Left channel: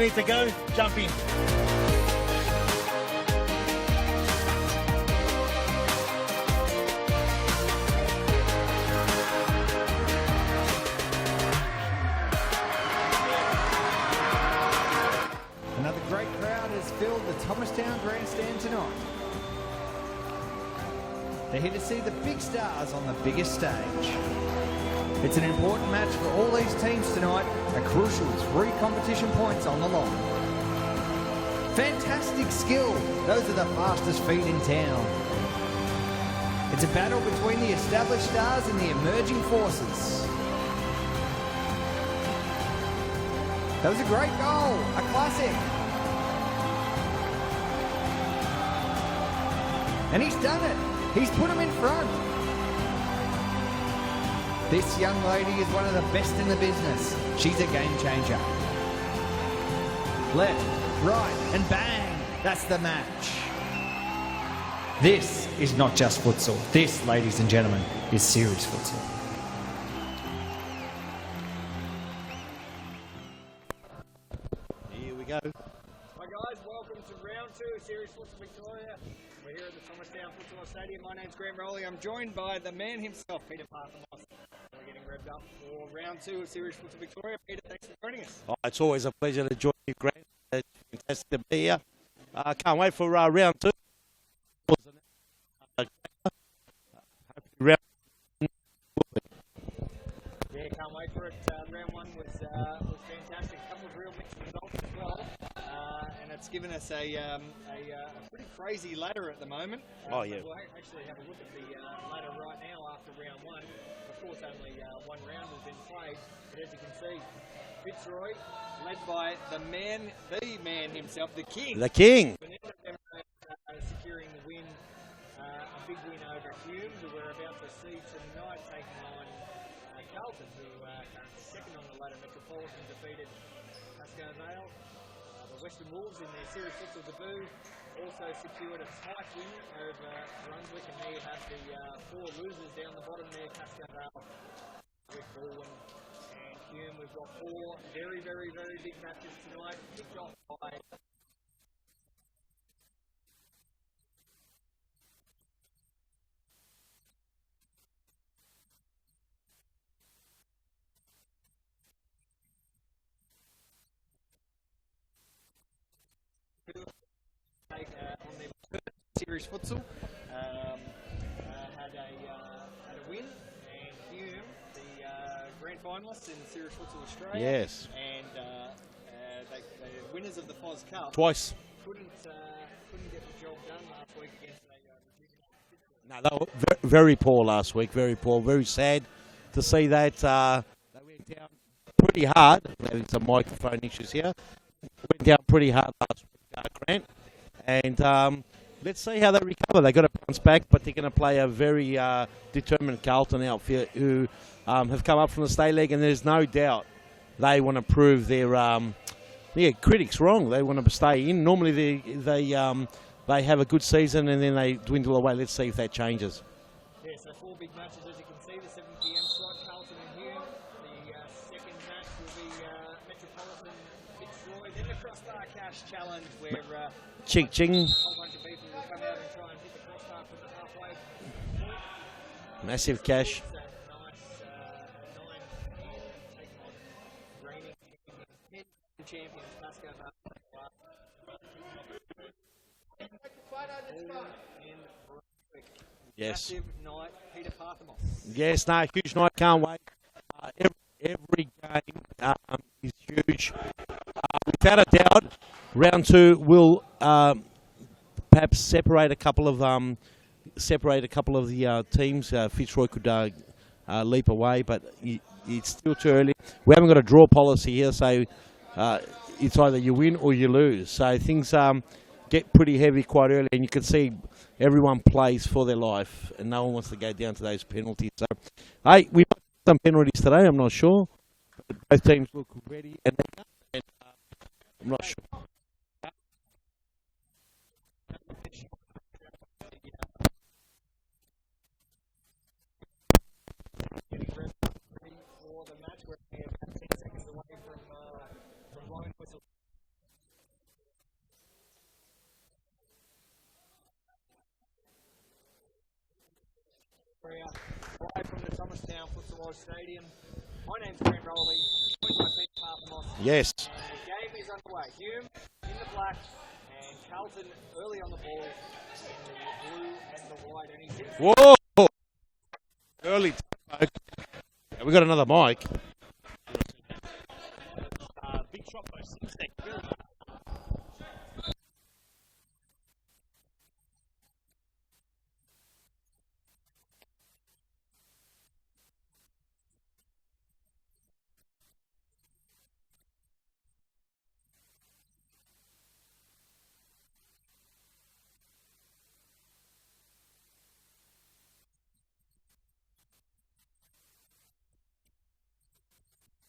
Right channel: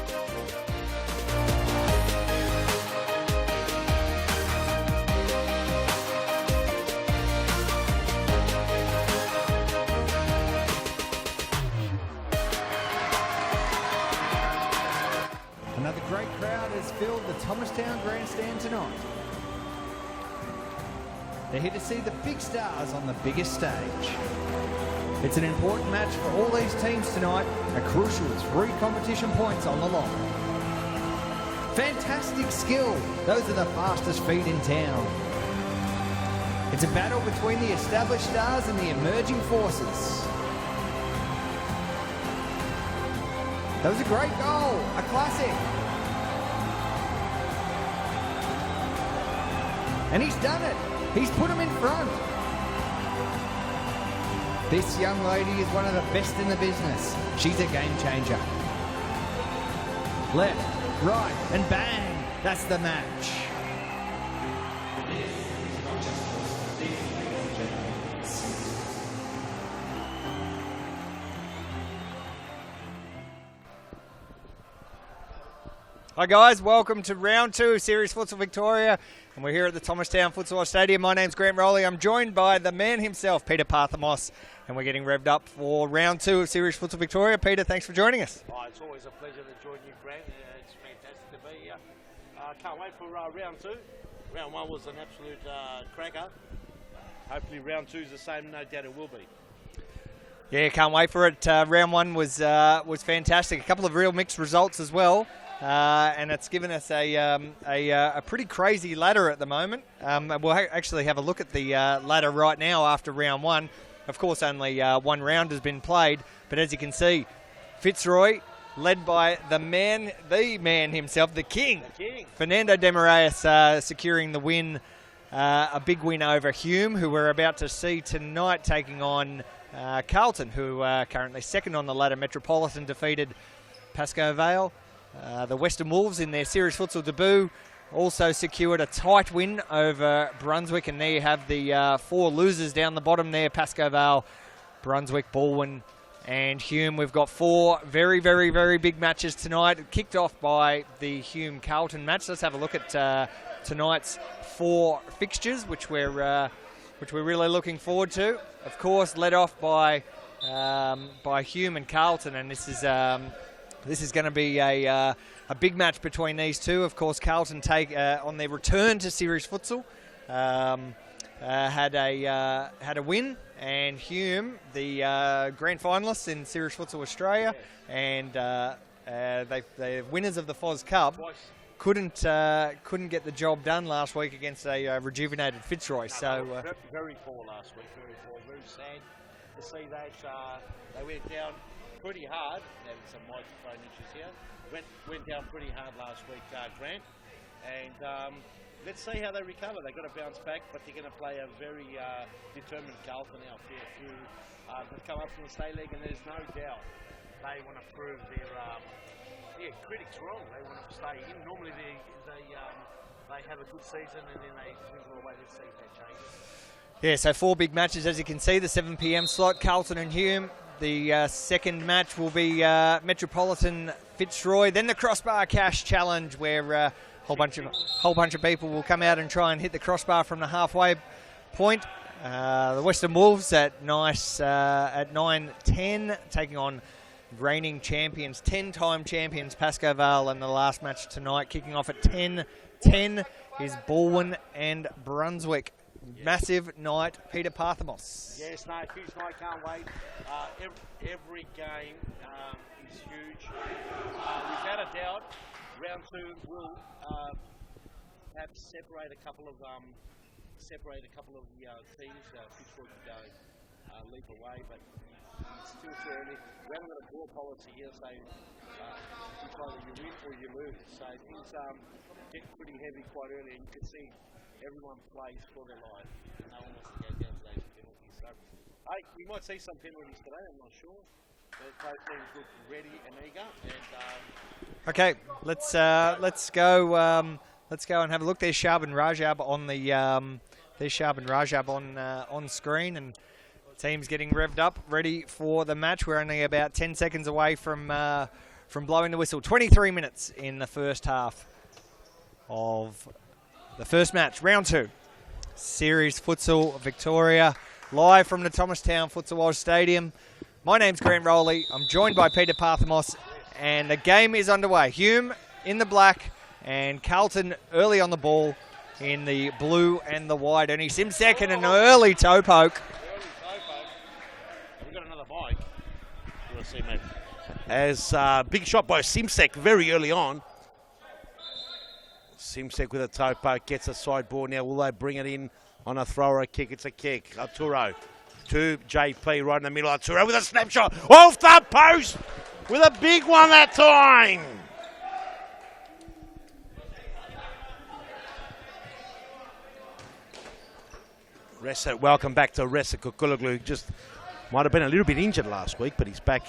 need to go, jump in. Another great crowd has filled the Thomastown Grandstand tonight. They're here to see the big stars on the biggest stage. It's an important match for all these teams tonight, a crucial 3 competition points on the line. Fantastic skill, those are the fastest feet in town. It's a battle between the established stars and the emerging forces. That was a great goal, a classic. And he's done it. He's put him in front. This young lady is one of the best in the business. She's a game changer. Left, right, and bang. That's the match. This is not just futsal. This, ladies and gentlemen, is serious futsal. Hi guys, welcome to round 2 of Series Futsal Victoria, and we're here at the Thomastown Futsal Stadium. My name's Grant Rowley. I'm joined by the man himself, Peter Parthamos, and we're getting revved up for round 2 of Series Futsal Victoria. Peter, thanks for joining us. Oh, it's always a pleasure to join you, Grant. It's fantastic to be here. Can't wait for round 2. Round 1 was an absolute cracker. Hopefully round 2 is the same, no doubt it will be. Yeah, can't wait for it. Round 1 was fantastic. A couple of real mixed results as well. And it's given us a pretty crazy ladder at the moment. We'll actually have a look at the ladder right now after round 1. Of course, only one round has been played, but as you can see, Fitzroy, led by the man himself, the king, Fernando de Moraes, securing the win, a big win over Hume, who we're about to see tonight taking on Carlton, who are currently second on the ladder. Metropolitan defeated Pascoe Vale. The Western Wolves, in their Series Futsal debut, also secured a tight win over Brunswick, and there you have the 4 losers down the bottom there: Pascoe Vale, Brunswick, Balwyn, and Hume. We've got 4 very, very, very big matches tonight, kicked off by the Hume-Carlton match. Let's have a look at tonight's 4 fixtures, which we're really looking forward to. Of course, led off by Hume and Carlton, and this is going to be a big match between these two. Of course, Carlton on their return to Series Futsal had a win, and Hume, the grand finalists in Series Futsal Australia, yes, and they winners of the FOS Cup twice. Couldn't get the job done last week against a rejuvenated Fitzroy. No, so very poor last week. Very poor. Very sad to see that. They went down pretty hard. Having some microphone issues here. Went down pretty hard last week, Grant. And let's see how they recover. They've got to bounce back, but they're going to play a very determined Carlton outfit who have come up from the state league, and there's no doubt they want to prove their critics wrong. They want to stay in. Normally they have a good season and then they dwindle away. Let's see if that changes. Yeah, so 4 big matches, as you can see, the 7 p.m. slot, Carlton and Hume. The second match will be Metropolitan Fitzroy. Then the Crossbar Cash Challenge, where a whole bunch of people will come out and try and hit the crossbar from the halfway point. The Western Wolves at 9:10, taking on reigning champions, 10-time champions Pascoe Vale, and the last match tonight, kicking off at 10:10, is Balwyn and Brunswick. Yes. Massive night, Peter Parthamos. Yes, no, huge night, can't wait. Every game is huge. Without a doubt, round 2 will perhaps separate a couple of the teams. Fitzroy could leap away, but it's still too early. We haven't got a draw policy here, so it's either you win or you lose. So things get pretty heavy quite early, and you can see everyone plays for their life, and no one wants to go down to those penalties. So, hey, we might see some penalties today. I'm not sure. Both teams look ready and eager. Okay, let's go and have a look. There's Shab and Rajab on screen, and the team's getting revved up, ready for the match. We're only about 10 seconds away from from blowing the whistle. 23 minutes in the first half of the first match, round 2. Series Futsal Victoria, live from the Thomastown Futsal Oz Stadium. My name's Grant Rowley. I'm joined by Peter Parthamos. Yes. And the game is underway. Hume in the black and Carlton early on the ball in the blue and the white. Only Simsek with an early toe poke. Early toe poke. We got another mic. As big shot by Simsek very early on. Simsek with a toe poke, gets a side ball. Now will they bring it in on a throw or a kick? It's a kick. Arturo to JP right in the middle. Arturo with a snapshot off the post with a big one that time. Ressa, welcome back to Ressa Kukuloglu. Just might have been a little bit injured last week, but he's back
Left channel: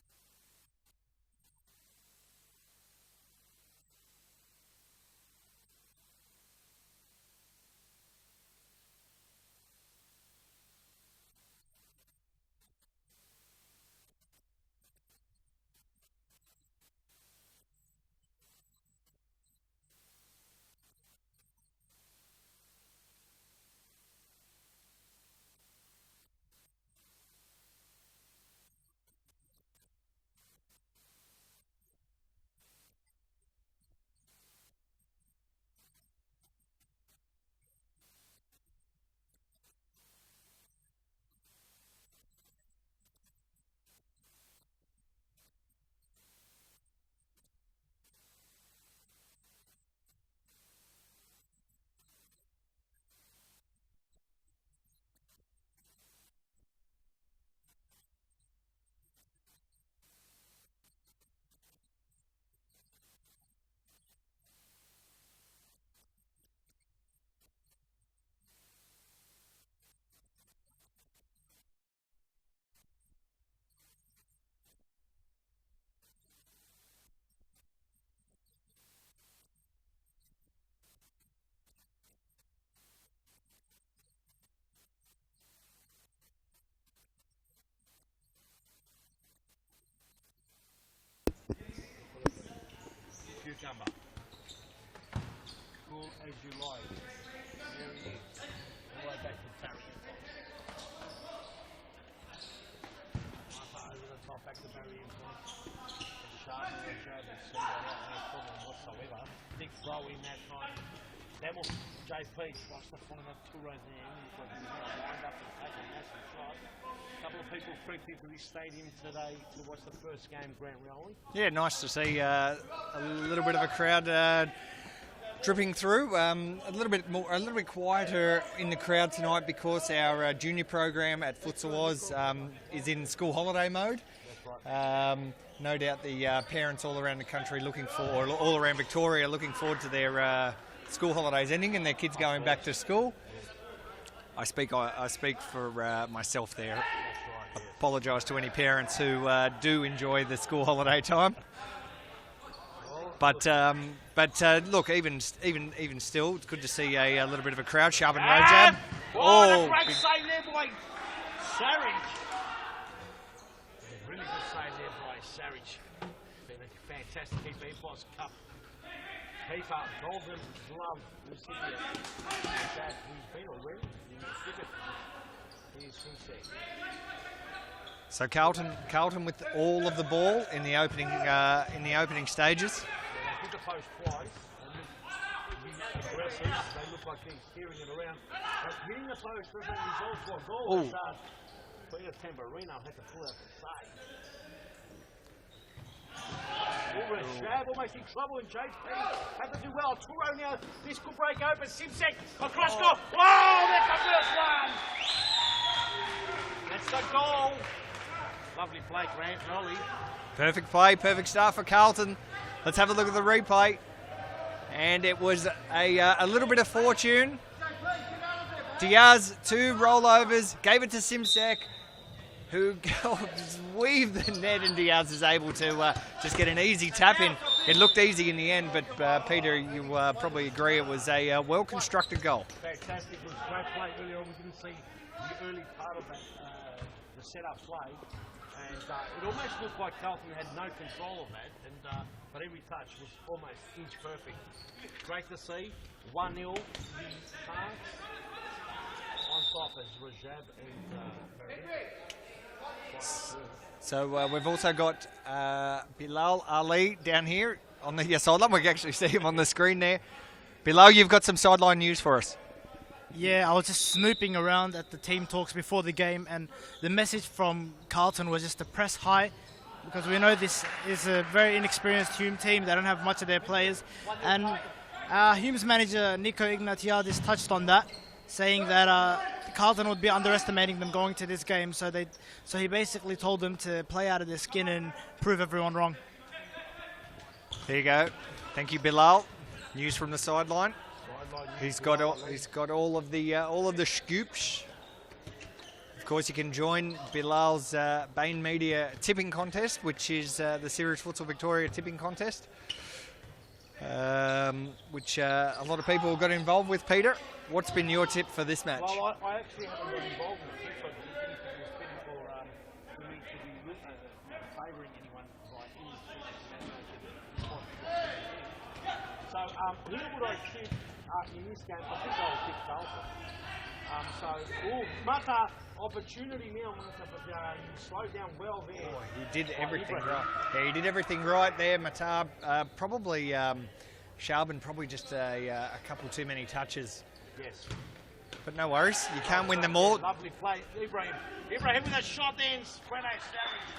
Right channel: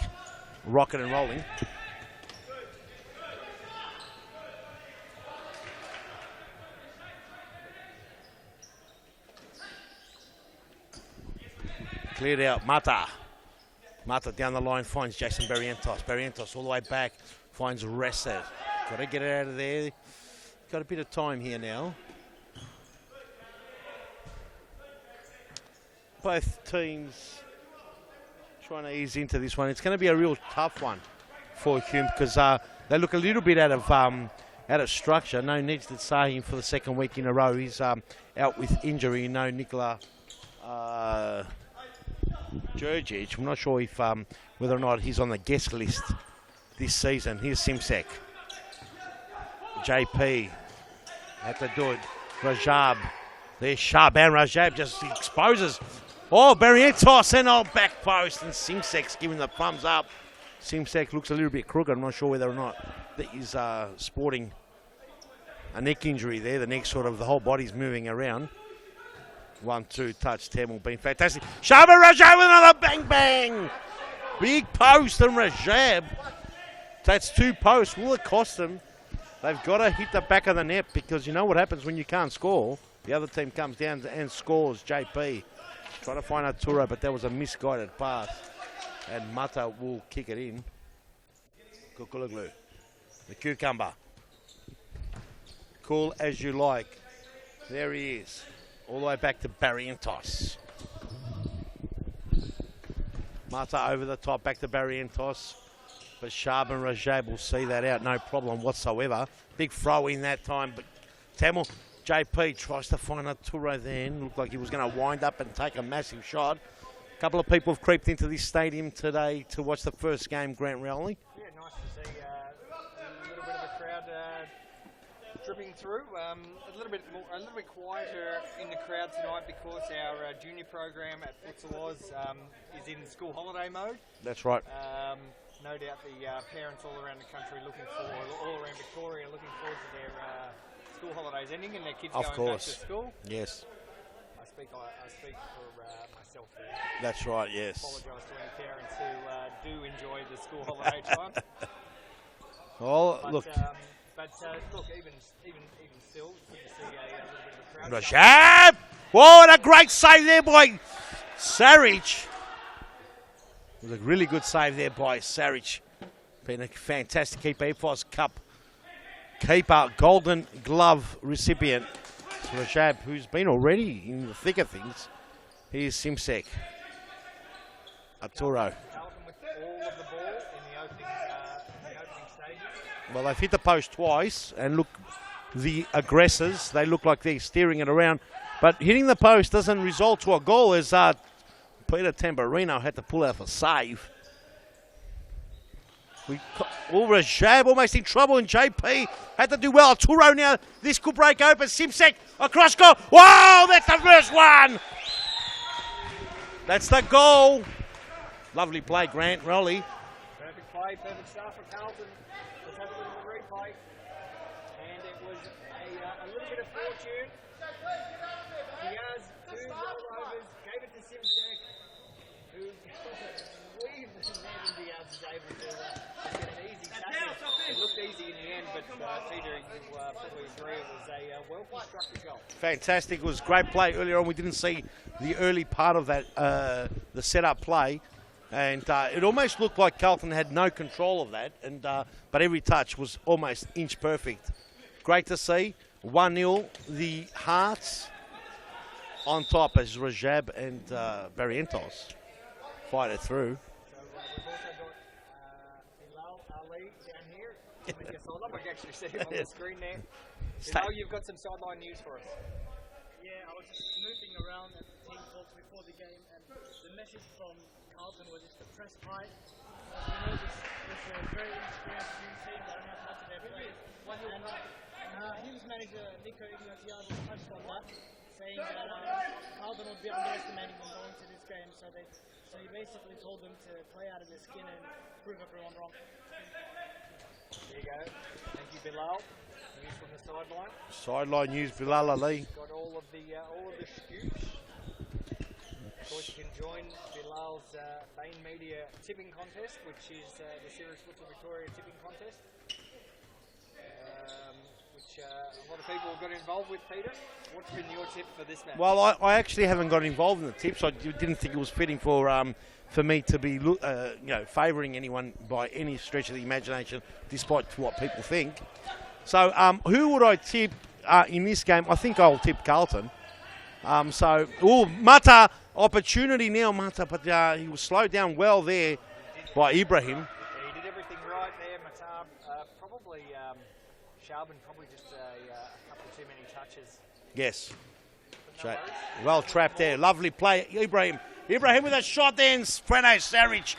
rocking and rolling. Cleared out, Mata down the line finds Jason Barrientos. Barrientos all the way back, finds Ressa. Got to get it out of there. Got a bit of time here now. Both teams trying to ease into this one. It's going to be a real tough one for Hume because they look a little bit out of structure. No Nejdet Sahim for the second week in a row. He's out with injury. No Nikola Djurgic. I'm not sure if whether or not he's on the guest list this season. Here's Simsek. JP had to do it. Rajab. There's sharp, and Rajab just exposes. Oh, Barrientos and old back post, and Simsek's giving the thumbs up. Simsek looks a little bit crooked. I'm not sure whether or not that he's sporting a neck injury there. The neck sort of, the whole body's moving around. 1-2 touch, Tamil been fantastic. Shaba Rajab with another bang bang. Big post and Rajab. That's 2 posts. Will it cost them? They've got to hit the back of the net because you know what happens when you can't score. The other team comes down and scores. JP trying to find Arturo, but that was a misguided pass. And Mata will kick it in. Kukuloglu, the cucumber. Cool as you like. There he is. All the way back to Barrientos. Mata over the top, back to Barrientos. But Shab and Rajab will see that out, no problem whatsoever. Big throw in that time, but Tamil, JP tries to find Arturo then. Looked like he was going to wind up and take a massive shot. A couple of people have creeped into this stadium today to watch the first game, Grant Rowley. Yeah, nice to see a little bit of a crowd dripping through. A little bit quieter in the crowd tonight because our junior program at Futsal Oz is in school holiday mode. That's right. No doubt the parents all around the country all around Victoria looking forward to their school holidays ending and their kids going back to school. Yes. I speak for myself there. That's right, yes. Apologise to any parents who do enjoy the school holiday time. Well, look, even still, it's good to see a little bit of a crowd. Jab! Whoa, and a great save there by Saric. It was a really good save there by Saric. Been a fantastic keeper. EFOS Cup keeper, Golden Glove recipient. Rajab, who's been already in the thick of things. Here's Simsek. So Carlton with all of the ball in the opening stages. Well, they've hit the post twice, and look, the aggressors, they look like they're steering it around. But hitting the post doesn't result to a goal as Peter Tamburino had to pull out a save. Rajab almost in trouble, and JP had to do well. Arturo now, this could break open. Simsek across goal. Whoa, that's the first one. That's the goal. Lovely play, Grant Rowley. Perfect play, perfect start for Carlton. Let's have a look at the replay. And it was a little bit of fortune. Diaz, 2 rollovers, gave it to Simsek, who weaved the net, and Diaz is able to just get an easy tap in. It looked easy in the end, but Peter, you probably agree it was a well-constructed goal. Fantastic. It was great play earlier on. We didn't see the early part of that, the setup play. And it almost looked like Carlton had no control of that, and but every touch was almost inch perfect. Great to see. 1-0, the Hearts on top as Rajab and Barrientos fight it through. So we've also got Bilal Ali down here on the sideline. We can actually see him on the screen there. Bilal, you've got some sideline news for us. Yeah, I was just snooping around at the team talks before the game, and the message from Carlton was just to press high, because we know this is a very inexperienced Hume team. They don't have much of their players. And Hume's manager, Nico Ignatiadis, touched on that, saying that Carlton would be underestimating them going to this game. So he basically told them to play out of their skin and prove everyone wrong. There you go. Thank you, Bilal. News from the sideline. Sideline news. He's got all of the scoops. Of course, you can join Bilal's Bain Media tipping contest, which is the Series Futsal Victoria tipping contest, which a lot of people got involved with. Peter, what's been your tip for this match? Well, I actually haven't got involved in the tips. I didn't think it was fitting for me to be favouring anyone by any stretch of the imagination, despite what people think. So who would I tip in this game? I think I'll tip Carlton. Mata, opportunity now, Mata, but he was slowed down well there by Ibrahim. Yeah, he did everything right there. Mata, probably Sharban, probably just a couple too many touches. Yes. But no worries, you Well can't win them all. there. Lovely play, Ibrahim. Ibrahim with a shot there, and Freno Saric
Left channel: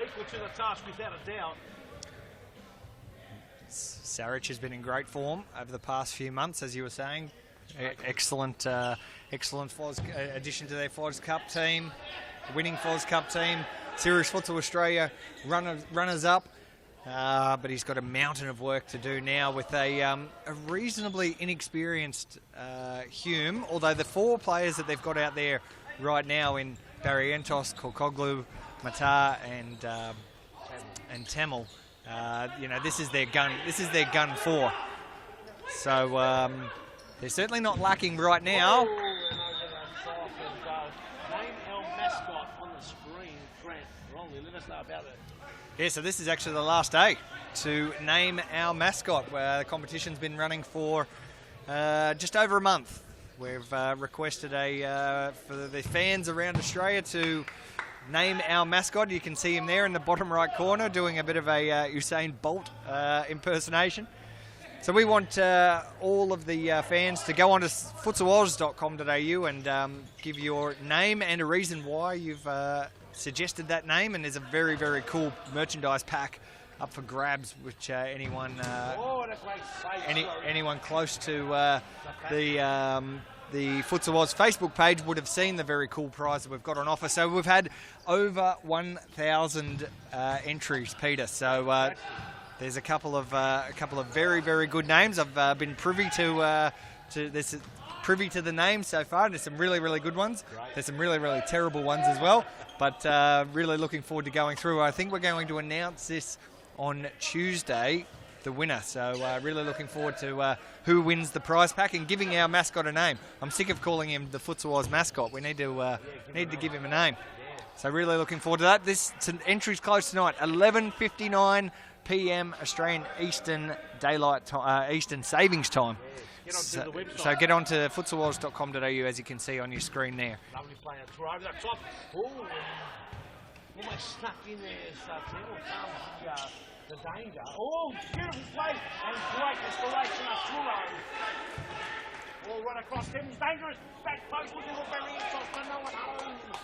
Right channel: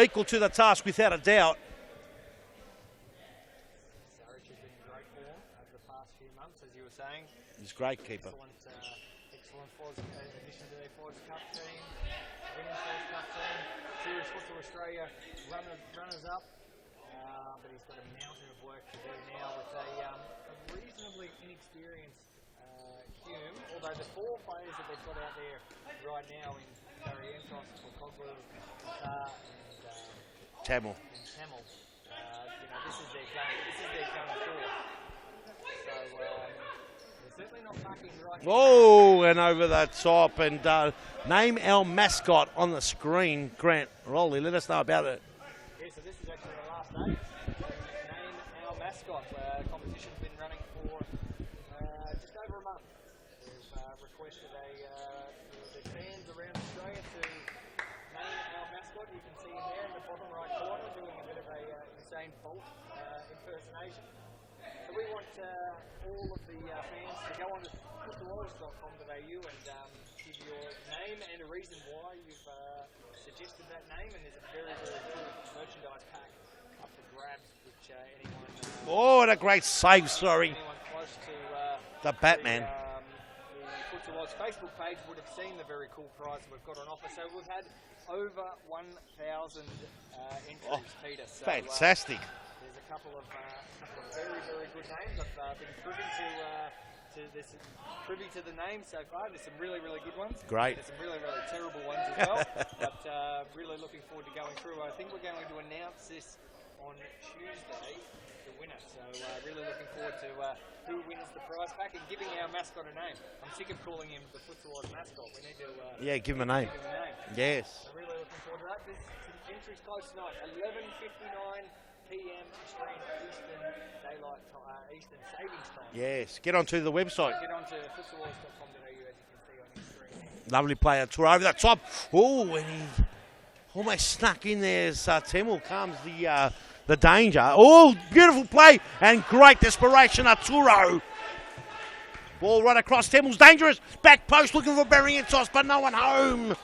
equal to the task without a doubt. Saric has been in great form over the past few months, as you were saying. He's great. Excellent addition to their FOS Cup team, winning FOS Cup team, Series Futsal Australia runners up. But he's got a mountain of work to do now with a reasonably inexperienced Hume. Although the 4 players that they've got out there right now in Barrientos, Korkoglu, Mata, and Tamil. This is their gun. This is their gun 4. So they're certainly not lacking right now. Oh, and over the top, and name our mascot on the screen, Grant Rowley. Let us know about it. Yeah, so this is actually the last day to name our mascot. The competition's been running for just over a month. We've requested for the fans around Australia to name our mascot. You can see him there in the bottom right corner doing a bit of a Usain Bolt impersonation. So we want all of the fans to go on to futsaloz.com.au and give your name and a reason why you've suggested that name. And there's a very, very cool merchandise pack up for grabs, which anyone... what a great save, anyone close to the Futsal Oz Facebook page would have seen the very cool prize that we've got on offer. So we've had over 1,000 entries, Peter. So fantastic. There's a couple of very, very good names. I've been privy to the names so far. There's some really, really good ones. Great. There's some really, really terrible ones as well. But really looking forward to going through. I think we're going to announce this on Tuesday, the winner. So really looking forward to who wins the prize pack and giving our mascot a name. I'm sick of calling him the Futsal Oz mascot. We need to give him a name. Yes. So really looking forward to that. Entry's close tonight, 11:59 p.m. Australian Eastern Daylight time, Eastern Savings Time. Yes. Get onto the website. So get onto futsaloz.com.au, as you can see on your screen there. Lovely player. Tour over the top. Oh, and he almost snuck in there as Temel comes the danger. Oh, beautiful play and great desperation. Arturo. Ball right across. Temel's dangerous. Back post looking for Barrientos, but no one home.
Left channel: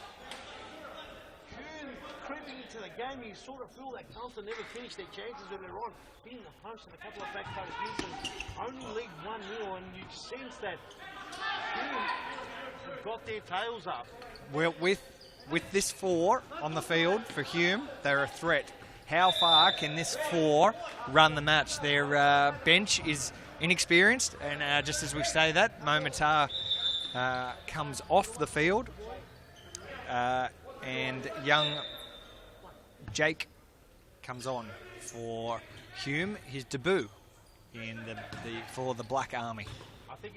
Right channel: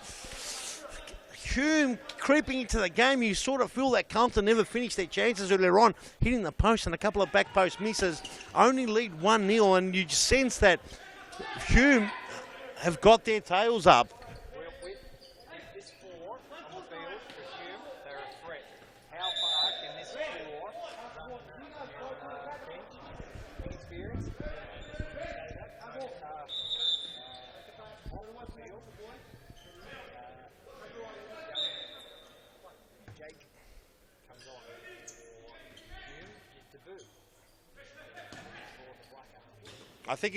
Hume creeping into the game. You sort of feel that Carlton never finished their chances earlier on, hitting the post and a couple of back post misses. Only lead 1-0, and you just sense that Hume have got their tails up. Well, with this 4 on the field for Hume, they're a threat. How far can this 4 run the match? Their bench is inexperienced, and just as we say that, Momatar comes off the field, and young Jake comes on for Hume, his debut for the Black Army. I think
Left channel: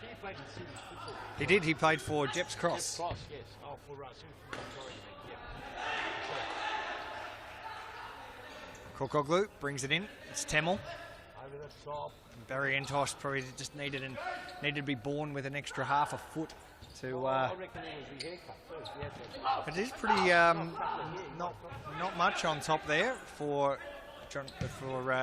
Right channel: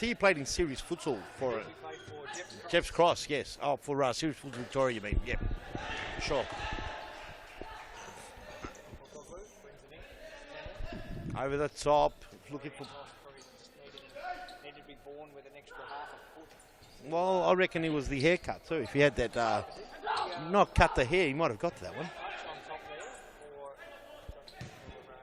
he played in series futsal. He did. He played for Jeps Cross. Jeps Cross, yes. Oh, for series futsal Victoria, you mean? Yep. Sure. Kokoglu brings it in. It's Temel. Over the top. Variantos probably just needed to be born with an extra half a foot. Well, I reckon it was the haircut too. If he had that, it is pretty. not cut the hair, he might have got that. Not much on top there for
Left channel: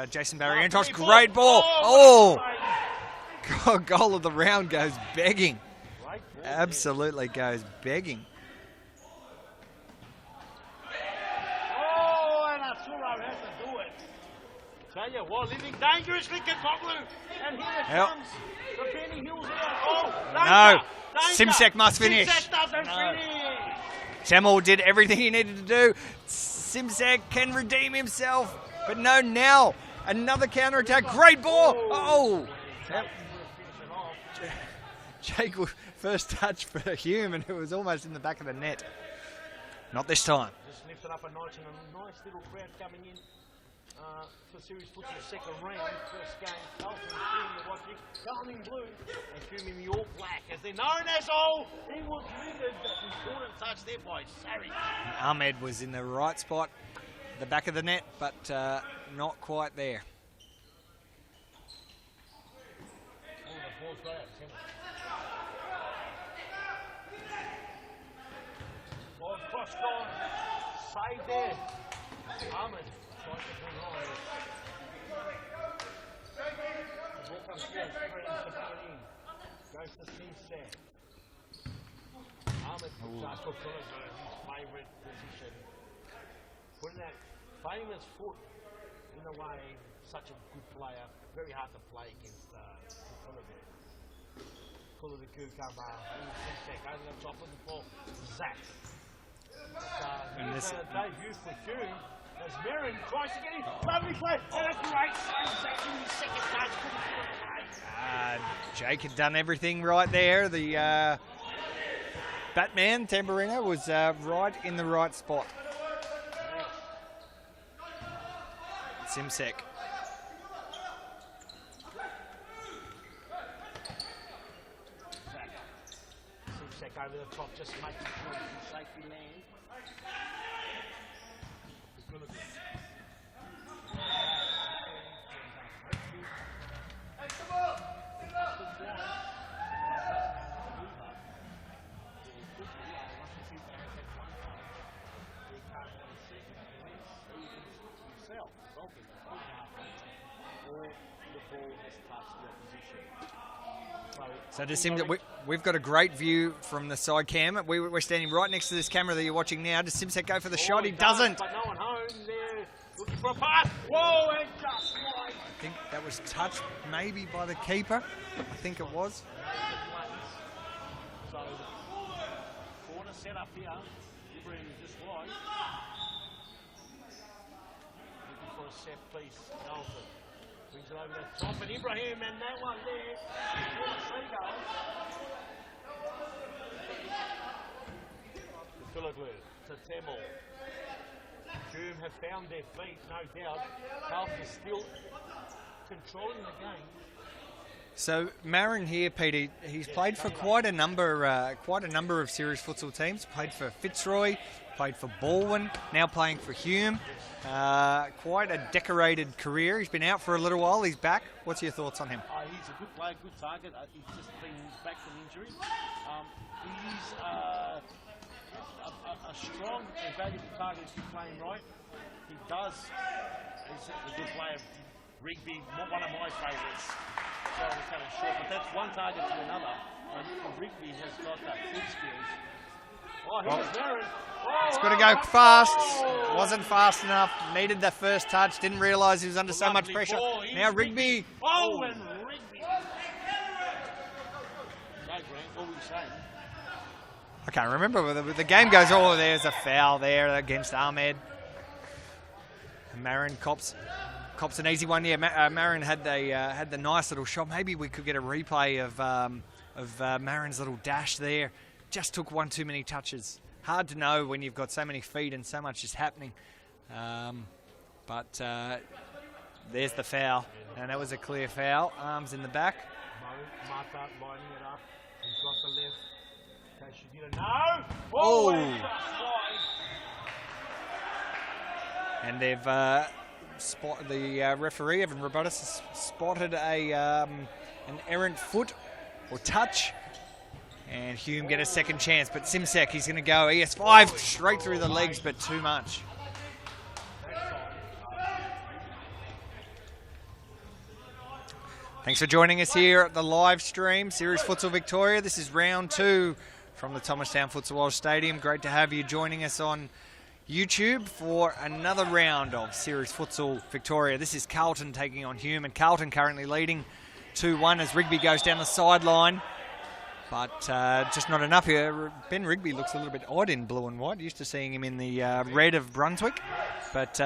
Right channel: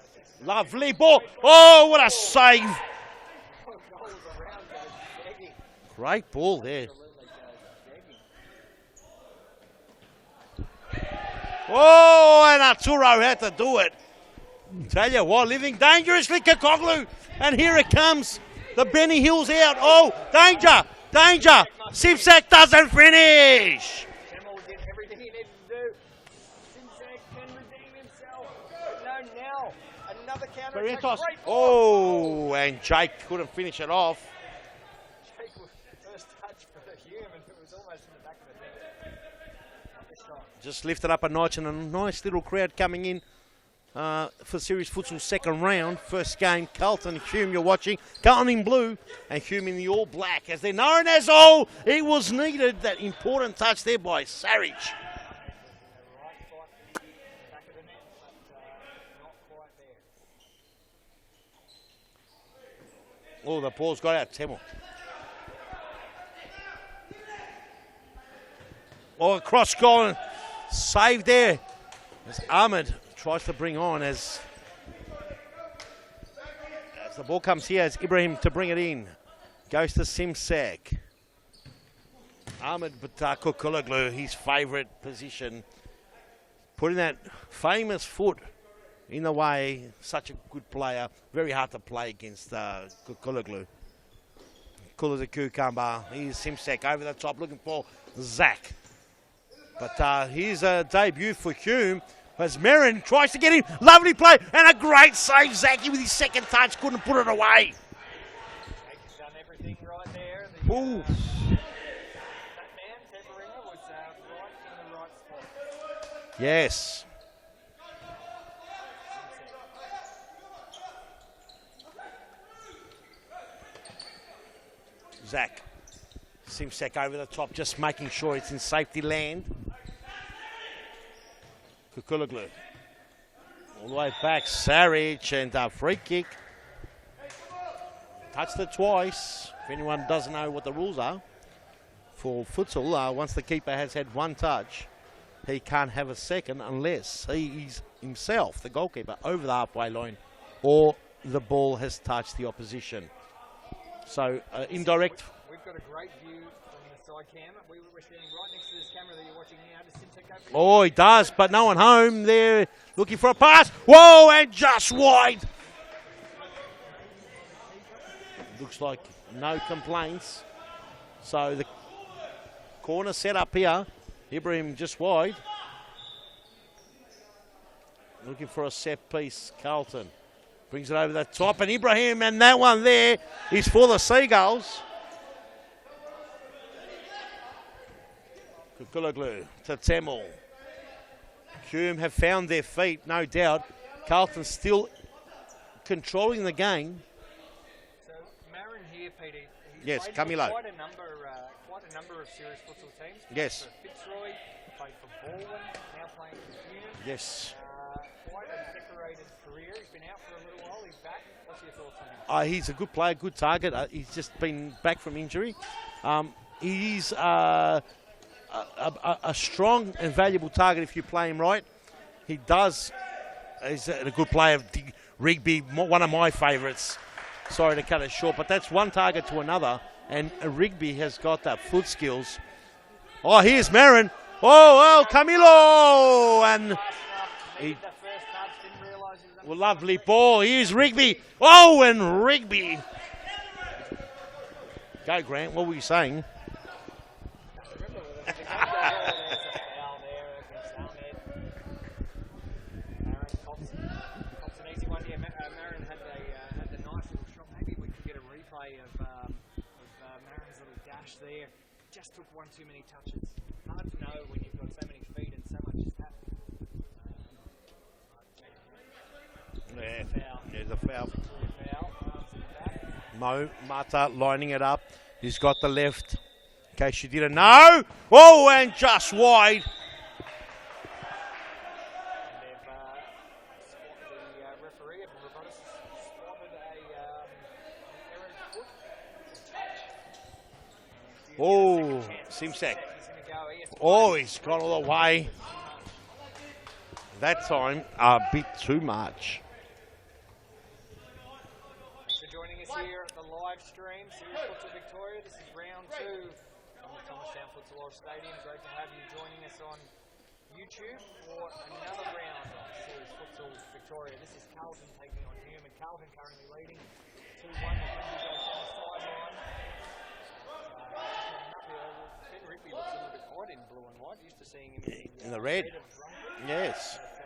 Jason Variantos. Ball. Great ball. Oh, what a save! Goal of the round goes begging. Great ball. Absolutely goes begging. Oh, and Arturo had to do it. Tell you what, living dangerously, Kokoglu. And here it comes. The Benny Hill's out. Oh, danger! No. Danger! Simsek must finish. Simsek doesn't finish! Temel did everything he needed to do. Simsek can redeem himself. But no, now another counter-attack. Great ball! Oh, and Jake couldn't finish it off. Jake, first touch for Hume, and it was almost in the back of the net. Not this time. Just lifted up a notch, and a nice little crowd coming in for Series Futsal second round. First game, Carlton, Hume you're watching. Carlton in blue and Hume in the all black, as they're known as. Oh, it was needed, that important touch there by Sarich. Ahmed was in the right spot, the back of the net, but not quite there. Oh, the ball's got out, Temel. Oh, a cross goal and save there as Ahmed tries to bring on as the ball comes here as Ibrahim to bring it in. Goes to Simsek. Ahmed Kukulaglu, his favourite position. Putting that famous foot in the way. Such a good player. Very hard to play against Kukulaglu. Cool as a cucumber. Here's Simsek over the top looking for Zach. But here's a debut for Hume as Merrin tries to get in. Lovely play and a great save. Zachy with his second touch couldn't put it away. Jake had done everything right there. The Batman, Tamburino, was right in the right spot. Yes. Simsek. Zach. Simsek over the top, just making sure it's in safety land. Kukulaglu. All the way back, Sarich, and a free kick. Touched it twice. If anyone doesn't know what the rules are for futsal, once the keeper has had one touch, he can't have a second unless he is himself, the goalkeeper, over the halfway line or the ball has touched the opposition. So indirect. We've got a great view from the side cam. We're standing right next to this camera that you're watching now. Does Simsek go for the shot? Oh, he does, but no one home there looking for a pass. Whoa, and just wide. I think that was touched maybe by the keeper. I think it was. No complaints. So the corner set up here. Ibrahim just wide. Looking for a set piece, Carlton. Brings it over the top, and Ibrahim, and that one there is for the Seagulls. Kukulaglu to Temel. Hume have found their feet, no doubt. Carlton still controlling the game. So Marin here, Peter, he's played for quite a number of series futsal teams. Played for Fitzroy, played for Balwyn, now playing for Hume. Yes. Quite a decorated career. He's been out for a little while. He's back. What's your thoughts on him? He's a good player, good target. He's just been back from injury. He's a strong and valuable target if you play him right. He's a good player. Rigby, one of my favourites. Sorry to cut it short, but that's one target to another, and Rigby has got that foot skills. Oh, here's Marin. Oh, Camilo! Wasn't fast enough. Needed the first touch. Didn't realise he was under so much pressure. Ball. Here's Rigby. Oh, and Rigby. Go, Grant. What were you saying? I can't remember. The game goes, oh, there's a foul there against Ahmed. Marin cops an easy one. Yeah, Marin had the nice little shot. Maybe we could get a replay of Marin's little dash there. Just took one too many touches. Hard to know when you've got so many feet and so much is happening. But There's the foul. And that was a clear foul. Arms in the back. Mata lining it up. He's got the left. In case you didn't know. Oh, and just wide. And they've the referee, Evan Robotis, has spotted an errant foot or touch. And Hume get a second chance, but Simsek, he's going to go ES5 straight through the legs, but too much. That time, a bit too much. Thanks for joining us here at the live stream, Series Futsal Victoria. This is round 2 from the Thomastown Futsal Oz Stadium. Great to have you joining us on YouTube for another round of Series Futsal Victoria. This is Carlton taking on Hume, and Carlton currently leading 2-1 as Rigby goes down the sideline. But just not enough here. Ben Rigby looks a little bit odd in blue and white. Used to seeing him in the red of Brunswick. Yes. But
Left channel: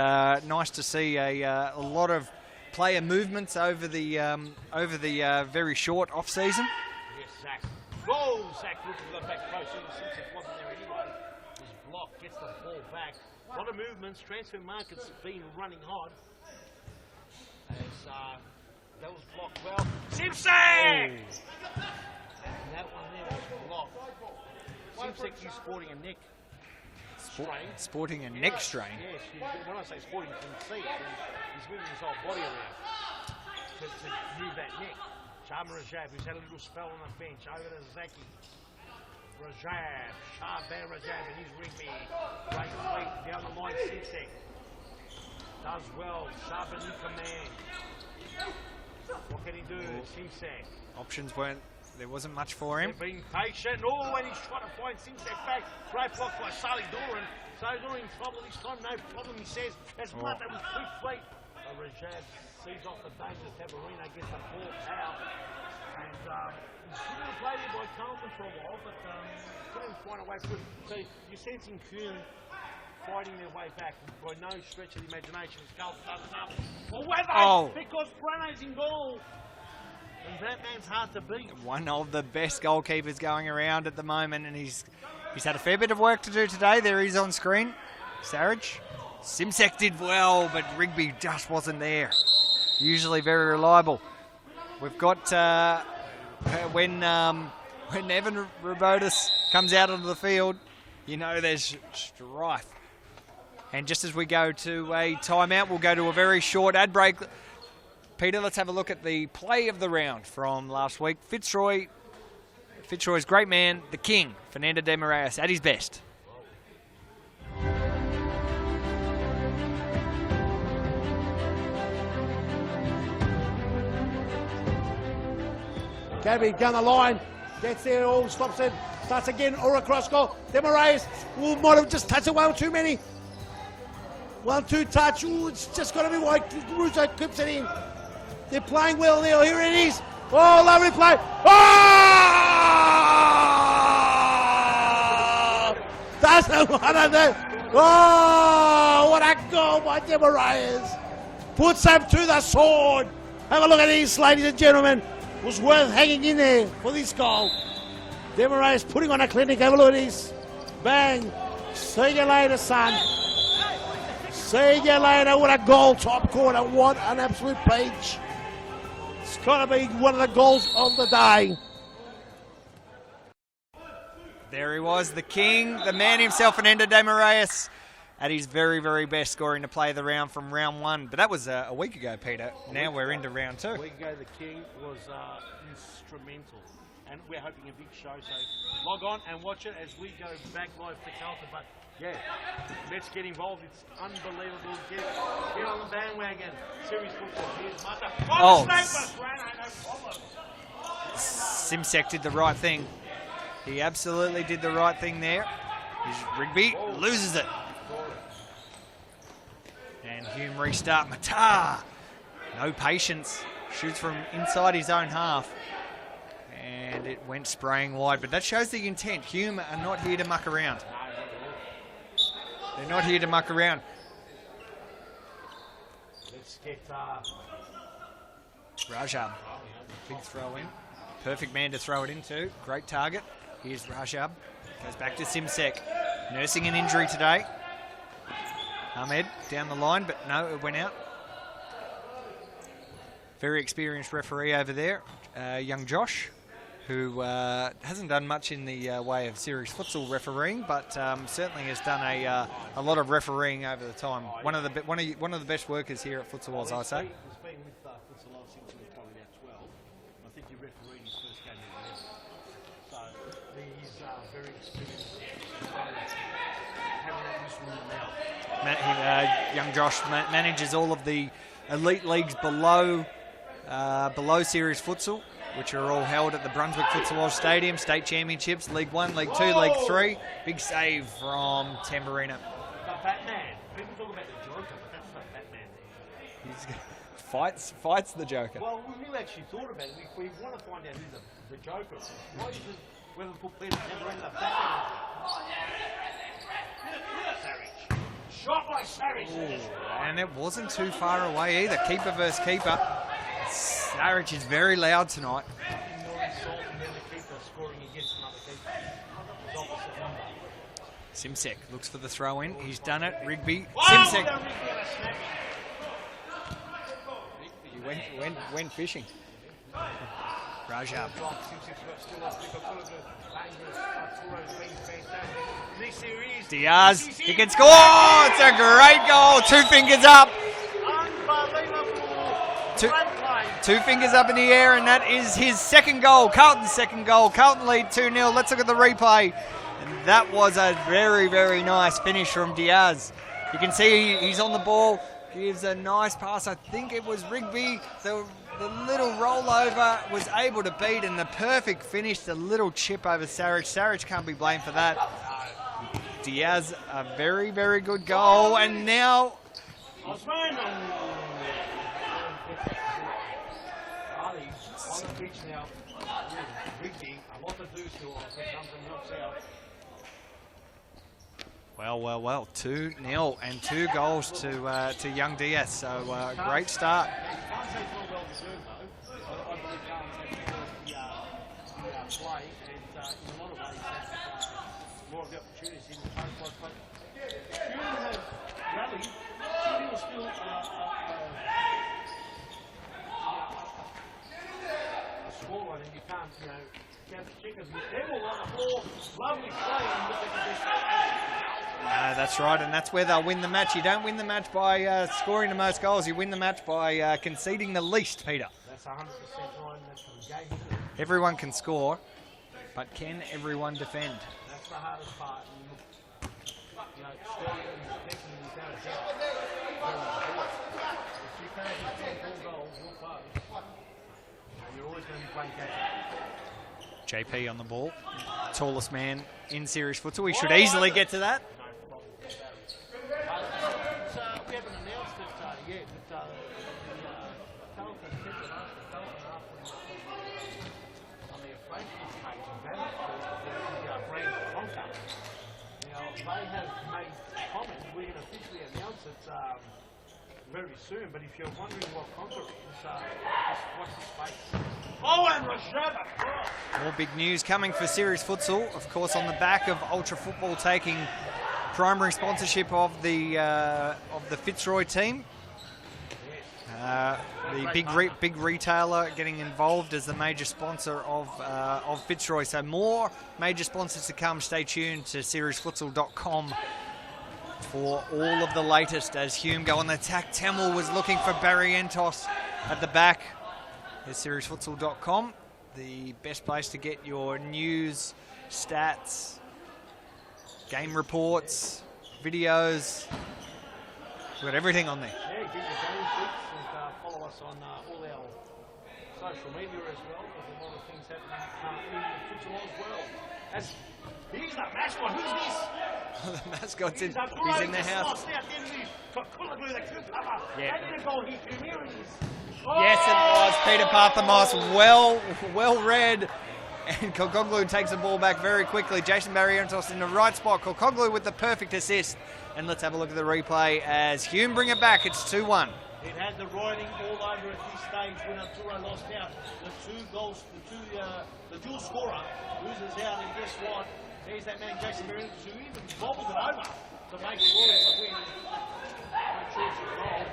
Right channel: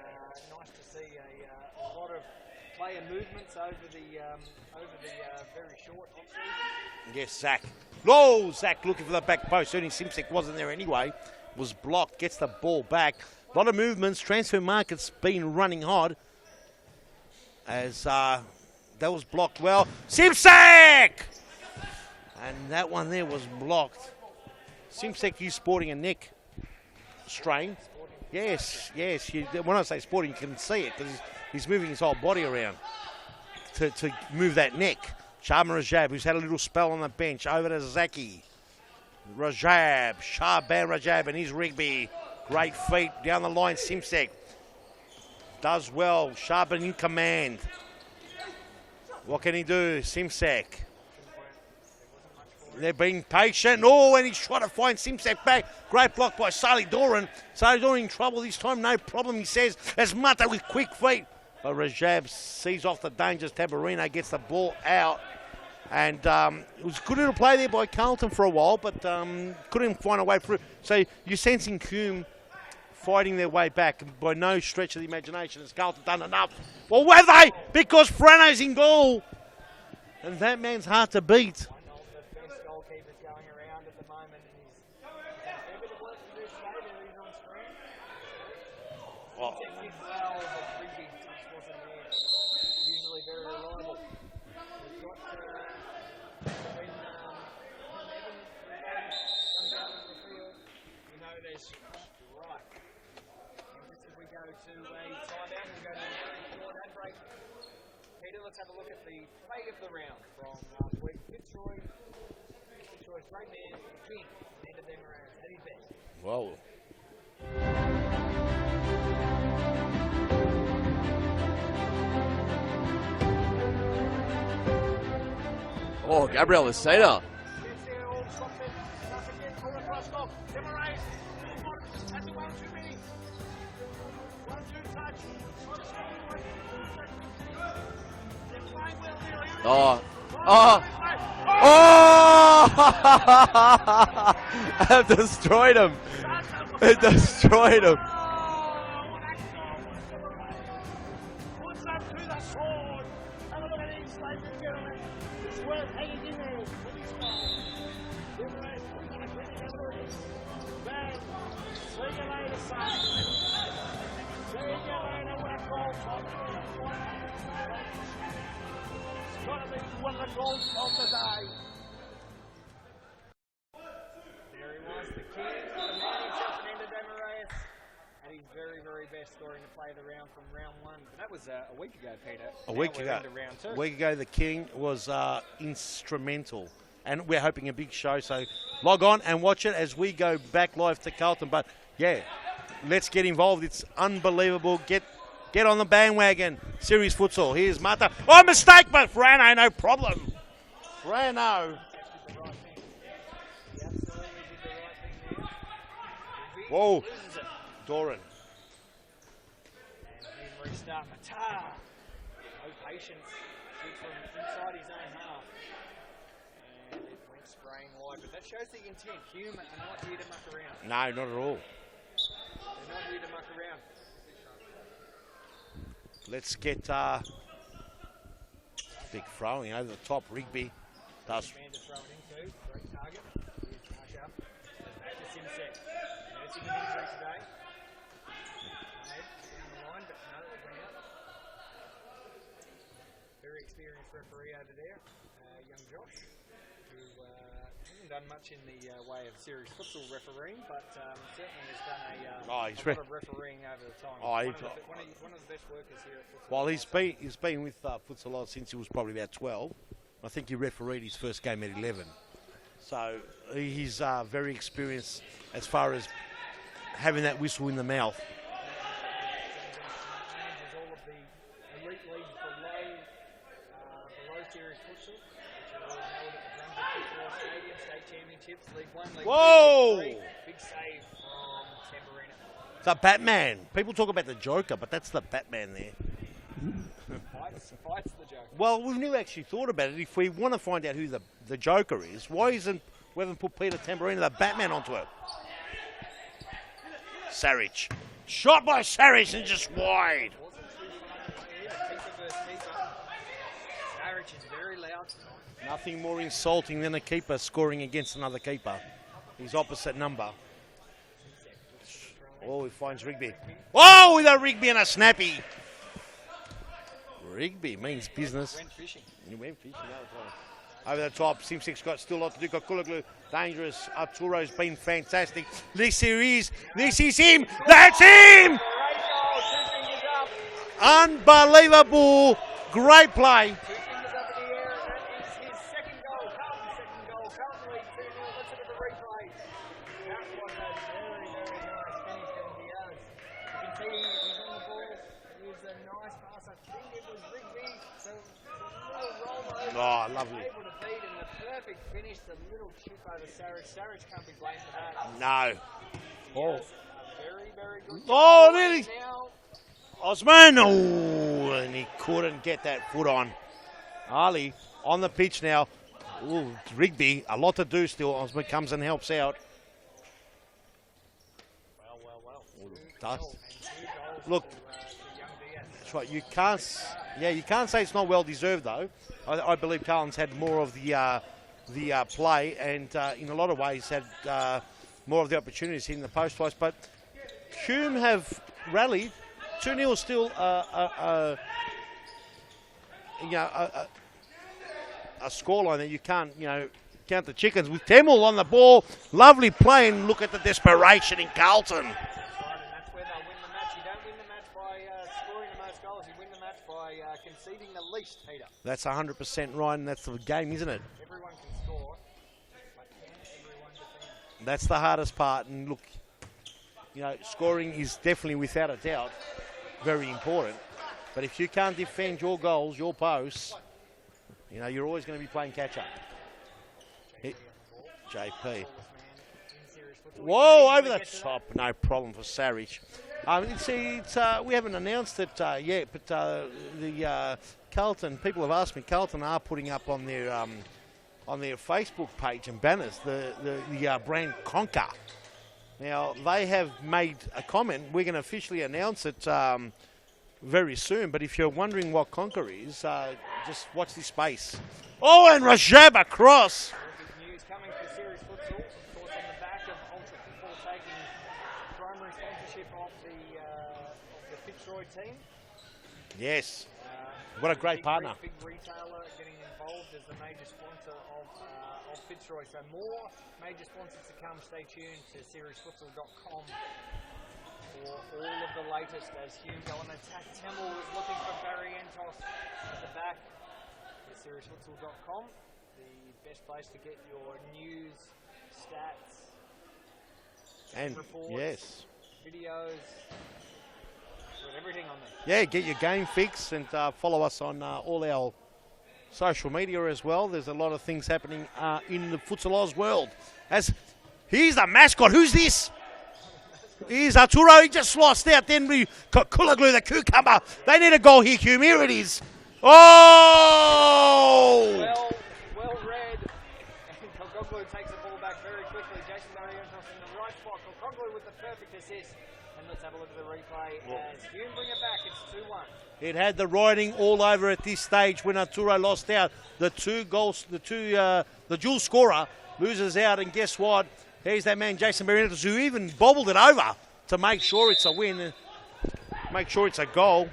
nice to see a lot of player movements over the very short off season. Yes, Zach. Oh, Zach looking for the back post. Certainly Simsek wasn't there anyway. Was blocked, gets the ball back. A lot of movements. Transfer market's been running hard. As that was blocked well. Simsek! And that one there was blocked. Simsek, he's sporting a neck strain. Sporting a neck strain? Yes, when I say sporting, you can see it because he's moving his whole body around to move that neck. Shaban Rajab, who's had a little spell on the bench, over to Zaki. Rajab, Shaban Rajab and his Rigby. Great feet down the line. Simsek does well. Shaban in command. What can he do? Simsek. Options there wasn't much for him. They're being patient. Oh, and he's trying to find Simsek back. Great block by Sally Doran. Sally Doran in trouble this time. No problem, he says. As Mata with quick feet. But Rajab sees off the dangerous Tabarino, gets the ball out. And it was a good little play there by Carlton for a while, but couldn't find a way through. So you're sensing Hume fighting their way back by no stretch of the imagination. Has Carlton done enough? Well, were they? Oh. Because Frano's in goal. And that man's hard to beat. One of the best goalkeepers going around at the moment, and he's had a fair bit of work to do today. There he's on screen. Sarich. Simsek did well, but Rigby just wasn't there. Usually very reliable. We've got when Evan Robotis comes out onto the field, you know there's strife. And just as we go to a timeout, we'll go to a very short ad break. Peter, let's have a look at the play of the round from last week. Fitzroy's great man, the king, Fernando de Moraes, at his best. Whoa. Oh, Gabriel Laseta. Gets there, all stops it, starts again, or across goal. De Moraes might have just touched it one too many. 1-2 touch. Ooh, it's just got to be wide. Russo clips it in. They're playing well there. Here it is. Lovely play. Destroyed him. Doesn't want to destroyed him. Oh, what a goal by De Moraes. Puts him to the sword. Have a look at this, ladies and gentlemen. It was worth hanging in there for this goal. De Moraes putting on a clinic. Have a look at this. Bang. See you later, son. See you later. What a goal, top corner. What an absolute peach. It's got to be one of the goals of the day. There he was, the king, the man himself, Fernando de Moraes, at his very, very best, scoring to play the round from round 1. But that was a week ago, Peter. Now we're into round 2. A week ago, the king was instrumental. And we're hoping a big show. So log on and watch it as we go back live to Carlton. But yeah, let's get involved. It's unbelievable. Get on the bandwagon. Series Futsal. Here's Mata. Oh, mistake, but Brano, no problem. Brano. Simsek did the right thing. He absolutely did the right thing there. Rigby loses it. And Hume restart. Mata. No patience. Shoots from inside his own half. And it went spraying wide. But that shows the intent. Hume are not here to muck around. No, not at all. They're not here to muck around. Let's get Rajab throwing over the top. Rigby. Perfect man to throw it into. Great target. Here's Rajab. Goes back to Simsek. Nursing an injury today. Ahmed down the line, but no, it went out. very experienced referee over there, young Josh, who hasn't done much in the way of series futsal refereeing, but certainly has done a lot of refereeing over the time. One of the best workers here at Futsal Oz. He's been with Futsal Oz since he was probably about 12. I think he refereed his first game at 11. So he's very experienced as far as having that whistle in the mouth. Young Josh manages all of the elite leagues below series futsal, which are all held at the Brunswick Futsal Oz Stadium, state championships, League 1, League 2, League 3. Big save from Tamburino. The Batman. People talk about the Joker, but that's the Batman there. Fights the Joker. Well, we've never actually thought about it. If we want to find out who the Joker is, why isn't we haven't put Peter Tamburino, the Batman, onto it? Sarich. Shot by Sarich and just wide. And it wasn't too far away either. Keeper versus keeper. Sarich is very loud tonight. Nothing more insulting than a keeper scoring against another keeper. His opposite number. Simsek looks for the throw in. Oh, He's done it. Rigby. Oh, with a Rigby and a snappy. Rigby means business. Went fishing. Over the top, Simsek's got still off Duka Kulaglu. Dangerous. Arturo's been fantastic. This series. Diaz. This is him. He can score. That's It's him. a great goal. 2 fingers up. Unbelievable. Great play. 2 fingers up in the air, and that is his second goal. Carlton's second goal. Carlton lead 2-0. Let's look at the replay. And that was a very, very nice finish from Diaz. You can see he's on the ball. Gives a nice pass. I think it was Rigby. The little rollover was able to beat, and the perfect finish, the little chip over Sarich. Sarich can't be blamed for that. No. Diaz, a very, very good goal. Oh, and now Osman. Oh, and he couldn't get that foot on. Ali on the pitch now. Ooh, Rigby, a lot to do still. Osman comes and helps out. Well, 2-0 and 2 goals to young Diaz. So great start. Yeah, you can't say it's not well deserved though. I believe Carlton's had more of the play, and in a lot of ways had more of the opportunities in the post twice. But Hume have rallied. 2-0 still a scoreline that you can't count the chickens. With Temple on the ball, lovely play, and look at the desperation in Carlton. That's right, and that's where they'll win the match. You don't win the match by scoring the most goals. You win the match by conceding the least, Peter. That's 100% right, and that's the game, isn't it? Everyone can score, but can everyone defend? That's the hardest part. And look, scoring is definitely, without a doubt, very important. But if you can't defend your goals, your posts, you're always going to be playing catch-up. JP on the ball. JP. Tallest man in series futsal. We should easily get to that. No problem for Sarich. We haven't announced it yet, but the Carlton, people have asked me, Carlton are putting up on their Facebook page and banners the brand Conquer. Now, they have made a comment. We're going to officially announce it very soon, but if you're wondering what Conquer is, just watch this space. Oh, and Rajab across. More big news coming for series futsal, of course, on the back of Ultra Football taking primary sponsorship of the Fitzroy team. Yes. What a great big retailer getting involved as the major sponsor of Fitzroy. So more major sponsors to come. Stay tuned to seriesfutsal.com for all of the latest as Hume go on the attack. Tamil was looking for Barrientos at the back. There's seriesfutsal.com, the best place to get your news, stats, game reports, videos. We've got everything on there. Yeah, get your game fix and follow us on all our social media as well. There's a lot of things happening in the Futsal Oz world. Here's the mascot. Who's this? The mascot. Here's Arturo. He just lost out. Then we got Kulaglu, the cucumber. Yeah. They need a goal here, Hume. Here it is. Oh! Yes, Peter Parthamos, well read. And Kokoglu takes the ball back very quickly. Jason Barrientos in the right spot. Kokoglu with the perfect assist. And let's have a look at the replay as Hume bring it back. It's 2-1. It had the writing all over at this stage when Arturo lost out. The dual scorer loses out, and guess what? Here's that man, Jason Barrientos, who even bobbled it over to make sure it's a win, make sure it's a goal.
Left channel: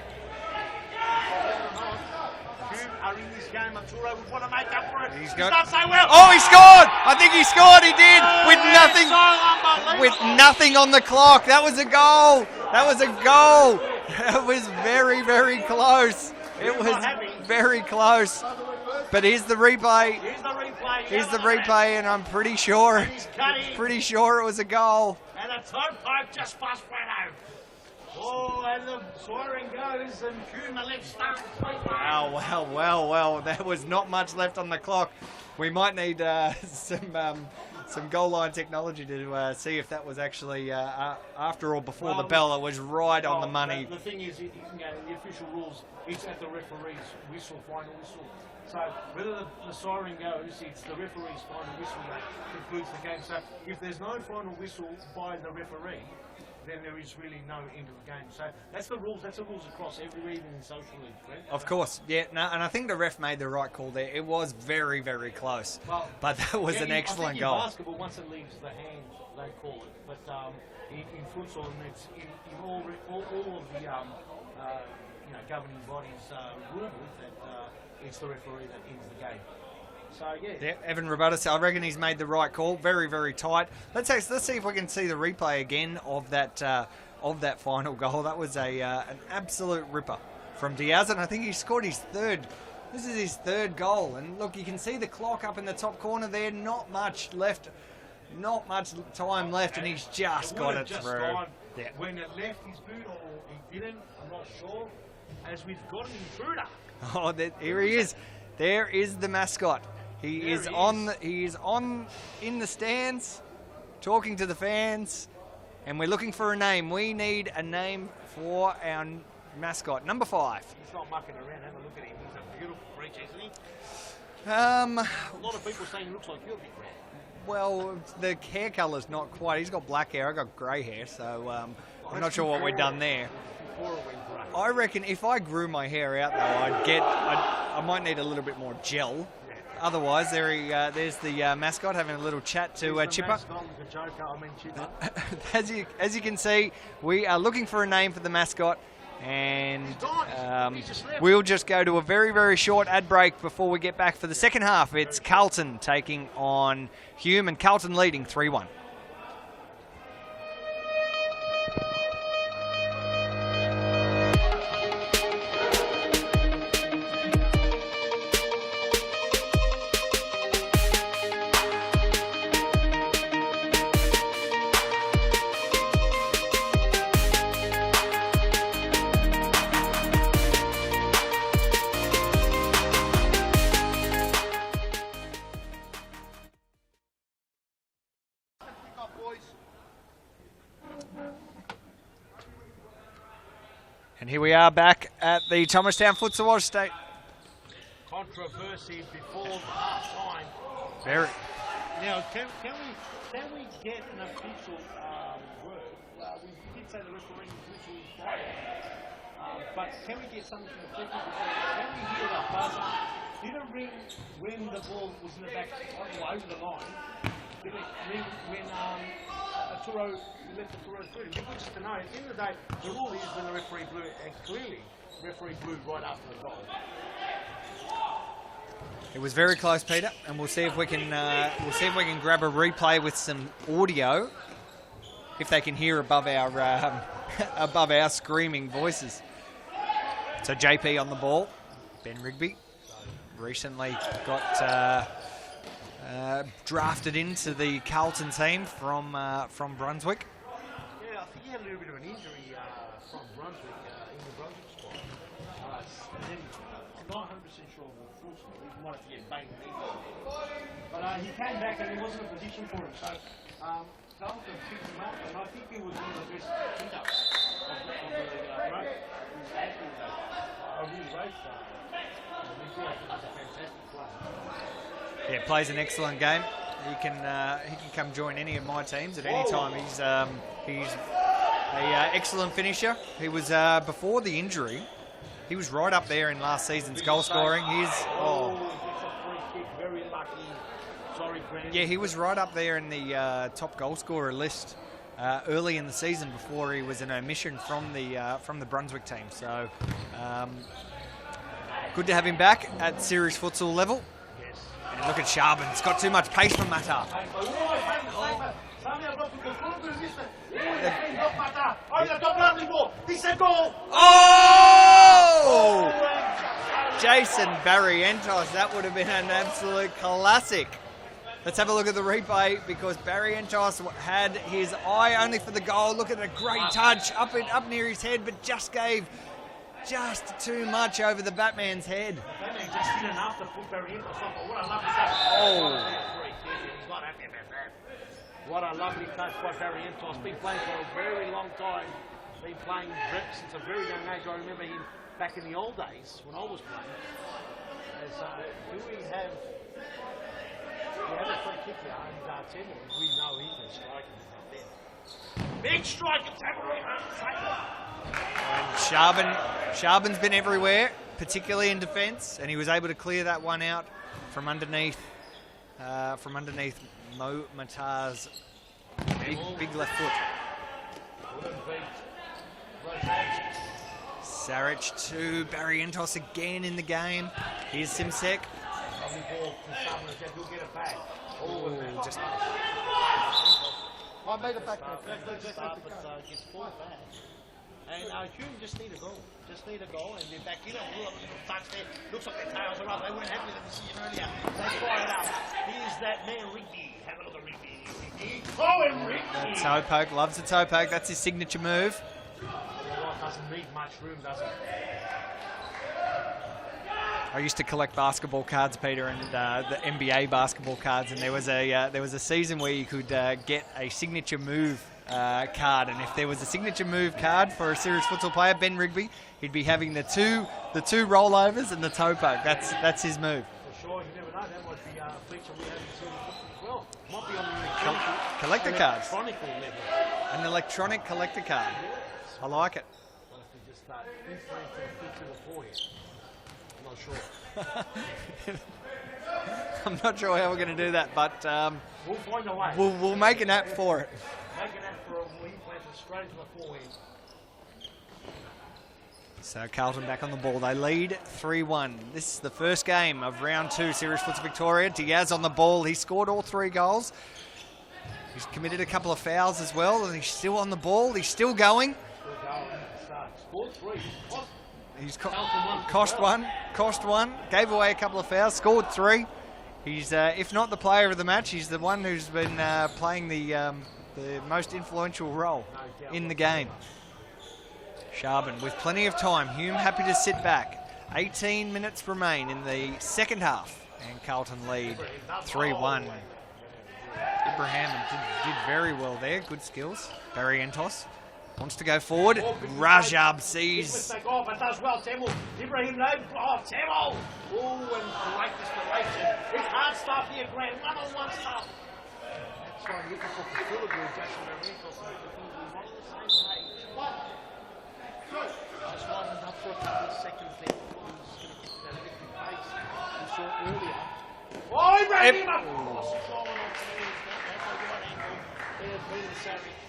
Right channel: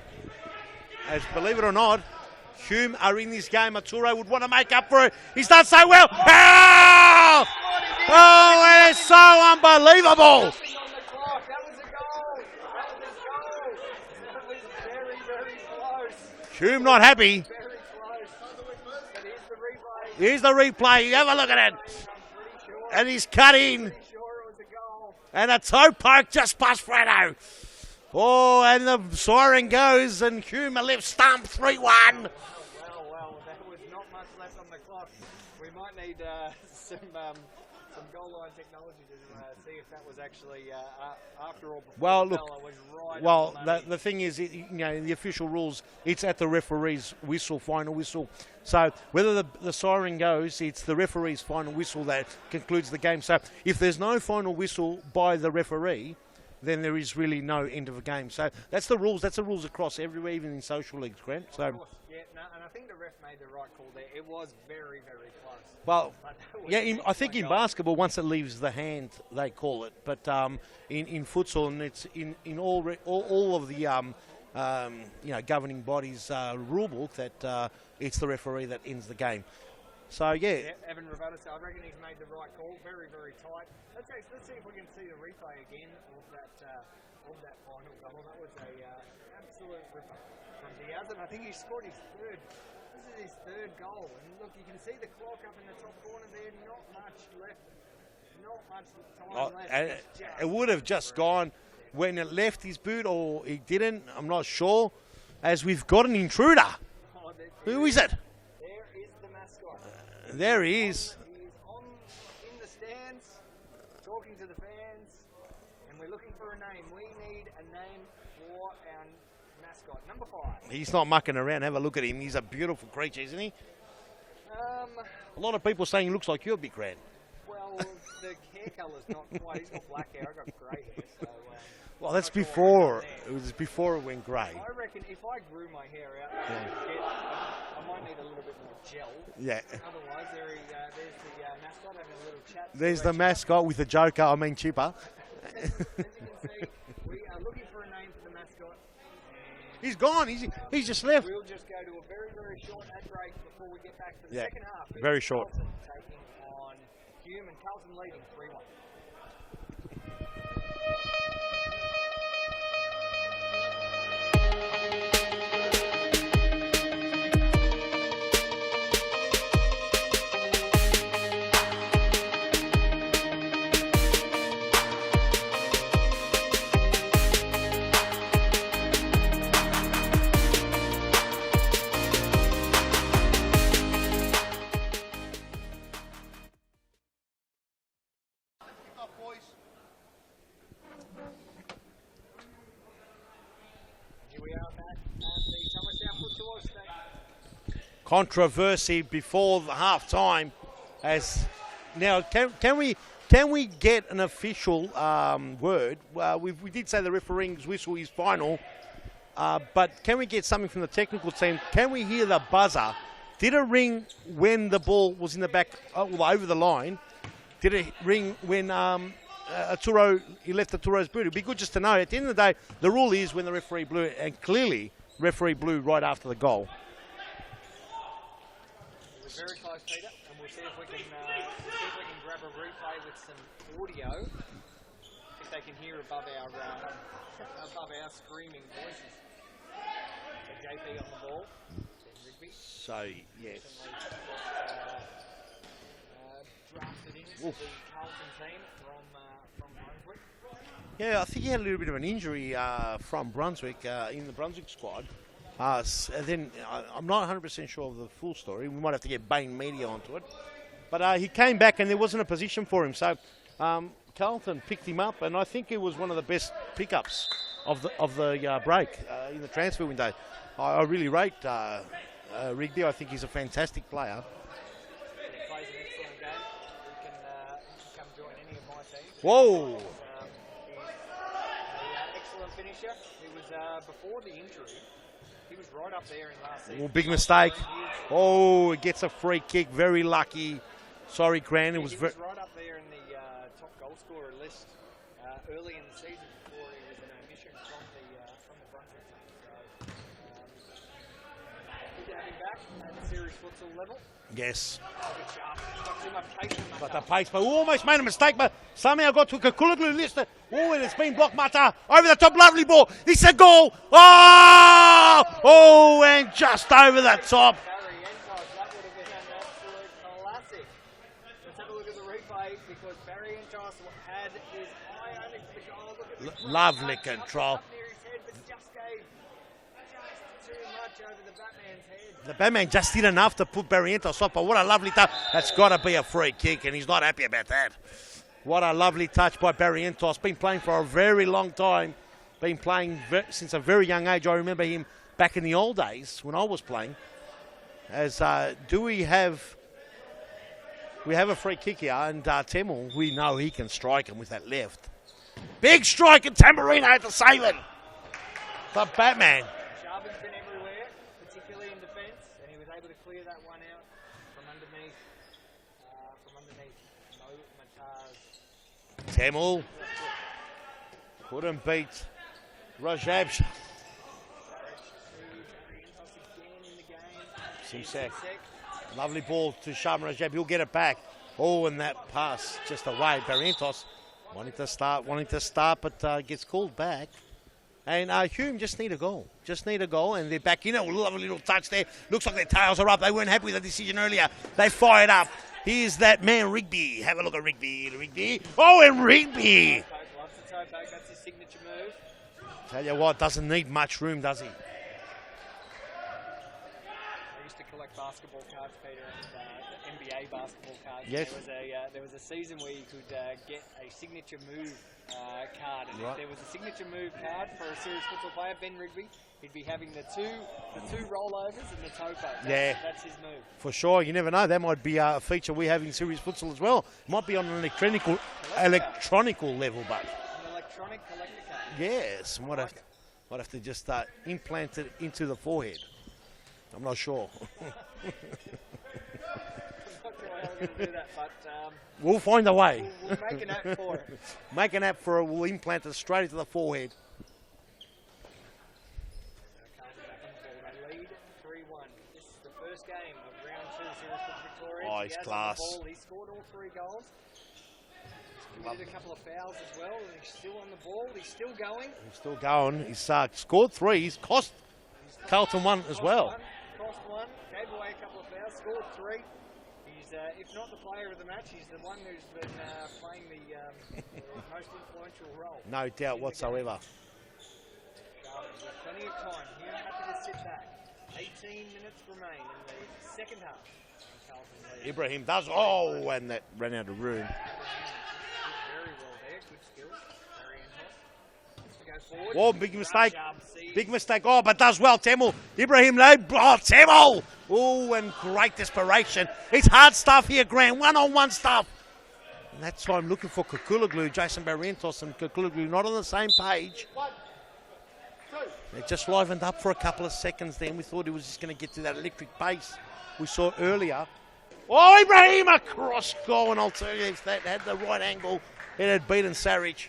As, believe it or not, Hume are in this game. Arturo would want to make up for it. He's done so well. Oh, he scored! I think he scored. He did. Oh, with nothing. So unbelievable. With nothing on the clock. That was a goal. That was a goal. That was very, very close. Hume not happy. Very close. But here's the replay. Here's the replay. Here's Have a the look at it. replay, and I'm pretty sure. And he's cut in. Pretty sure it was a goal. And a toe poke just past Fredo. Oh, and the siren goes, and Hume left stump 3-1. Well. There was not much left on the clock. We might need some goal line technology to see if that was actually after or before the bell. It was right on the money. The thing is, in the official rules, it's at the referee's whistle, final whistle. So whether the siren goes, it's the referee's final whistle that concludes the game. So if there's no final whistle by the referee, then there is really no end of a game. So that's the rules. That's the rules across everywhere, even in social leagues, Grant. Of course, yeah. No, and I think the ref made the right call there. It was very, very close. Well, but that was an excellent I think in goal. basketball, once it leaves the hand, they call it. But in futsal, and it's in all of the governing bodies rule book that it's the referee that ends the game. So yeah, Evan Robotis, I reckon he's made the right call. Very, very tight. Let's see if we can see the replay again of that final goal. That was an absolute ripper from Diaz, and I think he scored his third. This is his third goal, and look, you can see the clock up in the top corner there. Not much left. Not much time left, and he's just. It would have just gone when it left his boot, or it didn't. I'm not sure. As we've got an intruder. Oh, who is it? There is the mascot. He is in the stands, talking to the fans, and we're looking for a name. We need a name for our mascot, number 5. He's not mucking around. Have a look at him. He's a beautiful creature, isn't he? A lot of people saying he looks like you, Big Red. Well, the hair colour's not quite. He's got black hair. I've got grey hair, so well, I'm not sure what we've done there. It was before it went grey. I reckon if I grew my hair out, though, I might need a little bit more gel. Yeah. Otherwise, there's the mascot having a little chat to There's the Chipper. Mascot with the Joker, Chipper. As you can see, we are looking for a name for the mascot. And he's gone. He's just left. We'll just go to a very, very short ad break before we get back for the second half. It's Carlton taking on Hume, and Carlton leading 3-1. And here we are back at the Thomastown Futsal Oz State. Controversy before the half time. Now, can we get an official word? We did say the referee's whistle is final, but can we get something from the technical team? Can we hear the buzzer? Did it ring when the ball was in the back, over the line? Did it ring when he left Arturo's boot? It'd be good just to know. At the end of the day, the rule is when the referee blew it, and clearly referee blew right after the goal. It was very close, Peter, and we'll see if we can grab a replay with some audio, if they can hear above our screaming voices. So JP on the ball, Ben Rigby. So recently got drafted into the Carlton team from Brunswick. Yeah, I think he had a little bit of an injury from Brunswick in the Brunswick squad. And then I'm not 100% sure of the full story. We might have to get Bain Media onto it. But he came back and there wasn't a position for him. So Carlton picked him up, and I think it was one of the best pickups of the break in the transfer window. I really rate Rigby. I think he's a fantastic player. Yeah, plays an excellent game. He can come join any of my teams at any time. He's an excellent finisher. He was before the injury. He was right up there in last season's big goal mistake. scoring. He gets a free kick. Very lucky. Sorry, Grant. Yeah, he was right up there in the top goal scorer list early in the season before he was an omission from the Brunswick team. So Good to have him back at series futsal level. Yes. And look at Sharben. He's got too much pace for Mata. Pace, but almost made a mistake, but somehow got to Kakulaglu missed it. Oh, and it's been blocked, Mata. Over the top, lovely ball. It's a goal. Oh! Oh, and just over the top. Barrientos, that would have been an absolute classic. Let's have a look at the replay because Barrientos had his eye only for the goal. Look at the great touch up near his head, but just gave just too much over the Batman's head. The Batman just did enough to put Barrientos off, but what a lovely touch. That's got to be a free kick, and he's not happy about that. What a lovely touch by Barrientos. Been playing for a very long time. Been playing since a very young age. I remember him back in the old days when I was playing. As we have a free kick here, and Temel, we know he can strike him with that left. Big strike, and Tamburino had to save it. Sharben's been everywhere, particularly in defence, and he was able to clear that one out from underneath Mo Matar's Temel. big left foot. Couldn't beat Rajab. Saric to Barrientos again in the game. Here's Simsek. Lovely ball to Sharben Rajab. He'll get it back. Oh, and that pass just away. Barrientos wanting to start, but gets called back. And Hume just need a goal. And they're back in it. Lovely little touch there. Looks like their tails are up. They weren't happy with the decision earlier. They fired up. Here's that man, Rigby. Have a look at Rigby. Oh, and Rigby. Toe poke, loves a toe poke. That's his signature move. Tell you what, doesn't need much room, does he? I used to collect basketball cards, Peter, and the NBA basketball cards. And there was a season where you could get a signature move card, and if there was a signature move card for a serious futsal player, Ben Rigby, he'd be having the two rollovers and the toe poke. That's his move. For sure, you never know. That might be a feature we have in serious futsal as well. Might be on an electronical level, but an electronic collector card. Yes, I like it. Might have to just implant it into the forehead. I'm not sure. I'm not sure how we're going to do that, but we'll find a way. We'll make an app for it. Make an app for it. We'll implant it straight into the forehead. So Carlton back on the ball. They lead 3-1. This is the first game of round 2, Serious Futsal Victoria. Diaz on the ball. He scored all 3 goals. He's committed a couple of fouls as well, and he's still on the ball. He's still going. He's scored 3. He's cost Carlton 1 Cost one. Gave away a couple of fouls. Scored 3. He's, if not the player of the match, he's the one who's been playing the most influential role in the game. Sharben with plenty of time. Hume happy to sit back. 18 minutes remain in the second half. And Carlton lead 3-1. When that ran out of room. Ibrahim did very well there. Good skills. Barrientos wants to go forward. Oh, big Rajab sees. Big mistake. Oh, but does well. Temel. Ibrahim load. Oh, Temel. Oh, and great desperation. It's hard stuff here, Grant. One-on-one stuff. And that's why I'm looking for Kakulaglu. Jason Barrientos and Kakulaglu not on the same page. It just livened up for a couple of seconds then. We thought he was just going to get to that electric pace we saw earlier. Oh, Ibrahim, a cross goal, and I'll tell you, if that had the right angle, it had beaten Saric.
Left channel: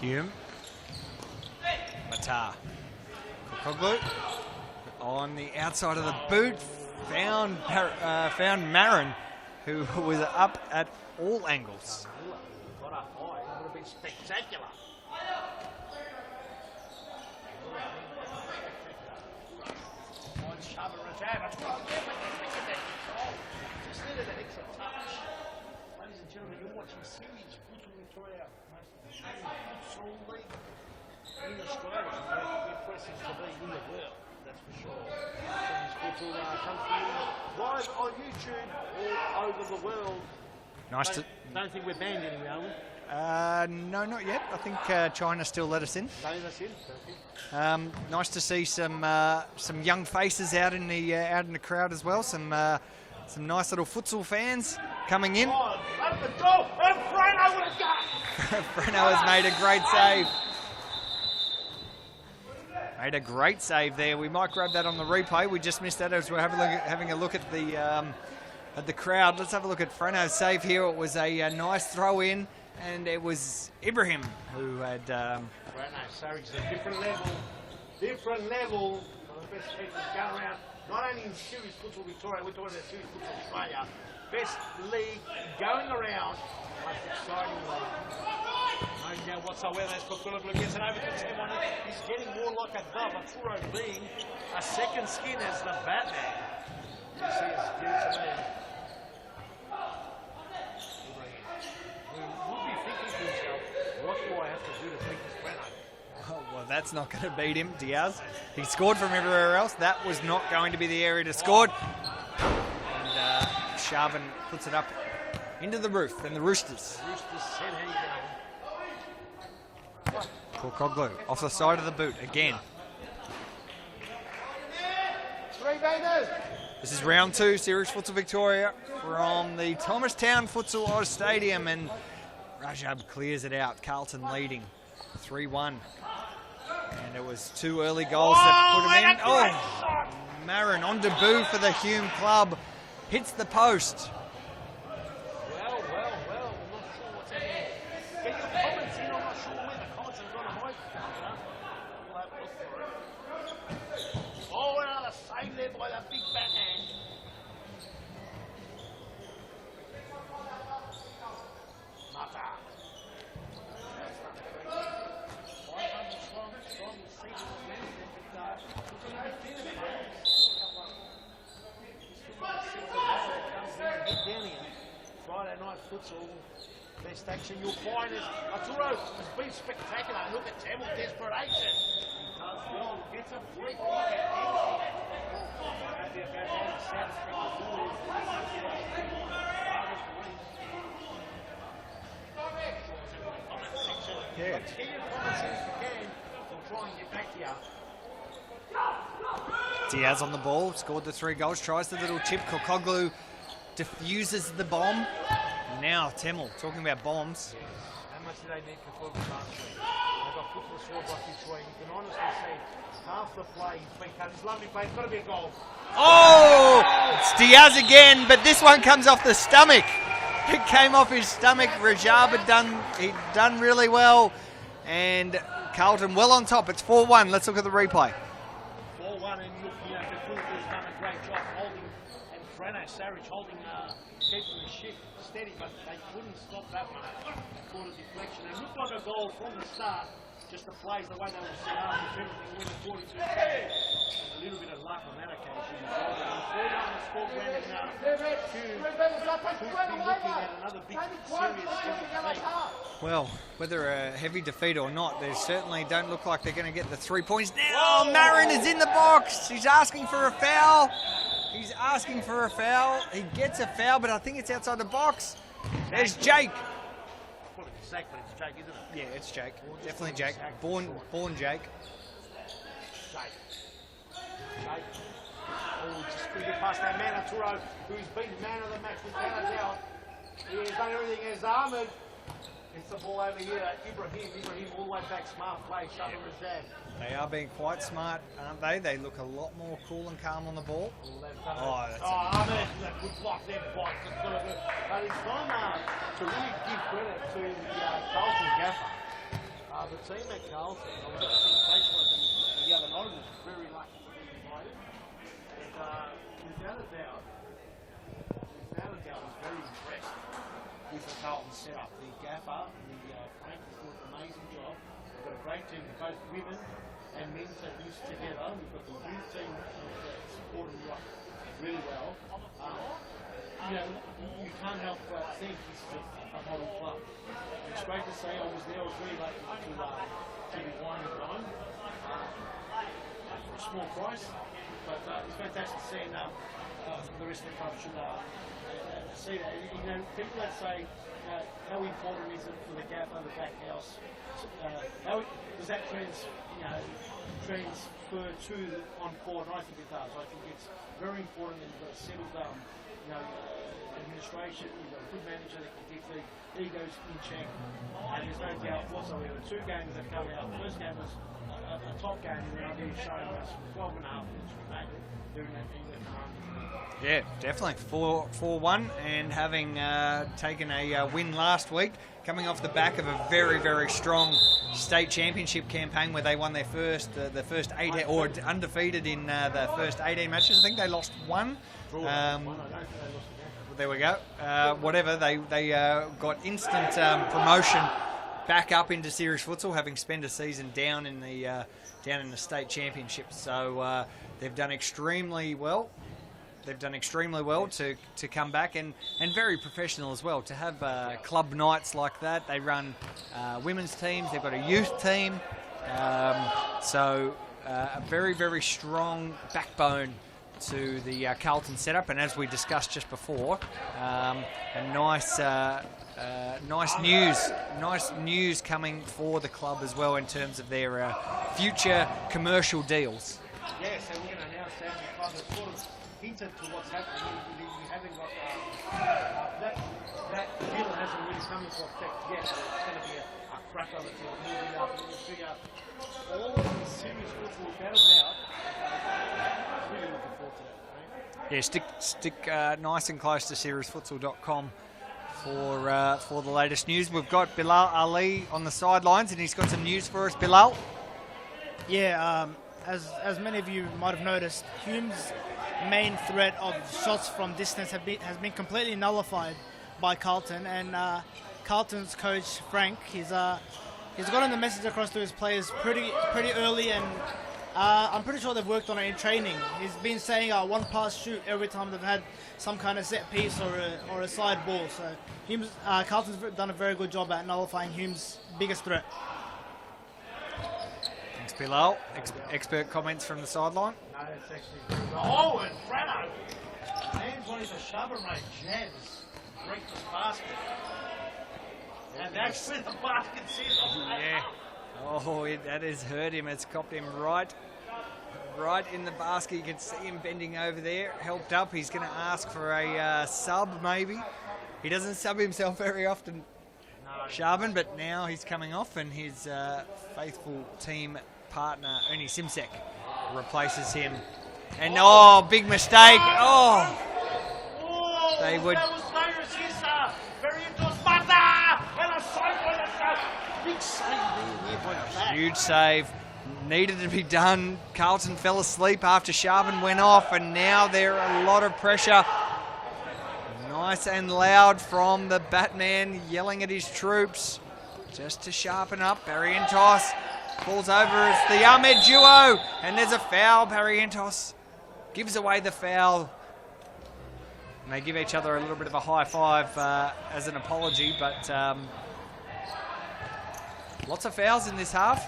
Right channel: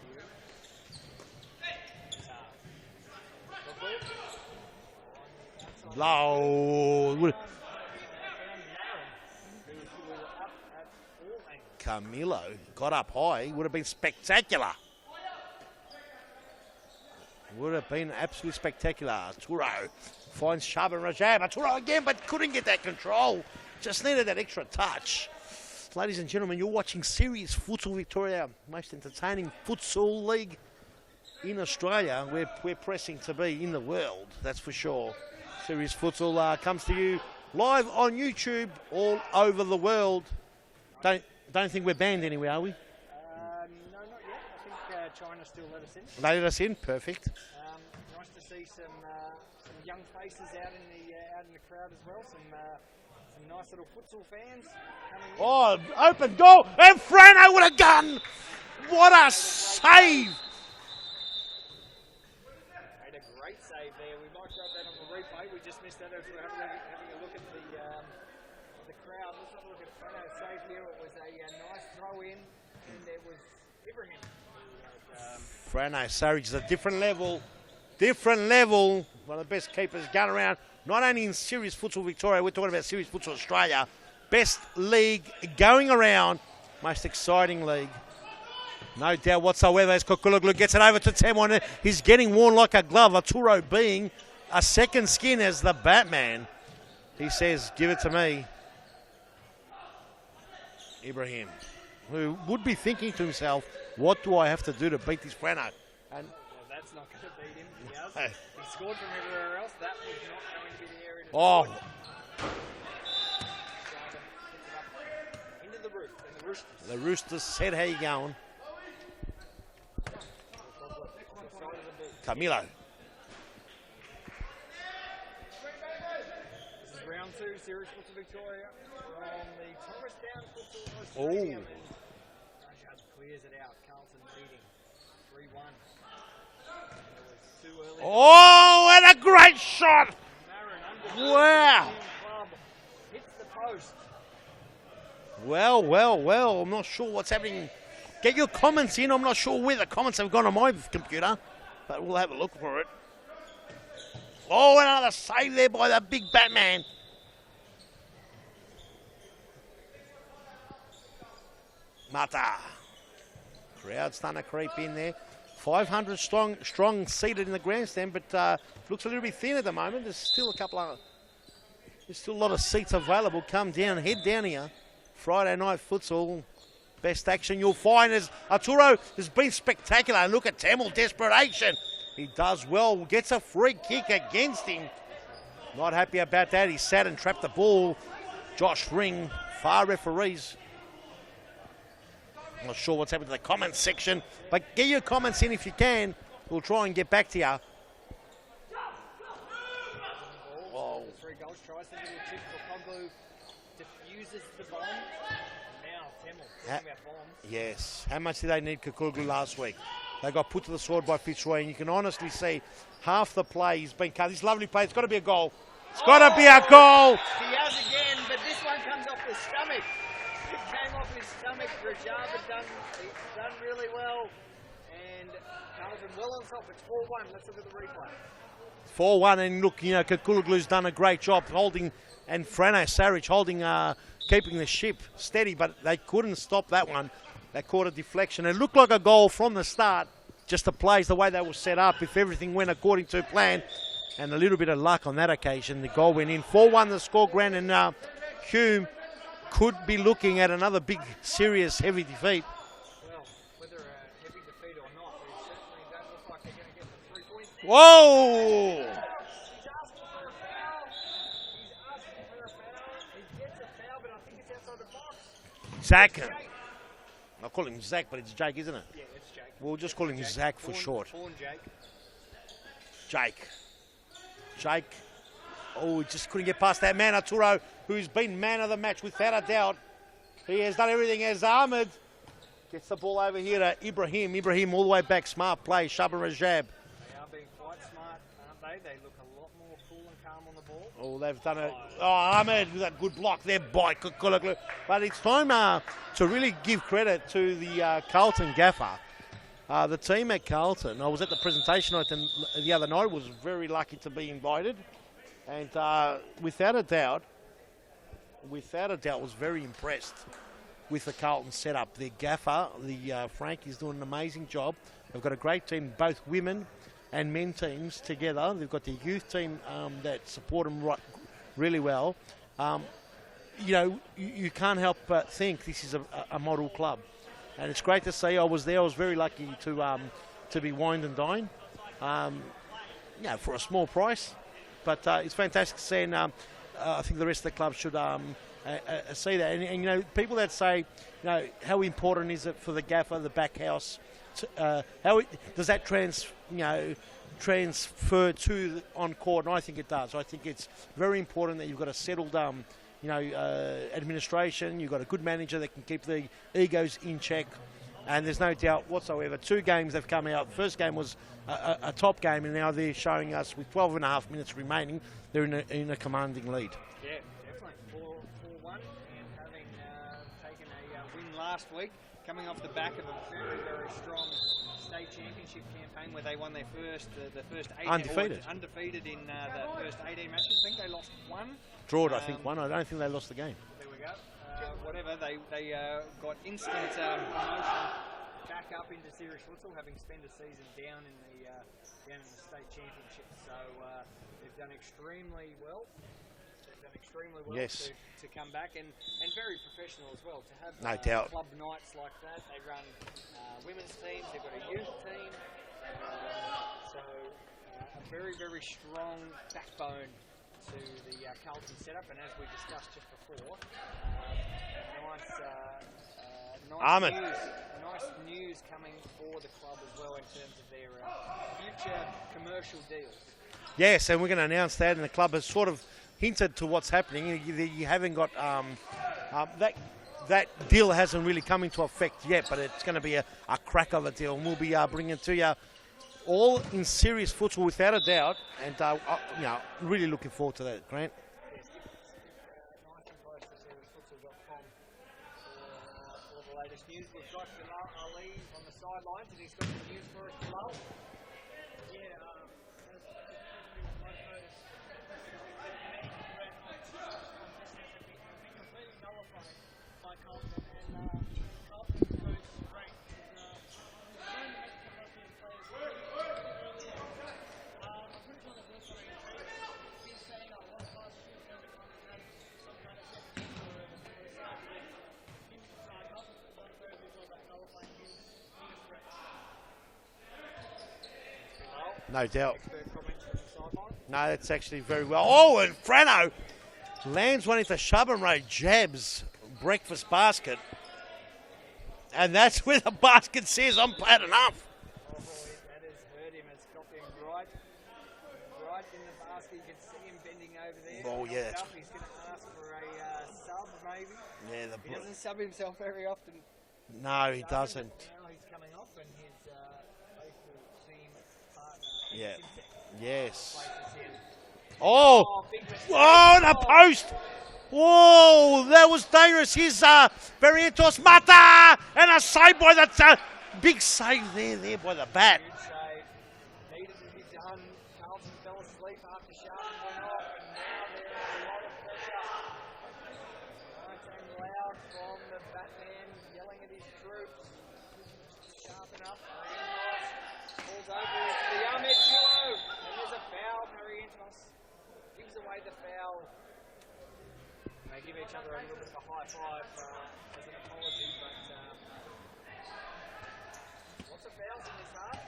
Hume. Matar. Koglu on the outside of the boot. Found Marin, who was up at all angles. Camilo got up high. Would have been spectacular. Would have been absolutely spectacular. Turo finds Sharben Rajab. Turo again, but couldn't get that control. Just needed that extra touch. Ladies and gentlemen, you're watching Serious Futsal Victoria, most entertaining futsal league in Australia. We're pressing to be in the world, that's for sure. Serious Futsal comes to you live on YouTube all over the world. Don't think we're banned anywhere, are we? No, not yet. I think China still let us in. They let us in, perfect. Nice to see some young faces out in the crowd as well. Some nice little futsal fans coming in. Oh, open goal, and Frano with a gun. Frano made a great save. Made a great save there. We might grab that on the replay. We just missed that as we're having a look at the crowd. Let's have a look at Frano's save here. It was a nice throw in, and it was Ibrahim who had... Frano, Saric is a different level. different level. One of the best keepers going around, not only in Series Futsal Victoria, we're talking about Series Futsal Australia. Best league going around, most exciting league. No doubt whatsoever as Kukuluglu gets it over to Temon. He's getting worn like a glove. Arturo being a second skin as the Batman. He says, give it to me. Ibrahim, who would be thinking to himself, what do I have to do to beat this Breno? Well, that's not going to beat him, Diaz. He scored from everywhere else. That was not going to be the area to score. And Sharvin puts it up into the roof, and the Roosters. The Roosters said, how you going? Kokoglu off the side of the boot again. This is round 2, Series Futsal Victoria from the Thomastown Futsal Oz Stadium, and Rajab clears it out. Carlton leading 3-1. And it was 2 early goals. Oh, and a great shot! Marin on debut for the Hume club. Hits the post. Well, I'm not sure what's happening. Get your comments in. I'm not sure where the comments have gone on my computer, but we'll have a look for it. Oh, another save there by the big Batman. Mata. Crowd's starting to creep in there. 500 strong seated in the grandstand, but looks a little bit thin at the moment. There's still a lot of seats available. Come down, head down here. Friday night futsal. Best action you'll find is Arturo has been spectacular. And look at Tamil, desperation. He does well, gets a free kick against him. Not happy about that. He sat and trapped the ball. Josh Ring, far referees. Not sure what's happening in the comments section, but get your comments in if you can. We'll try and get back to you. Diaz on the ball, scored the 3 goals, tries the little chip. Kokoglu diffuses the bomb. Now Temel, talking about bombs. Yes. How much did they need Kukulgu last week? They got put to the sword by Fitzroy, and you can honestly see half the play has been cut. This lovely play, it's got to be a goal. It's got to be a goal. It's Diaz again, but this one comes off the stomach. It came off his stomach. Rajab had done really well, and Carlton well on top. It's 4-1. Let's look at the replay. 4-1, and look, you know, Kukuluglu's done a great job holding, and Frano Saric holding, keeping the ship steady, but they couldn't stop that one. They caught a deflection. It looked like a goal from the start. Just the plays, the way they were set up, if everything went according to plan, and a little bit of luck on that occasion, the goal went in. 4-1 the score, Grant, and Hume could be looking at another big, serious, heavy defeat. Well, whether a heavy defeat or not, they certainly don't look like they're going to get the 3 points now. Whoa! Marin is in the box. He's asking for a foul. He's asking for a foul. He gets a foul, but I think it's outside the box. Zach. It's Jake. I call him Zach, but it's Jake, isn't it? Yeah, it's Jake. We'll just call him Jake. Zach for short. Born Jake. Jake. Oh, just couldn't get past that man, Arturo, who's been man of the match without a doubt. He has done everything as Ahmed. Gets the ball over here to Ibrahim. Ibrahim all the way back. Smart play. Shaban Rajab. They are being quite smart, aren't they? They look a lot more cool and calm on the ball. Oh, they've done it. Ahmed with a good block there by Kukuluglu. But it's time to really give credit to the Carlton gaffer. The team at Carlton, I was at the presentation the other night, was very lucky to be invited. And without a doubt, was very impressed with the Carlton setup. Their gaffer, Frank, is doing an amazing job. They've got a great team, both women and men teams together. They've got the youth team that support them really well. You know, you can't help but think this is a model club. And it's great to see. I was there. I was very lucky to be wined and dined, for a small price. But it's fantastic to see, and I think the rest of the club should see that. And you know, people that say, you know, how important is it for the gaffer, the back house? Does that transfer to on court? And I think it does. I think it's very important that you've got a settled, administration. You've got a good manager that can keep the egos in check. And there's no doubt whatsoever. 2 games they've come out. First game was a top game, and now they're showing us with 12 and a half minutes remaining, they're in a commanding lead. Yeah, definitely. 4-1, and having taken a win last week, coming off the back of a very, very strong state championship campaign where they won their first 18, or undefeated in the first 18 matches. I think they lost one. Draw, I think, one. I don't think they lost the game. There we go. Whatever, they got instant promotion back up into series futsal, having spent a season down in the state championship. So they've done extremely well. They've done extremely well Yes. to come back, and very professional as well. To have No doubt. club nights like that, they run women's teams. They've got a youth team, so a very, very strong backbone to the Carlton setup. And as we discussed just before, a nice news coming for the club as well in terms of their future commercial deals. Yes, and we're going to announce that, and the club has sort of hinted to what's happening. You haven't got that deal hasn't really come into effect yet, but it's going to be a crack of a deal, and we'll be bringing it to you all in serious futsal without a doubt, and really looking forward to that, Grant. Yeah, stick nice and close to seriesfutsal.com for the latest news. We've got Bilal Ali on the sidelines, and he's got some news for us. Bilal? Yeah, as many of you might have noticed, Hume's main threat of shots from distance has been completely nullified by Carlton, and Carlton's coach Frank, he's gotten the message across to his players pretty early, and I'm pretty sure they've worked on it in training. He's been saying one pass shoot every time they've had some kind of set piece or a side ball. So Hume's, Carlton's done a very good job at nullifying Hume's biggest threat. Thanks, Bilal. No doubt. Expert comments from the sideline. No, that's actually very well. Oh, and Frano lands one into Shubham Ray, jabs breakfast basket. And that's where the basket says, I'm glad enough. Oh, that has hurt him. It's copped him right in the basket. You can see him bending over there, helped up. He's going to ask for a sub, maybe. He doesn't sub himself very often, No, he Sharvin, doesn't. but now he's coming off, and his faithful team partner, Ernie Simsek, replaces him. And big mistake. Oh, the post. Whoa, that was dangerous. Here's Barrientos Mata, and a save by that big save there by the back. Huge save. Needed to be done. Carlton fell asleep after Sharvin went off, and now there are a lot of pressure. Nice and loud from the Batman, yelling at his troops just to sharpen up. Barrientos falls over. It's the Ahmed duo, and there's a foul. Barrientos gives away the foul. And they give each other a little bit of a high five as an apology, but lots of fouls in this half.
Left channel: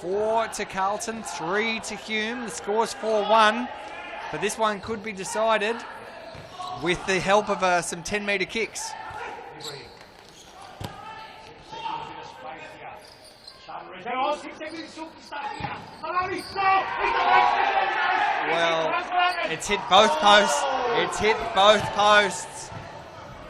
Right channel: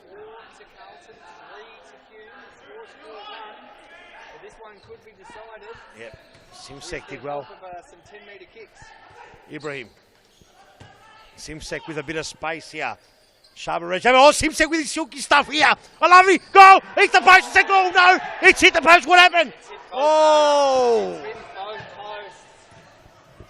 4 to Carlton, 3 to Hume. The score's 4-1, but this one could be decided with the help of some 10-metre kicks. Ibrahim. Simsek with a bit of space here. Oh, Simsek with his silky stuff here. A lovely goal. Hit the post. Oh, no. It's hit the post. What happened? It's hit both posts. It's hit both posts.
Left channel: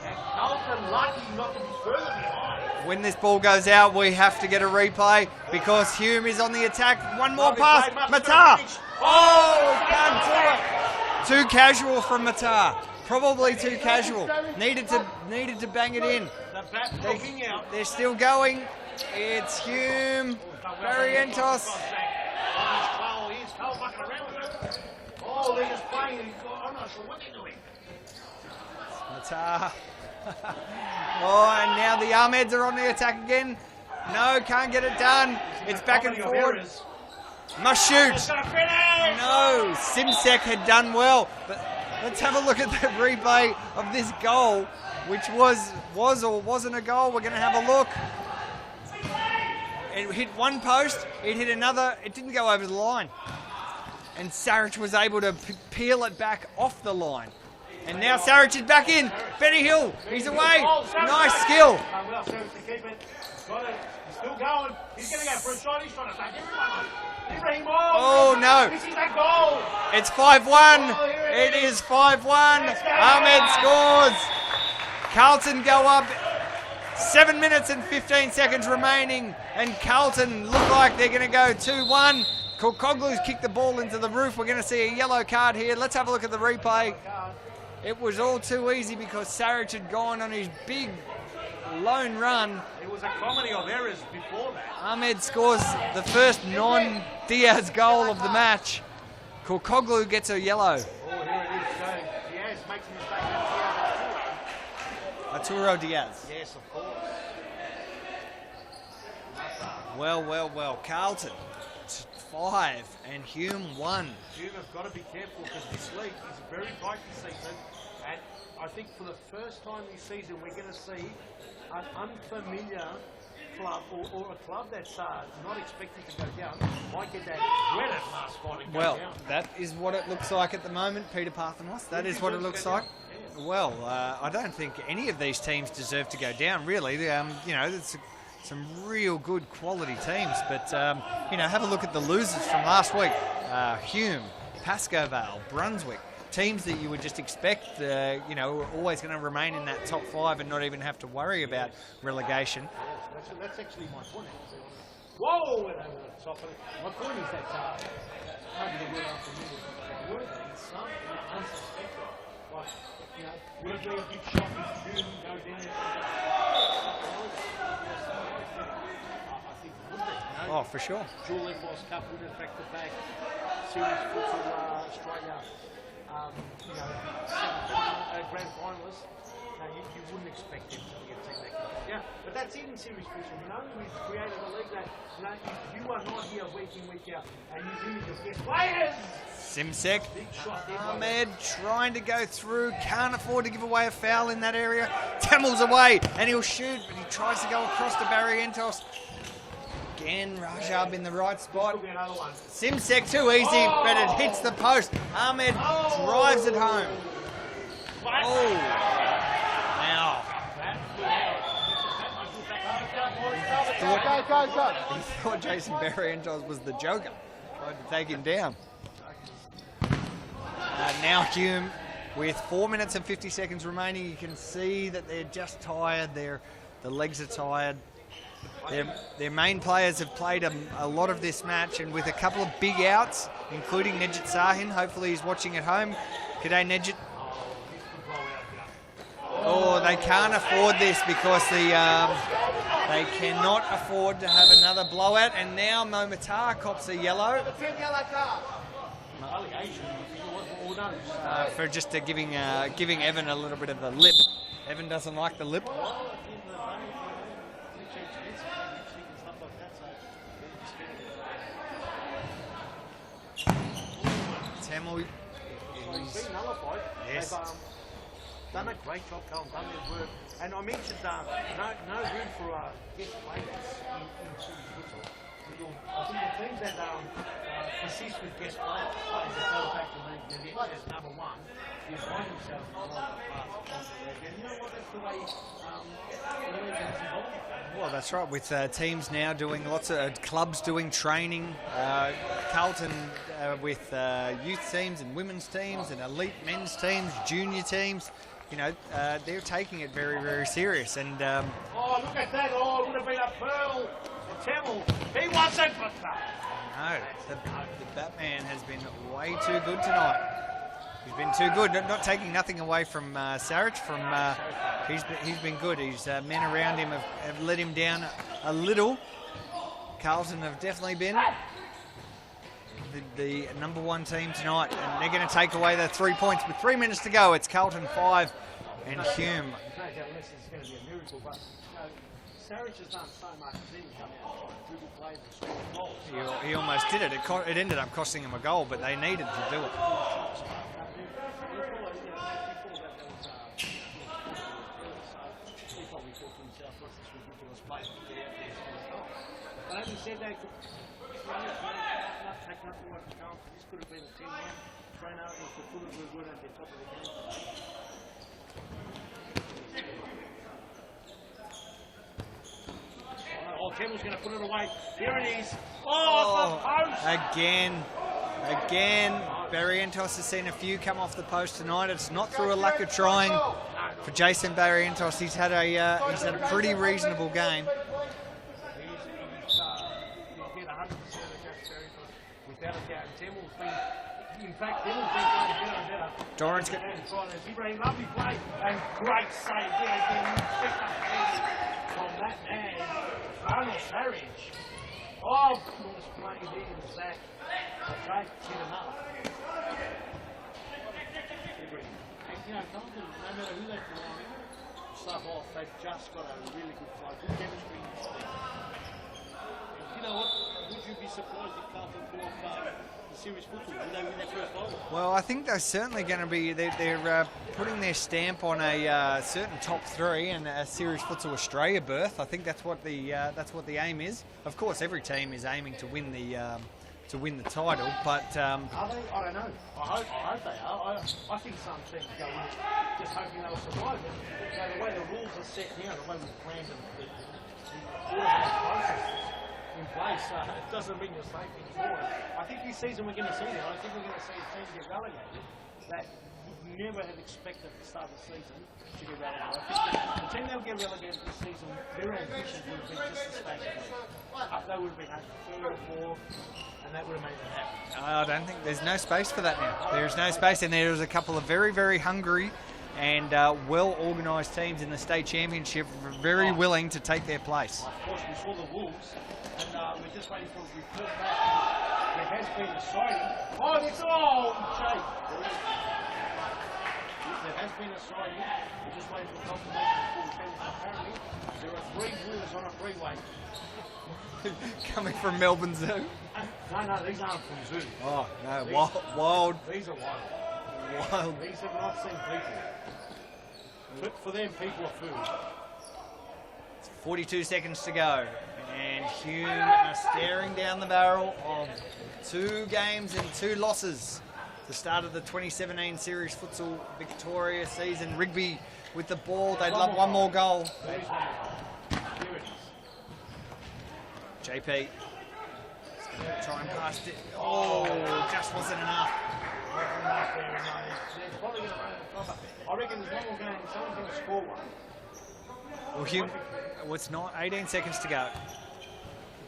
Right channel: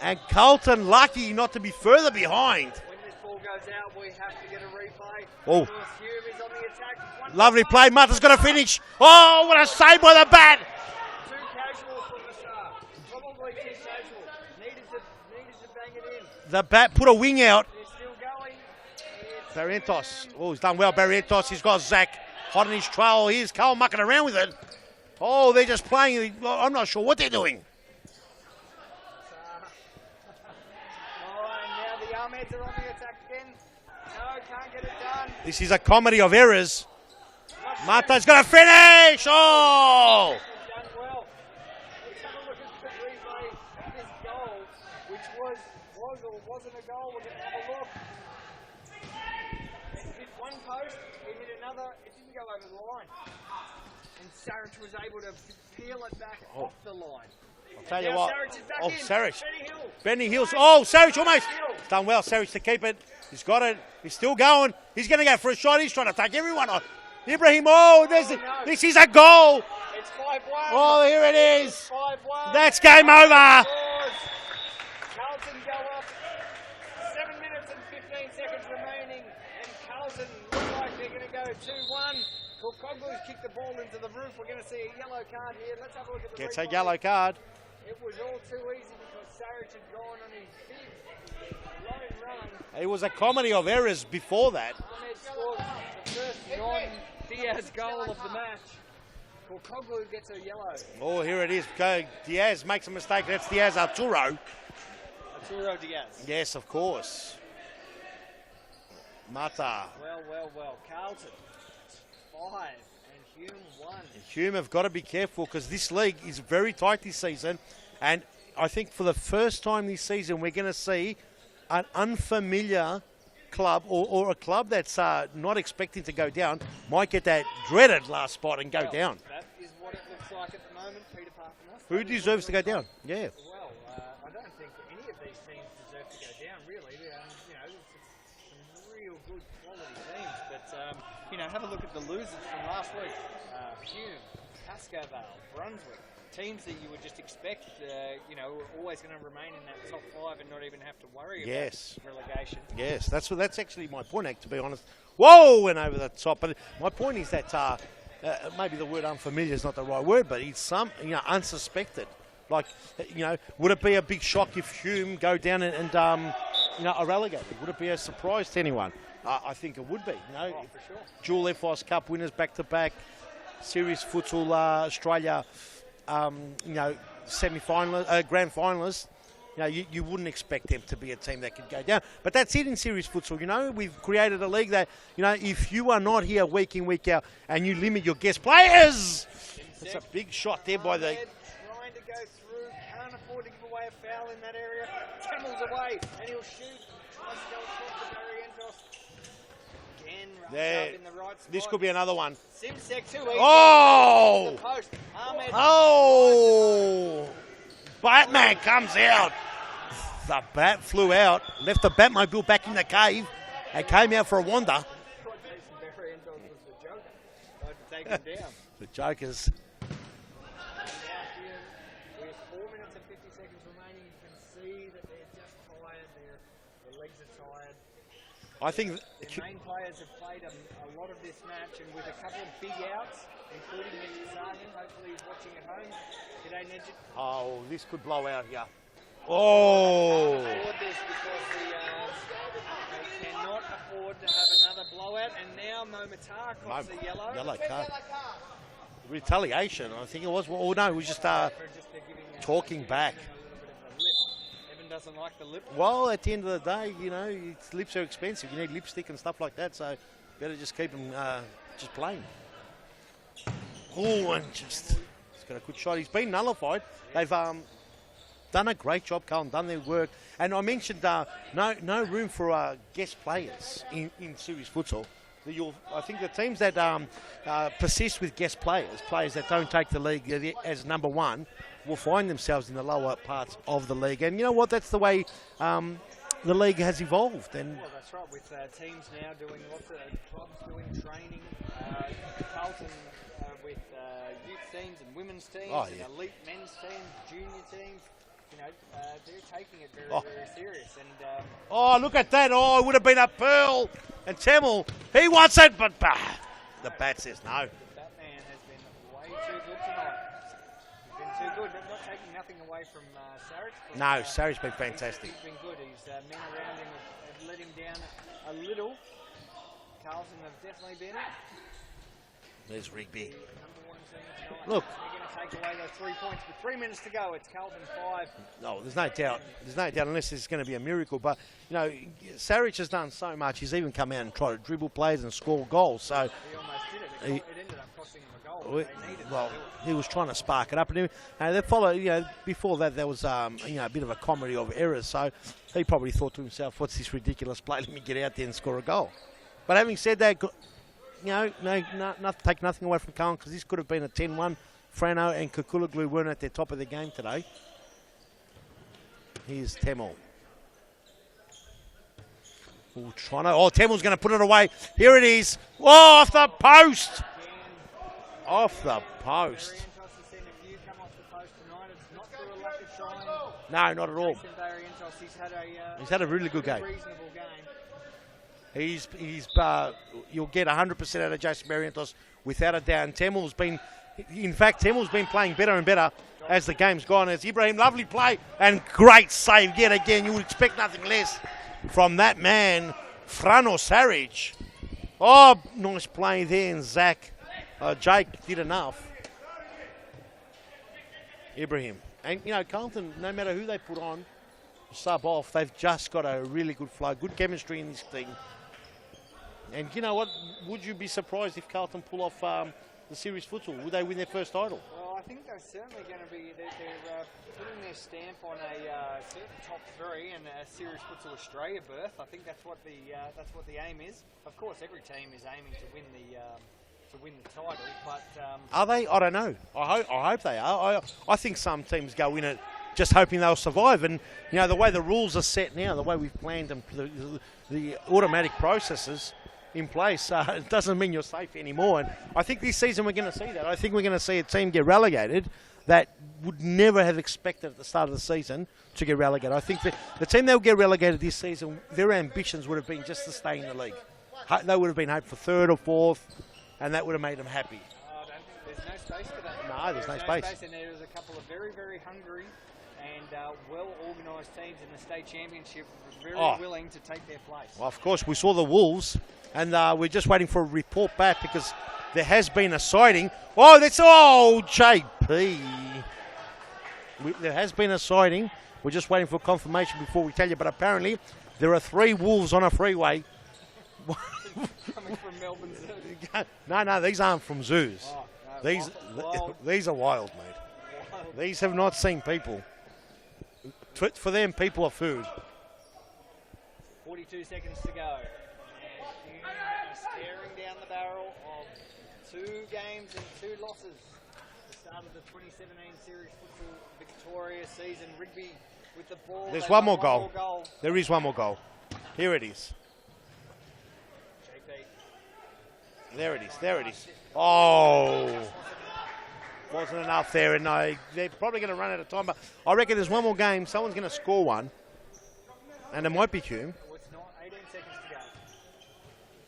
And Carlton lucky not to be further behind. When this ball goes out, we have to get a replay because Hume is on the attack. One Lovely more play. pass. Mata's going to finish. Oh, what a save by the back. Too casual from Matar. Probably too casual. Needed to bang it in. The bat put a wing out. They're still going. It's Hume. Oh, he's done well. Barrientos. He's got Zach on his trail. Here's Cole mucking around with it. Oh, they're just playing. I'm not sure what they're doing. Matar. And now the Ahmeds are on the attack again. No, can't get it done. This is a comedy of errors. Must shoot. Mata's going to finish. No, Simsek had done well. But let's have a look at the replay of this goal, which was or wasn't a goal. We're going to have a look. It hit one post, it hit another, it didn't go over the line. And Sarich was able to peel it back off the line. And now Sarich is back in. Sarich. Benny Hill. Benny He's Hill. away. Oh, Sarich nice away. skill. Done well, Sarich to keep it. He's got it. He's still going. He's going to go for a shot. He's trying to take everyone on. Ibrahim, no. This is a goal. It's 5-1. Oh, here it It is. is 5-1. That's game Ahmed over. scores. Carlton go up 7 minutes and 15 seconds remaining, and Carlton look like they're going to go 2-1. Kokoglu's kicked the ball into the roof. We're going to see a yellow card here. Let's have a look at the It's a replay. yellow card. It was all too easy because Sarich had gone on his big lone run. It was a comedy of errors before that. Ahmed scores the first non-Diaz goal of the match. Kokoglu gets a yellow. Oh, here it is. Diaz makes a mistake. That's Diaz Arturo Diaz. Yes, of course. Mata. Well. Carlton 5 and Hume 1. Hume have got to be careful because this league is very tight this season, and I think for the first time this season we're going to see an unfamiliar club or a club that's not expected to go down might get that dreaded last spot and go down. That is what it looks like at the moment, Peter Parthenos. Who That is what it deserves to looks go like. down? Yeah. Well, I don't think any of these teams deserve to go down, really. There's some real good quality teams, but, have a look at the losers from last week. Hume, Pascoe, Vale, Brunswick. Teams that you would just expect, are always going to remain in that top 5 and not even have to worry about relegation. Yes, that's actually my point, to be honest. Whoa, went over the top. But my point is that maybe the word unfamiliar is not the right word, but it's unsuspected. Like, would it be a big shock if Hume go down and are relegated? Would it be a surprise to anyone? I think it would be. Oh, for sure. Dual FIS Cup winners back-to-back, Serious Futsal Australia, semi-final, grand finalists. You wouldn't expect them to be a team that could go down. But that's it in Serious Futsal. We've created a league that, if you are not here week in, week out, and you limit your guest players. Simsek. Big shot there by Ahmed trying to go through, can't afford to give away a foul in that area. Tamel's away, and he'll shoot, but he tries to go across to Barrientos. Again, Rajab in the right spot. This could be another one. Simsek too easy, but it hits the post. Ahmed drives it home. Batman comes out. Now, The bat flew out, left the Batmobile back in the cave, and came out for a wander. he thought Jason Barrientos was the Joker. Tried to take him down. The Jokers. Now Hume, with 4 minutes and 50 seconds remaining, you can see that they're just tired. The legs are tired. I think Their main players have played a lot of this match, and with a couple of big outs, including Nejit Sahin. Hopefully he's watching at home. G'day, Nejit. Oh, this could blow out here. Oh, they can't afford this because they cannot afford to have another blowout. And now Momatar cops a yellow. Retaliation, I think it was. Well, no, it was just For just giving talking back. Evan a little bit of the lip. Evan doesn't like the lip. Well, at the end of the day, lips are expensive. You need lipstick and stuff like that, so you better just keep them just plain. Oh, and Tamil, he's got a good shot. He's been nullified. Yes. They've done a great job, Carlton, done their work. And I mentioned no room for guest players in Series Futsal. I think the teams that persist with guest players that don't take the league as number one, will find themselves in the lower parts of the league. And you know what? That's the way the league has evolved. And well, that's right. With teams now doing lots of clubs doing training, Carlton with youth teams and women's teams and elite men's teams, junior teams. They're taking it very, very serious. And oh, look at that! Oh, it would have been a pearl. And Tamil, he wants it, but the bat says no. The Batman has been way too good tonight. He's been too good. Not taking nothing away from Sarich. Saric's been fantastic. He's been good. His men around him have let him down a little. Carlton have definitely been the number one team tonight. Look. And they're going to take away the 3 points with 3 minutes to go. It's Carlton 5. There's no doubt unless it's going to be a miracle. But, Sarich has done so much. He's even come out and tried to dribble players and score goals. So he almost did it. It ended up costing him a goal, but they needed to do it. He was trying to spark it up. And they followed, before that, there was a bit of a comedy of errors. So he probably thought to himself, what's this ridiculous play? Let me get out there and score a goal. But having said that, take nothing away from Carlton, because this could have been a 10-1. Frano and Kukulaglu weren't at their top of the game today. Here's Temel. Temel's going to put it away. Here it is. Oh, off the post. Again, Off the Again, post. Barrientos has seen a few come off the post tonight. It's not through a lack of trying. No, not For at all. Jason Barrientos, he's had a really good pretty game. reasonable game. You'll get 100% out of Jason Barrientos without a doubt. Temmel's been playing better and better as the game's gone. As Ibrahim, lovely play and great save yet again. You expect nothing less from that man, Frano Saric. Oh, nice play there, and Jake did enough. Ibrahim. And, Carlton, no matter who they put on, sub off, they've just got a really good flow, good chemistry in this thing. And you know what? Would you be surprised if Carlton pull off the series futsal? Would they win their first title? Well, I think they're certainly going to be. They're putting their stamp on a certain top three and a Series Futsal Australia berth. I think that's what the aim is. Of course, every team is aiming to win the title, but are they? I don't know. I hope they are. I think some teams go in it just hoping they'll survive. And the way the rules are set now, the way we've planned them, the automatic processes in place, it doesn't mean you're safe anymore. And I think this season we're going to see that. I think we're going to see a team get relegated that would never have expected at the start of the season to get relegated. I think the team that will get relegated this season, their ambitions would have been just to stay in the league. They would have been hoped for third or fourth, and that would have made them happy. I don't think there's no space for that now. There's no space, and there's a couple of very, very hungry and well-organised teams in the state championship, very willing to take their place. Well, of course, we saw the Wolves, and we're just waiting for a report back because there has been a sighting. JP. There has been a sighting. We're just waiting for confirmation before we tell you, but apparently there are 3 wolves on a freeway. Coming from Melbourne Zoo. No, these aren't from zoos. Oh, no, wild. These are wild. Wild. These have not seen people. For them, people are food. 42 seconds to go. And Hume are staring down the barrel of 2 games and 2 losses. The start of the 2017 Series Futsal Victoria season. Rigby with the ball. There's They one want more one goal. more goal. There is one more goal. Here it is. JP. There it is. Trying There it past is. it. Oh. Just wasn't enough. Wasn't enough there, and they're probably going to run out of time. But I reckon there's one more game. Someone's going to score one, and it might be Hume. Well, it's not. 18 seconds to go.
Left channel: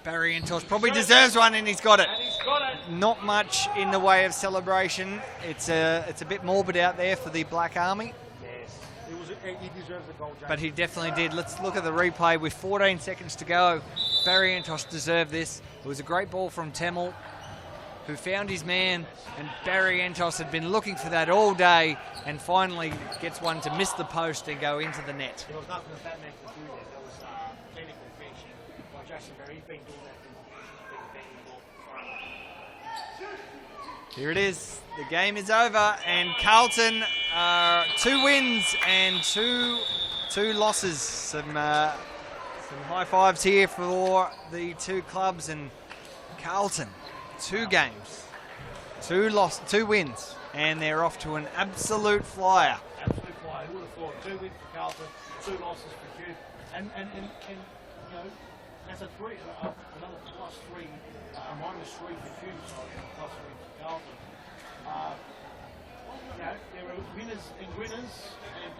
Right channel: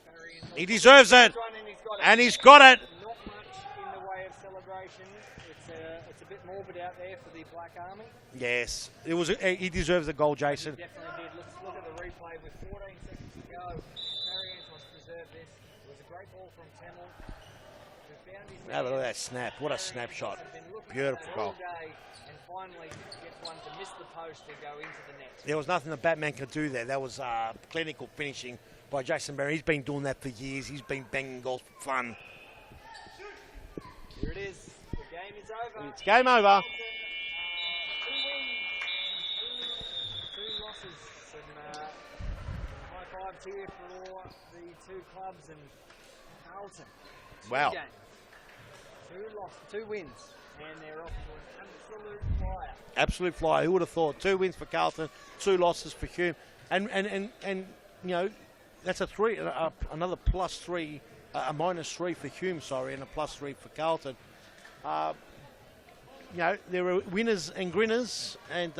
Barrientos He probably deserves one, and he's got it. And he's got it. Not much in the way of celebration. It's a bit morbid out there for the Black Army. Yes, he deserves the goal, Jason. But he definitely did. Let's look at the replay with 14 seconds to go. Barrientos deserved this. It was a great ball from Temmel, who found his man. That snap. Barrientos had been looking for that all day and finally gets one to miss the post and go into the net. There was nothing the Batman could do there. That was clinical finishing by Jason Barry. He's been doing that for years. He's been banging goals for fun. Here it is. The game is over. Game over. Carlton, 2 wins and two losses. Some high fives here for the 2 clubs, and Carlton, 2 Wow. games, 2 wins, and they're off to an absolute flyer. Absolute flyer. Who would have thought? 2 wins for Carlton, 2 losses for Hume, and that's another +3, a -3 for Hume, and a +3 for Carlton. There are winners and grinners, and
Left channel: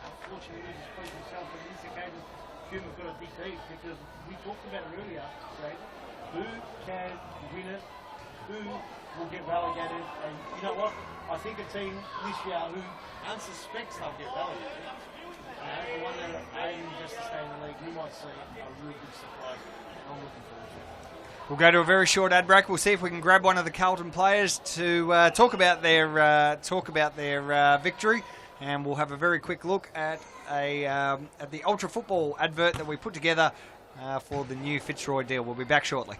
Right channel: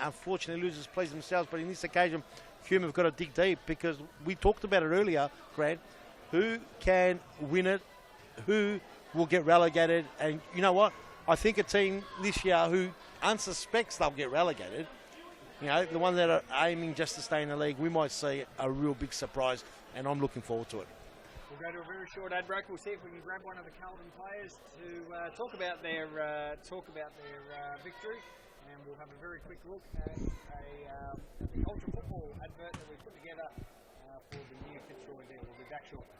unfortunately losers please themselves. But in this occasion, Hume have got to dig deep because we talked about it earlier, Brad. Who can win it? Who will get relegated? And you know what? I think a team this year who unsuspects they'll get relegated, the one that are aiming just to stay in the league, we might see a real big surprise, and I'm looking forward to it. We'll go to a very short ad break. We'll see if we can grab one of the Carlton players to talk about their victory, and we'll have a very quick look at the Ultra Football advert that we put together for the new Fitzroy deal. We'll be back shortly.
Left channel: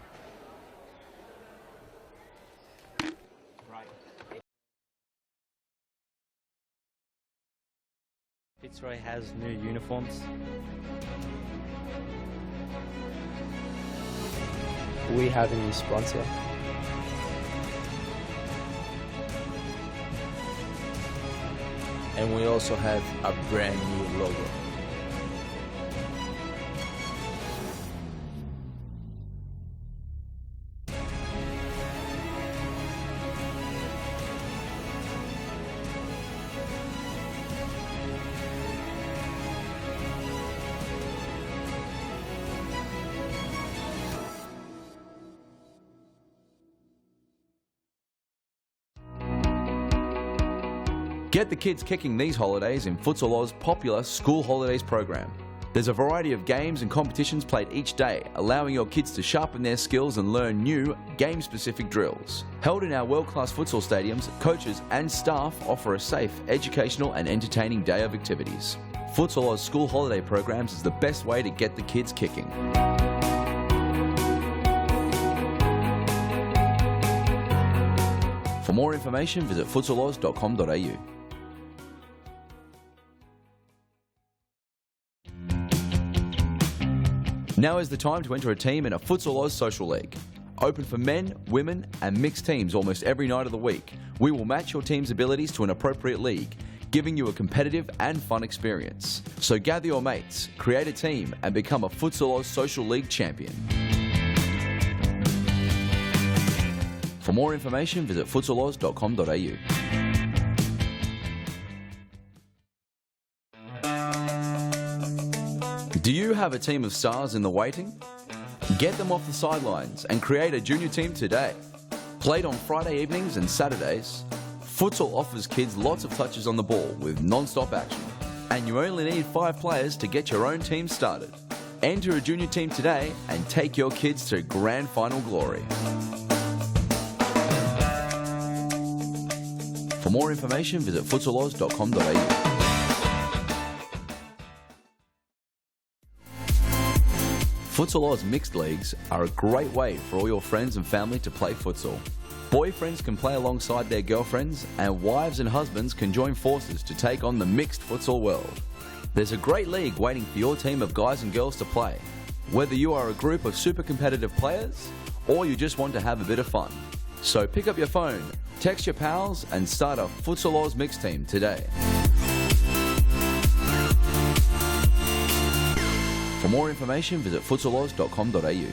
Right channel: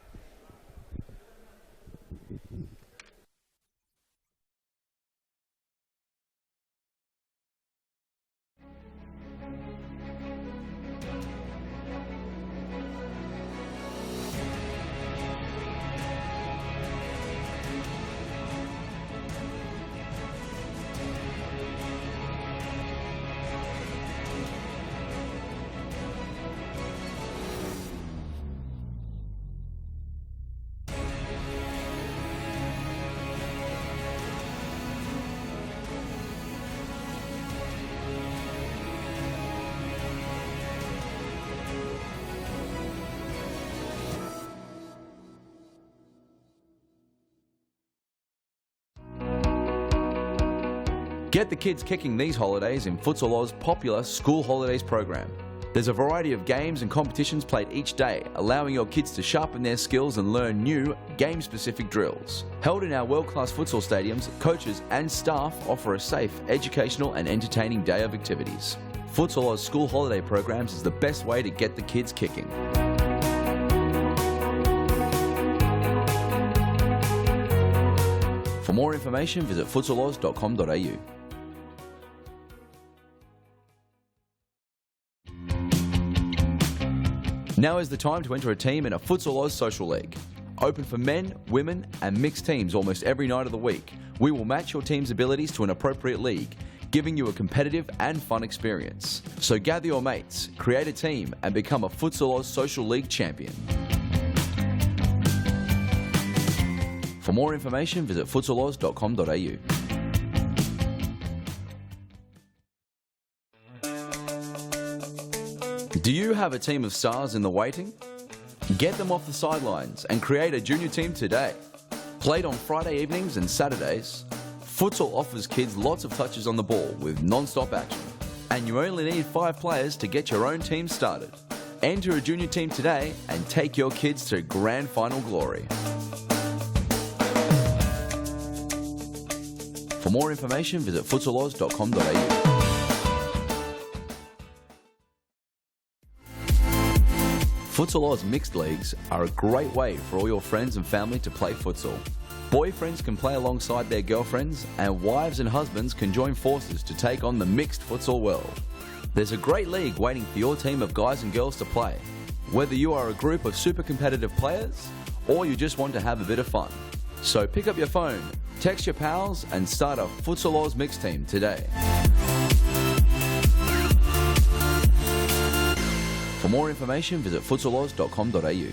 Fitzroy has new uniforms. We have a new sponsor. And we also have a brand new logo. Get the kids kicking these holidays in Futsal Oz's popular School Holidays program. There's a variety of games and competitions played each day, allowing your kids to sharpen their skills and learn new, game-specific drills. Held in our world-class futsal stadiums, coaches and staff offer a safe, educational and entertaining day of activities. Futsal Oz School Holiday programs is the best way to get the kids kicking. For more information, visit futsaloz.com.au. Now is the time to enter a team in a Futsal Oz Social League. Open for men, women and mixed teams almost every night of the week. We will match your team's abilities to an appropriate league, giving you a competitive and fun experience. So gather your mates, create a team and become a Futsal Oz Social League champion. For more information, visit futsaloz.com.au. Do you have a team of stars in the waiting? Get them off the sidelines and create a junior team today. Played on Friday evenings and Saturdays, futsal offers kids lots of touches on the ball with non-stop action. And you only need 5 players to get your own team started. Enter a junior team today and take your kids to grand final glory. For more information, visit futsaloz.com.au. Futsal Oz mixed leagues are a great way for all your friends and family to play futsal. Boyfriends can play alongside their girlfriends and wives and husbands can join forces to take on the mixed futsal world. There's a great league waiting for your team of guys and girls to play. Whether you are a group of super competitive players or you just want to have a bit of fun. So pick up your phone, text your pals and start a Futsal Oz mixed team today. For more information, visit futsaloz.com.au.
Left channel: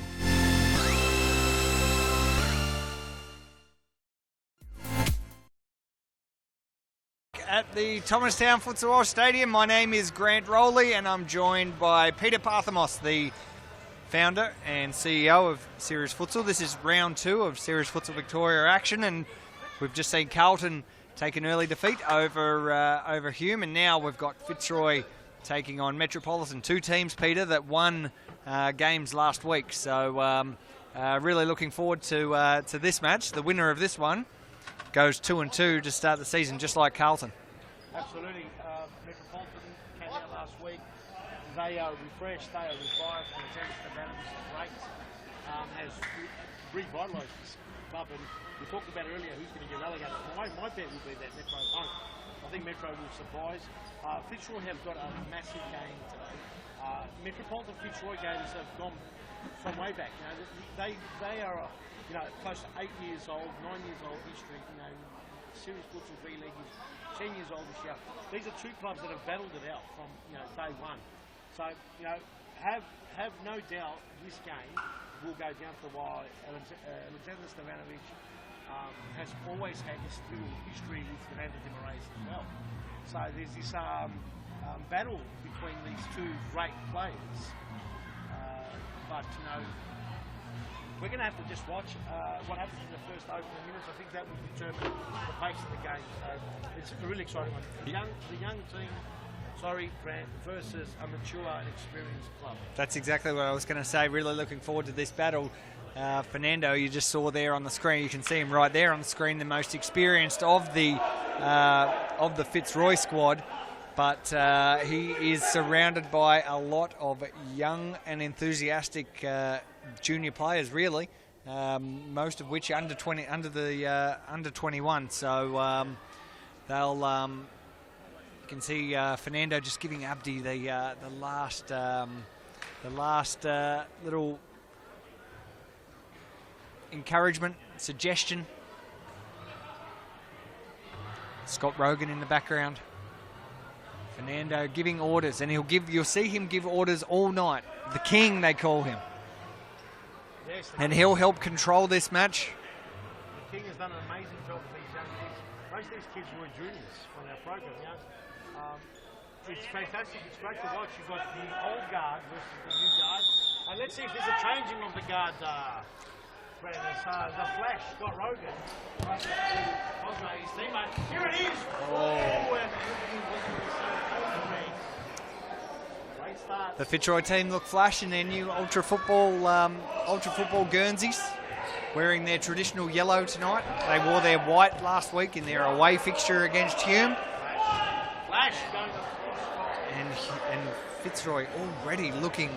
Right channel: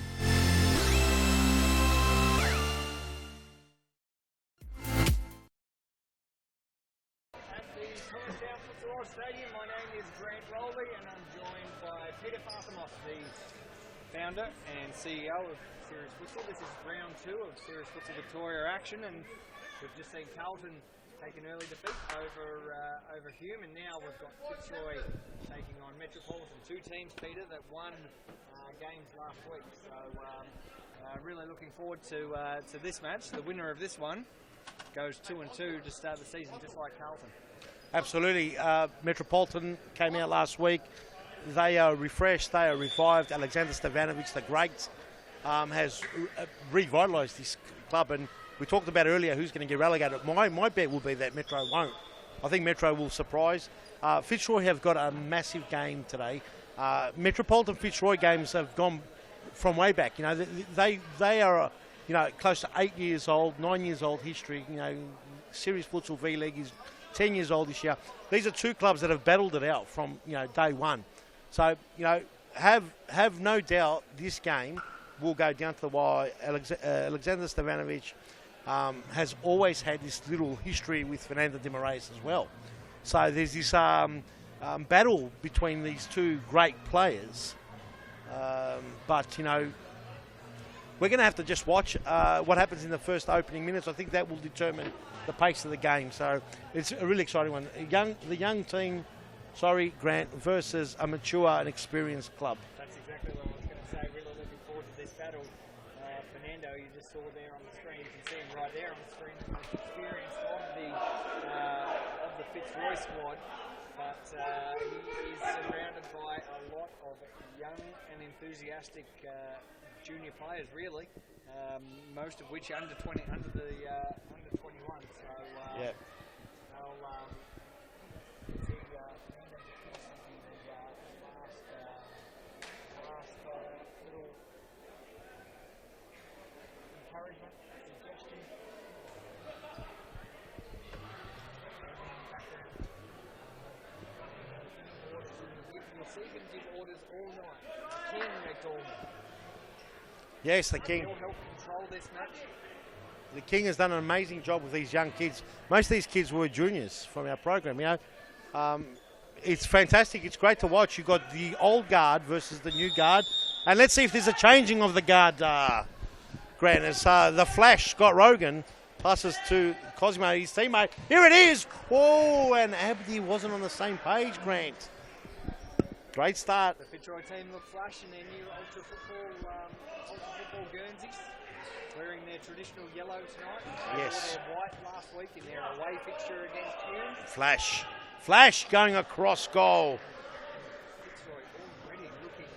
At the Thomastown Futsal Oz Stadium, my name is Grant Rowley and I'm joined by Peter Parthamos, the founder and CEO of Serious Futsal. This is round 2 of Serious Futsal Victoria action and we've just seen Carlton take an early defeat over Hume and now we've got Fitzroy taking on Metropolitan. 2 teams, Peter, that won games last week. So really looking forward to this match. The winner of this one goes 2-2 to start the season, just like Carlton. Absolutely. Metropolitan came out last week. They are refreshed, they are revived. Alexander Stevanovic, the great, has revitalised this club. And we talked about earlier who's going to get relegated. My bet will be that Metro won't. I think Metro will surprise. Fitzroy have got a massive game today. Metropolitan Fitzroy games have gone from way back. You know, they are, you know, close to 8 years old, 9 years old history. You know, Serious Futsal V League is 10 years old this year. These are 2 clubs that have battled it out from, you know, day one. So, you know, have no doubt this game will go down to the wire. Alexander Stevanovic has always had this little history with Fernando de Moraes as well. So there's this battle between these 2 great players. But, you know, we're going to have to just watch what happens in the first opening minutes. I think that will determine the pace of the game. So it's a really exciting one. The young team, Grant, versus a mature and experienced club. That's exactly what I was going to say. Really looking forward to this battle. Fernando, you just saw there on the screen. You can see him right there on the screen, the most experienced of the Fitzroy squad. But he is surrounded by a lot of young and enthusiastic junior players, really. Most of which under 21. So they'll. You can see Fernando just giving Abdi the last little encouragement, suggestion. Scott Rogan in the background. Fernando giving orders, and you'll see him give orders all night. The king, they call him. Yes, and he'll help control this match. The king has done an amazing job with these young kids. Most of these kids were juniors from our program. You know, it's fantastic. It's great to watch. You've got the old guard versus the new guard, and let's see if there's a changing of the guard. Grant, as the Flash, Scott Rogan, Passes to Cosmo, his teammate. Here it is. Oh, and Abdi wasn't on the same page, Grant. Great start. The Fitzroy team look flash in their new ultra football Guernseys, wearing their traditional yellow tonight. They wore their white last week in their away fixture against Hume. Flash going across goal. And Fitzroy already looking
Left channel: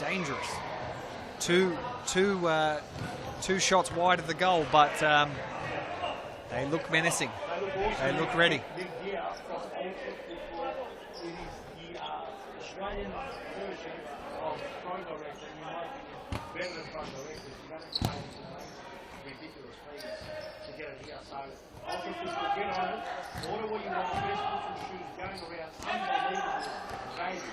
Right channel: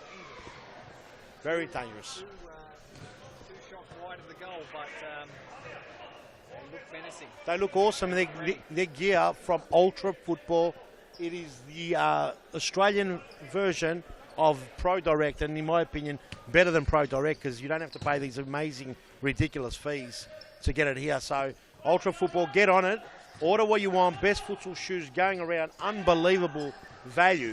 dangerous. Very Two shots wide of the goal, but they look menacing. They look awesome. They look ready. Their gear from Ultra Football. It is the Australian version of Pro Direct, and in my opinion, better than Pro Direct because you don't have to pay these amazing, ridiculous fees to get it here. So, Ultra Football, get on it. Order what you want. Best futsal shoes going around. Unbelievable value.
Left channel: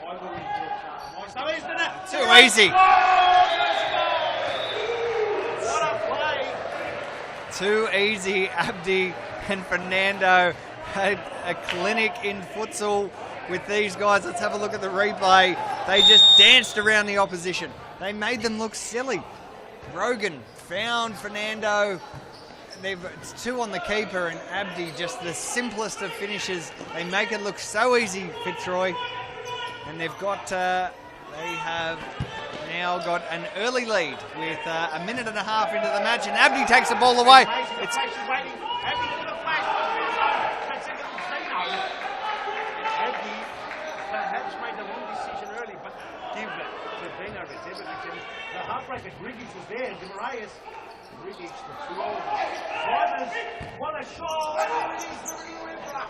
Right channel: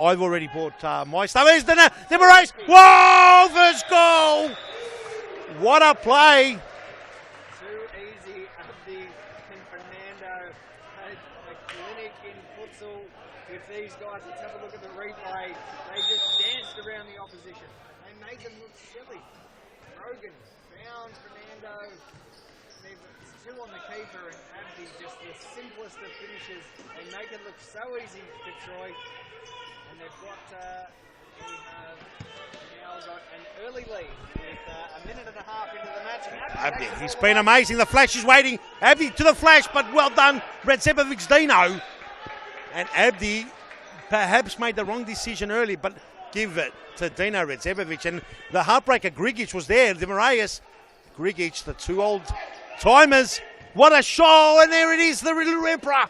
I've already bought my stuff. There's the So easy. Whoa! First goal! What a play! Too easy. Abdi and Fernando had a clinic in futsal with these guys. Let's have a look at the replay. They just danced around the opposition. They made them look silly. Rogan found Fernando. It's two on the keeper, and Abdi, just the simplest of finishes. They make it look so easy, Fitzroy. And they've got, they have now got an early lead with a minute and a half into the match, and Abdi takes the ball It's away. been amazing. The flash is waiting. Abdi to the flash, but well done, Redzepovic Dino. And Abdi perhaps made the wrong decision early, but give it to Dino Redzepovic. And the heartbreaker, Grigic, was there. De Moraes, Grigic, the two old timers. What a show! And there it is, the Little Emperor.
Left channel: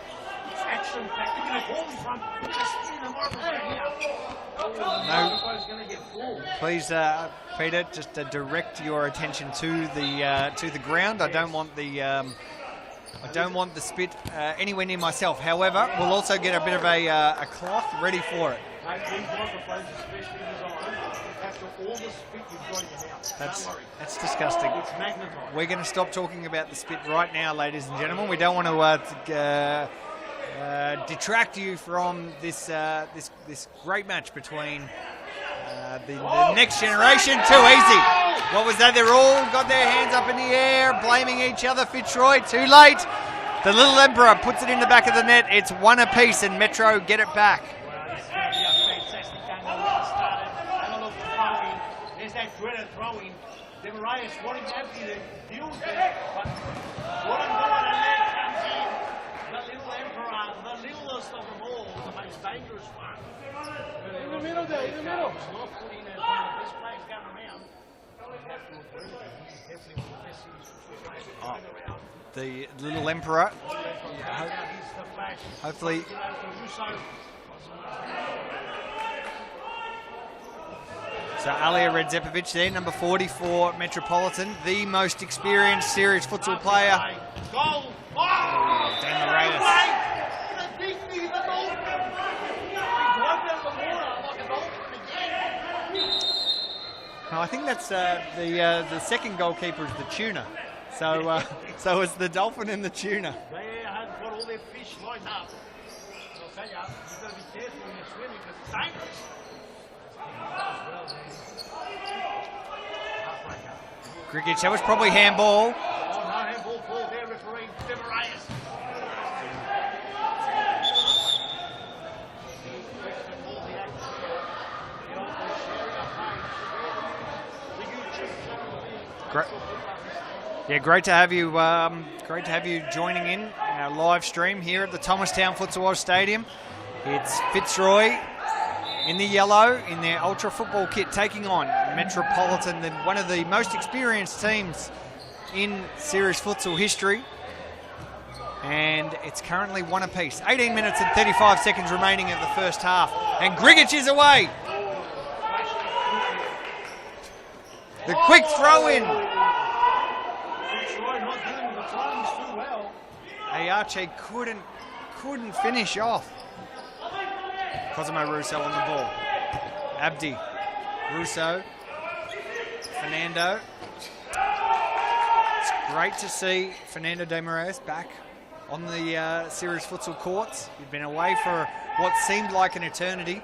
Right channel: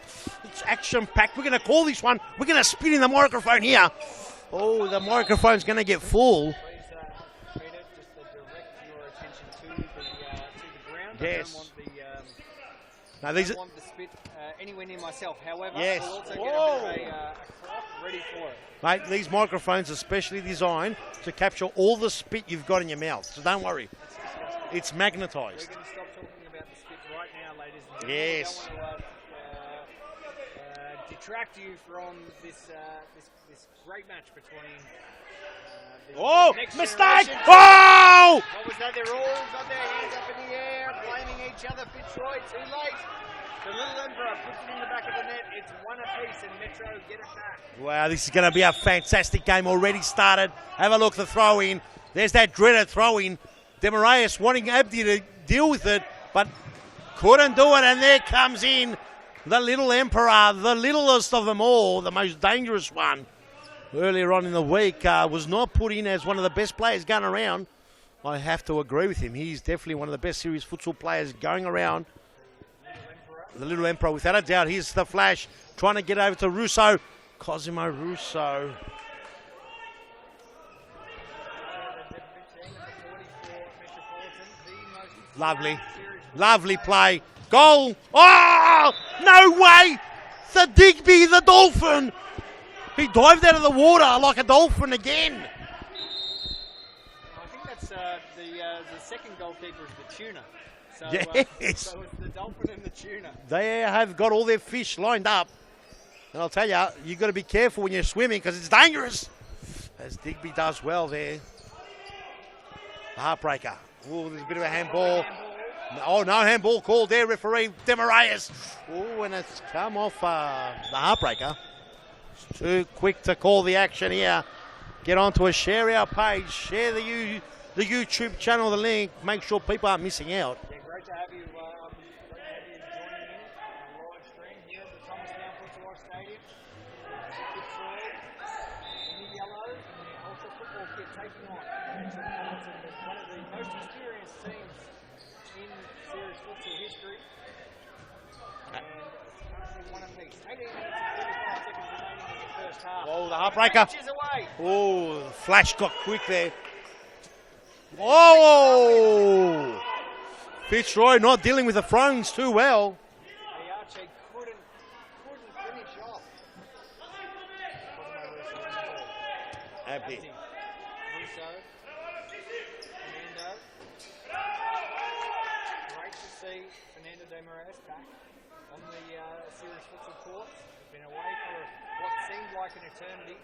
It's action-packed. We're going to call this one. We're going to spin in the microphone here. Oh, the microphone's going to get full. Please, Peter, just direct your attention to the ground. Yes. I don't want the I don't want the spit anywhere near myself. However, we'll also get a bit of a cloth ready for it. Mate, these microphones are specially designed to capture all the spit you've got in your mouth. So don't worry. That's disgusting. It's magnetized. We're going to stop talking about the spit right now, ladies and gentlemen. Yes. We don't want to detract you from this great match between the next generation. Too easy. What was that? They're all got their hands up in the air, blaming each other. Fitzroy, too late. The Little Emperor puts it in the back of the net. It's one apiece, and Metro get it back. Wow, this is going to be a fantastic game already started. Have a look at the throw-in. There's that dreaded throw-in. De Moraes wanting Abdi to deal with it, but couldn't do it, and there comes in the Little Emperor, the littlest of them all, the most dangerous one. Earlier on in the week, was not put in as one of the best players going around. I have to agree with him. He's definitely one of the best serious futsal players going around. The Little Emperor. The Little Emperor, without a doubt. Here's the flash, trying to get over to Russo. Cosimo Russo. So Alia Redzepovic there, number 44, Metropolitan, the most experienced serious futsal Lovely player. play. Goal. Oh, no way. The Digby, the Dolphin. He dived out of the water like a dolphin again. No, I think that's the second goalkeeper is the tuna. So, Yes. so it's the Dolphin and the tuna. They have got all their fish lined up. And I'll tell you, you've got to be careful when you're swimming because it's dangerous. As Digby does well there. Heartbreaker. Grigic, that was probably handball. Oh, no handball called there, referee De Moraes. Oh, and it's come off a heartbreaker. Too quick to call the action here. Get onto a share our page. Share the YouTube channel, the link. Make sure people aren't missing out. Yeah, great to have you. Great to have you joining in our live stream here at the Thomastown Futsal Oz Stadium. It's Fitzroy in the yellow in their ultra football kit, taking on Metropolitan, one of the most experienced teams in serious futsal history. And it's currently one apiece. 18 minutes and 35 seconds remaining of the first half. And Grigic is away. Oh, flash got quick there. Quick throw in. Fitzroy not dealing with the throws too well. Ayache couldn't finish off. Cosimo Russo on the ball. Abdi. Russo. Fernando. It's great to see Fernando De Moraes back on the serious futsal courts. He'd been away for what seemed like an eternity.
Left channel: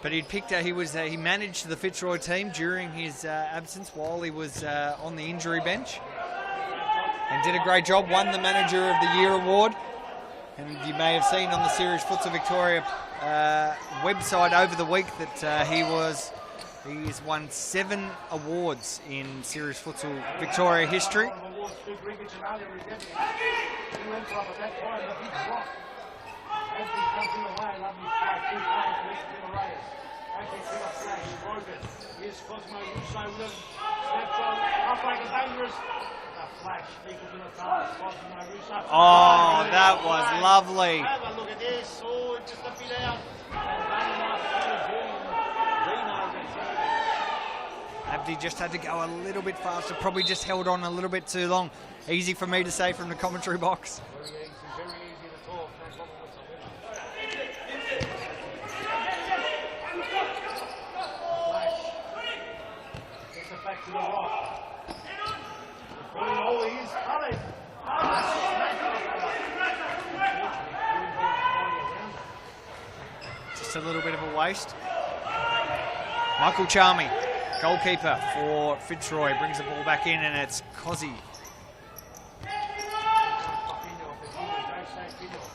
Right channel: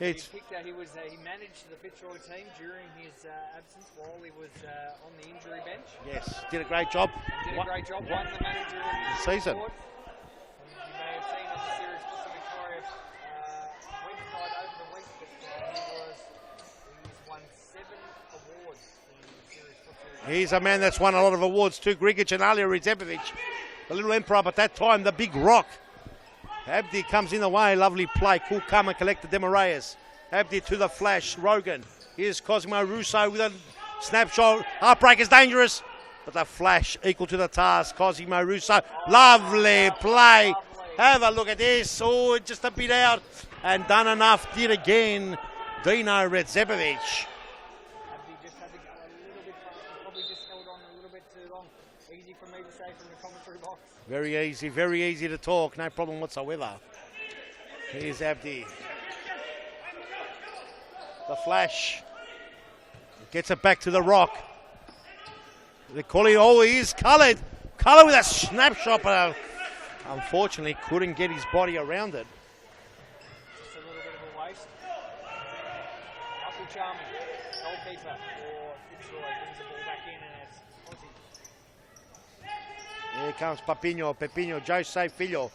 But he managed the Fitzroy team during his absence while he was on the injury bench. Yes, did a great job. And did a great job, won the Manager of the Year award. And you may have seen on the Series Futsal Victoria website over the week that he's won 7 awards in Series Futsal He's Victoria a man that's history. won a lot of awards too. Grigic and Alia Ridzepovic, the little emperor, but that time the big rock. Abdi comes in the way, lovely play. Cool come and collected Demaraeus. Abdi to the flash, Rogan. Here's Cosimo Russo with a snapshot. Heartbreak is dangerous, but the flash equal to the task. Cosimo Russo, lovely play. Lovely. Have a look at this. Oh, just a bit out and done enough. Did again. Dino Ridzepovic. Abdi just had to go a little bit faster, probably just held on a little bit too long. Easy for me to say from the commentary box. Very easy to talk, no problem whatsoever. Here's Abdi. The flash. Gets it back to the rock. The calling, oh, he is coloured. Coloured with a snapshot, but unfortunately couldn't get his body around it. Just a little bit of a waste. Michael Charmy, goalkeeper for Fitzroy, brings the ball back in, and it's Cozzy. Here comes Pepino, Jose Filho.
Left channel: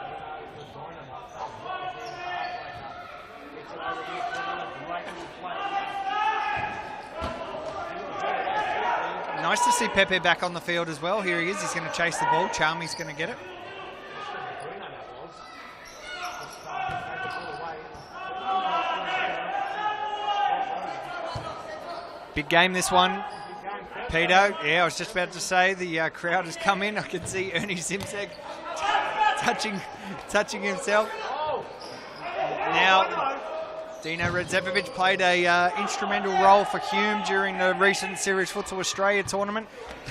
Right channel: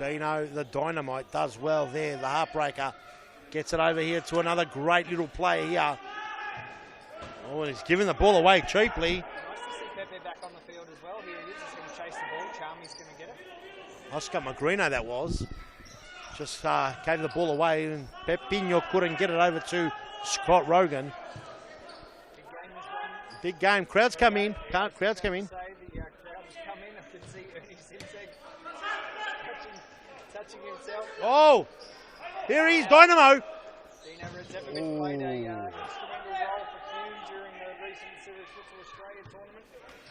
Dino, the dynamite, does well there. The heartbreaker gets it over here to another great little play here. Oh, he's giving the ball away cheaply. Nice to see Pepe back on the field as well. Here he is. He's going to chase the ball. Charmy's going to get it. Oscar Magrino that was. Just gave the ball away, and Pepino couldn't get it over to Scott Rogan. Big game, this one. Big game. Crowd's Pedo, coming. yeah, I was just about to say the crowd has come in. I can see Ernie Simsek touching himself. Oh, here he is, Now, Dynamo. Dino Ridzepovic played a instrumental role for Hume during the recent Series Futsal Australia tournament.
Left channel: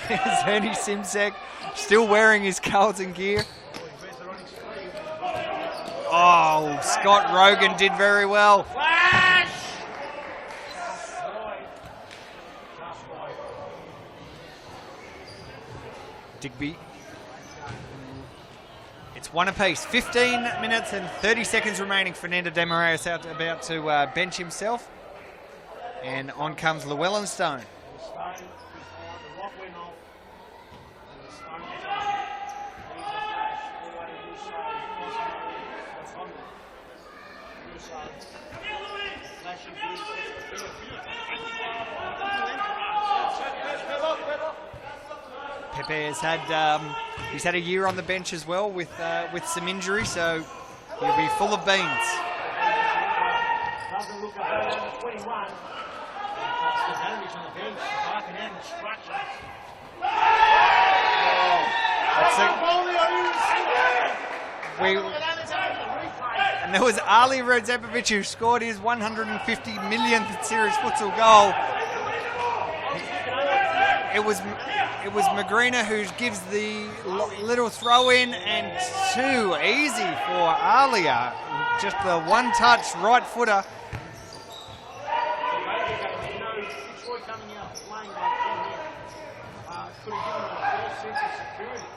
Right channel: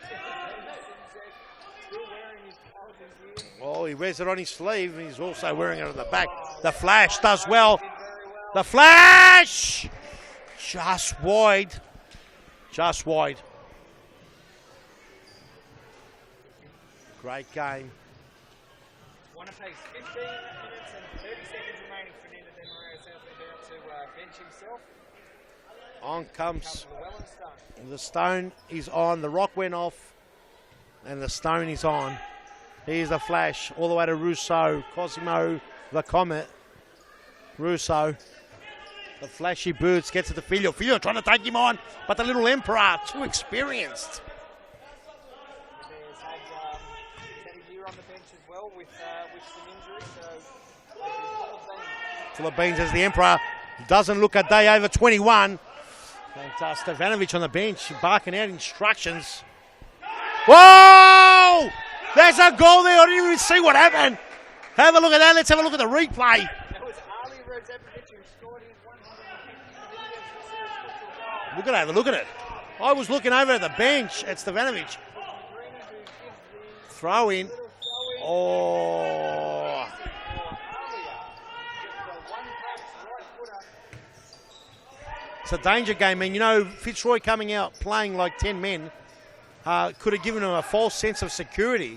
There's Ernie Simsek still wearing his Carlton gear. Oh, he wears it on his sleeve, and he's also wearing it on the back. Oh, the flash Scott does Rogan well. did very well. The flash! Just wide. Just wide. Digby. Great game. It's one apiece. 15 minutes and 30 seconds remaining. Fernando Demaraeus about to bench himself. And on comes Llewellyn Stone. The stone is on. The rock went off. And the stone is on. Here's a flash all the way to Russo. Cosimo, the Comet. Russo. The flashy boots gets it to Filho. Filho trying to take him on. But the little Emperor, too experienced. Pepe has had he's had a year on the bench as well with some injury, so he'll be full of beans. Full of beans as the Emperor doesn't look a day over 21. And Stefanovic on the bench barking out instructions. Whoa! There's a goal there. I didn't even see what happened. Have a look at that. Let's have a look at the replay. And there was Ali Ridzepovic who scored his 150 millionth Series Futsal goal. We're going to have a look at it. I was looking over at the bench. It was Stefanovic. It was Magrina who gives the Throw-in. little throw-in, and too easy for Alia. Just the one-touch right footer. It's a danger game, man. You know, Fitzroy coming out playing like 10 men could have given him a false sense of security.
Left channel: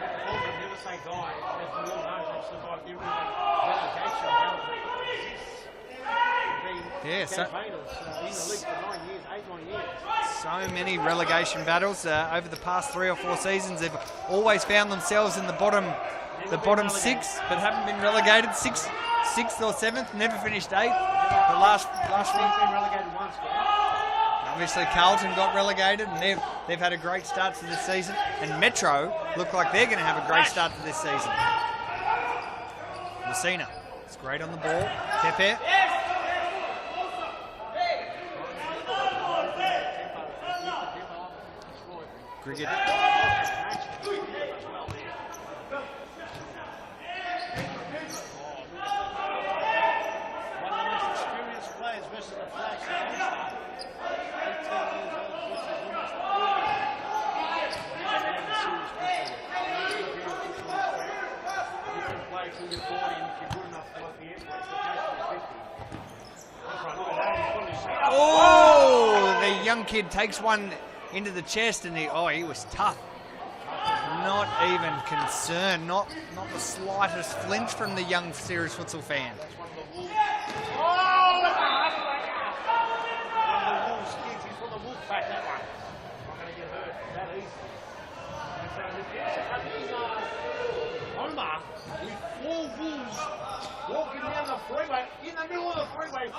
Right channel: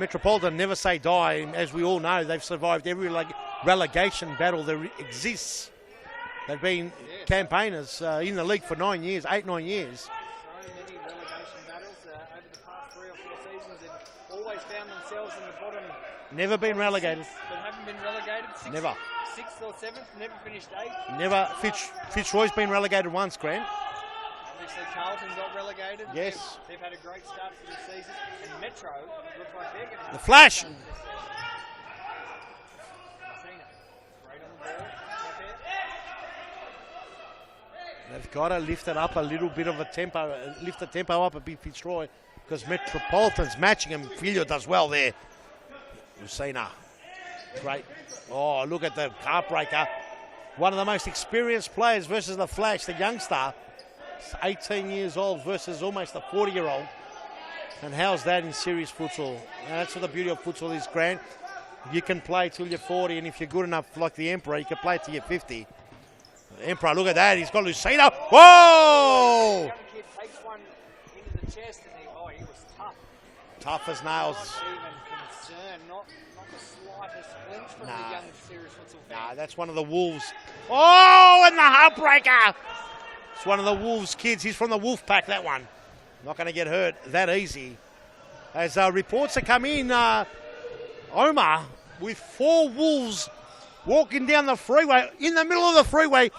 Metropolitan never say die, and as we all know, they've survived every relegation battle that exists. They've been campaigners in the league for 9 years, 8-9 years. So many relegation battles over the past 3 or 4 seasons. They've always found themselves in the bottom, Never been bottom relegated. 6, but haven't been relegated. Sixth or 7th, never finished 8th. Never. The last Fitzroy's been relegated once, Grant. Obviously, Carlton got relegated. And they've had a great start to this season. And Metro look like they're going to have a great start to this season. Messina, it's great on the ball. Pepe. They've got to lift it up a little bit of a tempo, lift the tempo up a bit, Fitzroy, because Metropolitan's matching him. Filho does well there. Messina. Great. Oh, look at the heartbreaker. One of the most experienced players versus the Flash, the youngster. 18 years old versus almost a 40-year-old. And how's that in series futsal? Now, that's what the beauty of futsal is, Grant. You can play till you're 40, and if you're good enough like the Emperor, you can play till you're 50. The Emperor, look at that. He's got Lucina. Oh, the young kid takes one into the chest, and he was tough. Tough as nails. Not even concerned. Not the slightest flinch from the young serious futsal fan. That's one of the Wolves. Oh, and the heartbreaker. It's one of the Wolves kids. He's from the Wolf Pack, that one. Not going to get hurt that easy. As reports have come in, Omar, with 4 Wolves walking down the freeway, in the middle of the freeway,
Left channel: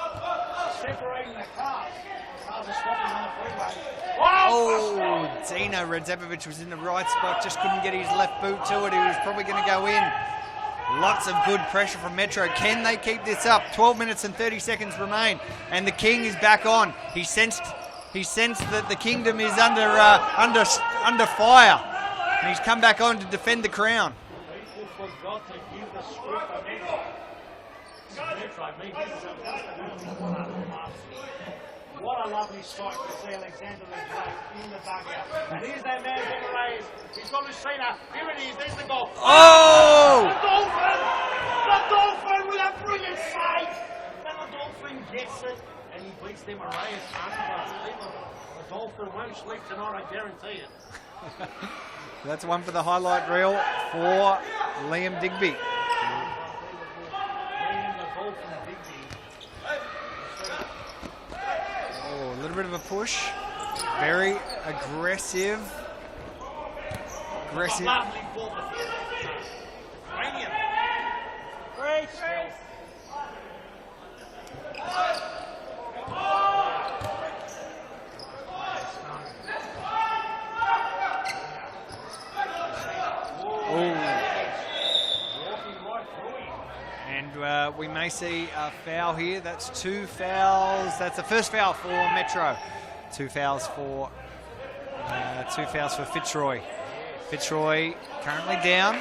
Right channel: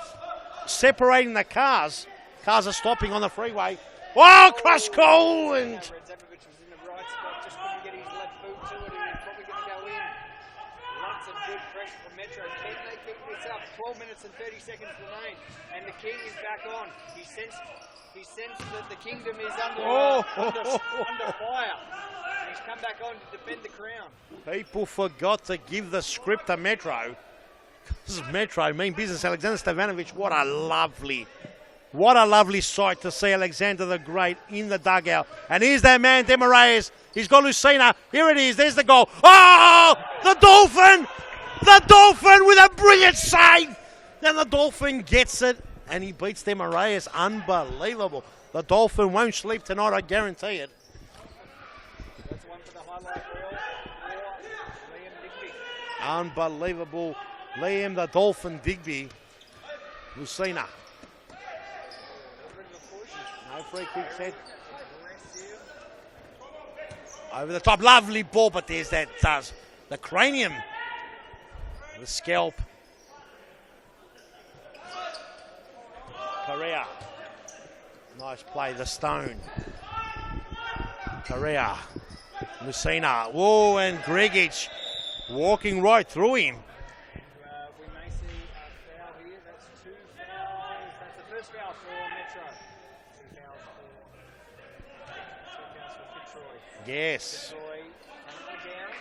separating the cars. Cars are stopping on the freeway. Oh, Pascoe! Tino Radzepovic was in the right spot, just couldn't get his left boot to it. He was probably going to go in. Lots of good pressure from Metro. Can they keep this up? 12 minutes and 30 seconds remain, and the King is back on. He sensed that the kingdom is under fire, and he's come back on to defend the crown. People forgot to give the script to Metro. This is Metro, mean business. Alexander Stevanovic, what a lovely sight to see Alexander the Great in the dugout. And here's that man, Demaraes. He's got Lucina. Here it is. There's the goal. Oh! The Dolphin! The Dolphin with a brilliant save! Then the Dolphin gets it, and he beats Demaraes. Unbelievable. The Dolphin won't sleep tonight, I guarantee it. That's one for the highlight reel for Liam Digby. Unbelievable. Liam the Dolphin Digby. Lucina. Oh, a little bit of a push. Very aggressive. Over the top, lovely ball, but there's that the cranium, the scalp. Correa. Nice play, the stone. Correa. Lucina. Whoa, and Gregic walking right through him. And we may see a foul here. That's 2 fouls. That's the first foul for Metro. 2 fouls for Fitzroy. Yes. Fitzroy currently down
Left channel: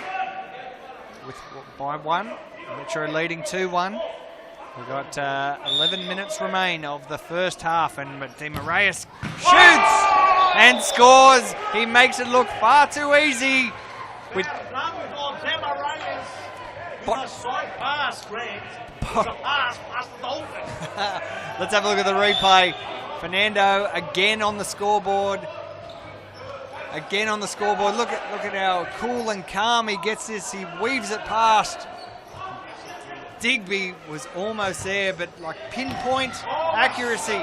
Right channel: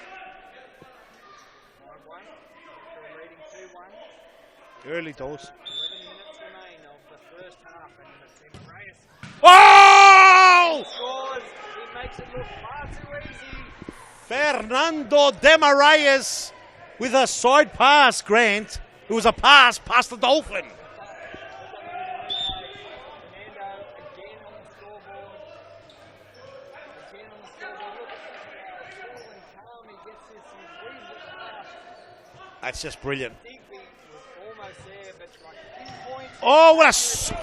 by 1. Metro leading 2-1. We've got 11 minutes remain of the first half, and Demaraes shoots and scores. He makes it look far too easy. Fernando Demaraes with a side pass, Grant. It was a pass past the Dolphin. Let's have a look at the replay. Fernando again on the scoreboard. Again on the scoreboard. Look at how cool and calm he gets this. He weaves it past. That's just brilliant. Digby was almost there, but like pinpoint accuracy.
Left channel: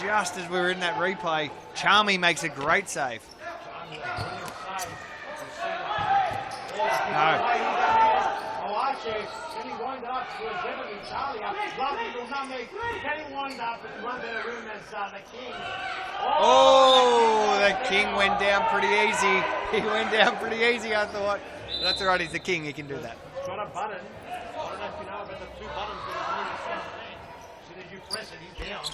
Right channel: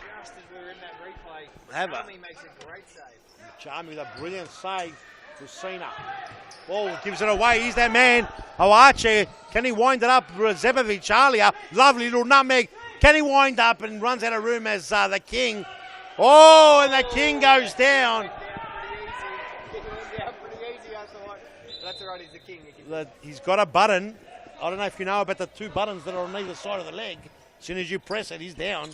Just as we were in that replay, Charmy makes a great save. Charmy, a brilliant save. Ball gives it away. He's that man. Archie. Can he wind it up? Zepovic earlier. Lovely little nutmeg. Can he wind up and runs out of room as the King? And the King goes down. King went down pretty easy. He went down pretty easy, I thought. That's all right. He's the King. He can do that. He's got a button. I don't know if you know about the 2 buttons that are on either side of the leg. As soon as you press it, he's down.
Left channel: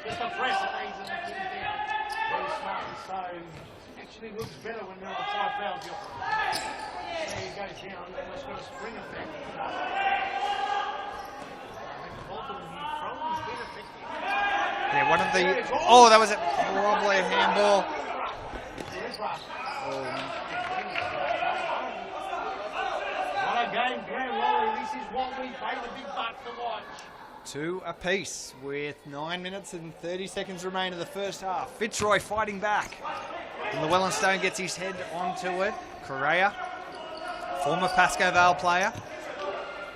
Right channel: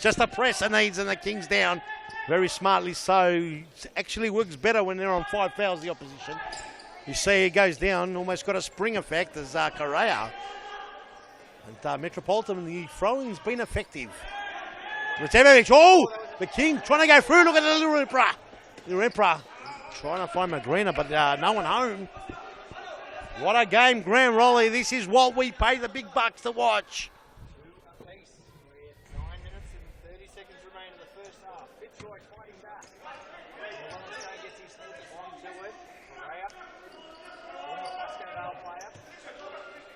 Just a press it needs, and the King's down. Very smartly so. It actually works better when they're on 5 fouls, the opposition. You see he goes down, almost got a spring effect as Correa. Metropolitan, the throwing's been effective. Yeah, that was it. The King trying to go through. Look at the little Emperor. Little Emperor trying to find Magrina, but no one home. What a game, Grant Raleigh. This is what we pay the big bucks to watch. 2 apiece with 9 minutes and 30 seconds remain of the first half. Fitzroy fighting back. And Llewellyn Stone gets his head onto it. Correa, former Pascoe Vale player.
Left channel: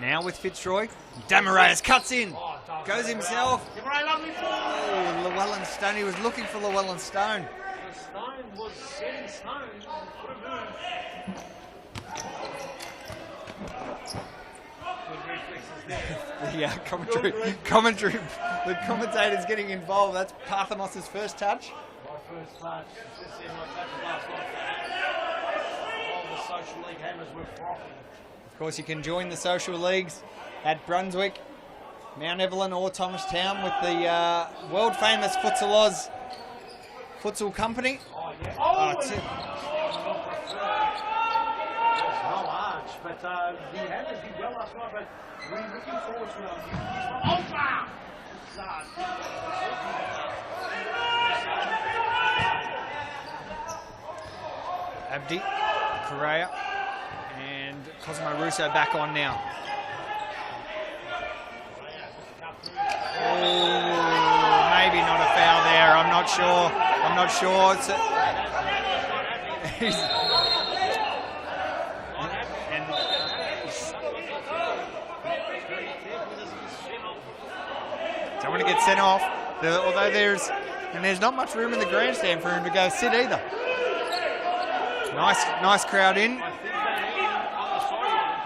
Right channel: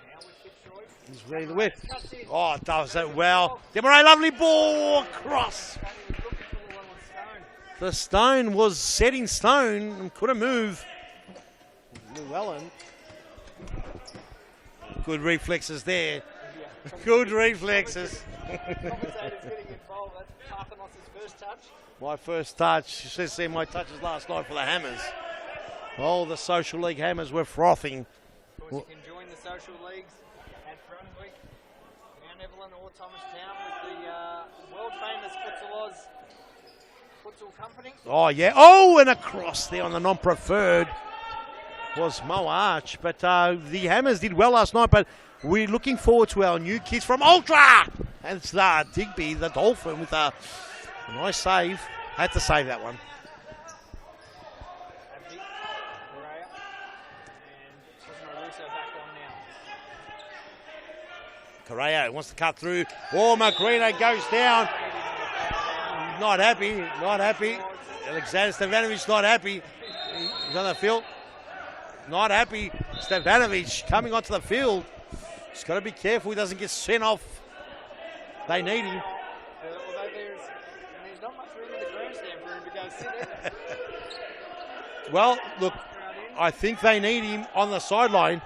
Now with Fitzroy. Demaraes cuts in. Oh, does goes it well. Demaraes, lovely ball. Llewellyn Stone, he was looking for Llewellyn Stone. The Stone was setting Stone and couldn't move. Llewellyn. Good reflexes there. Yeah, good reflexes. The commentator's getting involved. That's Parthemos' first touch. My first touch. Says there my touches last night for the Hammers. Oh, the Social League Hammers were frothing. Of course, you can join the social leagues at Brunswick, Mount Evelyn or Thomastown with the world famous Futsal Oz Futsal Company. Oh, yeah. Oh, and across there on the non-preferred was Mo Arch. But the Hammers did well last night, but we're looking forward to our new kids from Ultra. And it's Digby, the Dolphin, with a nice save. Had to save that one. Abdi, Correa, and Cosmo Russo back on now. Correa wants to cut through. Oh, Magrina goes down. Maybe not a foul there. I'm not sure. I'm not sure. It's Alexander Stevanovic not happy. he's On the field. Not happy. And Stevanovic coming onto the field. He's got to be careful he doesn't get sent off. don't want to get sent off. Although there's not much room in the grandstand for him to go sit either. Well, nice crowd in. I think they need him on the sideline.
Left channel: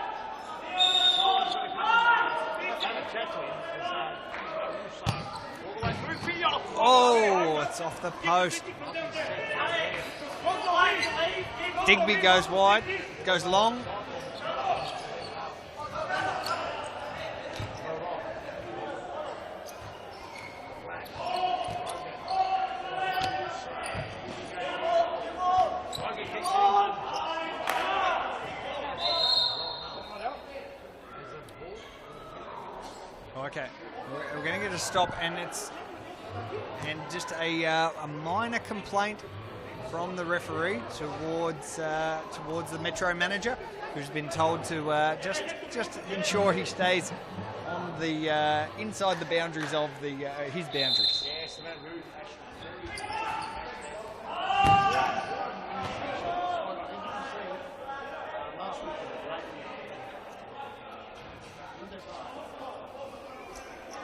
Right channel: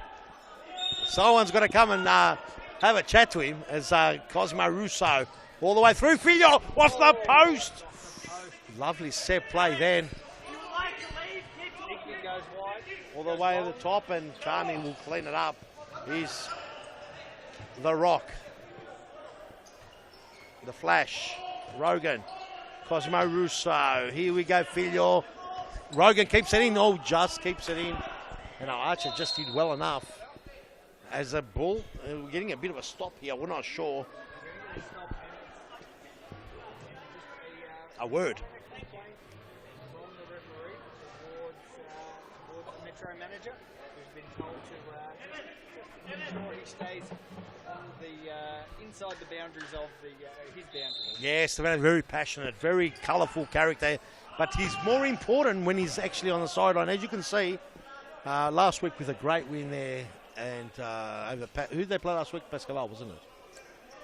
Someone's got to come and have a chat to him as Cosmo Russo all the way through. Filio off the post. It's off the post. Lovely set play then. Digby goes wide, goes All the way long. to the top and can't even clean it up. Is the Rock. The Flash. Rogan. Cosmo Russo. Here we go, Filio. Rogan keeps it in. Oh, just keeps it in. No, Archer just did well enough. As a ball, we're getting a bit of a stop here. We're not sure. We're going to get a stop, and just a word. minor complaint from the referee towards the Metro manager, who's been told to just ensure he stays on the inside the boundaries of his boundaries. Yes, they're very passionate, very colourful character, but he's more important when he's actually on the sideline. As you can see, last week was a great win there. And who did they play last week? Pascoe, wasn't it?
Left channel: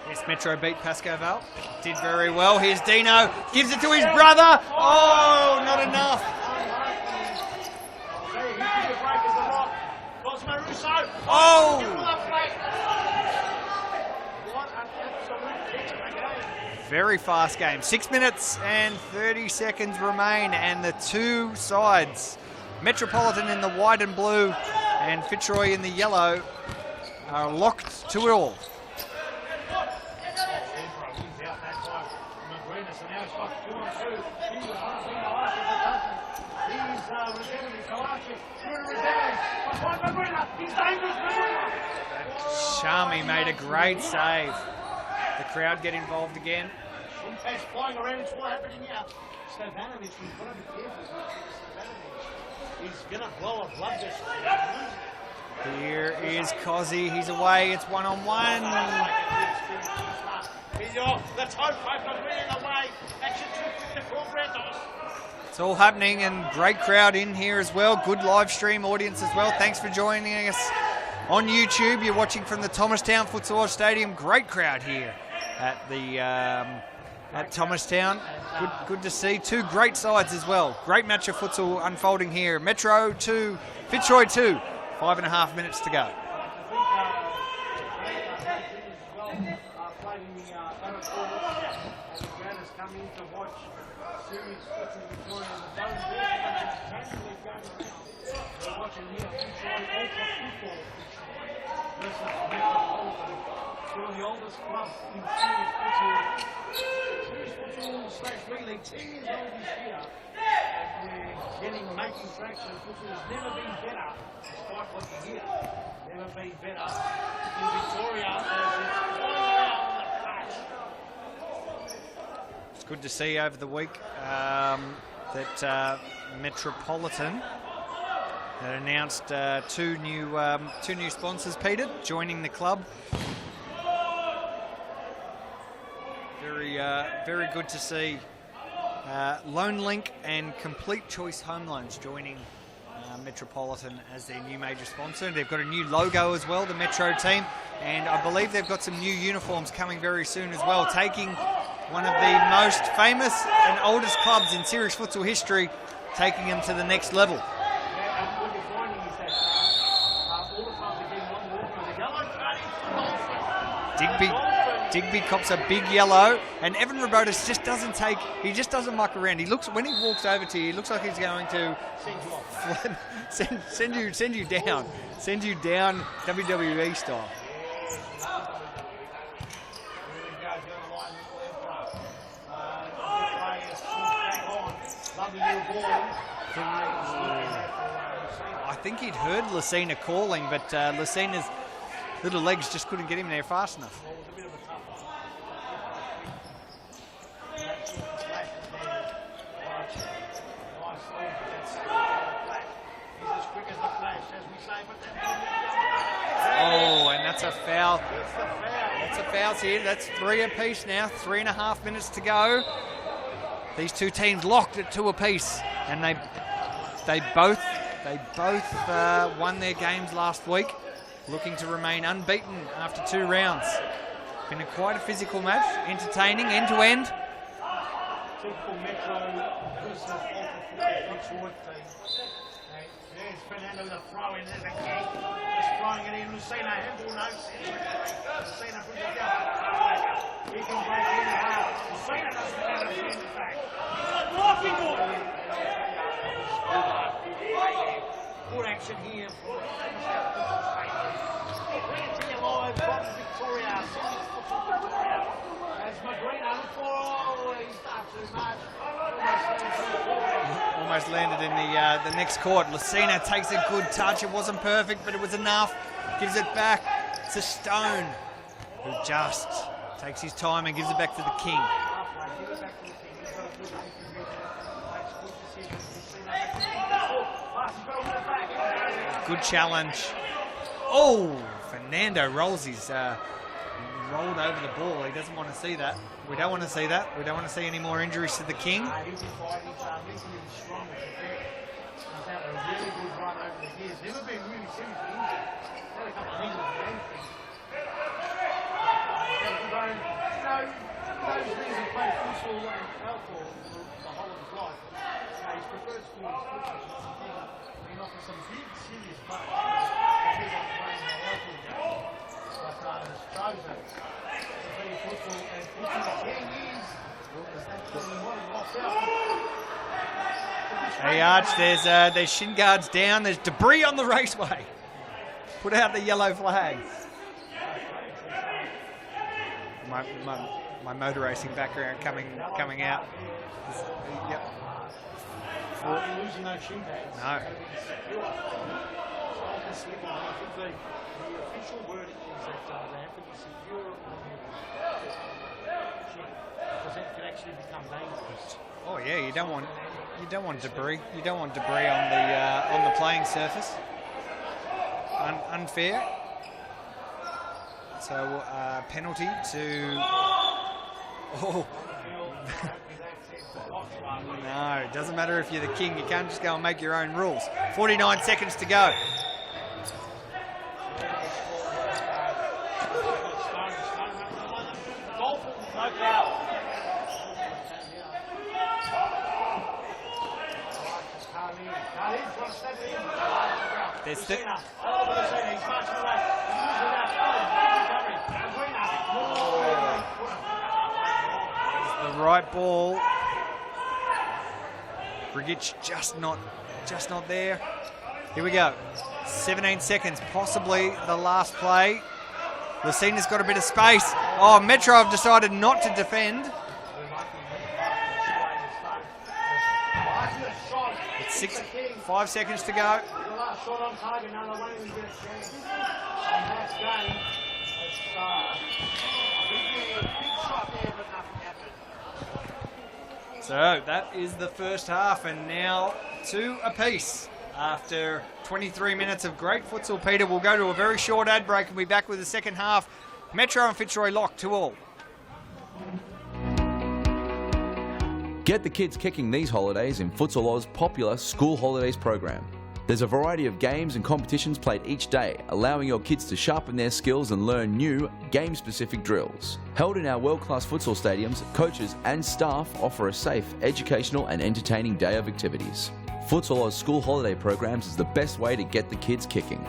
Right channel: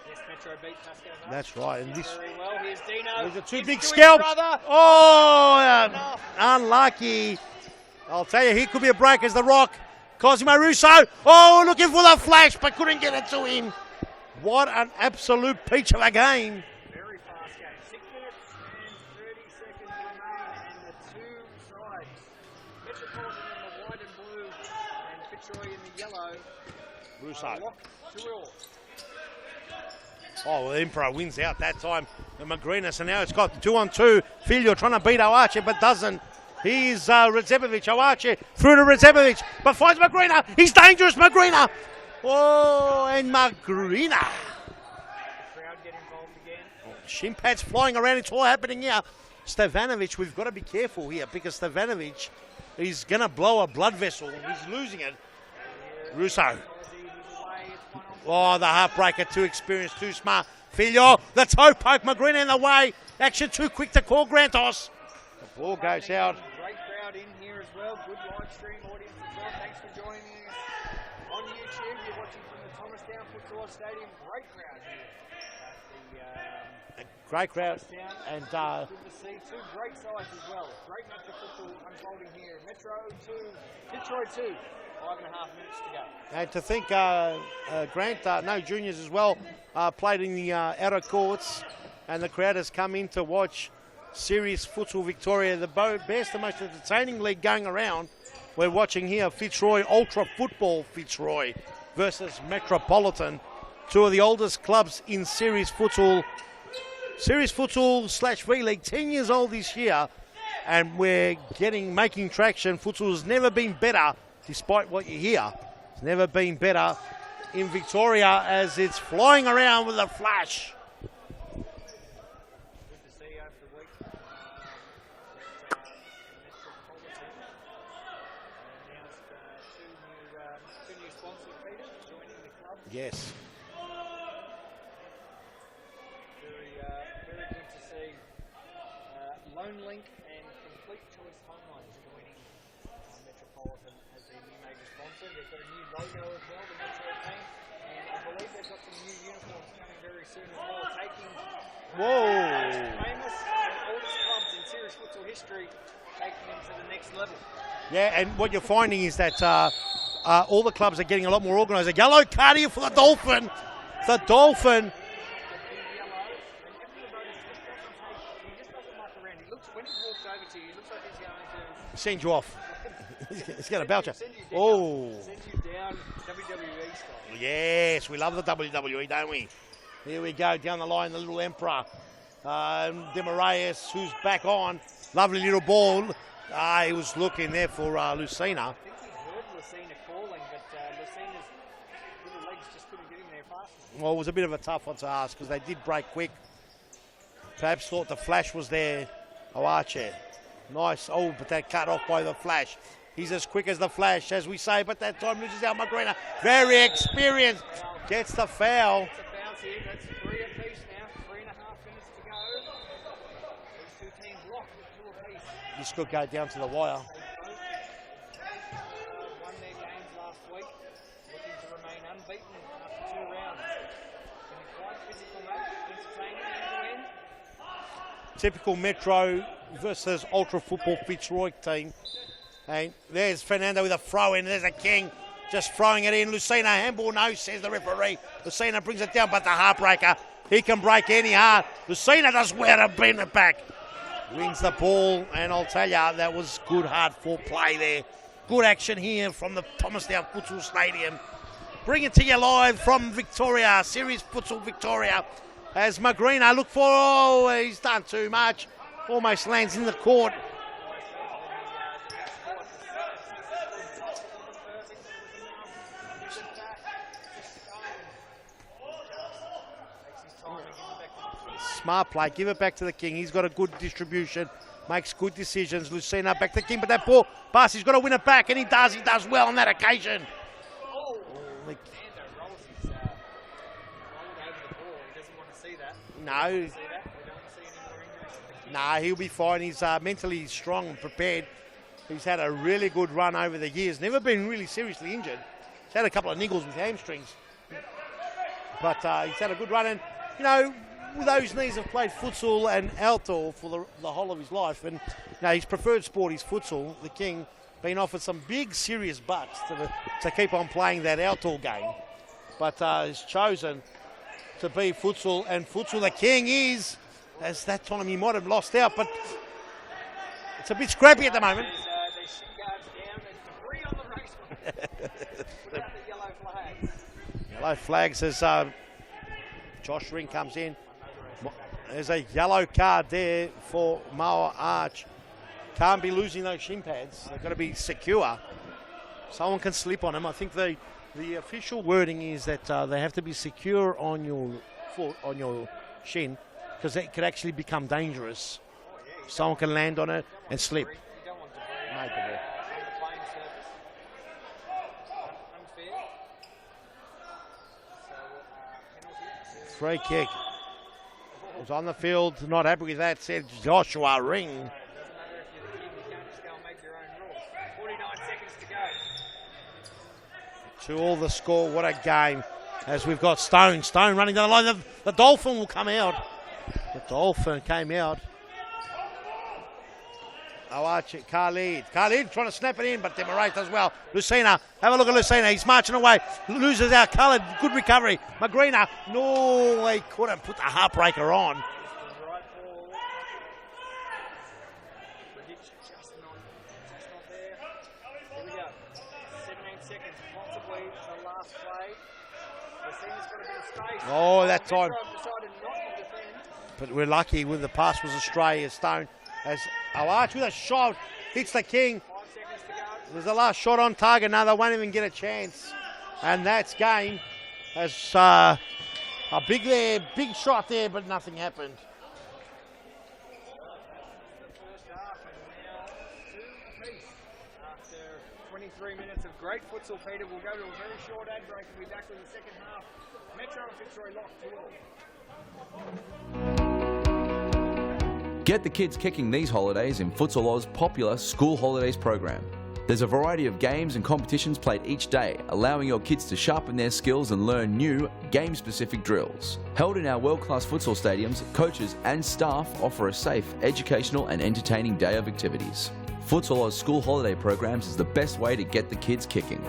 Yes, Metro beat Pascoe. That's right. Did very well. Here's Dino. Gives it to his Scalp. brother. Oh, not enough. Unlucky. I'll tell you, he could be a break as the Rock. Cosimo Russo. Oh, looking for the flash, but couldn't get it to him. What an absolute peach of a game. Very fast game. 6 minutes and 30 seconds remain, and the two sides, Metropolitan in the white and blue and Fitzroy in the yellow, are locked to it all. Oh, the Emperor wins out that time. The Magrinas, and now it's got 2-on-2. Filio trying to beat Oarche, but doesn't. Here's Redzepovic. Oarche through to Redzepovic, but finds Magrina. He's dangerous, Magrina. Whoa, Sharmy and made a great Magrina. save. The crowd get involved again. Shin pads flying around. It's all happening here. Stevanovic, we've got to be careful here because Stevanovic is going to blow a blood vessel. He's losing it. Here Russo. is Cozzy. He's away. It's one-on-one. Oh, the heartbreaker, too experienced, too smart. Filio, the toe poke, Magrina in the way. Action too quick to call Grantos. It's all happening, and great crowd in here as well. Good live stream audience as well. Thanks for joining us on YouTube. You're watching from the Thomastown Futsal Oz Stadium. Great crowd here at the at Thomastown. Good to see. Two great sides as well. Great match of futsal unfolding here. Metro 2, Fitzroy 2. 5.5 minutes to go. And to think Grant, no juniors as well, played in the outer courts, and the crowd has come in to watch Serious Futsal Victoria, the best, the most entertaining league going around. We're watching here Fitzroy Ultra Football Fitzroy versus Metropolitan, two of the oldest clubs in Serious Futsal / V League, 10 years old this year, and we're making traction. Futsal has never been better, despite what you hear. It's never been better in Victoria as it's flying around with a flash. It's good to see over the week that Metropolitan had announced two new sponsors, Peter, joining the club. Yes. Very good to see Loan Link and Complete Choice Home Loans joining Metropolitan as their new major sponsor. They've got a new logo as well, the Metro team, and I believe they've got some new uniforms coming very soon as well, taking one of the most famous and oldest clubs in serious futsal history, taking them to the next level. Yeah, and what you're finding is that all the clubs are getting a lot more organised. A yellow card here for the Dolphin. Digby cops a big yellow, and Evan Robotis just doesn't muck around. He looks, when he walks over to you, he looks like he's going to send you off. send you down. Oh. Send you down WWE style. Yes, we love the WWE, don't we? Here we go, down the line, the little Emperor. Demaraeus, who's back on. Lovely little ball. He was looking there for Lucina. I think he'd heard Lucina calling, but Lucina's little legs just couldn't get him there fast enough. Well, it was a bit of a tough one to ask because they did break quick. Perhaps thought the flash was there. Oarche. Nice. Oh, but that cut off by the flash. He's as quick as the flash, as we say, but that time misses out Magrina. Very experienced. That's a foul. Gets the foul. It's a foul here. That's 3 apiece now. 3.5 minutes to go. These two teams locked at 2 apiece, and Go down to the wire. they both won their games last week, looking to remain unbeaten after 2 rounds. Been quite a physical match, entertaining, end to end. Typical Metro versus Ultra Football Fitzroy team. And there's Fernando with a throw in. There's a King just throwing it in. Lucina, handball, no, says the referee. Lucina brings it down, but the heartbreaker, he can break any heart. Lucina does well to bring it back. Wins the ball, and I'll tell you, that was good hard-fought play there. Good action here from the Thomastown Futsal Stadium. Bring it to you live from Victoria, Series Futsal Victoria. As Magrina look for, oh, he's done too much. Almost lands in the court. Almost landed in the next court. Lucina takes a good touch. It wasn't perfect, but it was enough. Gives it back to Stone, who just takes his time and gives it back to the King. Smart play, give it back to the King. He's got a good distribution, makes good decisions. Lucina back to the King, but that ball pass, he's got to win it back, and he does Good well on that challenge. occasion. Oh, Fernando rolls his, rolled over the ball. He doesn't want to see that. We No. don't want to see that. We don't want to see any more injuries to the King. Nah, he'll be fine. He's mentally strong, prepared. He's had a really good run over the years. Never been really seriously injured. He's had a couple of niggles with hamstrings. But he's had a good run. And, you know, with those knees, he's played futsal and outdoor for the whole of his life. And you know, his preferred sport is futsal. The King been offered some big, serious bucks to keep on playing that outdoor game. But he's chosen to be futsal, and futsal the King is, as that time he might have lost out, but it's a bit scrappy at the moment. There's shin guards down. There's debris on the raceway. Put out the yellow flags. Both flags as Josh Ring comes in. My motor racing background. There's coming, a yellow coming card out. there for Moa Arch. Can't be losing those shin pads. No. Got to be secure. Someone can slip on them. I think the official wording is that they have to be secure on your foot, on your shin, because that could actually become dangerous. Oh yeah, you don't Someone want, can land on it you don't want and slip. debris. You don't want debris on the playing surface. Unfair. So penalty to. Free kick. Oh. On the field, not happy with that, said Joshua Ring. No, it doesn't matter if you're the King. You can't just go and make your own rules. 49 seconds to go. To all the score, what a game. As we've got Stone running down the line. The Dolphin will come out. The Dolphin came out. Khalid trying to snap it in, but Demarate does well. Lucina, have a look at Lucina. He's marching away. He loses out. Khalid, good recovery. Magrina, no, he could have put the heartbreaker on. The right ball. Brigic just not there. Here we go. 17 seconds, possibly the last play. Lucina's got a bit of space. Oh, Metro have decided not to defend. But we're lucky when the pass was astray as Stone. As Awach with a shot, hits the King. 5 seconds to go. There's the last shot on target. Now they won't even get a chance. And that's game. As a big shot there, but nothing happened. So that is the first half, and now 2 apiece. After 23 minutes of great futsal, Peter, we'll go to a very short ad break and be back with the second half. Metro and Fitzroy locked 2-2. Get the kids kicking these holidays in Futsal Oz's popular School Holidays program. There's a variety of games and competitions played each day, allowing your kids to sharpen their skills and learn new, game-specific drills. Held in our world-class futsal stadiums, coaches and staff offer a safe, educational and entertaining day of activities. Futsal Oz School Holiday programs is the best way to get the kids kicking.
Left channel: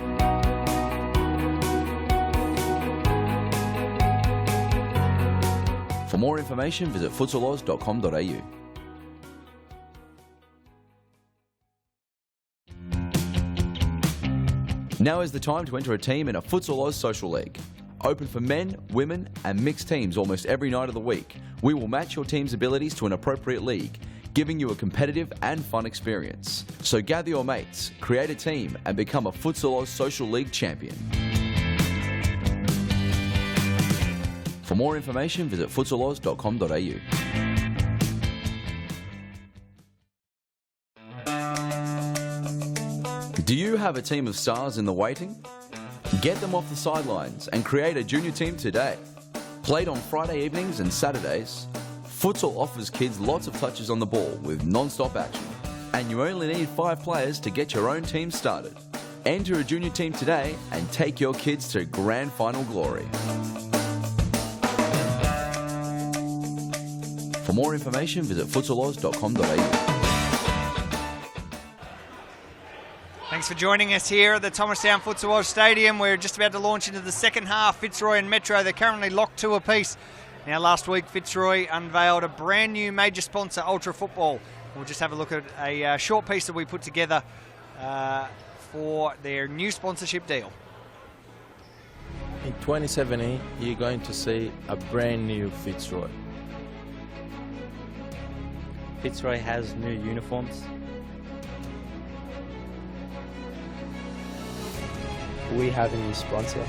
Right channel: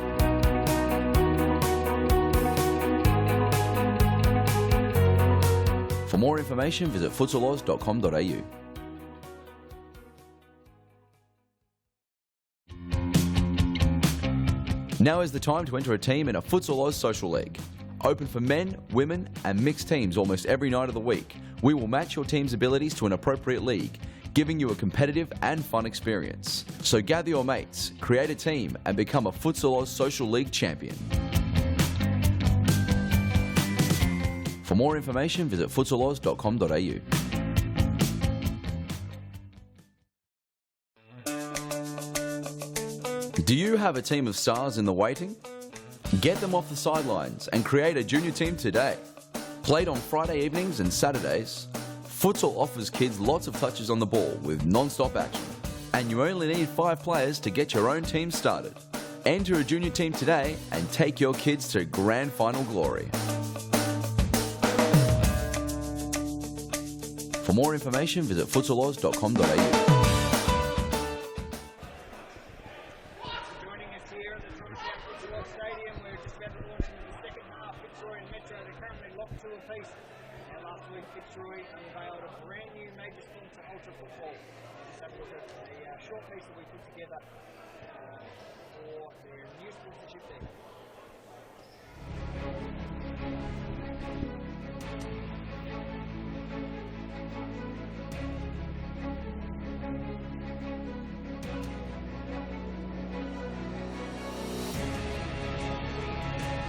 For more information, visit futsaloz.com.au. Now is the time to enter a team in a Futsal Oz Social League. Open for men, women and mixed teams almost every night of the week. We will match your team's abilities to an appropriate league, giving you a competitive and fun experience. So gather your mates, create a team and become a Futsal Oz Social League champion. For more information, visit futsaloz.com.au. Do you have a team of stars in the waiting? Get them off the sidelines and create a junior team today. Played on Friday evenings and Saturdays, Futsal offers kids lots of touches on the ball with non-stop action. And you only need 5 players to get your own team started. Enter a junior team today and take your kids to grand final glory. For more information, visit futsaloz.com.au. Thanks for joining us here at the Thomastown Futsal Oz Stadium. We're just about to launch into the second half. Fitzroy and Metro, they're currently locked 2 apiece. Now, last week, Fitzroy unveiled a brand new major sponsor, Ultra Football. We'll just have a look at a short piece that we put together for their new sponsorship deal. In 2017, you're going to see a brand new Fitzroy. Fitzroy has new uniforms. We have a new sponsor.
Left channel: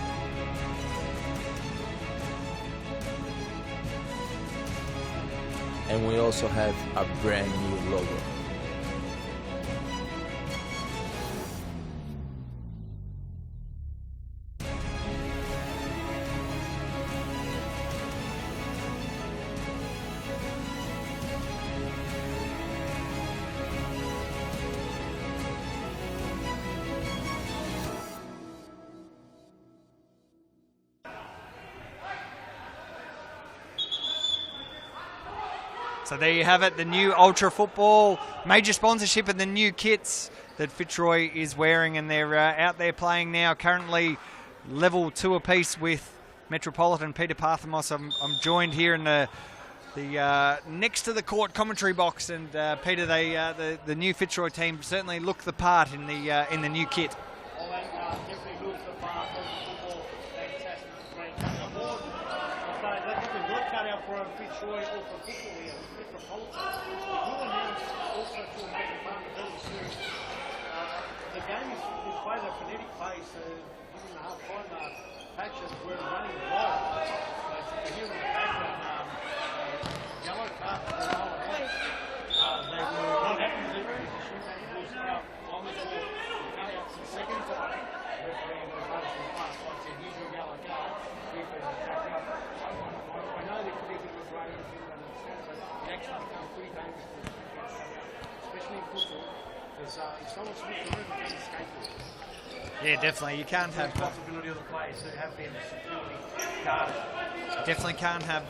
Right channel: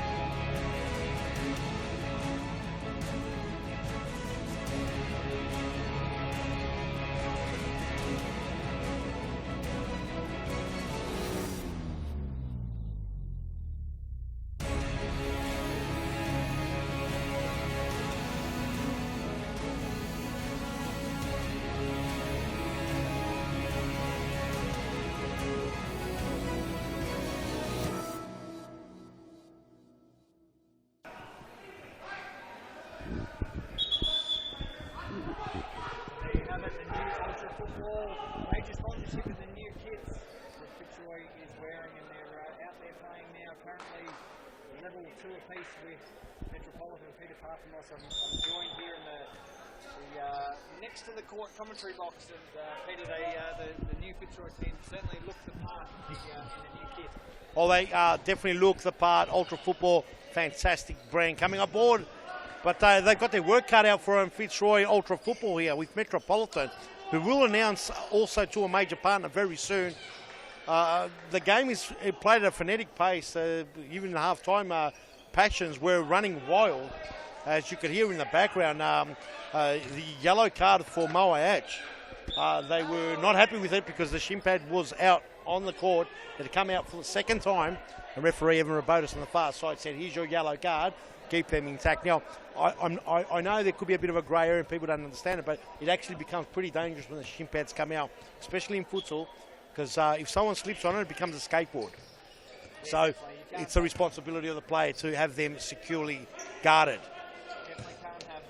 And we also have a brand new logo. So there you have it, the new Ultra Football major sponsorship and the new kits that Fitzroy is wearing, and they're out there playing now, currently level 2 apiece with Metropolitan. Peter Parthamos, I'm joined here in the next to the court commentary box, and Peter, the new Fitzroy team certainly look the part in the new kit. Oh, they definitely look the part. Ultra Football, fantastic brand coming aboard. But they've got their work cut out for them, Fitzroy Ultra Football here with Metropolitan, who will announce also to a major partner very soon. The game is played at a frenetic pace. Even in half-time, passions were running wild. As you can hear in the background, the yellow card for Moa Hatch. They were not happy with it because the shin pad was out on the court. It had come out for the second time. The referee, Evan Rabotis on the far side, said, here's your yellow card. Keep them intact. Now, I know there could be a bit of a grey area and people don't understand it, but it actually becomes pretty dangerous when the shin pads come out, especially in futsal, because if someone slips on it, it becomes a skateboard. Yeah, So definitely. You can't. It's the responsibility of the player to have them securely guarded. Definitely can't have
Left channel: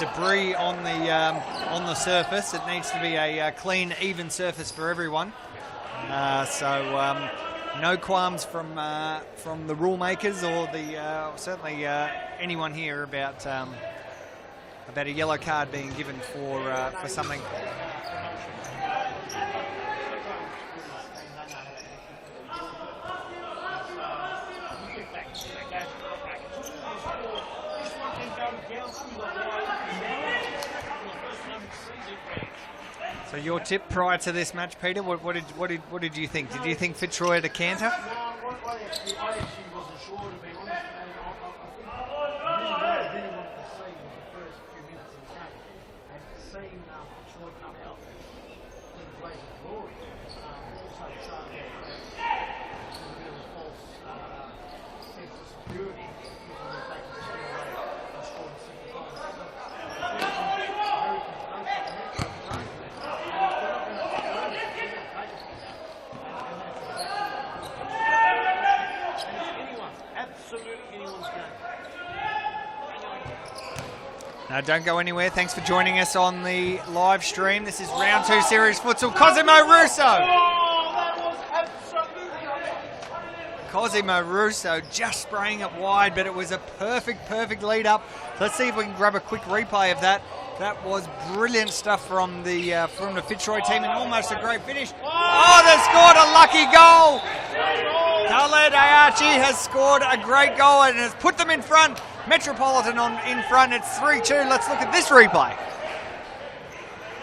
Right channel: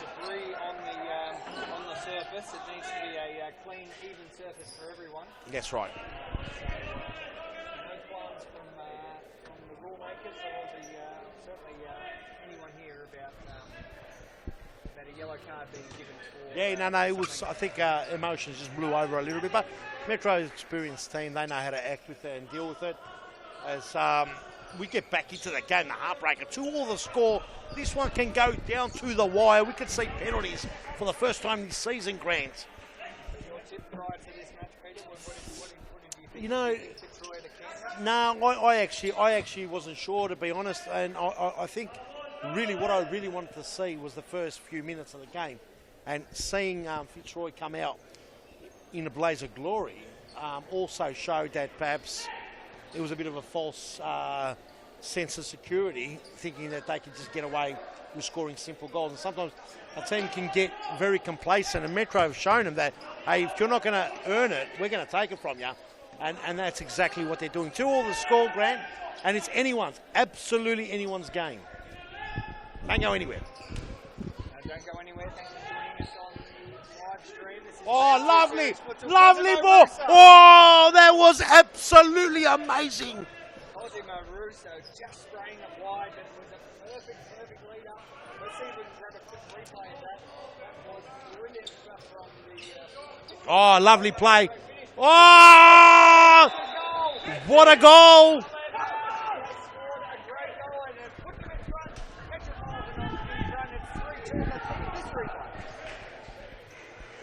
debris on the surface. It needs to be a clean, even surface for everyone. That's right. No qualms from the rule makers or certainly anyone here about a yellow card being given for, for something. I think emotions just blew over a little bit, but Metro's experienced team, they know how to act with it and deal with it. As we get back into the game, the heartbreaker, 2-2 the score. This one can go down to the wire. We could see penalties for the first time in season, Grant. So your tip prior to this match, Peter, what did you think? Did you think Fitzroy to canter? No, I actually wasn't sure, to be honest, and I think really what I really wanted to see was the first few minutes of the game, and seeing Fitzroy come out in a blaze of glory also showed that perhaps it was a bit of a false sense of security, thinking that they could just get away with scoring simple goals. And sometimes a team can get very complacent, and Metro have shown them that, hey, if you're not going to earn it, we're going to take it from you. And that's exactly what they're doing. 2-2 the score, Grant, and it's anyone's, absolutely anyone's game. Don't go anywhere. No, don't go anywhere. Thanks for joining us on the live stream. This is round 2 series futsal. Cosimo Russo. Oh, that was absolutely amazing. Cosimo Russo just spraying it wide, but it was a perfect lead up. Let's see if we can grab a quick replay of that. That was brilliant stuff from the Fitzroy team. Oh, lovely Almost play. A great finish. Oh, they scored a lucky goal. What a goal. Khaled Ayachi has scored a great goal and has put them in front. Metropolitan in front. It's 3-2. Let's look at this replay.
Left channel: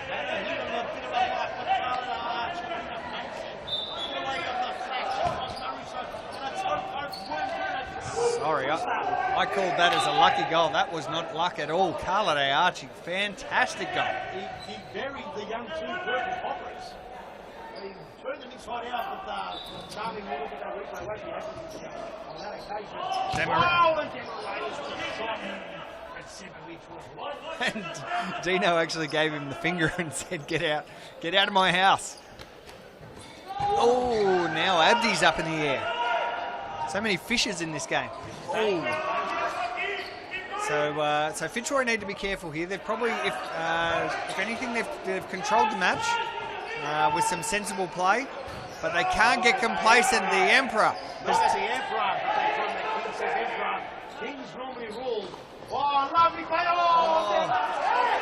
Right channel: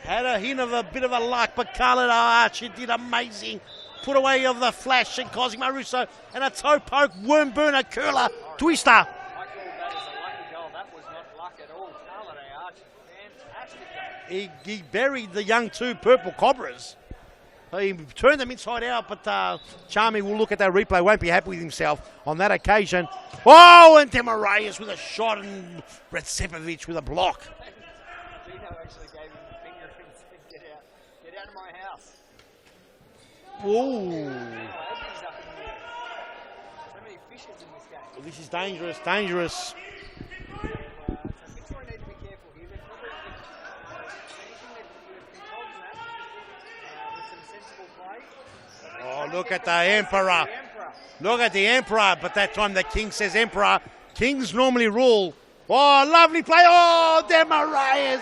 Had a hint of a bit of a luck, but Khaled Ayachi did amazing. Put away of the flash and Cosimo Russo, and a toe poke, worm burner, curler, twister. I called that as a lucky goal. That was not luck at all. Khaled Ayachi, fantastic goal. He buried the young 2 Purple Cobras. He turned them inside out, but Charmy will look at that replay, won't be happy with himself on that occasion. Oh, and Demarayus with a shot, and Retsepovic with a block. And Dino actually gave him the finger and said, get out of my house. Oh, now Abdi's up in the air. So many fishes in this game. This is dangerous, dangerous. So Fitzroy need to be careful here. They've probably, if anything, they've controlled the match with some sensible play, but they can't get complacent. The Emperor. Look at the Emperor, but that time the King says Emperor. Kings normally rule. Oh, lovely play. Oh, Demarayus.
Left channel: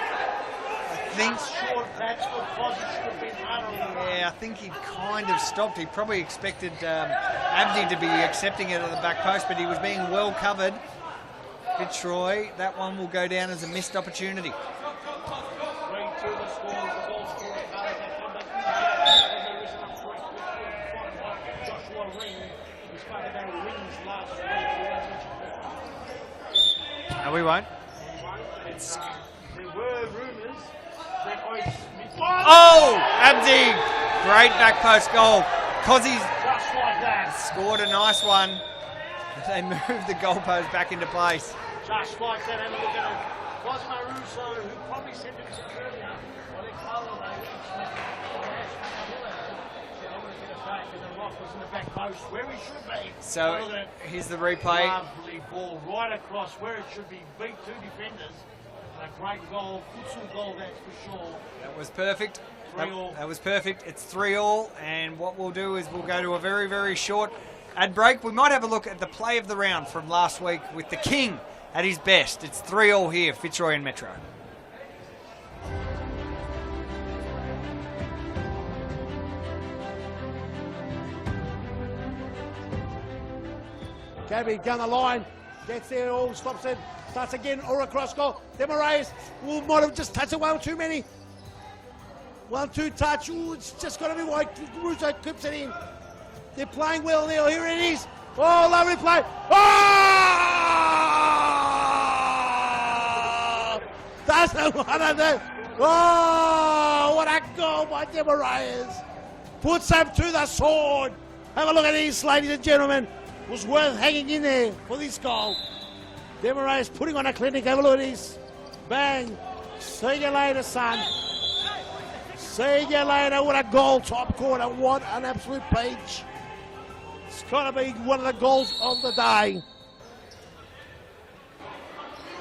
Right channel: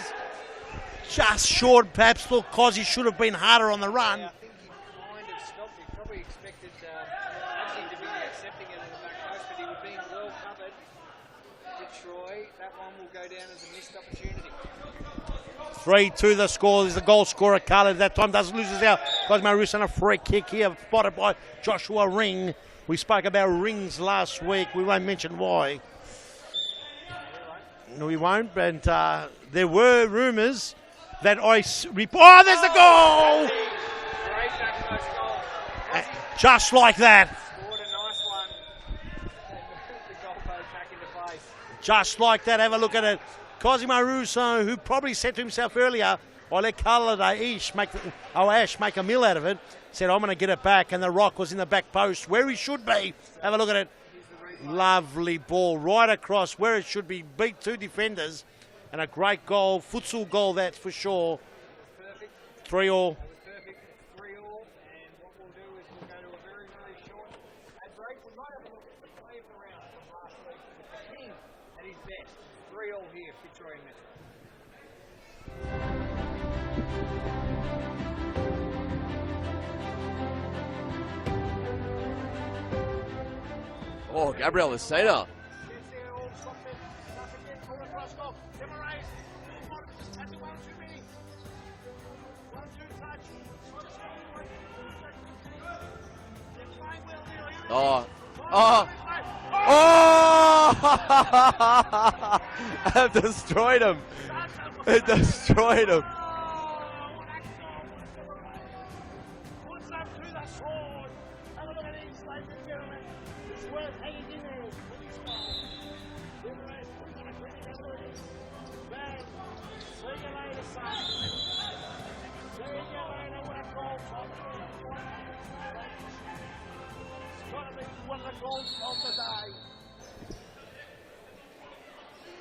Just short, perhaps, because he should have been harder on the run. Yeah, I think he kind of stopped. He probably expected Abdi to be accepting it at the back post, but he was being well covered. Fitzroy, that one will go down as a missed opportunity. 3-2 the score. There's the goal scorer, Carlton. That time doesn't lose his out. Cosmo Roos on a free kick here, spotted by Joshua Ring. We spoke about rings last week. We won't mention why. No, we won't. No, we won't. But there were rumours that I... Oh, there's the goal! Abdi! Great back post goal. Cozzy's just like that. Scored a nice one. They moved the goalpost back into place. Just like that. Have a look at it. Cosimo Russo, who probably said to himself earlier, I'll let Ash make a meal out of it, said, I'm going to get it back, and the rock was in the back post where he should be. So have a look at it. Here's the replay. Lovely ball right across where it should be. Beat two defenders, and a great goal. Futsal goal, that's for sure. That was perfect. 3-3. That was perfect. It's 3-3, and what we'll do is we'll go to a very, very short ad break. We might have a look at the play of the round from last week with the King at his best. It's 3-3 here, Fitzroy and Metro. Oh, Gabriel Laseda. Gets there, all stops it. Starts again, or across goal. Demarayus might have just touched it one too many. 1-2 touch. Ooh, it's just got to be white. Russo clips it in. They're playing well now. Here it is. Oh, lovely play. Destroyed him. Destroyed him. Oh, what a goal by Demarayus. Puts him to the sword. Have a look at this, ladies and gentlemen. It was worth hanging in there for this goal. Demarayus putting on a clinic. Have a look at this. Bang. See you later, son. See you later. What a goal, top corner. What an absolute peach. It's got to be one of the goals of the day.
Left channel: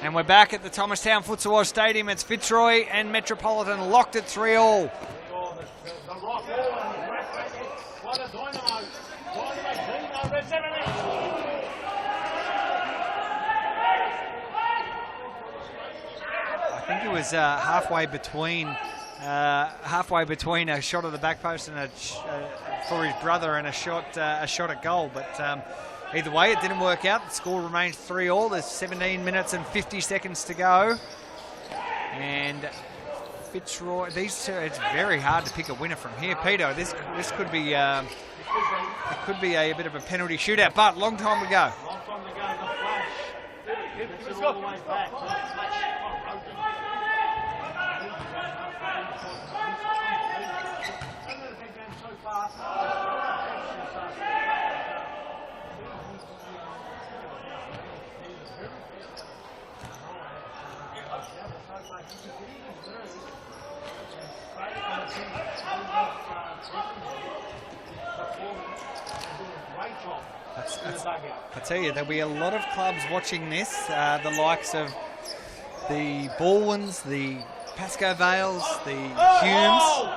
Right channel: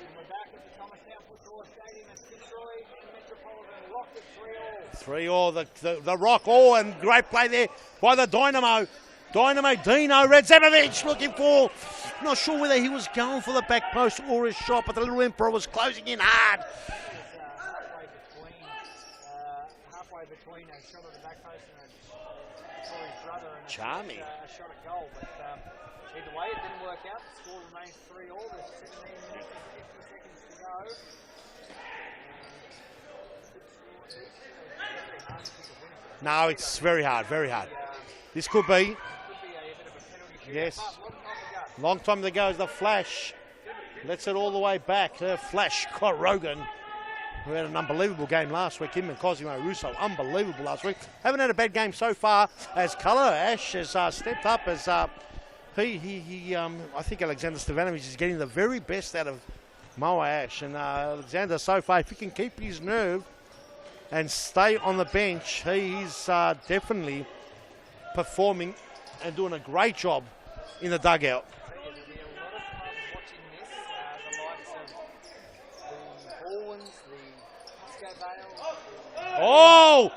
And we're back at the Thomastown Futsal Oz Stadium. It's Fitzroy and Metropolitan locked at 3-3. 3-3, the rock. Oh, and great play there by the Dynamo. Dino Retsepovic looking for, not sure whether he was going for the back post or a shot, but the little Emperor was closing in hard. I think it was halfway between a shot at the back post and for his brother and a shot at goal. But either way, it didn't work out. The score remains 3-3. There's 17 minutes and 50 seconds to go. And Fitzroy, it's very hard to pick a winner from here. No, Peter, it's very hard. This could be a bit of a penalty shootout, but long time to go. Long time to go. The Flash lets it all the way back to Flash Scott Rogan. We had an unbelievable game last week. Him and Cosimo Russo, unbelievable last week. Haven't had a bad game so far. As Colour Ash has stepped up as I think Alexander Stevanovic is getting the very best out of Moa Ash, and Alexander so far, if he can keep his nerve and stay on the bench, he's definitely performing and doing a great job in the dugout. I tell you, there'll be a lot of clubs watching this, the likes of the Balwyns, the Pascoe Vales, the Humes. Oh!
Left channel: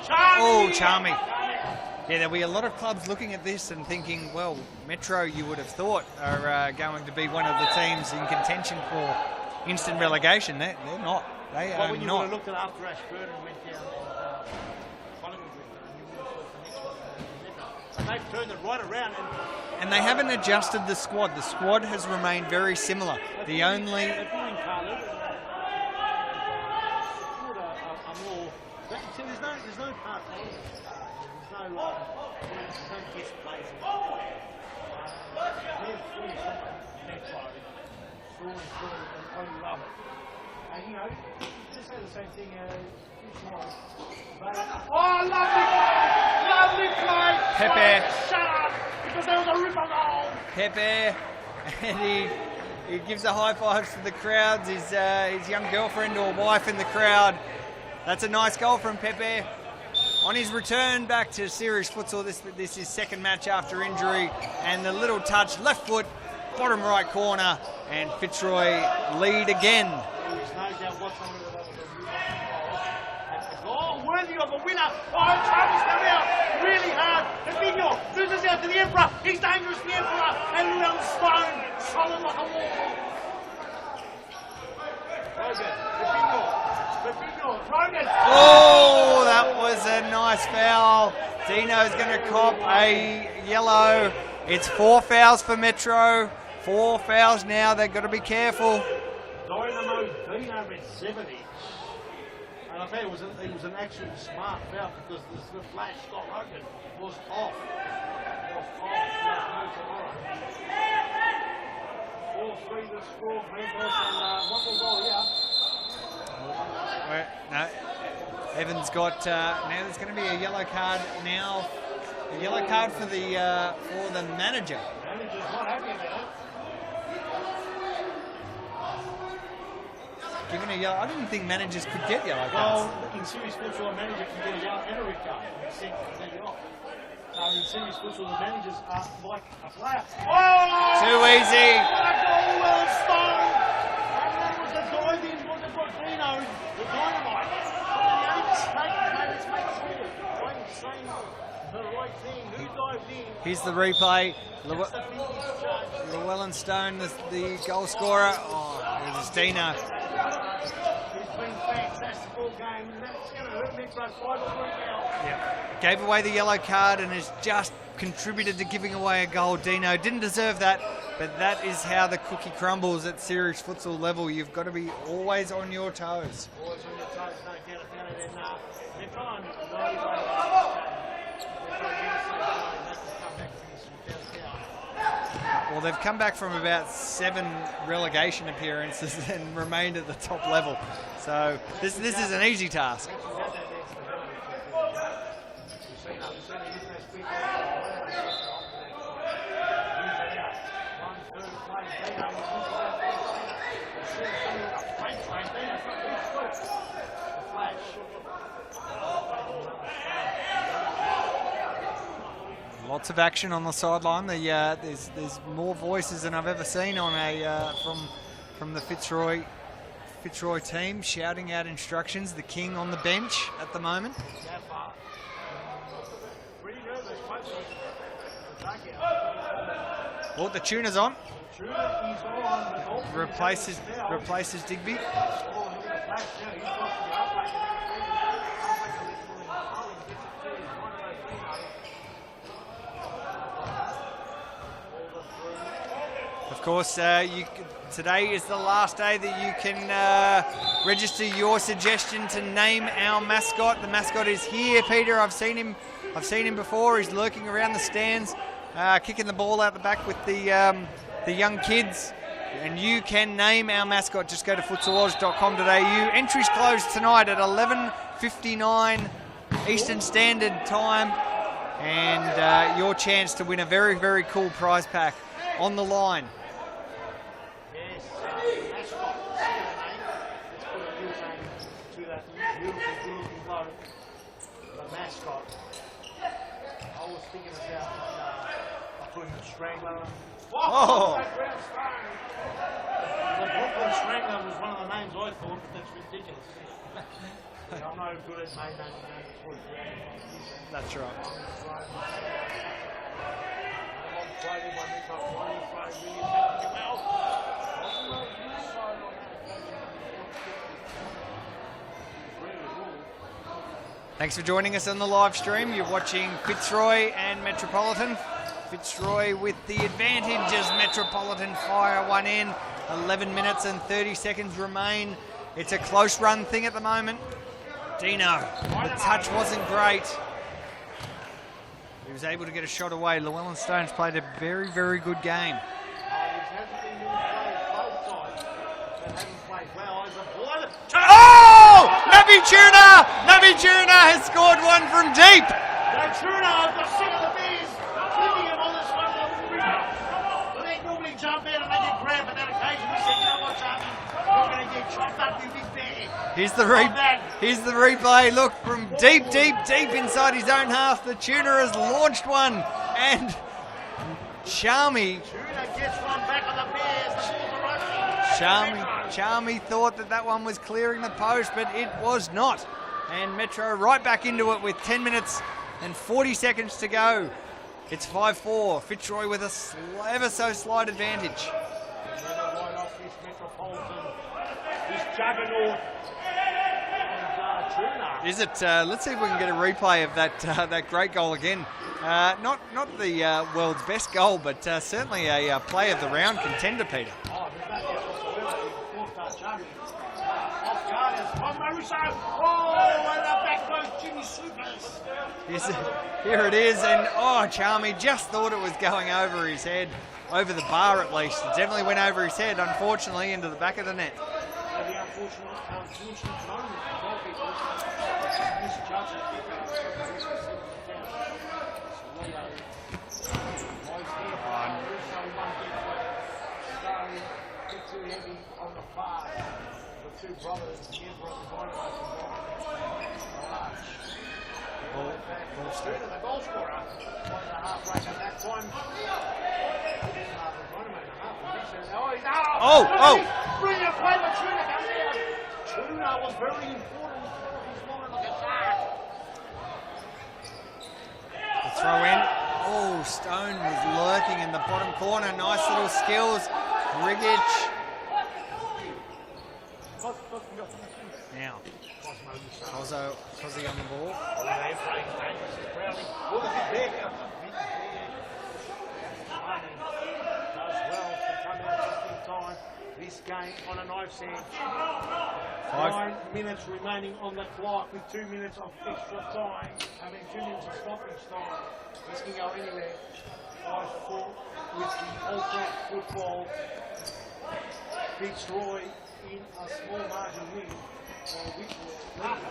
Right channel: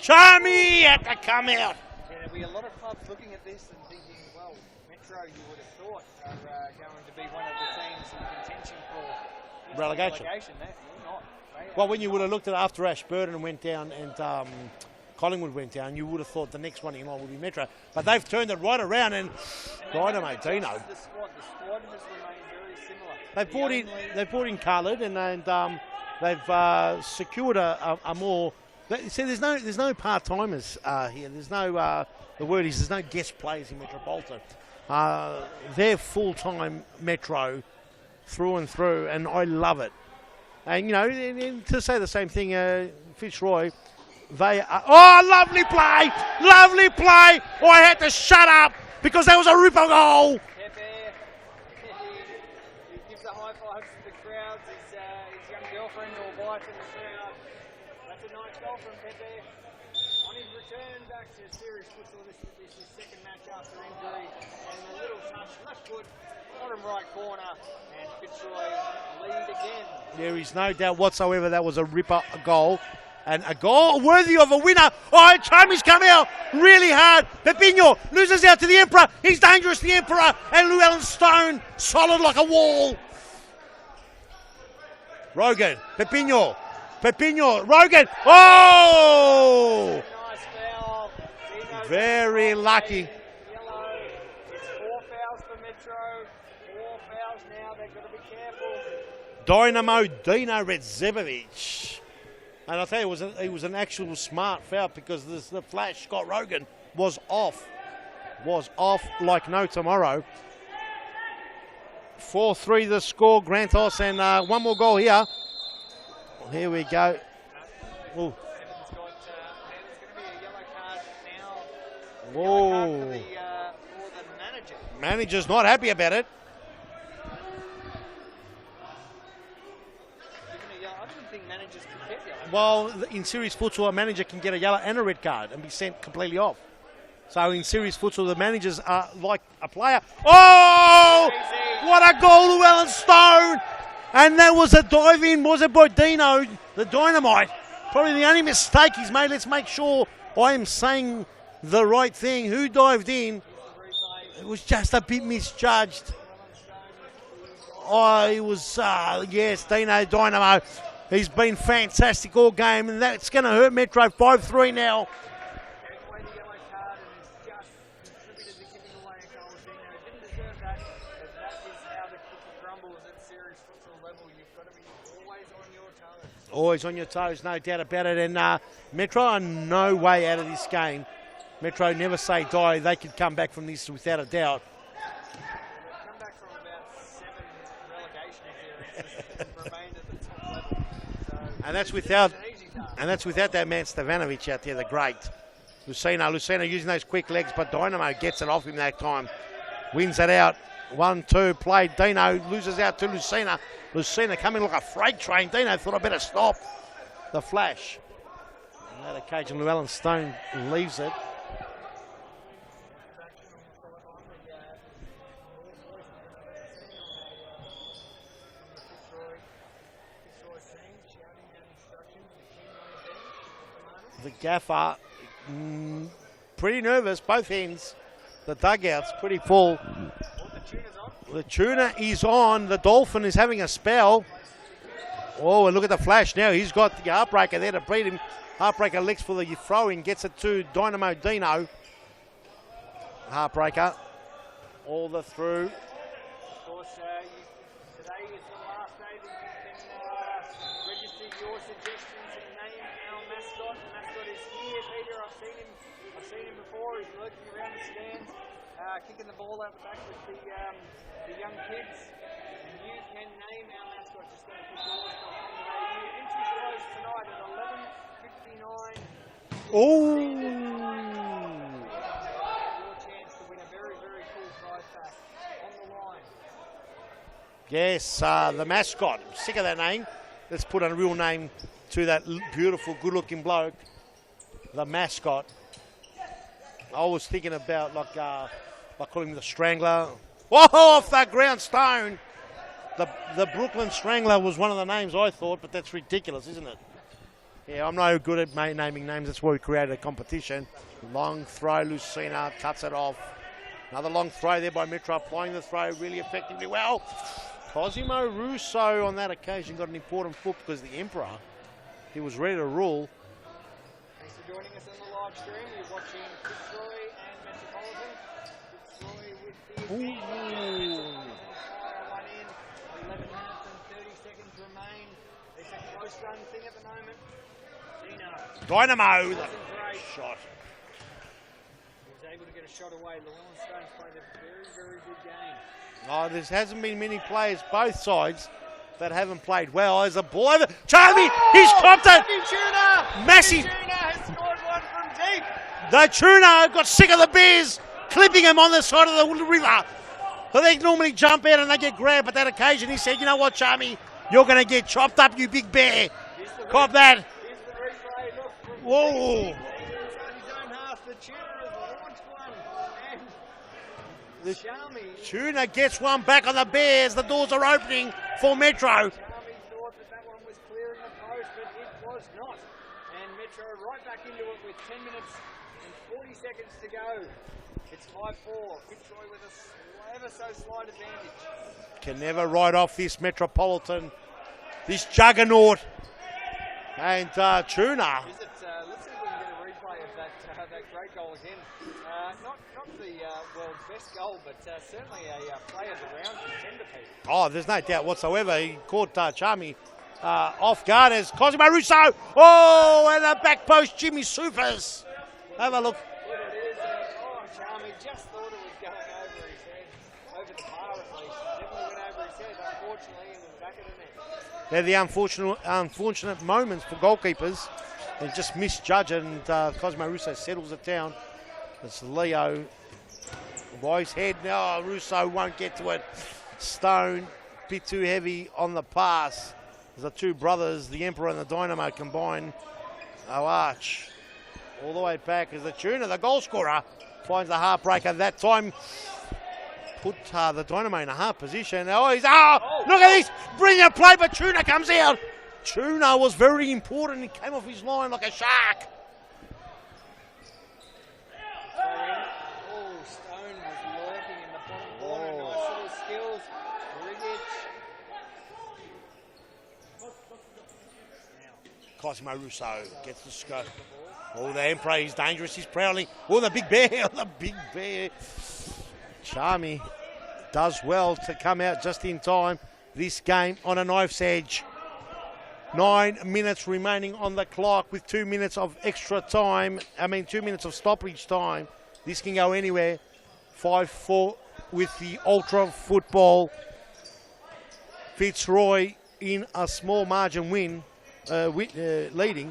Charmy! Charmy. Come out! Yeah, there'll be a lot of clubs looking at this and thinking, well, Metro, you would have thought, are going to be one of the teams in contention for instant relegation. They're not. When you would have looked at after Ashburton went down and Collingwood went down, you would have thought the next one in line would be Metro. But they've turned it right around, and they haven't adjusted the squad. The squad has remained very similar. They brought in Carlton, and they've secured a more. See, there's no part-timers here. There's no, the word is, there's no guest players in Metropolitan. They're full-time Metro through and through, and I love it. And, you know, to say the same thing, Fitzroy They are, oh, lovely play! Lovely play! Oh, I had to shut up because that was a ripper goal. Pepe, and he gives a high fives to the crowds, his young girlfriend or wife in the crowd. That's a nice goal from Pepe. On his return back to series futsal, this is his second match after injury, and the little touch, left foot, bottom right corner, and Fitzroy lead again. There is no doubt whatsoever that was a ripper goal. And a goal worthy of a winner. Oh, Tommy's come out really hard. Pepino loses out to the Emperor. He's dangerous, the Emperor. And Llewellyn Stone, solid like a wall. Rogan, Pepino, Rogan. Oh, that was a nice foul. Dino's going to cop a yellow. It's 4 fouls for Metro. 4 fouls now. They've got to be careful. Dynamo Dino Redzevovic. And I tell you, it was an actual smart foul because the flash, Scott Rogan, was off like no tomorrow. 4-3 the score, Grantos, and one more goal here. Here we go. No, Evans got, now there's going to be a yellow card now. A yellow card for the manager. Manager's not happy about it. Given a yellow, I didn't think managers could get yellow cards. Well, in series futsal, a manager can get a yellow and a red card and be sent completely off. So in series futsal, the managers are like a player. Oh! Too easy. What a goal, Llewellyn Stone! And that was a dive in, was it by Dino, the Dynamite? Probably the only mistake he's made. Let's make sure I am saying the right thing. Who dived in? Here's the replay. It was just a bit misjudged. Llewellyn Stone, the goal scorer. Oh, he was, yes, Dino Dynamo. He's been fantastic all game, and that's going to hurt Metro 5-3 now. Yep. Gave away the yellow card and has just contributed to giving away a goal. Dino didn't deserve that, but that is how the cookie crumbles at series futsal level. You've got to be always on your toes. Always on your toes, no doubt about it. And Metro are no way out of this game. Metro never say die. They could come back from this without a doubt. Well, they've come back from about 7 relegation appearances and remained at the top level. So this is an easy task. And that's without that man Stevanovic out there, the great. Lucena using those quick legs, but Dynamo gets it off him that time. Wins it out. 1-2 played. Dino loses out to Lucena. Lucena coming like a freight train. Dino thought I better stop. The flash. Occasion Llewellyn Stone leaves it. Lots of action on the sideline. There's more voices than I've ever seen on from the Fitzroy team shouting out instructions. The king on the bench at the moment. The gaffer, pretty nervous, both ends. The dugout's pretty full. Oh, the tuna's on. The tuna is on. The Dolphin is having a spell. Replaces Digby. Oh, and look at the flash now. He's got the heartbreaker there to beat him. Heartbreaker licks for the throw-in, gets it to Dynamo Dino. Heartbreaker, all the through. Of course, today is the last day that you can register your suggestion to name our mascot. The mascot is here, Peter. I've seen him before. He's lurking around the stands, kicking the ball out the back with the young kids. And you can name our mascot. Just go to futsaloz.com.au. Entries close tonight at 11:59 Eastern Standard Time. And your chance to win a very, very cool prize pack on the line. Yes, the mascot. Sick of that name. Let's put a real name to that beautiful, good-looking bloke. The mascot. I was thinking about like calling him the Strangler. Whoa, off that ground, Stone. The Brooklyn Strangler was one of the names I thought, but that's ridiculous, isn't it? Yeah, I'm no good at naming names. That's why we created a competition. That's right. Long throw, Lucena cuts it off. Another long throw there by Metro, applying the throw really effectively well. Cosimo Russo on that occasion got an important hook because the Emperor, he was ready to rule. Thanks for joining us on the live stream. You're watching Fitzroy and Metropolitan. Fitzroy with the advantage as Metropolitan fire one in. 11 minutes and 30 seconds remain. It's a close run thing at the moment. Dino. Dynamo. Touch wasn't great. He was able to get a shot away. Llewellyn Stone's played a very, very good game. Oh, there hasn't been many players, both sides, that haven't played well. As a boy, Charlie, he's popped it. Nabby Tuna has scored one from deep. The Tuna got sick of the Bears clipping him on the side of the river. But they normally jump out and they get grabbed. But that occasion, he said, you know what, Charmy? You're going to get chopped up, you big bear. Here's the replay. Look, from deep inside his own half, the Tuna has launched one. And Charmy. Tuna gets one back on the Bears. The doors are opening for Metro. Charmy thought that one was clearing the post, but it was not. And Metro right back into it with 10 minutes and 40 seconds to go. It's 5-4. Fitzroy with a ever so slight advantage. Can never write off this Metropolitan, this juggernaut. And Tuna. Is it? Let's see if we can get a replay of that great goal again. Not the world's best goal, but certainly a play of the round contender, Peter. Oh, there's no doubt whatsoever. He caught Charmy off guard as Cosimo Russo. Oh, and a back post, Jimmy Soufas. Have a look. Here it is, and Charmy just thought it was going over his head, over the bar at least. It definitely went over his head, unfortunately, into the back of the net. They're the unfortunate moments for goalkeepers. They just misjudge it, and Cosmo Russo settles it down. It's Leo by his head. No, Russo won't get to it. Stone, a bit too heavy on the pass. The two brothers, the Emperor and the Dynamo, combine. Arch all the way back as the Tuna, the goal scorer, finds a heartbreaker. That time put the Dynamo in a hard position. Look at this! Brilliant play, but Tuna comes out. Tuna was very important. He came off his line like a shark. The throw in. Oh, Stone was lurking in the bottom corner. Nice little skills. Rigic. Now, Cosmo Russo. Ozzy on the ball. Oh, the Emperor is dangerous. He's proudly. Oh, the big bear. The big bear. Charmy does well to come out just in time. This game on a knife's edge. 9 minutes remaining on the clock with 2 minutes of extra time. 2 minutes of stoppage time. This can go anywhere. 5-4 with the Ultra football. Fitzroy in a small margin win, leading.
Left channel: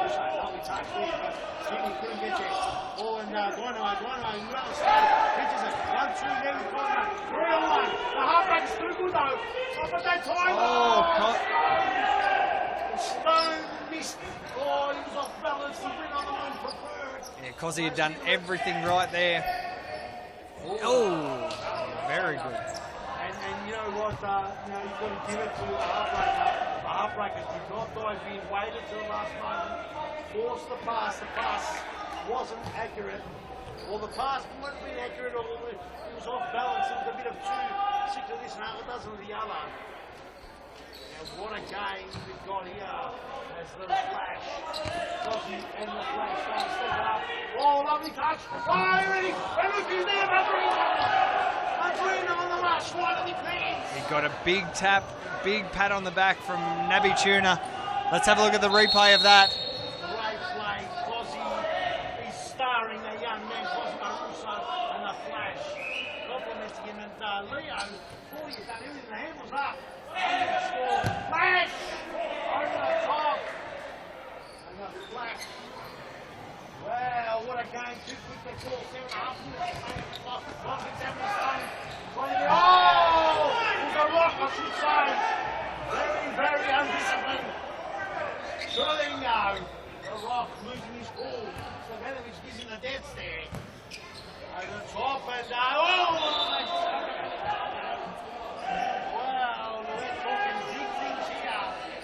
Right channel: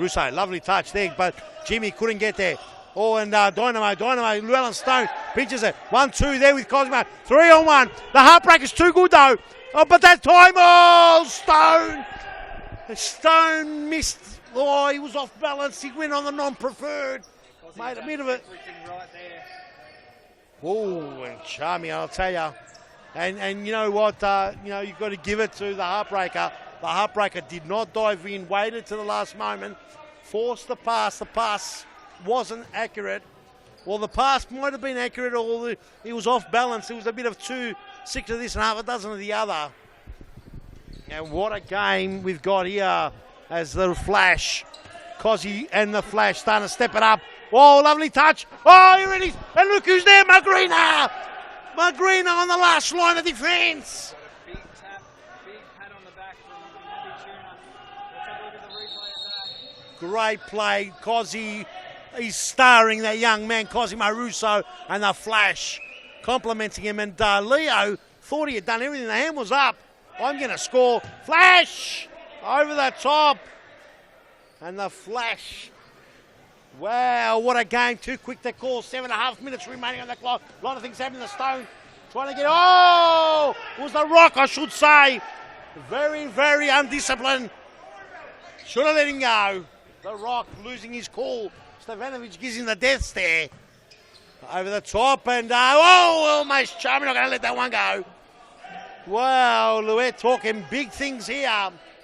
Russo, lovely touch there, but Jimmy couldn't get there. Oh, and Dynamo, Llewellyn Stone pitches it. 1-2 there with Cosmo. 3-on-1. The heartbreak is too good though. Oh, but that time, Stone missed. Oh, he was off balance. He went on the non-preferred. Yeah, Cosy had done everything right there. Oh, Charmy, I'll tell you. And you know what? You've got to give it to the heartbreaker. The heartbreaker did not dive in, waited to the last moment, forced the pass. The pass wasn't accurate. Well, the pass might have been accurate, or he was off balance. It was a bit of 6 to this and half a dozen of the other. And what a game we've got here as the Flash, Cosy and the Flash starting to step it up. Oh, lovely touch. Oh, here it is. And look who's there, Madrina. Madrina on the last line of defence. He's got a big tap, big pat on the back from Nabby Tuna. Let's have a look at the replay of that. Great play. Cosy is starring that young man, Cosimo Russo, and the Flash complimenting him. And Leo thought he had done everything. The hand was up. I'm going to score. Flash over the top. And the Flash. Wow, what a game. Too quick to call. 7.5 minutes remaining on the clock. A lot of things happening to Stone. Trying to get... Oh! It was the Rock, I should say. Very, very undisciplined. Should have let him go. The Rock losing his cool. Stevanovic gives him the death stare. Over the top and... almost Charmy. Not going to let that one go. Wow, Louet talking big things here.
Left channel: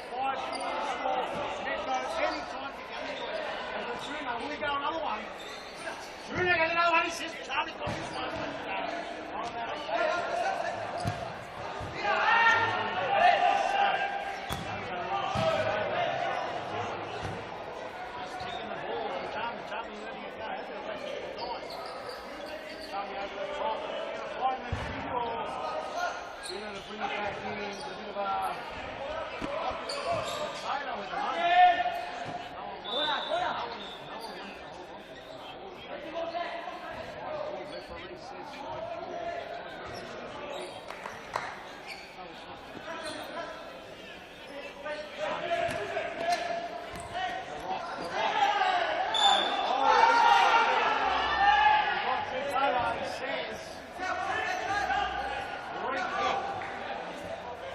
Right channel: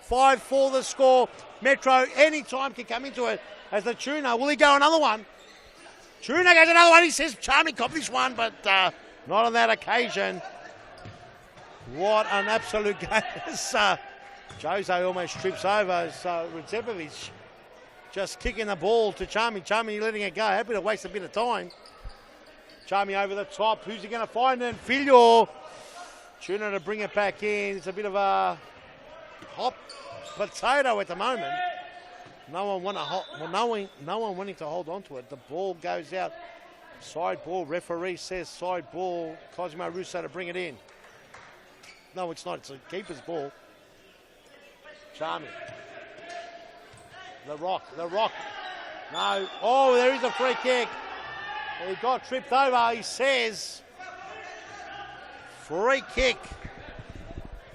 5-4 the score. Metro anytime can come into it as the Tuna. Will he go another one? Tuna goes another one. He says Charmy got this one, but not on that occasion. What an absolute game. Jose almost trips over. So Ritzepovic just kicking the ball to Charmy. Charmy letting it go. Happy to waste a bit of time. Charmy over the top. Who's he going to find? And Filio. Tuna to bring it back in. It's a bit of a hot potato at the moment. No one wanting to hold on to it. The ball goes out. Side ball. Referee says side ball. Cosimo Russo to bring it in. No, it's not. It's a keeper's ball. The rock. No. Oh, there is a free kick. He got tripped over, he says. Free kick.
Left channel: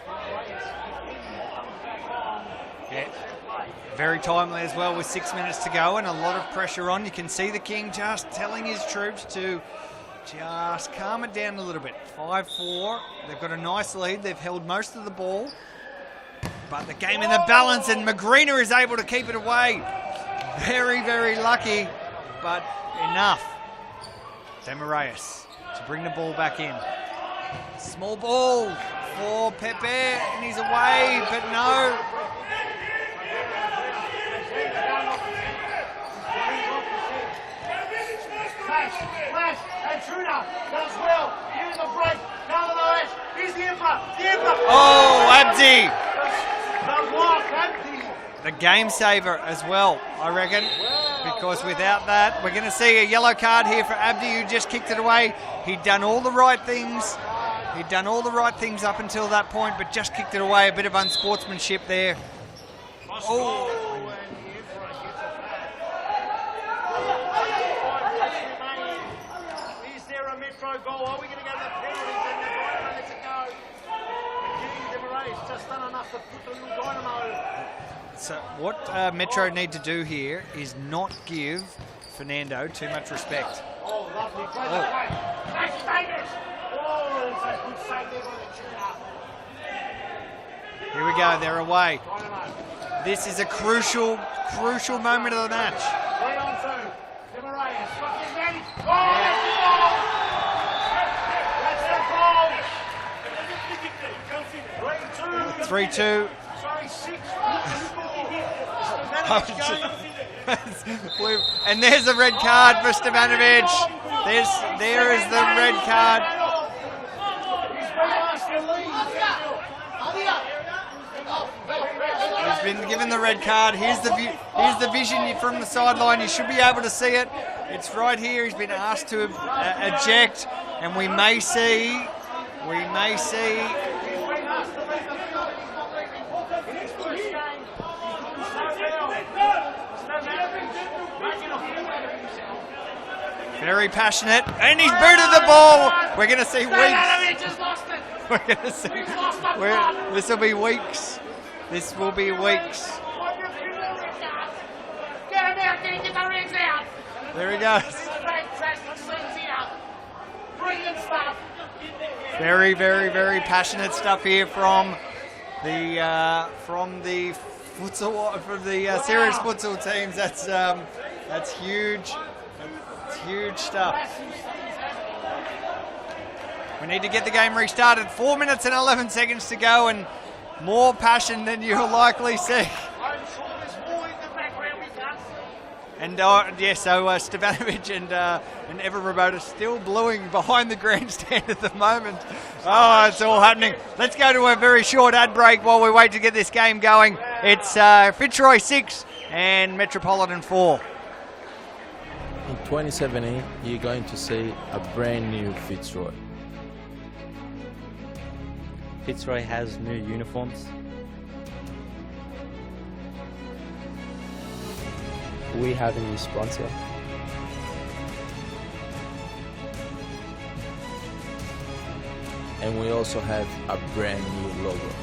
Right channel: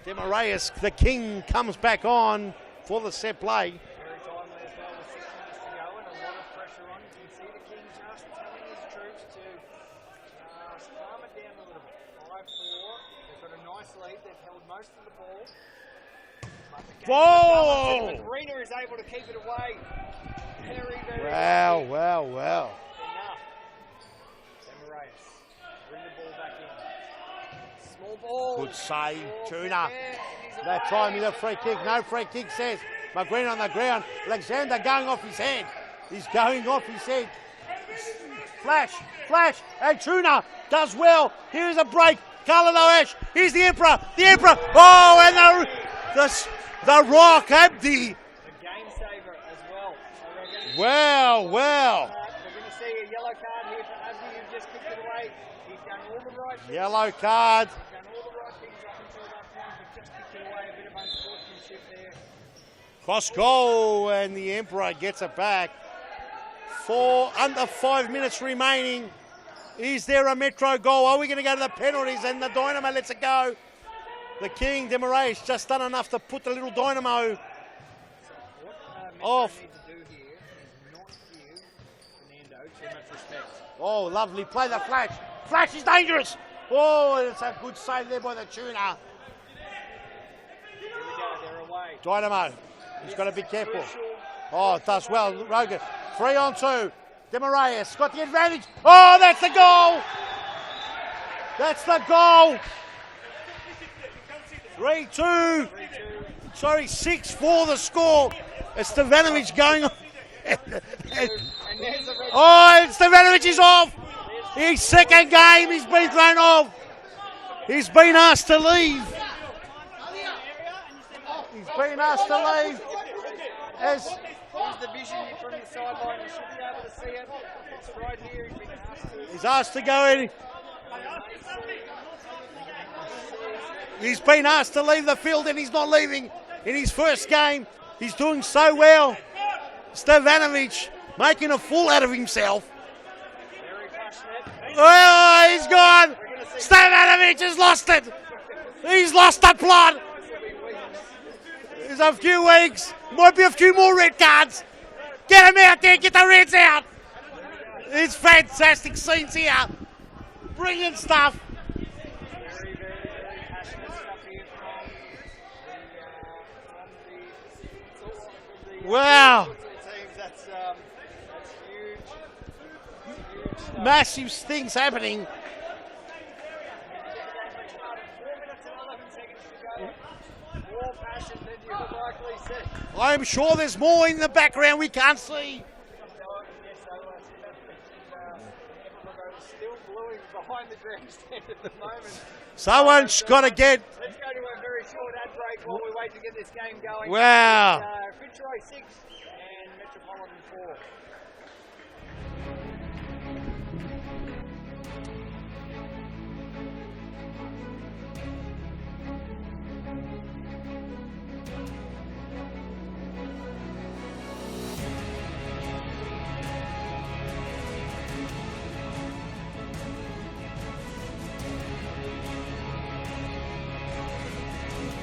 Demarius, the king, comes back on for the set play. Very timely as well with 6 minutes to go and a lot of pressure on. You can see the king just telling his troops to just calm it down a little bit. 5-4. They've got a nice lead. They've held most of the ball. But the game in the balance, and Magrina is able to keep it away. Very, very lucky. Wow. But enough. Demarius to bring the ball back in. Small ball for Pepe, and he's away, but no. No free kick says. Magrina on the ground. Alexander going off his hand. He's going off his head. Flash, and Truna does well. Here's a break. Carlton Ash. Here's the Emperor. Oh, Abdi. The Rock, Abdi. The game saver as well, I reckon. Wow, Because without that, we're going to see a yellow card here for Abdi, who just kicked it away. He'd done all the right things. Yellow card. He'd done all the right things up until that point, but just kicked it away. A bit of unsportsmanship there. Pascoe and the Emperor gets it back. Under 5 minutes remaining. Is there a Metro goal? Are we going to go to the penalties? And the Dynamo lets it go. The King, Demaraes, just done enough to put the little Dynamo. So what Metro need to do here is not give Fernando too much respect. Oh, lovely. Play the flash. Flash is dangerous. Oh, it's a good save there by the tuner. Here we go. They're away. Dynamo. This is a crucial moment of the match. 3 on 2. Demaraes got the advantage. Oh, that's the goal. That's the goal. 3-2. 3-2. Sorry, 6-4 the score. It's Stevanovic going on. And there's a red card for Stevanovic is off. His second game, he's been thrown off. He's been asked to leave. He's been given the red card. Here's the vision from the sideline. You should be able to see it. It's right here. He's been asked to eject, and we may see. He's been asked to leave the field, and he's not leaving in his first game. He's doing so well. Stevanovic making a fool out of himself. Very passionate, and he's booted the ball. Gone. We're going to see. Stevanovic has lost it. We're gonna see. He's lost the plot. This will be weeks. There's a few weeks. Might be a few more red cards. Get him out there. Get the reds out. There he goes. It's fantastic scenes here. Brilliant stuff. Very, very, very passionate stuff here from the futsal, from the serious futsal teams. That's huge. That's huge stuff. Massive things happening. We need to get the game restarted. 4 minutes and 11 seconds to go, and more passion than you'll likely see. I'm sure there's more in the background we can't see. And so Stevanovic and Evan Rabota still bluing behind the grandstand at the moment. Someone's got to get. Let's go to a very short ad break while we wait to get this game going. Wow. It's Fitzroy 6 and Metropolitan 4. In 2017, you're going to see a brand new Fitzroy. Fitzroy has new uniforms. We have a new sponsor. And we also have a brand new logo.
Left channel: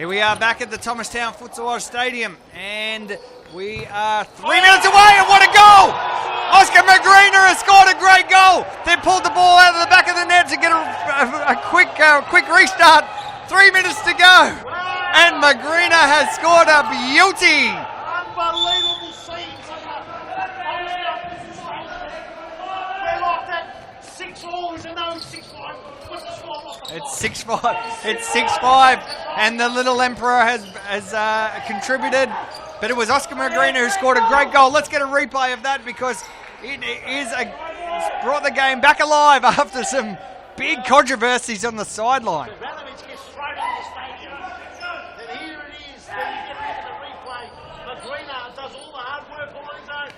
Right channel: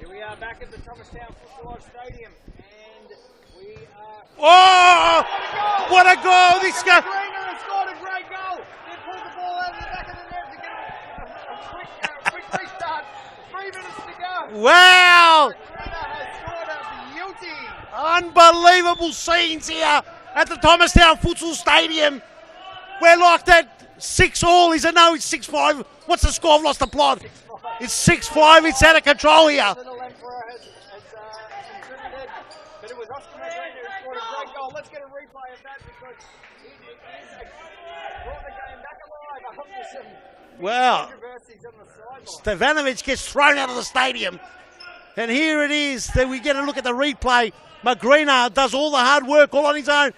Here we are back at the Thomastown Futsal Oz Stadium, and we are 3 minutes away, and what a goal! What a goal! Oscar McGreener has scored a great goal. They pulled the ball out of the back of the net to get a quick restart. 3 minutes to go. Wow! And McGreener has scored a beauty. Unbelievable scenes here at the Thomastown Futsal Stadium. We're like that 6-all. Is it? No, it's 6-5. What's the score? I've lost the plot. It's 6-5. It's 6-5. It's out of control and here. the little Emperor has contributed, but it was Oscar McGreener who scored a great goal. Let's get a replay of that because it's brought the game back alive after some big controversies on the sideline. Stevanovic gets thrown out of the stadium. And here it is. Then we get a look at the replay. McGreener does all the hard work all on his own.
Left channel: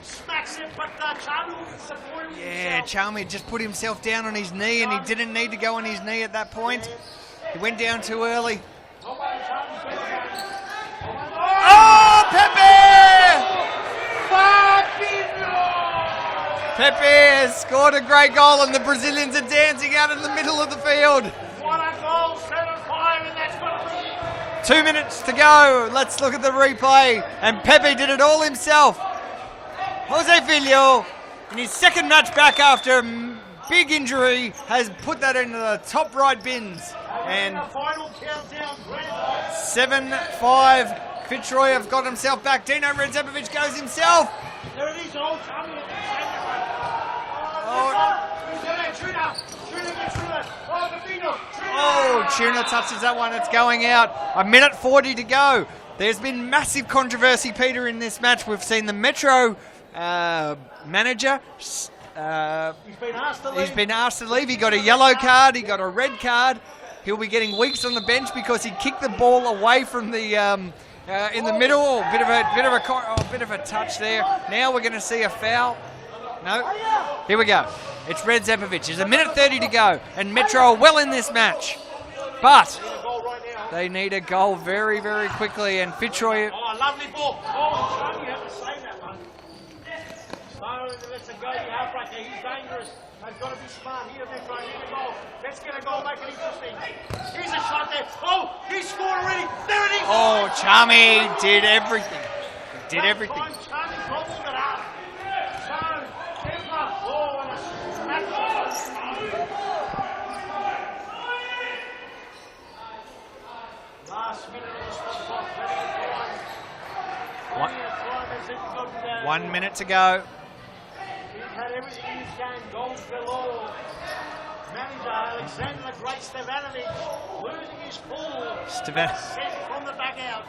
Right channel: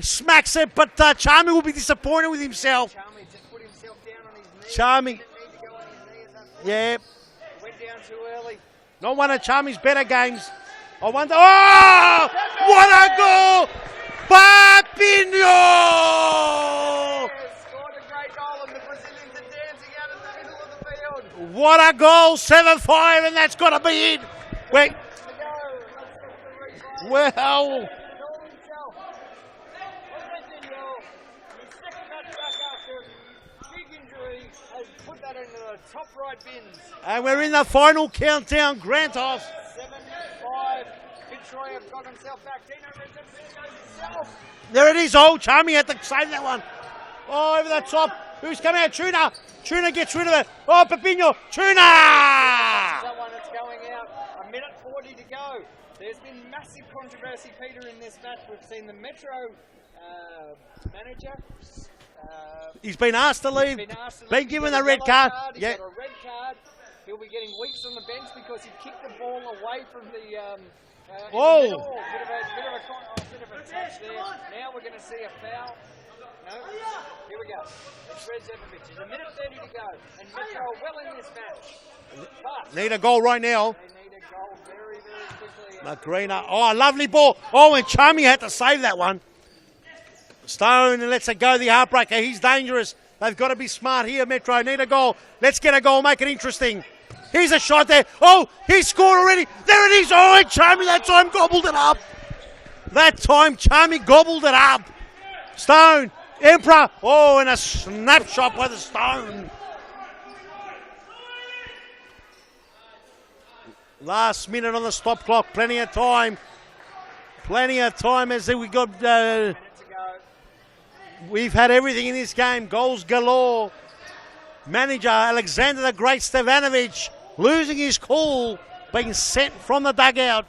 Smacks it, but Charmy will be disappointed with himself. Charmy just put himself down on his knee, Charmy, and he didn't need to go on his knee at that point. Yeah. He went down too early. Not one of Charmy's better games. I wonder. Oh! Pepe! What a goal! Fabinho! Pepe has scored a great goal, and the Brazilians are dancing out in the middle of the field. What a goal! 7-5, and that's got to be it. 2 minutes to go. Let's look at the replay. And Pepe did it all himself. Jose Filho, in his second match back after a big injury, has put that into the top right bins. And we're in the final countdown, Grantos. 7-5. Fitzroy have got himself back. Dino Redzepovic goes himself. There it is. Oh, Charmy had to save that one. Oh, over the top. Who's coming out? Tuna. Tuna gets rid of it. Oh, Pepino. Tuna. Oh, Tuna touches that one. It's going out. 1:40 to go. There's been massive controversy, Peter, in this match. We've seen the Metro manager. He's been asked to leave. He got a yellow card. He got a red card. He'll be getting weeks on the bench because he kicked the ball away from the in the middle. Oh, bit of a touch there. Now we're going to see a foul. No. Here we go. It's Redzepovic. There's 1:30 to go, and Metro are well in this match. But need a goal right now. They need a goal very, very quickly. And Fitzroy. Oh, lovely ball. Oh, and Charmy had to save that one. Stone lets it go, the heartbreaker. He's dangerous. They've got to be smart here, Metro. Need a goal. Let's get a goal, make it interesting. Here's a shot there. Oh, he scored already. There it is. Oh, and Charmy that time gobbled it up. That time Charmy gobbled it up. Stone, Emperor. Oh, and a snapshot by the Stone. Last minute on the stop clock. Plenty of time. Plenty of time as we got 1 minute to go. We've had everything in this game. Goals galore. Manager Alexander the Great Stevanovic losing his cool. Been sent from the dugout.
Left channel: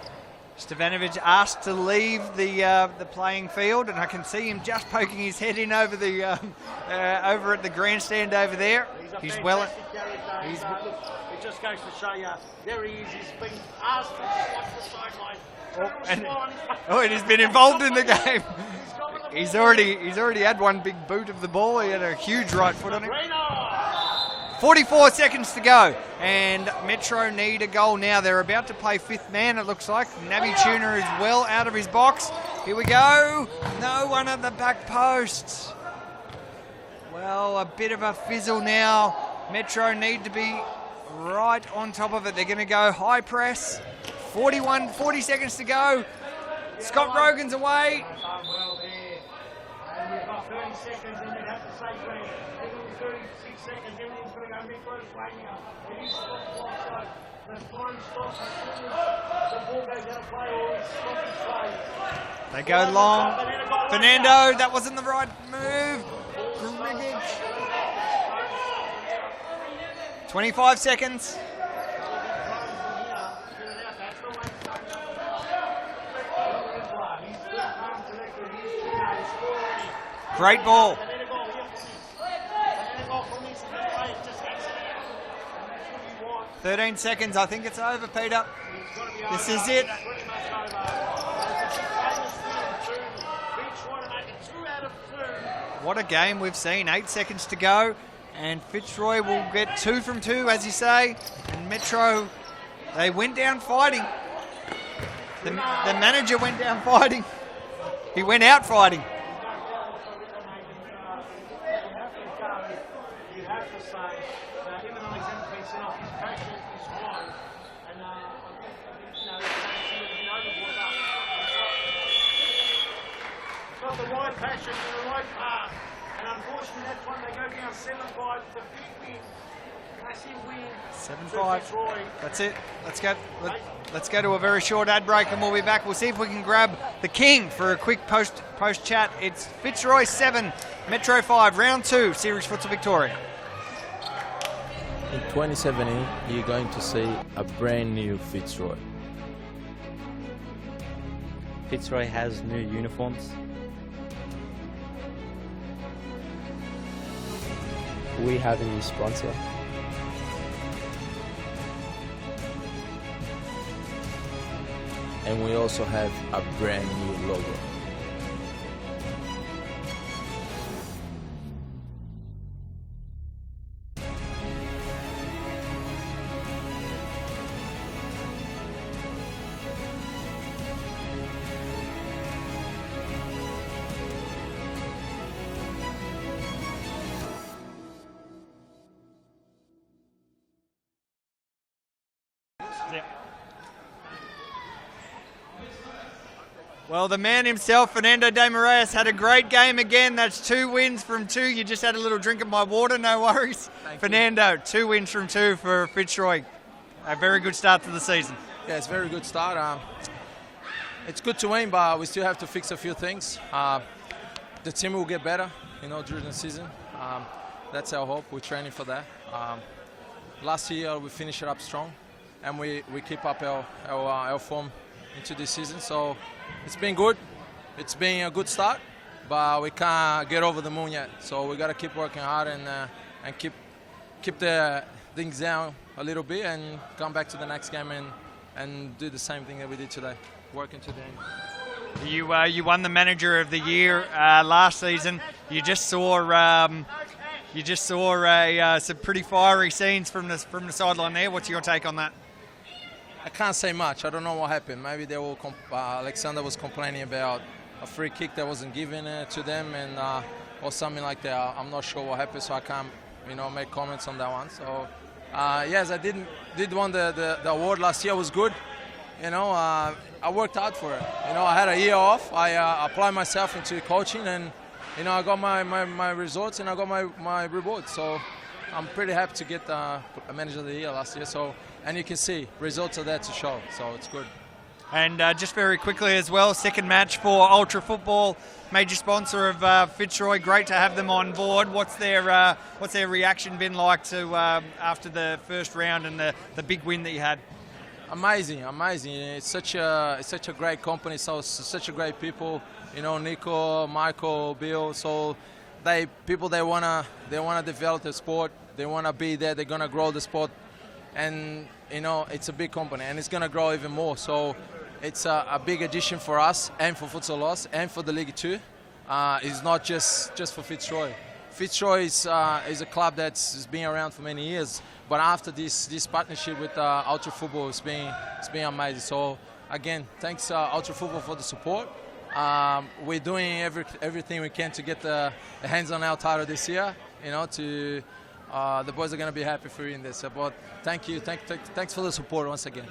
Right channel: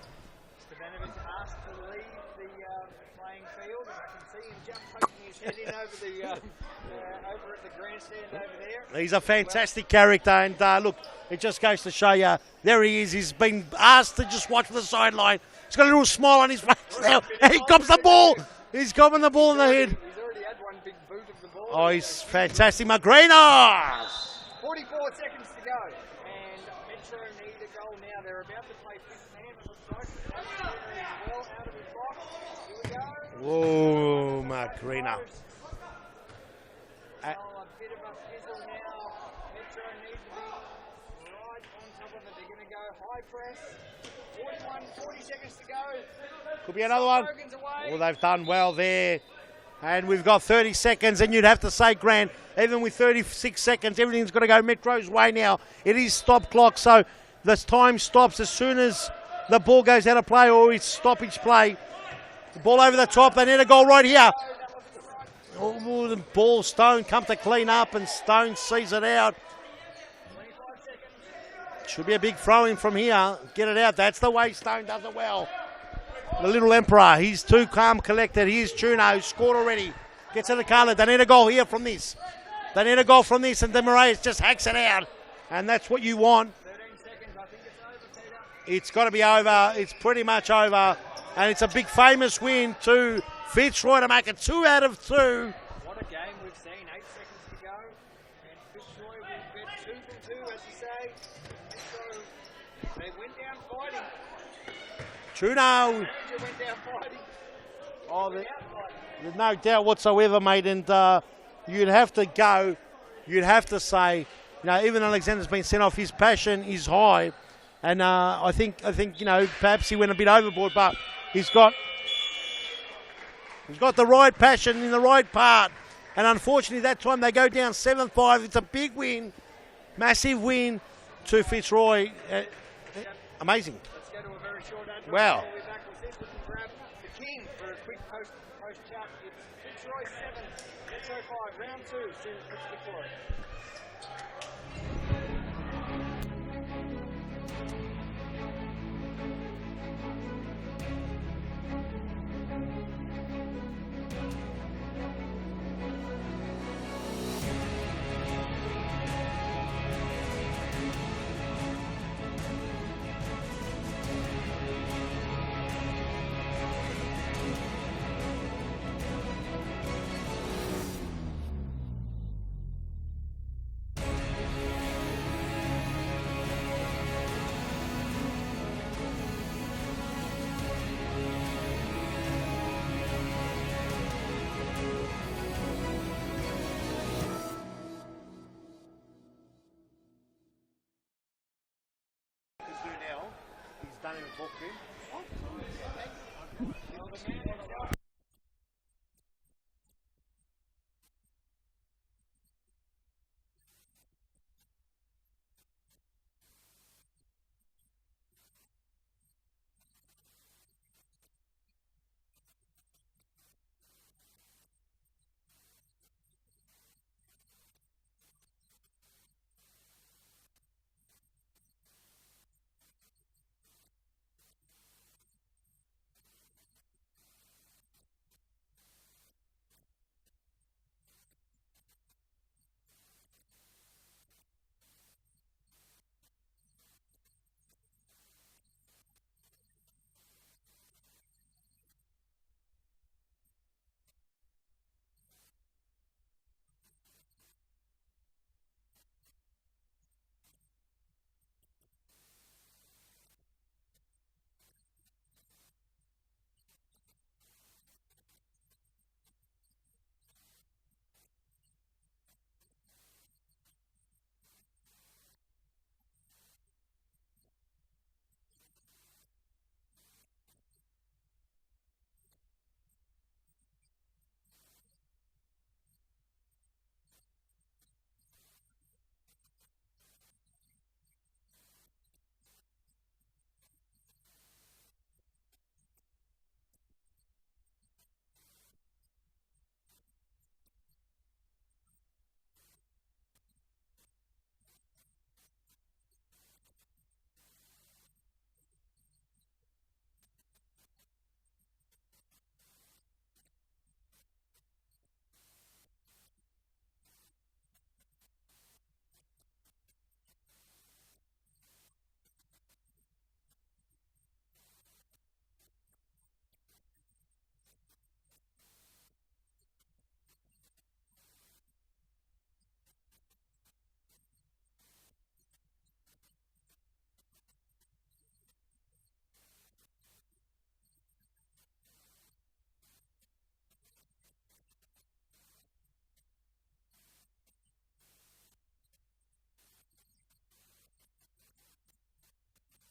Stevanovic asked to leave the playing field, and I can see him just poking his head in over the over at the grandstand over there. He's a fantastic character, and look, it just goes to show you. There he is. He's been asked to just watch the sideline. He's got a little smile on his face. Oh, he's been involved in the game. He's gotten the ball. He's already had one big boot of the ball. Oh, he had a huge fantastic McGreener. 44 seconds to go, and Metro need a goal now. They're about to play fifth man, it looks like. Navi Tuner is well out of his box. Here we go. Oh, no one at the back post. Well, a bit of a fizzle now. Metro need to be right on top of it. They're going to go high press. 40 seconds to go. Scott Rogan's away. Well, they've done well there. And we've got 30 seconds, and you'd have to say, Grant, even with 36 seconds, everything's got to go Metro's way now. It is stop clock, so the time stops as soon as the ball goes out of play or it's stoppage play. Ball over the top, they need a goal right here. That wasn't the right move. Oh, the ball, Stone come to clean up, and Stone sees it out. 25 seconds. Should be a big throw-in from here. Get it out. That's the way Stone does it well. The little Emperor, he's too calm, collected. Here's Tuna, who scored already. Great ball. They need a goal here from this. They need a goal from this, and Demaraes just hacks it out. And that's what you want. 13 seconds. I think it's over, Peter. It's got to be over. It's pretty much over. And it's a big famous win to Fitzroy to make it 2 out of 2. What a game we've seen. 8 seconds to go. And Fitzroy will get 2 from 2, as you say. And Metro, they went down fighting. The manager went down fighting. He went out fighting. There's no doubt whatsoever, mate. And you'd have to go. You'd have to say, even Alexander's been sent off. His passion is high. And I think perhaps he went a bit overboard, but he's got the right passion in the right part. And unfortunately, that's one they go down 7-5. It's a big win, massive win to Fitzroy. That's it. Let's go. Amazing. Let's go to a very short ad break, and we'll be back. We'll see if we can grab the king for a quick post chat. It's Fitzroy 7, Metro 5, round 2, Series Futsal Victoria. In 2017, you're going to see a brand new Fitzroy. Fitzroy has new uniforms. We have a new sponsor. And we also have a brand new logo. Well, the man himself, Fernando De Moraes, had a great game again. That's 2 wins from 2. You just had a little drink of my water, no worries. Fernando, 2 wins from 2 for Fitzroy. A very good start to the season. Yeah, it's a very good start. It's good to win, but we still have to fix a few things. The team will get better, during the season. That's our hope. We're training for that. Last year we finished it up strong, and we keep up our form into this season. So it's been good. It's been a good start, but we can't get over the moon yet. So we got to keep working hard and keep the things down a little bit and come back to the next game and do the same thing that we did today, working to the end. You won the Manager of the Year last season. You just saw some pretty fiery scenes from the sideline there. What's your take on that? I can't say much. I don't know what happened. Maybe they will. Alexander was complaining about a free kick that wasn't given to them, and or something like that. I'm not sure what happened, so I can't, make comments on that one. So, yes, I did won the award last year. It was good. I worked hard for it. I had a year off. I applied myself into coaching, and I got my results and I got my rewards. So I'm pretty happy to get a Manager of the Year last year. So. And you can see results are there to show, so it's good. And just very quickly as well, second match for Ultra Football, major sponsor of Fitzroy. Great to have them on board. What's their reaction been like to after the first round and the big win that you had? Amazing. It's such a great company. So such a great people. Nico, Michael, Bill. So they wanna develop the sport. They wanna be there. They're gonna grow the sport. And it's a big company and it's going to grow even more. So it's a big addition for us and for Futsal Oz and for the League 2. It's not just for Fitzroy. Fitzroy is a club that's been around for many years, but after this partnership with Ultra Football, it's been amazing. So again, thanks Ultra Football for the support. We're doing everything we can to get the hands on our title this year. The boys are going to be happy for you in this. But thank you. Thanks for the support once again.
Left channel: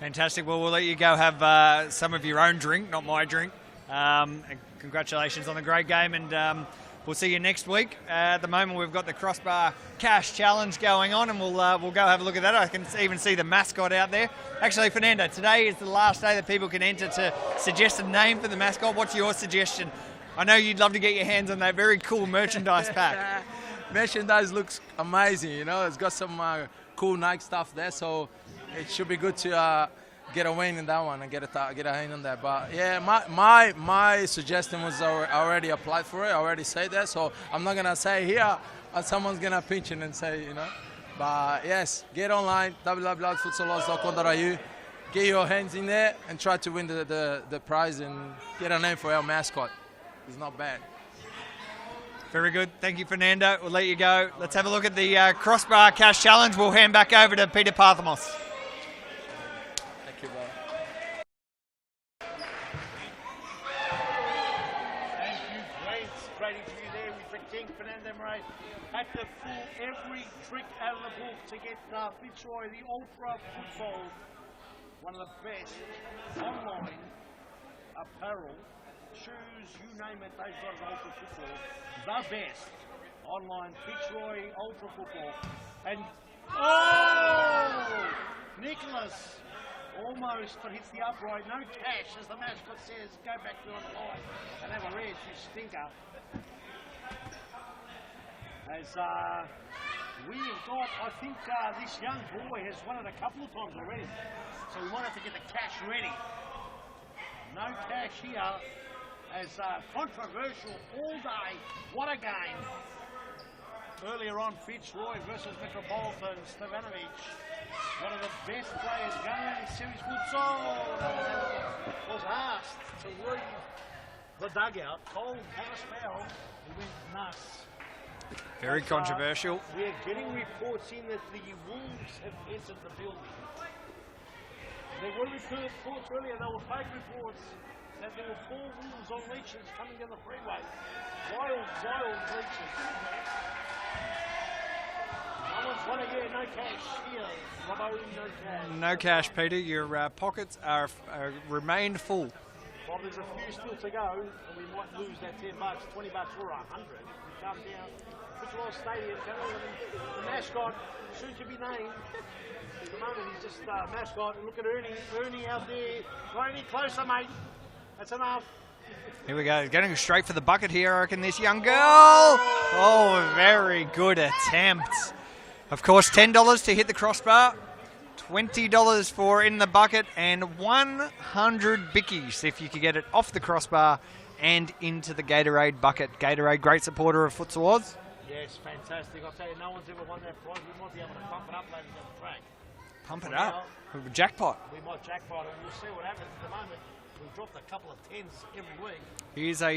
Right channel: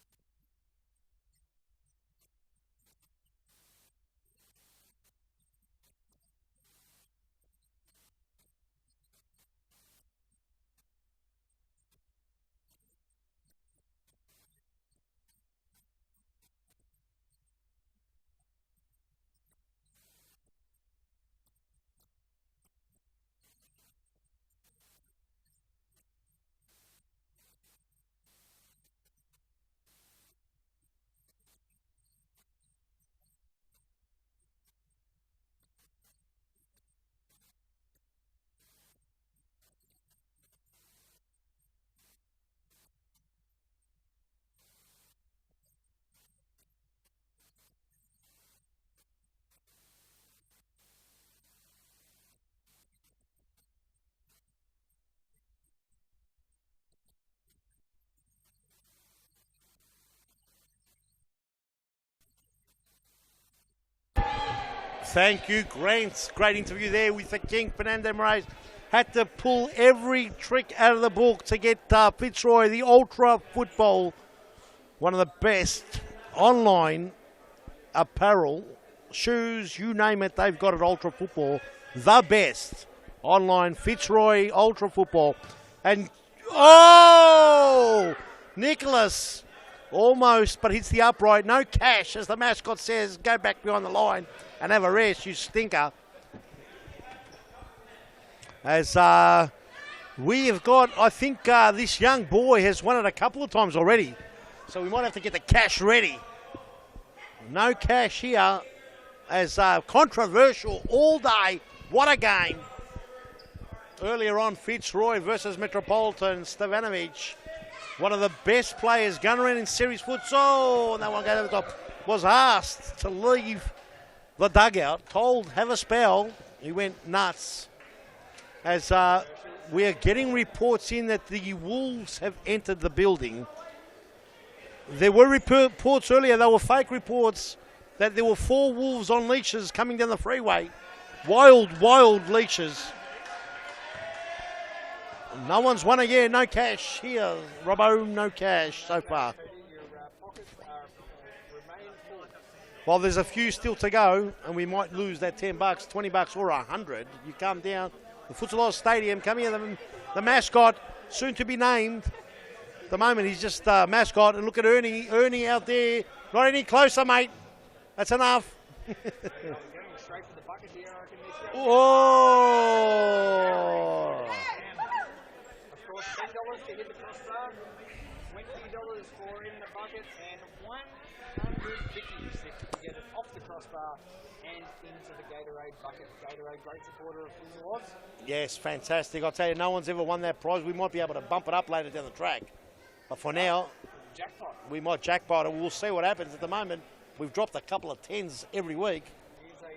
Fantastic. Well, we'll let you go have some of your own drink, not my drink. And congratulations on the great game, and we'll see you next week. At the moment, we've got the Crossbar Cash Challenge going on, and we'll go have a look at that. I can even see the mascot out there. Actually, Fernando, today is the last day that people can enter to suggest a name for the mascot. What's your suggestion? I know you'd love to get your hands on that very cool merchandise pack. Merchandise looks amazing, it's got some cool Nike stuff there, so it should be good to get a win in that one and get a hand on that. But yeah, my suggestion was I already applied for it. I already said that, so I'm not gonna say here, and someone's gonna pinch it and say, But yes, get online www.futsaloz.com.au, get your hands in there and try to win the prize and get a name for our mascot. It's not bad. Very good. Thank you, Fernando. We'll let you go. Let's have a look at the Crossbar Cash Challenge. We'll hand back over to Peter Parthamos. Thank you, Thank you, Grant. Great interview there with the King, Fernando Moraes. had to pull every trick out of the book to get Fitzroy, the Ultra Football, one of the best online apparel, shoes, you name it, they've got at Ultra Football. The best online Fitzroy Ultra Football. And, oh! Nicholas almost, but hits the upright. No cash, as the mascot says. Go back behind the line and have a rest, you stinker. As we have got, I think this young boy has won it a couple of times already. So we might have to get the cash ready. No cash here, as controversial all day. What a game. Earlier on, Fitzroy versus Metropolitan. Stevanovic, one of the best players going around in series futsal. That one was asked to leave the dugout, told have a spell. He went nuts. Very controversial. We are getting reports in that the Wolves have entered the building. There were reports earlier, they were fake reports, that there were 4 Wolves on leashes coming down the freeway. Wild, wild leashes. No one's won it yet, no cash here. Robbo, no cash. No so cash, far. Peter. Your pockets are remained full. Well, there's a few still to go, and we might lose that $10, $20 or 100. You come down the Futsal Oz Stadium, come here, the mascot, soon to be named. At the moment, he's just mascot, and look at Ernie. Ernie out there. Not any closer, mate. That's enough. Here we go. Getting straight for the bucket here, I reckon, this young girl. Oh. Oh, very good attempt. Of course, $10 to hit the crossbar, $20 for in the bucket, and 100 bickies if you could get it off the crossbar and into the Gatorade bucket. Gatorade, great supporter of Futsal Oz. Yes, fantastic. I'll tell you, no one's ever won that prize. We might be able to bump it up later down the track. Pump For it now, up. Jackpot. we might jackpot it. We'll see what happens. At the moment, we've dropped a couple of 10s every week. Here's a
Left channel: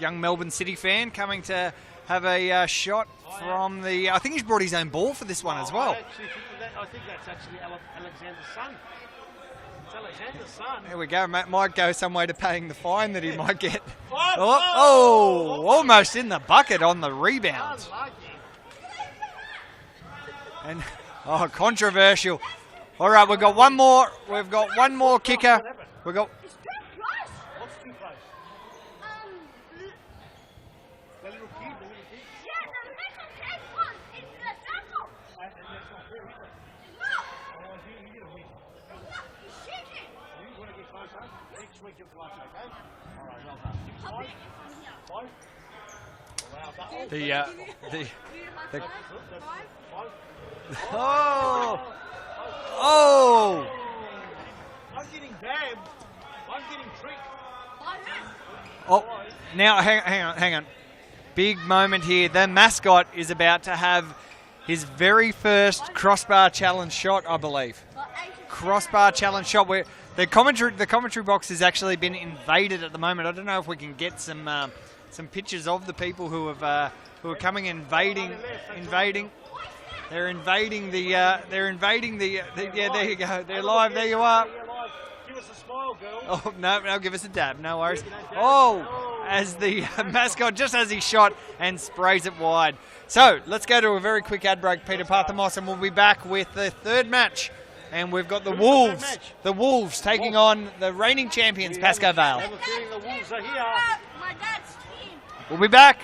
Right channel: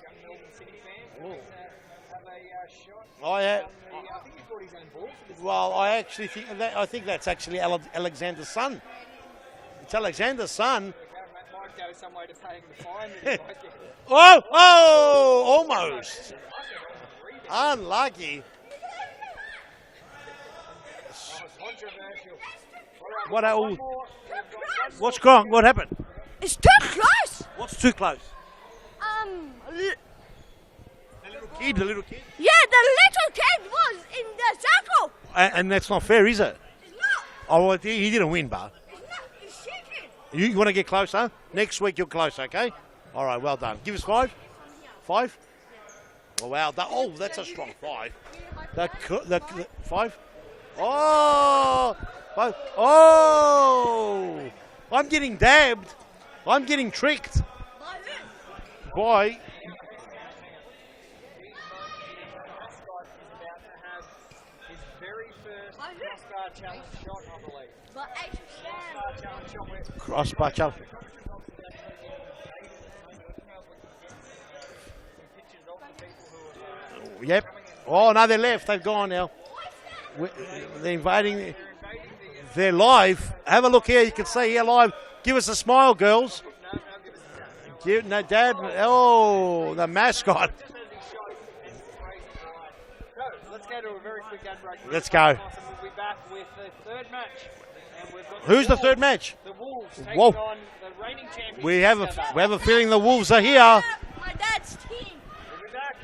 young Melbourne City fan coming to have a shot from the... I think he's brought his own ball for this one as well. I think that's actually Alexander's son. It's Alexander's son. There we go. Might go some way to paying the fine that he might get. Oh, almost in the bucket on the rebound. Unlucky. And controversial. All right, we've got one more. We've got one more What's kicker. gone? What happened? We got. It's too close. What's too close? The little kid. Yeah, the little kid was in the circle. And that's not fair, is it? It's not. Oh, well, he didn't win, but It's not. He's shaking. you want to get closer? Next week you're close, okay? All right, well done. Give us 5. 5? Oh, wow. That's a strong 5. The 5? Oh! 5. Oh! I'm getting dabbed. I'm getting tricked. Why? Now, hang on. Big moment here. The mascot is about to have his very first crossbar challenge shot, I believe. Crossbar challenge shot. Where the commentary box has actually been invaded at the moment. I don't know if we can get some pictures of the people who are coming in. Oh no, they're left. They've gone now. They're invading the. They're live. Have a look here. You can see here live. Give us a smile, girls. Oh, no, give us a dab. No worries. No dab. As the mascot just as he shot and sprays it wide. So let's go to a very quick ad break, Peter Parker-Moss, and we'll be back with the third match. And we've got the Wolves. Who's the third match? The Wolves taking on the reigning champions, Pascoe Vale. We have a feeling the Wolves are here. My dad's team. We'll be back.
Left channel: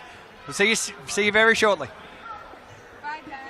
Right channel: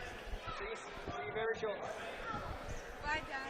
We'll see you very shortly. Bye, Dad.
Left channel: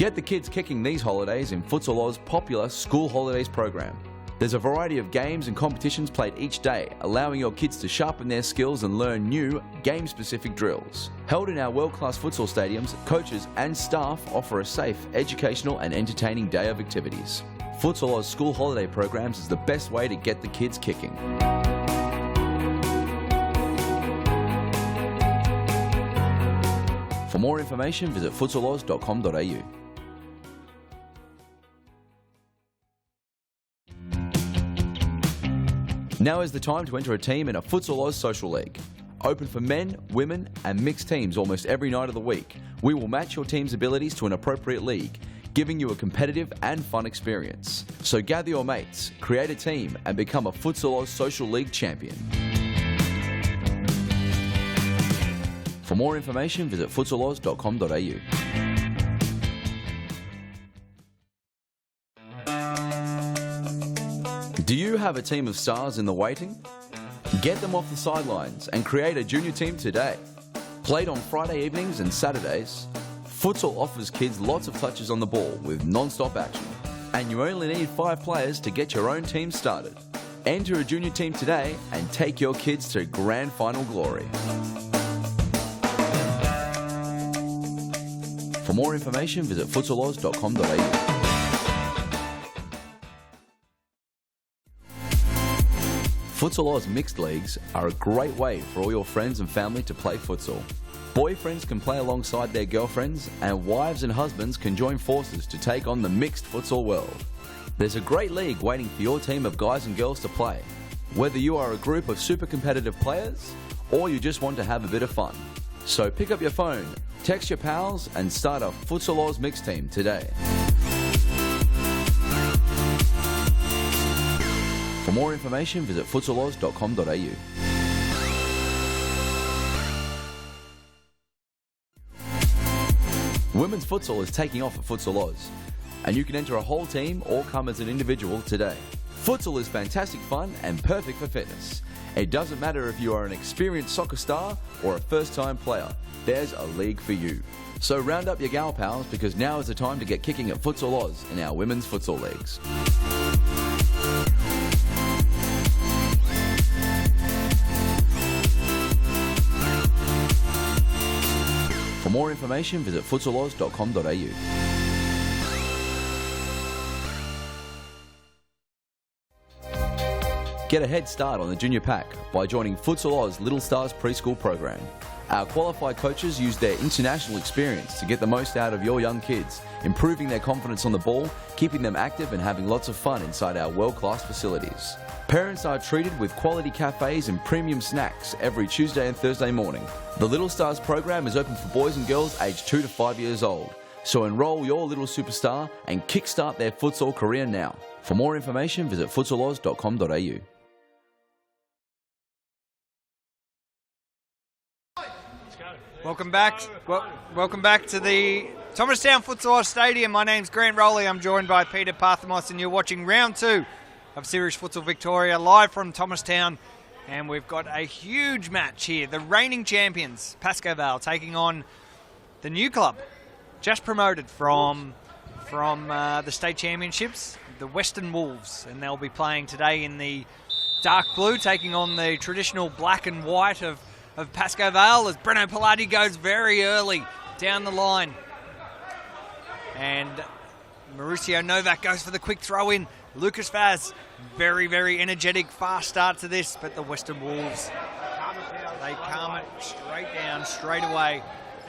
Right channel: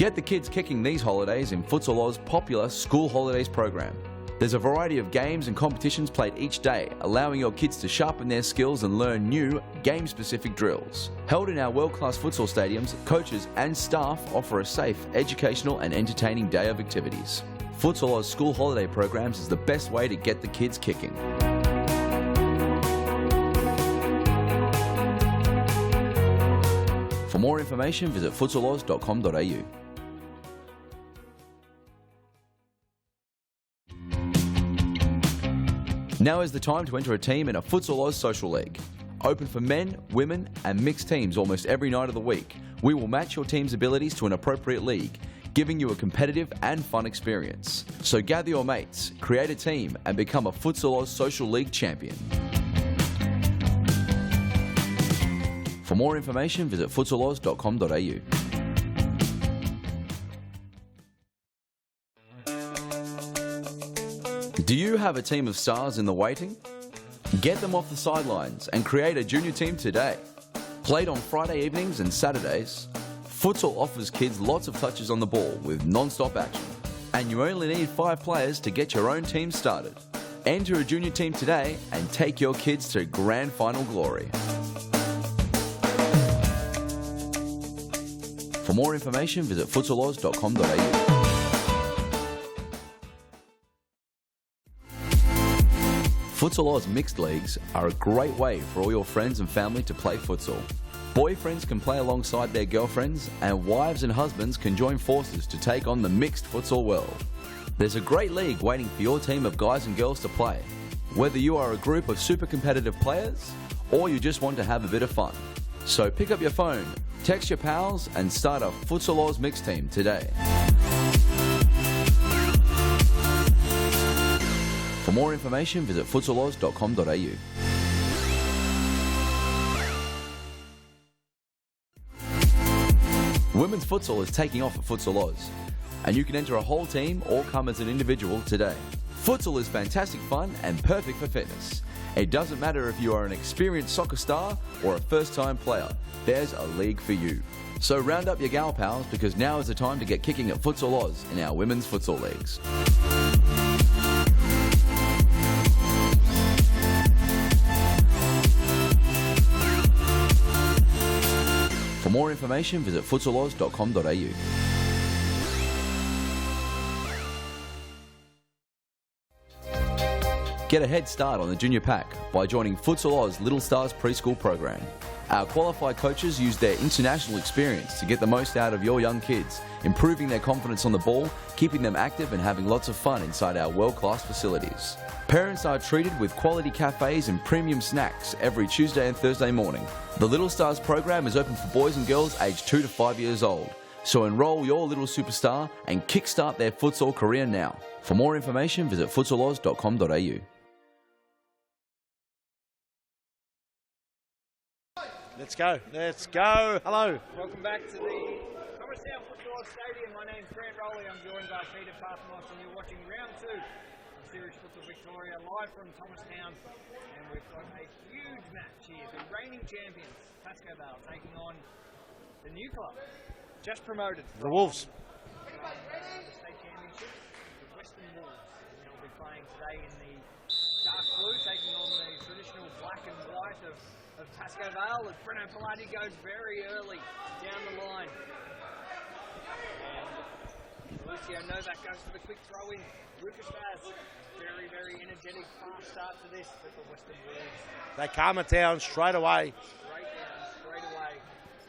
Get the kids kicking these holidays in Futsal Oz popular School Holidays program. There's a variety of games and competitions played each day, allowing your kids to sharpen their skills and learn new, game-specific drills. Held in our world-class futsal stadiums, coaches and staff offer a safe, educational and entertaining day of activities. Futsal Oz School Holiday programs is the best way to get the kids kicking. For more information, visit futsaloz.com.au. Now is the time to enter a team in a Futsal Oz Social League. Open for men, women and mixed teams almost every night of the week. We will match your team's abilities to an appropriate league, giving you a competitive and fun experience. So gather your mates, create a team and become a Futsal Oz Social League champion. For more information, visit futsaloz.com.au. Do you have a team of stars in the waiting? Get them off the sidelines and create a junior team today. Played on Friday evenings and Saturdays, futsal offers kids lots of touches on the ball with non-stop action. And you only need 5 players to get your own team started. Enter a junior team today and take your kids to grand final glory. For more information, visit futsaloz.com.au. Futsal Oz Mixed Leagues are a great way for all your friends and family to play futsal. Boyfriends can play alongside their girlfriends and wives and husbands can join forces to take on the mixed futsal world. There's a great league waiting for your team of guys and girls to play. Whether you are a group of super competitive players or you just want to have a bit of fun. So pick up your phone, text your pals and start a Futsal Oz Mixed team today. For more information, visit futsaloz.com.au. Women's futsal is taking off at Futsal Oz, and you can enter a whole team or come as an individual today. Futsal is fantastic fun and perfect for fitness. It doesn't matter if you are an experienced soccer star or a first-time player, there's a league for you. So round up your gal pals because now is the time to get kicking at Futsal Oz in our women's futsal leagues. For more information, visit futsaloz.com.au. Get a head start on the junior pack by joining Futsal Oz Little Stars preschool program. Our qualified coaches use their international experience to get the most out of your young kids, improving their confidence on the ball, keeping them active and having lots of fun inside our world-class facilities. Parents are treated with quality cafes and premium snacks every Tuesday and Thursday morning. The Little Stars program is open for boys and girls aged 2 to 5 years old. So enroll your little superstar and kickstart their futsal career now. For more information, visit futsaloz.com.au. Let's go. Welcome back. Hello. Welcome back to the Thomastown Futsal Oz Stadium. My name's Grant Rowley. I'm joined by Peter Parthamos, and you're watching round 2 of Series Futsal Victoria live from Thomastown. And we've got a huge match here. The reigning champions, Pascoe Vale, taking on the new club, just promoted from the state championships, the Western Wolves. And they'll be playing today in the dark blue, taking on the traditional black and white of Pascoe Vale as Breno Pilati goes very early down the line. And Mauricio Novak goes for the quick throw in. Lucas Vaz, very, very energetic, fast start to this, but the Western Wolves, they calm it down straight away. Straight away.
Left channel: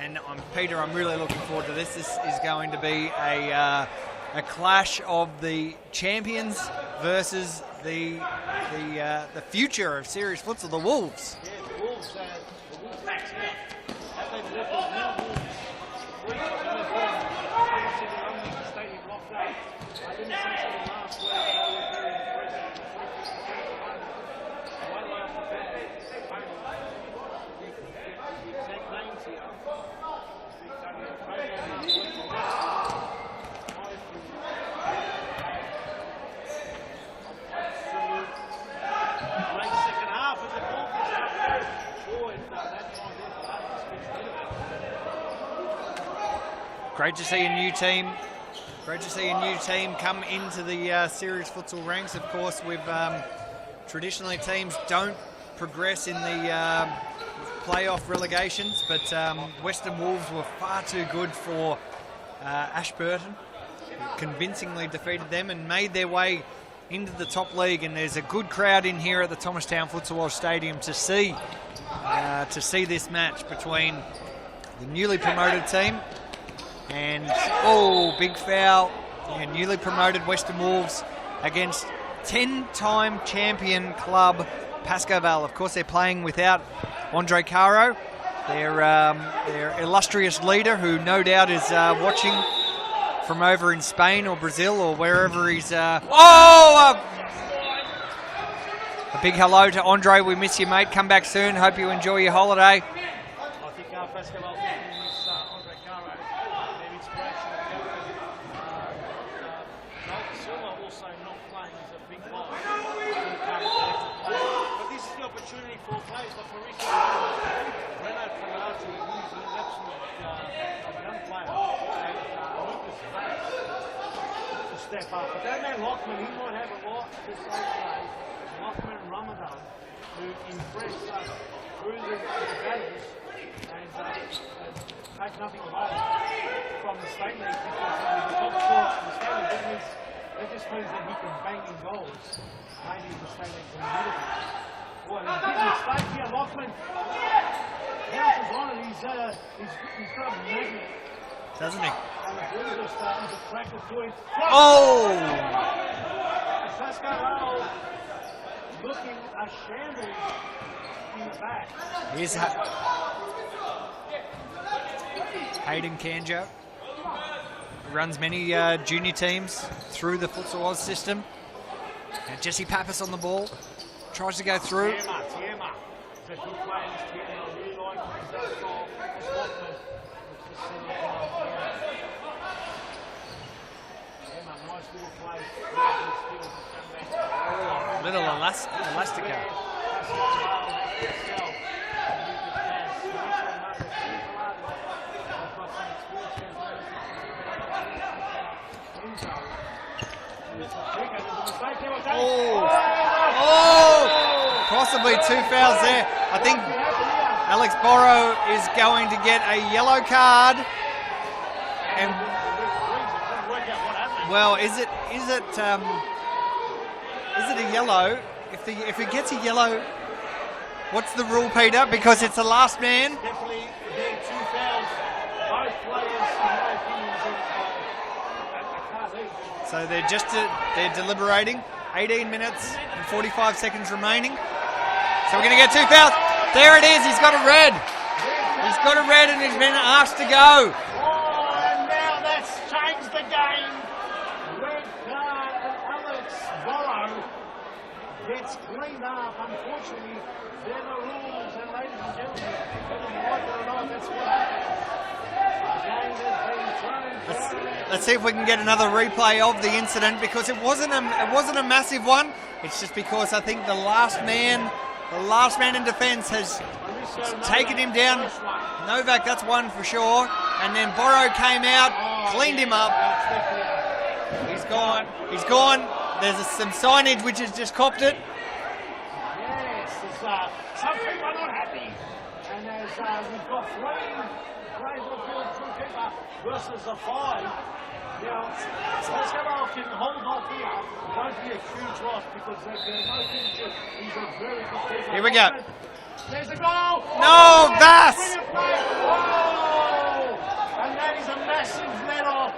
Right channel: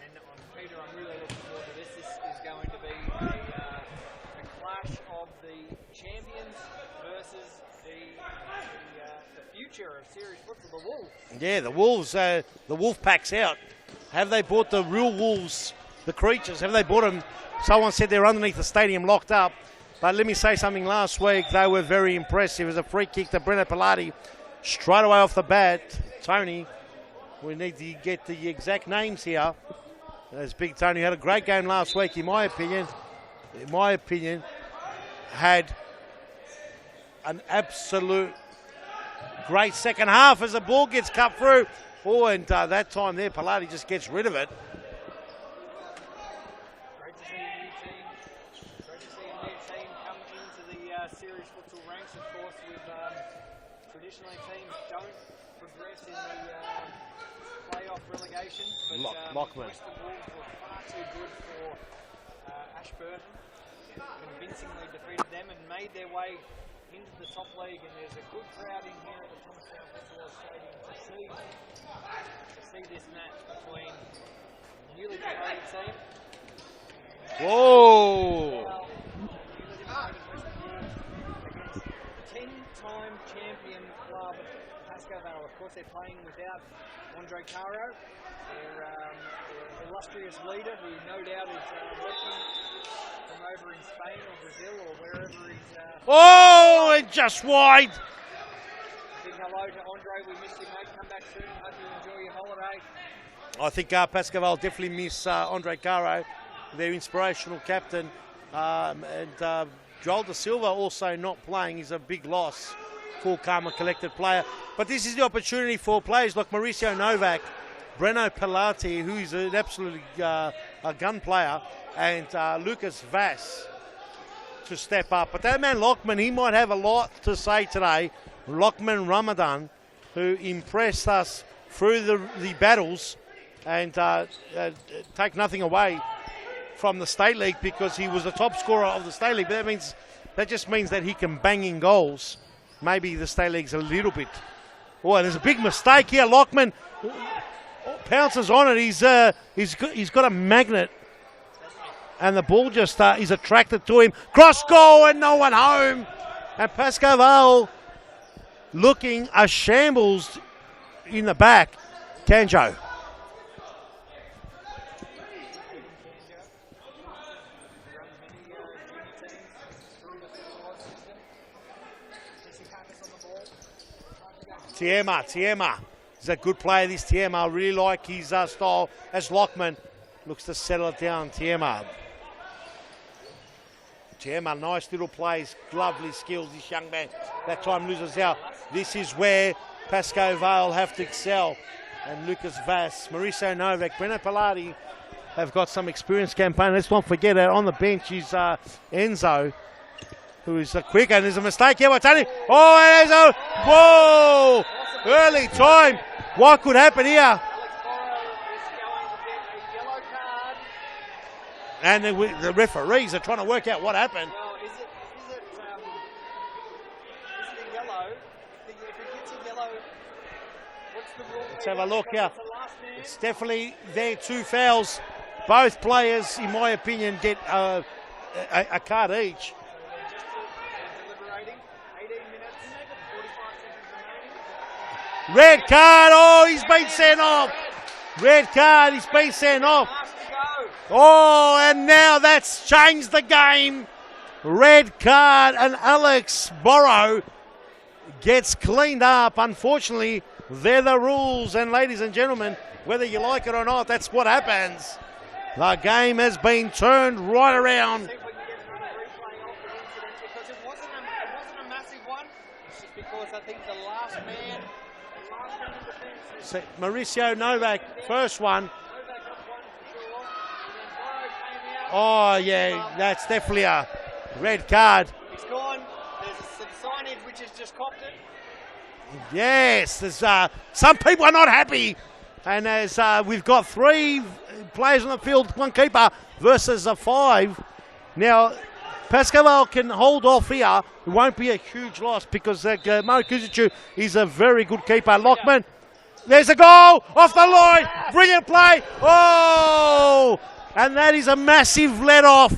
And Peter, I'm really looking forward to this. This is going to be a clash of the champions versus the future of Series Futsal, the Wolves. Yeah, the Wolves, the Wolf Pack's out. Have they brought the real Wolves, the creatures? Have they brought them? Someone said they're underneath the stadium locked up. But let me say something, last week they were very impressive. It was a free kick to Breno Pilati straight away off the bat. Tony, we need to get the exact names here. There's Big Tony, had a great game last week, in my opinion, had an absolute great second half as the ball gets cut through. Oh, and that time there, Pilati just gets rid of it. Great to see a new team. Great to see a new team come into the series futsal ranks. Of course, we've traditionally teams don't progress in the playoff relegations, but Western Wolves were far too good for Ashburton. Convincingly defeated them and made their way into the top league, and there's a good crowd in here at the Thomastown Futsal Oz Stadium to see this match between the newly promoted team and big foul, and newly promoted Western Wolves against 10-time champion club Pascoe Vale. Of course, they're playing without Andre Caro, their illustrious leader, who no doubt is watching from over in Spain or Brazil or wherever he's... Just wide! A big hello to Andre. We miss you, mate. Come back soon. Hope you enjoy your holiday. I think Pascoe Vale definitely miss Andre Caro, their inspirational captain. And Joel Da Silva also not playing is a big loss. Cool, calm and collected player. But this is the opportunity for players like Mauricio Novak, Breno Pilati, who's an absolute a gun player, and Lucas Vass to step up. But that man Lockman, he might have a lot to say today. Lockman Ramadan, who impressed us through the battles, and take nothing away from the State League because he was the top scorer of the State League. That just means that he can bang in goals. Maybe the State League's a little bit. Oh, there's a big mistake here. Lockman pounces on it. He's got a magnet, doesn't he? And the ball just is attracted to him. Cross goal and no one home. And Pascoe Vale looking a shambles in the back. Kanjo. Hayden Kanjo runs many junior teams through the Futsal Oz system. And Jesse Pappas on the ball. Tries to go through. Tiema. He's a good player, this Tiema. I really like his style as Lockman looks to settle it down. Tiema, nice little plays, lovely skills, this young man. That time loses out. This is where Pascoe Vale have to excel. And Lucas Vass, Mauricio Novak, Breno Pilati have got some experience campaign. Let's not forget that on the bench is Enzo, who is quick, and there's a mistake here. What's happening? Enzo! Possibly early two fouls there. What could happen here? Alex Borrow is going to get a yellow card. And the referees are trying to work out what happened. Well, is it a yellow? If he gets a yellow, what's the rule, Peter? Because it's the last man. It's definitely there, 2 fouls. Both players, in my opinion, get a card each. So they're deliberating. 18 minutes and 45 seconds remaining. So red card. There it is. He's got a red. Red card. He's got a red and he's been asked to go. Oh, and now that's changed the game. Red card, and Alex Borrow gets cleaned up. Unfortunately, they're the rules, and ladies and gentlemen, whether you like it or not, that's what happens. The game has been turned right around. Let's see if we can get another replay of the incident, because it wasn't a massive one. It's just because I think the last man in defence has Mauricio Novak, taken him down. First one. Novak, that's one for sure. And then Borrow came out, cleaned him up. That's definitely a red card. He's gone. There's some signage which has just copped it. Yes, there's some people are not happy, and as we've got 3 players on the field, 1 keeper versus a 5. Now, Pascoe Vale can hold off here. It won't be a huge loss because Mo Kuzicu is a very good keeper. Lockman, there's a goal off the line. Brilliant play. Oh, and that is a massive let-off.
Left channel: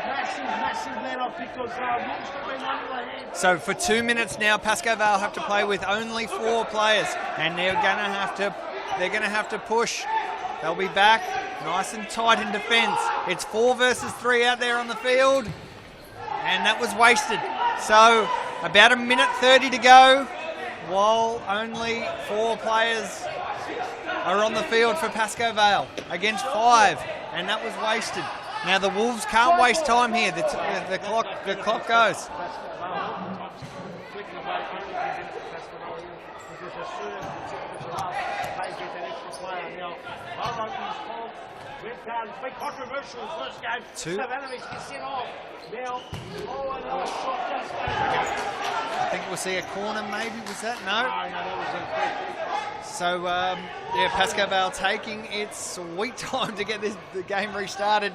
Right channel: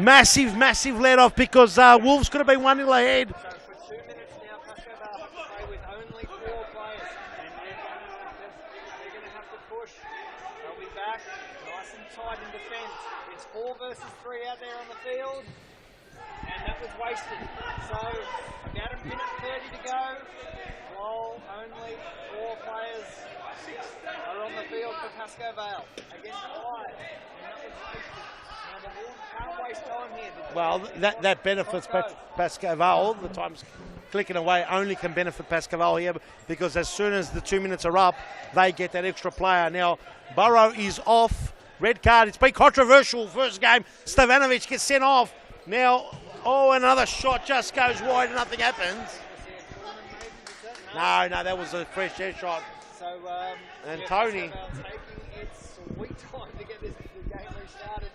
Massive let-off because Wolves could have been 1-0 ahead. So for 2 minutes now, Pascoe Vale have to play with only 4 players, and they're gonna have to push. They'll be back nice and tight in defence. It's 4 versus 3 out there on the field, and that was wasted. So about 1:30 to go, while only 4 players are on the field for Pascoe Vale against 5, and that was wasted. Now the Wolves can't waste time here. The clock goes. Pascoe Vale, the time's clicking away, only can benefit Pascoe Vale here because as soon as the 2 minutes are up, they get that extra player. Now, Burrow is off Red card. It's been controversial first game. Stevanovic gets sent off. Now, another shot just goes wide. Nothing happens. I think we'll see a corner maybe. Was that? No, that was a free chair shot. So, Pascoe Vale taking its sweet time to get the game restarted.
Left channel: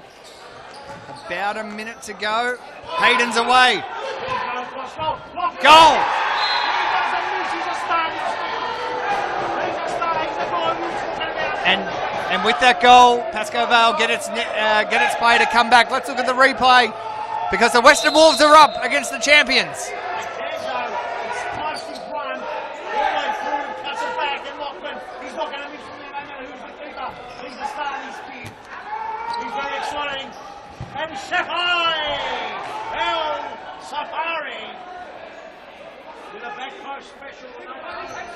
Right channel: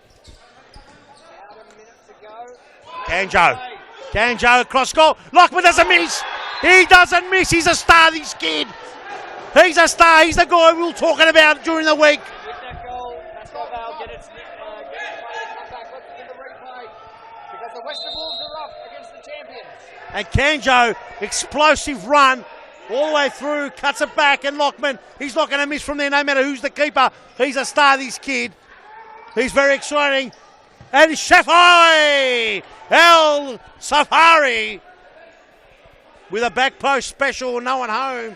About a minute to go. Hayden's away. Ganjo across goal. Lockman doesn't miss. He doesn't miss. He's a star, this kid. He's a star. He's the guy we were talking about during the week. And with that goal, Pascoe Vale get its play to come back. Let's look at the replay because the Western Wolves are up against the champions. And Ganjo, explosive run all the way through, cuts it back, and Lockman, he's not going to miss from there no matter who's the keeper. He's a star, this kid. He's very exciting. And Shafai El Safari with a back post special, no one home.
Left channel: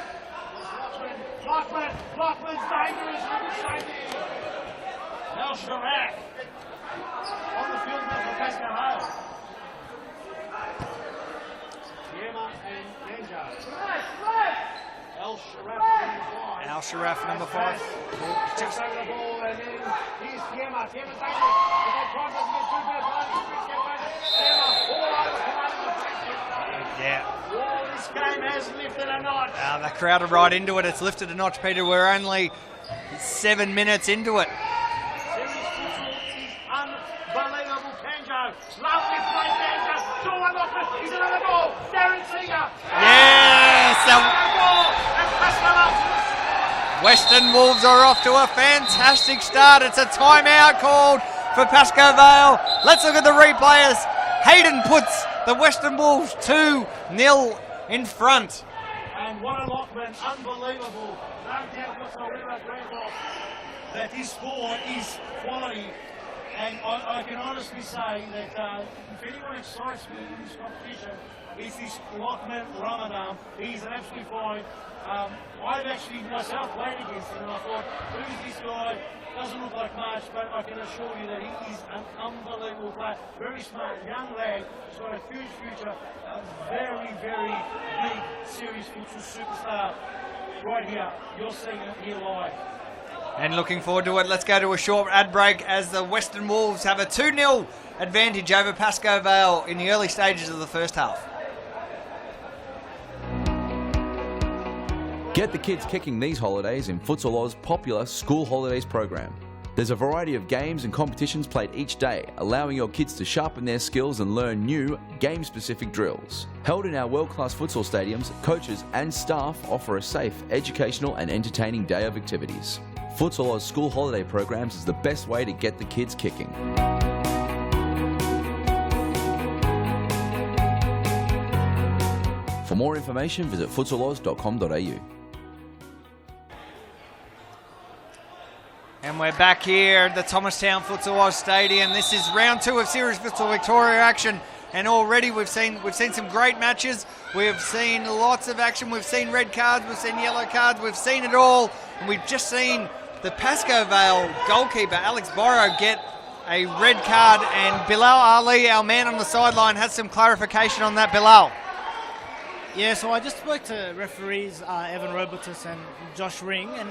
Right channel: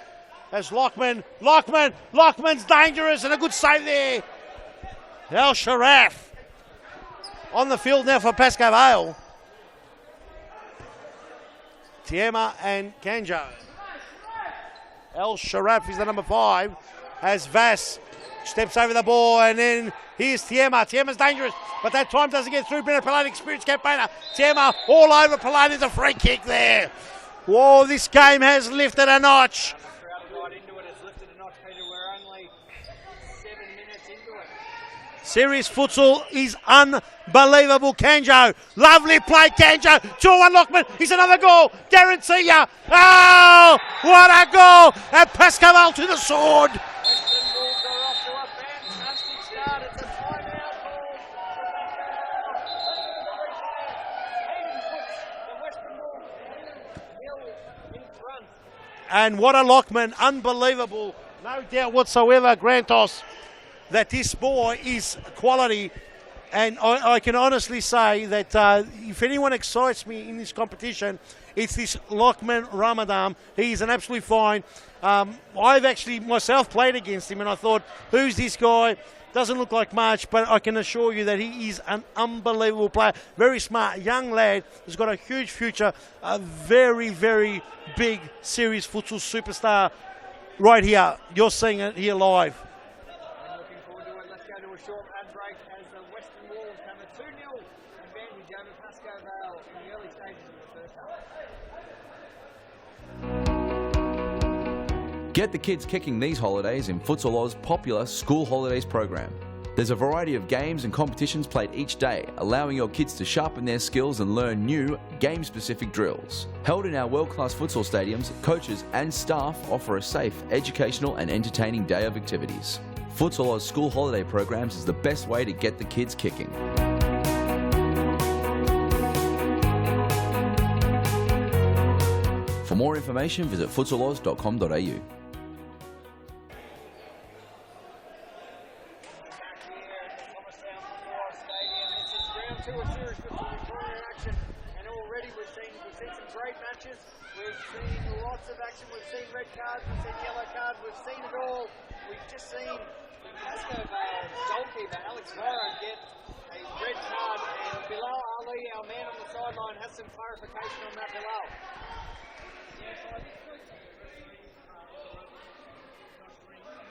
As Lockman's dangerous and a good save there. El Sharaf on the field now for Pascoe Vale. Tiema and Ganjo. El Sharaf is the number 5. El Sharaf as Vass steps over the ball, and then here's Tiema. Tiema's dangerous, but that time doesn't get through. Metropolitan experienced campaigner. Tiema all over play. There's a free kick there. Yeah. Whoa, this game has lifted a notch. The crowd are right into it. It's lifted a notch, Peter. We're only 7 minutes into it. Serious futsal is unbelievable. Ganjo, lovely play, Ganjo. 2-1 Lockman. Here's another goal. Guarantee ya. Yes, what a goal! And Pascoe Vale to the sword. Western Wolves are off to a fantastic start. It's a timeout called for Pascoe Vale. Let's look at the replayers. Hayden puts the Western Wolves 2-0 in front. And what a Lockman. Unbelievable. No doubt whatsoever, Grantos, that this boy is quality. And I can honestly say that if anyone excites me in this competition, it's this Lockman Ramadan. He's an absolute fine. I've actually myself played against him, and I thought, who's this guy? Doesn't look like much, but I can assure you that he is an unbelievable player. Very smart, young lad, who's got a huge future. A very, very big serious futsal superstar right here. You're seeing it here live. And looking forward to it. Let's go to a short ad break as the Western Wolves have a 2-0 advantage over Pascoe Vale in the early stages of the first half. Get the kids kicking these holidays in Futsal Oz popular school holidays program. There's a variety of games and competitions played each day, allowing your kids to sharpen their skills and learn new, game-specific drills. Held in our world-class futsal stadiums, coaches and staff offer a safe, educational and entertaining day of activities. Futsal Oz school holiday programs is the best way to get the kids kicking. For more information, visit futsaloz.com.au. And we're back here at the Thomastown Futsal Oz Stadium. This is round 2 of Series Futsal Victoria action, and already we've seen some great matches. We've seen lots of action. We've seen red cards, we've seen yellow cards, we've seen it all, and we've just seen the Pascoe Vale goalkeeper Alex Borrow get a red card, and Bilal Ali, our man on the sideline, has some clarification on that. Bilal. Yeah, so I just spoke to referees Evan Robertus and Josh Ring, and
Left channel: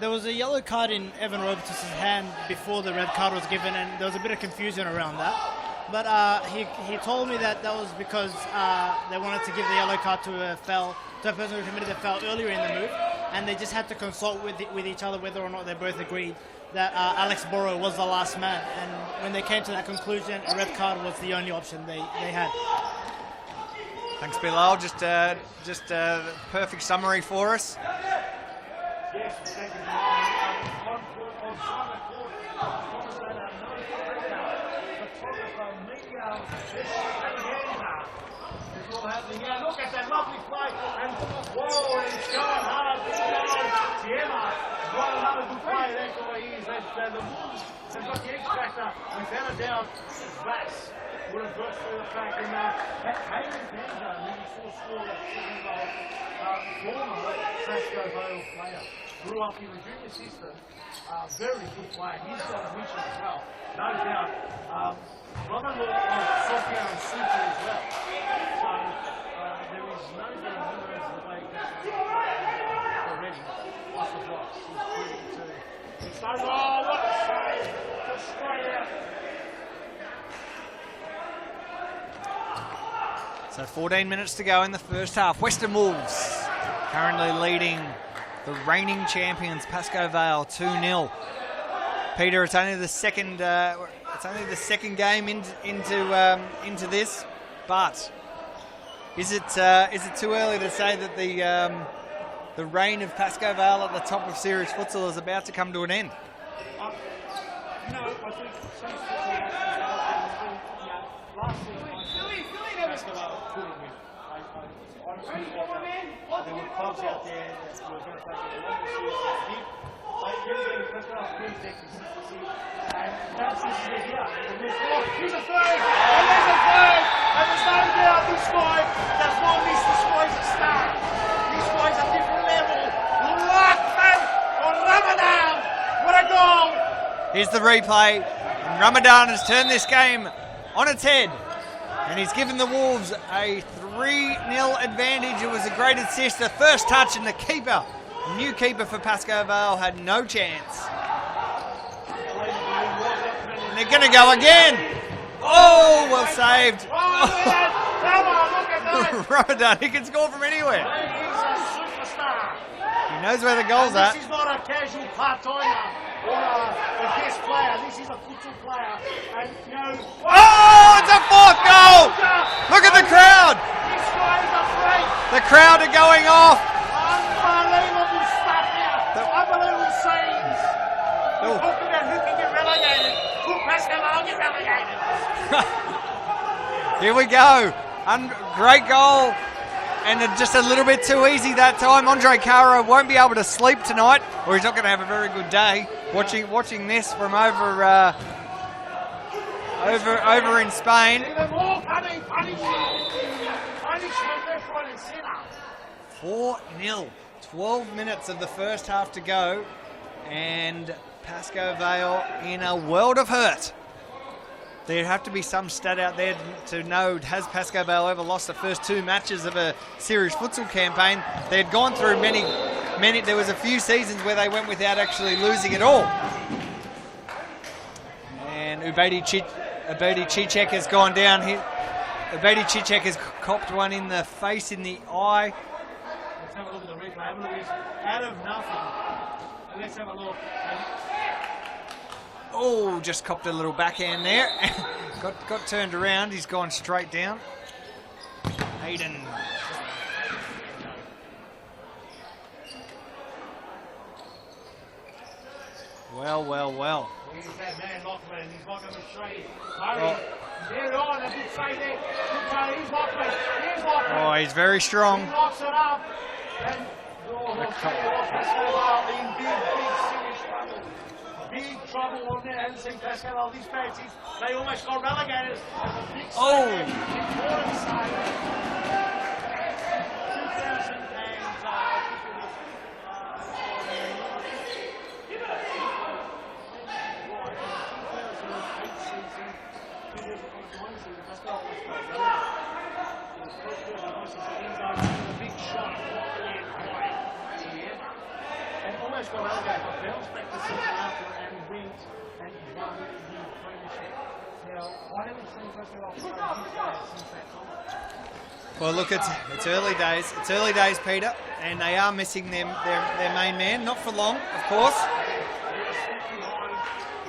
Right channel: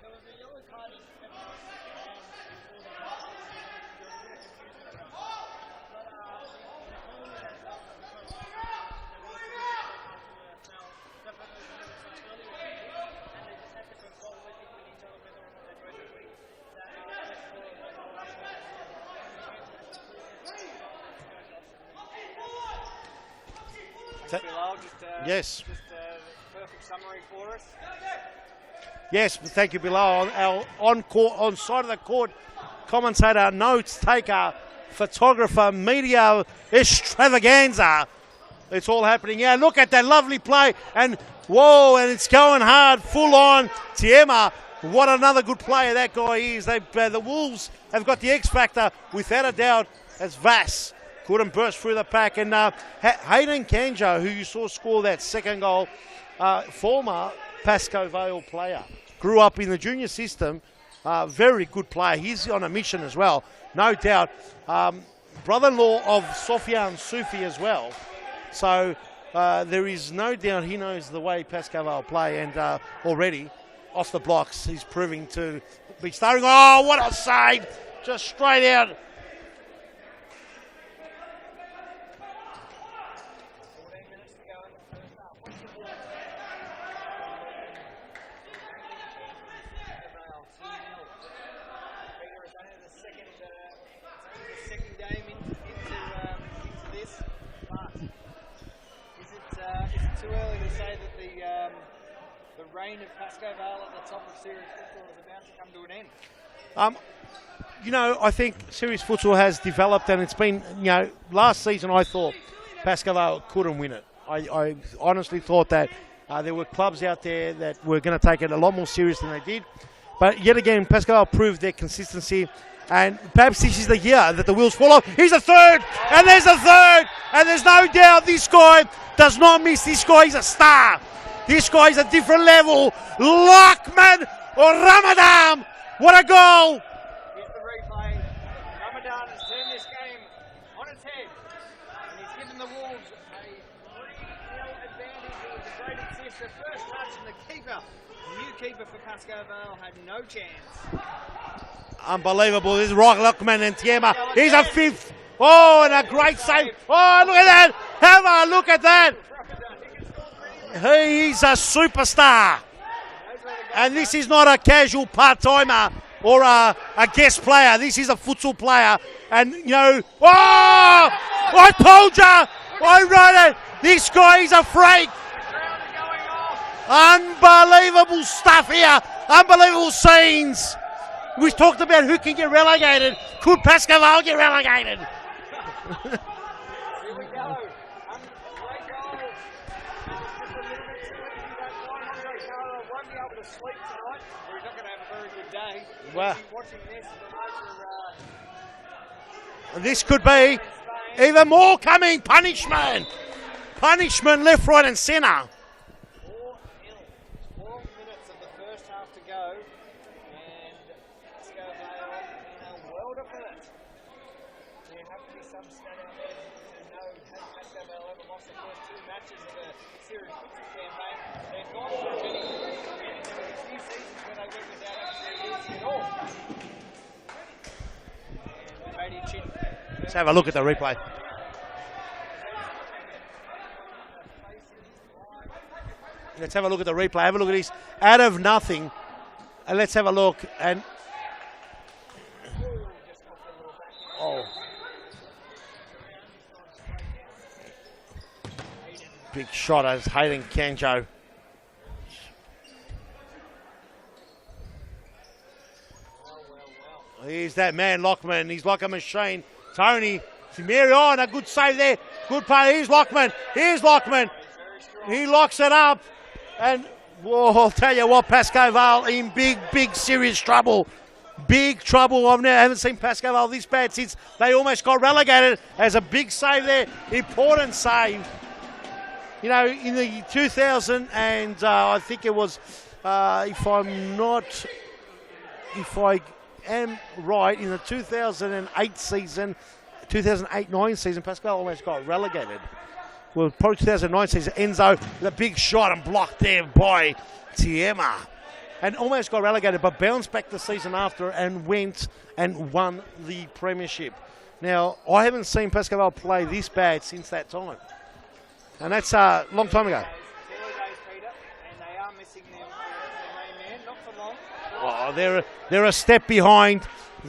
there was a yellow card in Evan Robertus' hand before the red card was given, and there was a bit of confusion around that. But he told me that was because they wanted to give the yellow card to a person who committed the foul earlier in the move, and they just had to consult with each other whether or not they both agreed that Alex Borrow was the last man. And when they came to that conclusion, a red card was the only option they had. Thanks, Bilal. Just a perfect summary for us. Yes, thank you, Bilal. On side of the court, commentator, notes taker, photographer, media extravaganza. It's all happening. Yeah, look at that lovely play. And whoa, and it's going hard, full on. Tiema, what another good player that guy is. The Wolves have got the X factor, without a doubt, as Vass couldn't burst through the pack. And Hayden Ganjo, who you saw score that second goal, former Pascoe Vale player. Grew up in the junior system, very good player. He's on a mission as well, no doubt. Brother-in-law of Sofia and Sufi as well. So there is no doubt he knows the way Pascoe Vale play, and already off the blocks he's proving to Big starting. Oh, what a save. Just straight out. So 14 minutes to go in the first half. Western Wolves currently leading the reigning champions Pascoe Vale 2-0. Peter, it's only the second. It's only the second game into this, but is it too early to say that the reign of Pascoe Vale at the top of series futsal is about to come to an end? I think series futsal has developed, and it's been, last season I thought Pascoe Vale couldn't win it. I honestly thought that there were clubs out there that were going to take it a lot more serious than they did. But yet again, Pascoe Vale proved their consistency, and perhaps this is the year that the wheels fall off. Here's a third, and there's a third, and there's no doubt this guy does not miss. This guy is a star. This guy is a different level. Lockman or Ramadan. What a goal! Here's the replay. Ramadan has turned this game on its head, and he's given the Wolves a 3-0 advantage. It was a great assist, the first touch, and the keeper, new keeper for Pascoe Vale, had no chance. Unbelievable. This is Lockman, and they're going to go again. He's a fifth. Oh, and a well great saved. save. Oh, look at that. Have a look at that. Ramadan, he can score from anywhere. He's a superstar. He knows where the goals are. And this is not a casual part-timer or a guest player. This is a futsal player. And, it's a fourth I goal. told you. Look at the crowd. This guy is a freak. The crowd are going off. Unbelievable stuff here. Unbelievable scenes. We talked about who can get relegated. Could Pascoe Vale get relegated? Here we go. Great goal. And just a little bit too easy that time. Andre Cara won't be able to sleep tonight, or he's not going to have a very good day. Watching this from over. This over, could be over in Spain. Even more coming. Punishment left, right, and centre. 4-0. 12 minutes of the first half to go, and Pascoe Vale in a world of hurt. There'd have to be some stat out there to know, has Pascoe Vale ever lost the first 2 matches of a series futsal campaign? They'd gone through many, there was a few seasons where they went without actually losing at all. And Ubedi Cicek has gone down here. Ubedi Cicek has copped one in the face, in the eye. Let's have a look at the replay. Have a look at this. Out of nothing. And let's have a look. And just copped a little backhand there. got turned around. He's gone straight down. Hayden. Big shot as Hayden Kanjo. Well. He's that man, Lockman. He's like a machine. Tony. Mary on, a good save there. Good play. Here's Lockman. Oh, he's very strong. He locks it up. And I'll tell you what, Pascoe Vale in big, serious trouble. Big trouble. I haven't seen Pascoe Vale this bad since they almost got relegated. As a big save there. Important save. In the 2000 and I think it was, if I am right, in the 2008 season, 2008-9 season, Pascoe almost got relegated. Well, probably 2009 season, Enzo, the big shot and blocked there by Tiema. And almost got relegated, but bounced back the season after and went and won the premiership. Now, I haven't seen Pascoe Vale play this bad since that time. Well, and look, that's it's early days. It's early days, Peter, and they are missing their main man. Not for long, of course. They're a step behind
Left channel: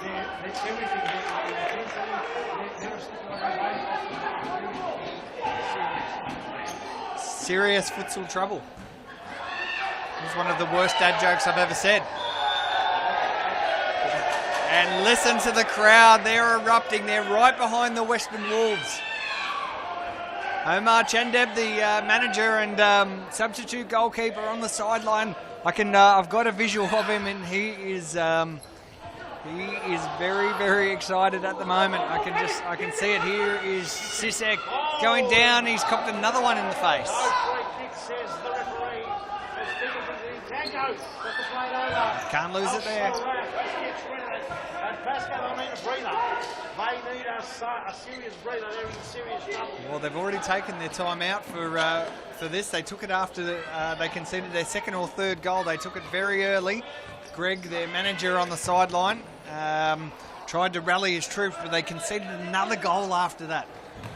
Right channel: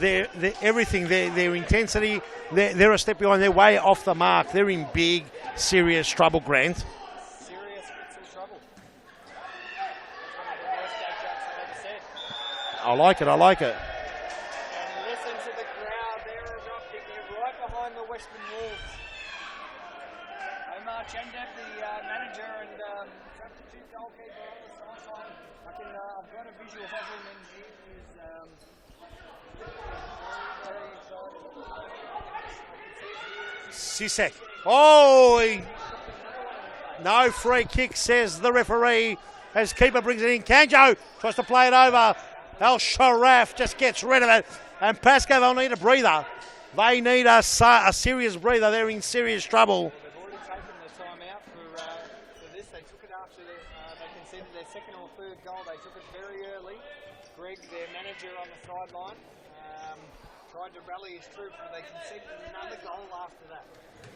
their everything, their intensity. They're a step behind. They're way off the mark. They're in big, serious trouble, Grant. Serious futsal trouble. It was one of the worst dad jokes I've ever said. I like it. And listen to the crowd. They're erupting. They're right behind the Western Wolves. Omar Chandeb, the manager and substitute goalkeeper, on the sideline. I've got a visual of him, and he is very, very excited at the moment. I can see it. Here is Cicek going down. He's copped another one in the face. No free kick, says the referee. As keeper brings it in, Kanjo tries to play it over. Can't lose El it there. Sharaf just gets rid of it. And Pascoe will need a breather. They need a serious breather. They're in serious trouble. Well, they've already taken their time out for this. They took it after they conceded their second or third goal. They took it very early. Greg, their manager, on the sideline. Tried to rally his troops, but they conceded another goal after that.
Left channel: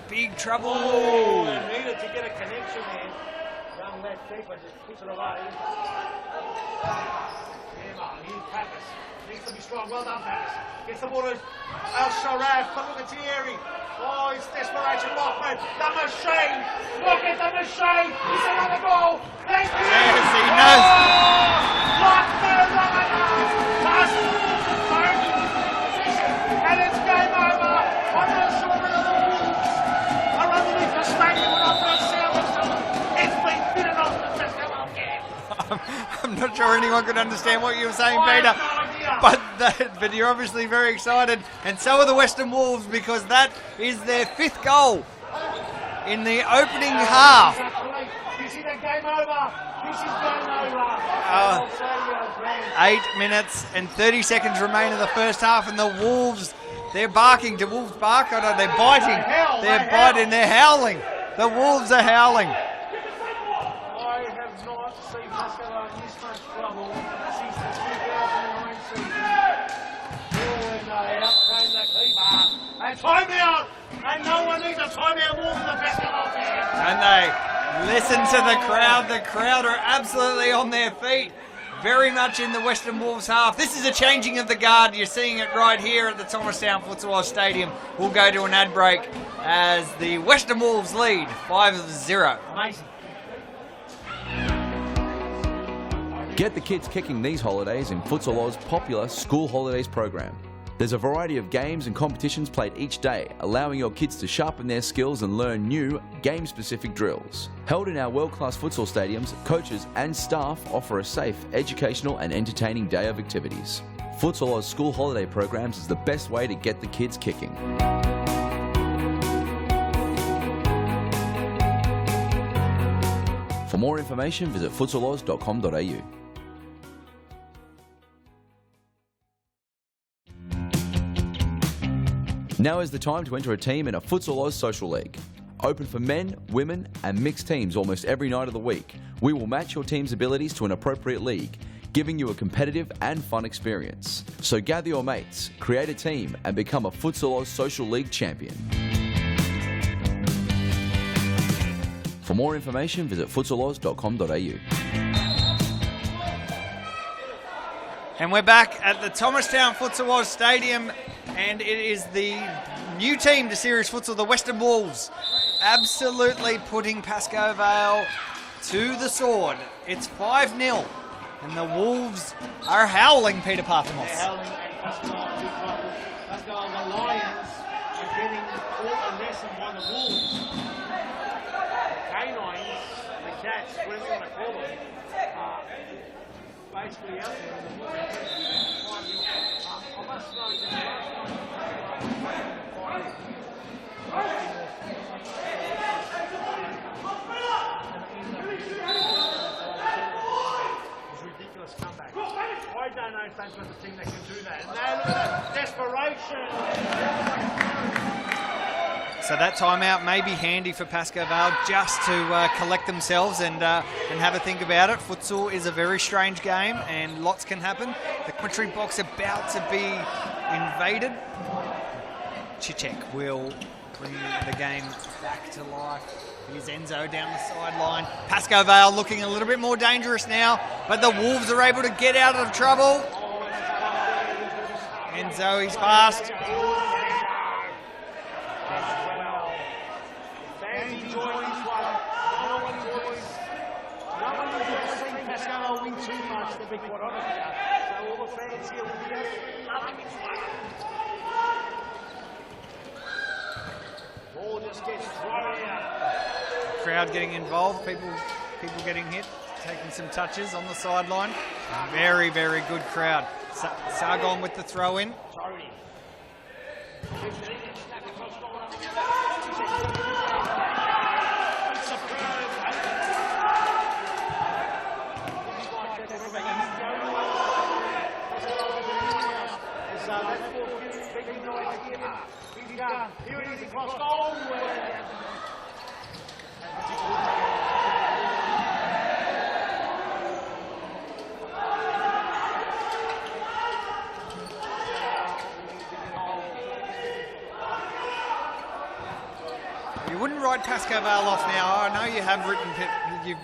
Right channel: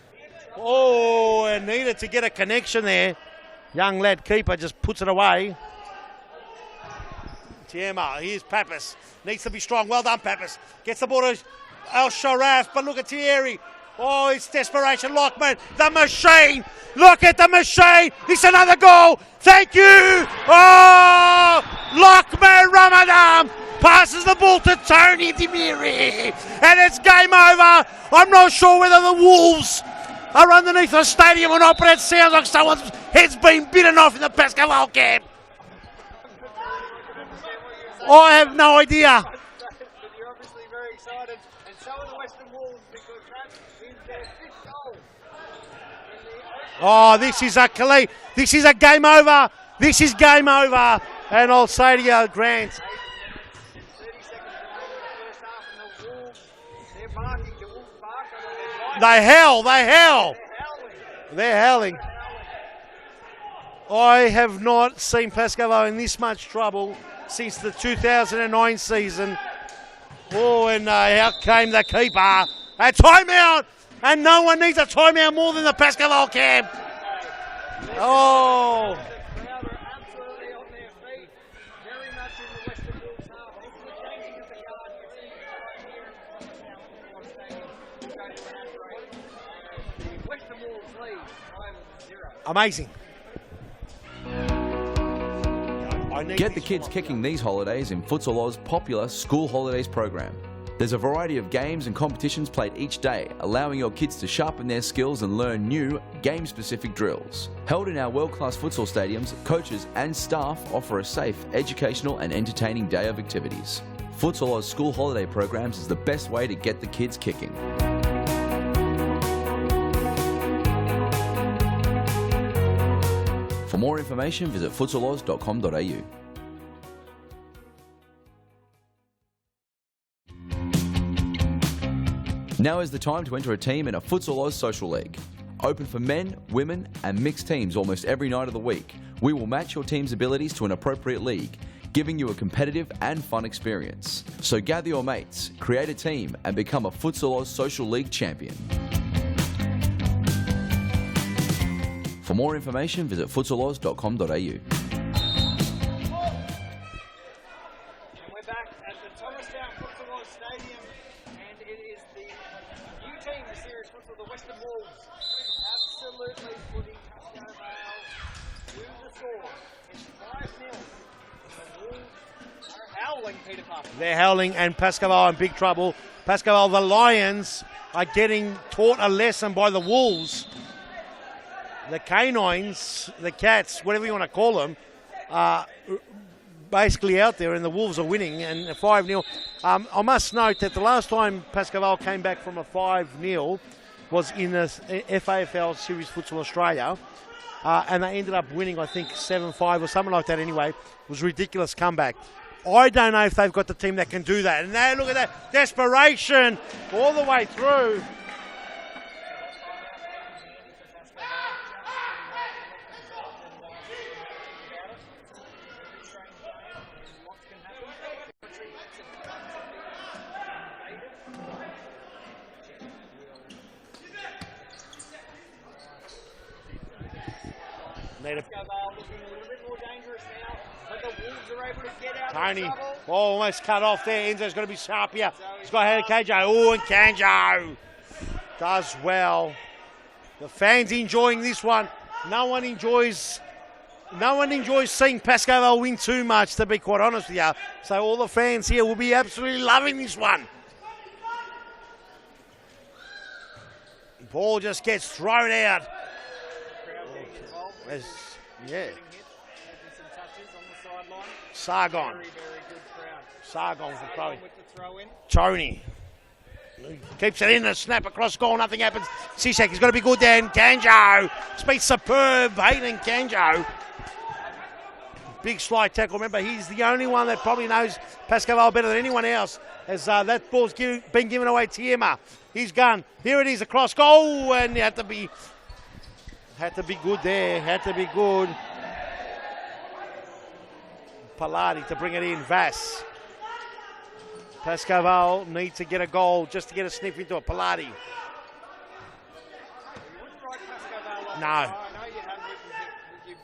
Big trouble. Oh, and needed to get a connection there. Young lad keeper just puts it away. Tiema, here's Pappas. Needs to be strong. Well done, Pappas. Gets the ball to El Sharaf, but look at Thierry. Oh, it's desperation. Lockman, the machine. Look at the machine. It's another goal. Thank you. Oh, Lockman Ramadan passes the ball to Tony Demiri. And it's game over. I'm not sure whether the Wolves are underneath the stadium or not, but it sounds like someone's head's been bitten off in the Pascoe camp. I'm not sure anyone could understand what you were saying, I Peter. have no idea. But you're obviously very excited, and so are the Western Wolves, because that is their 5th goal in the opening half. This is a game over. This is game over. And I'll say to you, Grant, 8 minutes and 30 seconds remain in the first half, and the Wolves, they're barking. Do Wolves bark? I don't know. They're biting. They howl. They're howling. The Wolves are howling. I have not seen Pascoe in this much trouble since the 2009 season. Oh, and out came the keeper. A timeout! And no one needs a timeout more than the Pascoe camp. And they listen to the crowd. The crowd are absolutely on their feet. Very much in the Western Wolves half. This is a changing of the guard. You're seeing it right here at the Thomastown Futsal Oz Stadium. We'll go to an ad break as the Western Wolves lead 5-0. Amazing. Get the kids kicking these holidays in Futsal Oz's popular School Holidays program. There's a variety of games and competitions played each day, allowing your kids to sharpen their skills and learn new, game-specific drills. Held in our world-class futsal stadiums, coaches and staff offer a safe, educational and entertaining day of activities. Futsal Oz School Holiday programs is the best way to get the kids kicking. For more information, visit futsaloz.com.au. Now is the time to enter a team in a Futsal Oz Social League. Open for men, women and mixed teams almost every night of the week. We will match your team's abilities to an appropriate league, giving you a competitive and fun experience. So gather your mates, create a team and become a Futsal Oz Social League champion. For more information, visit futsaloz.com.au. And we're back at the Thomastown Futsal Oz Stadium, and it is the new team to Series Futsal, the Western Wolves, absolutely putting Pascoe Vale to the sword. It's 5-0, and the Wolves are howling, Peter Parthamos. They're howling, and Pascoe Vale in big trouble. Pascoe Vale, the Lions, are getting taught a lesson by the Wolves. The canines, the cats, whatever you want to call them, are basically out there, and the Wolves are winning, and 5-0. I must note that the last time Pascoe Vale came back from a 5-0 was in the FAFL Series Futsal Australia, and they ended up winning, I think, 7-5 or something like that anyway. It was a ridiculous comeback. I don't know if they've got the team that can do that. And now look at that desperation all the way through. So that timeout may be handy for Pascoe Vale just to collect themselves and have a think about it. Futsal is a very strange game and lots can happen. The commentary box about to be invaded. Cicek will bring the game back to life. Here's Enzo down the sideline. Pascoe Vale looking a little bit more dangerous now, but the Wolves are able to get out of trouble. Oh, almost cut off there. Enzo's going to be sharp here. Enzo, he's fast. Oh, and Kanjo does well. The fans enjoying this one. No one enjoys seeing Pascoe Vale win too much, to be quite honest with you. So all the fans here will be absolutely loving this one. The ball just gets thrown out. Crowd getting involved, people getting hit, taking some touches on the sideline. Sargon. Very, very good crowd. Sargon with the throw in. Tony keeps it in, a snap across goal, nothing happens. Cicek, he's got to be good there, and Kanjo. It's been superb, Hayden Kanjo. Big slide tackle. Remember, he's the only one that probably knows Pascoe Vale better than anyone else, as that ball's been given away to Tiema. He's gone. Here it is, across goal, and you had to be good there, had to be good. Palati to bring it in. Vass. Pascoe Vale need to get a goal just to get a sniff into it. Palati. You wouldn't write Pascoe Vale off No. now. I know you have written,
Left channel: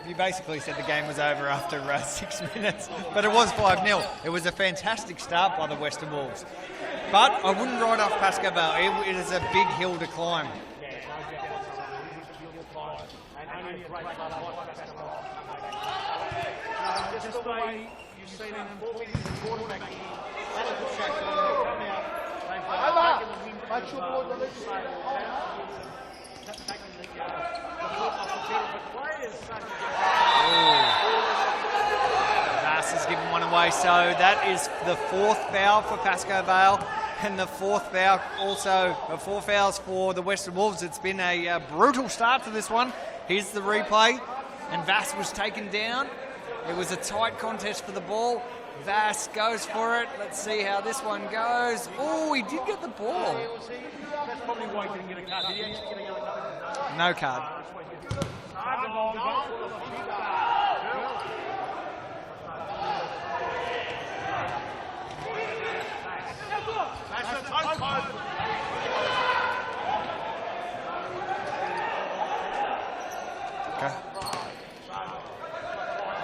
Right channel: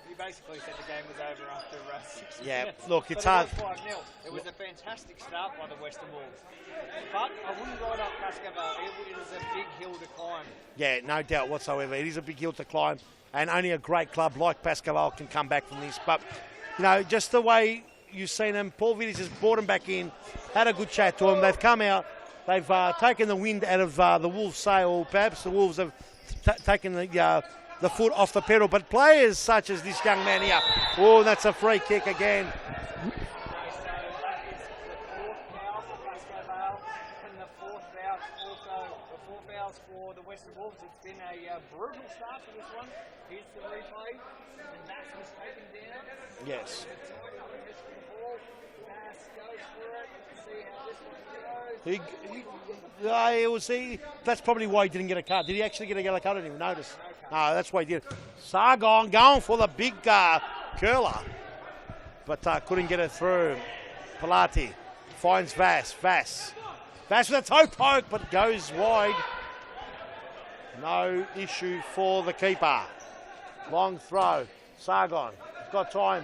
you basically said the game was over after 6 minutes, look, but it's it was hard. 5-0. It was a fantastic start by the Western Wolves. But I wouldn't write off Pascoe Vale. It is a big hill to climb. Yeah, no doubt whatsoever. It is a big hill to climb, and only a great club like Pascoe Vale can come back from this. But, you know, just the way you've seen them, Paul Vitters has brought them back in, had a good chat to them. They've come out, they've taken the wind out of the Wolves' sail. Perhaps the Wolves have taken the foot off the pedal. But players such as this young man here, oh, that's a free kick again. Vass has given one away, so that is the 4th foul for Pascoe Vale. And the 4th foul, also 4 fouls for the Western Wolves. It's been a brutal start to this one. Here's the replay, and Vass was taken down. Yes. It was a tight contest for the ball. Vass goes for it. Let's see how this one goes. Oh, he did get the ball. That's probably why he didn't get a card. Did he actually get a yellow card? I didn't notice. No card. That's why he did. Sargon going for the big curler, but couldn't get it through. Palati finds Vass. Vass with a toe poke, but goes wide. No issue for the keeper. Long throw. Sargon got time.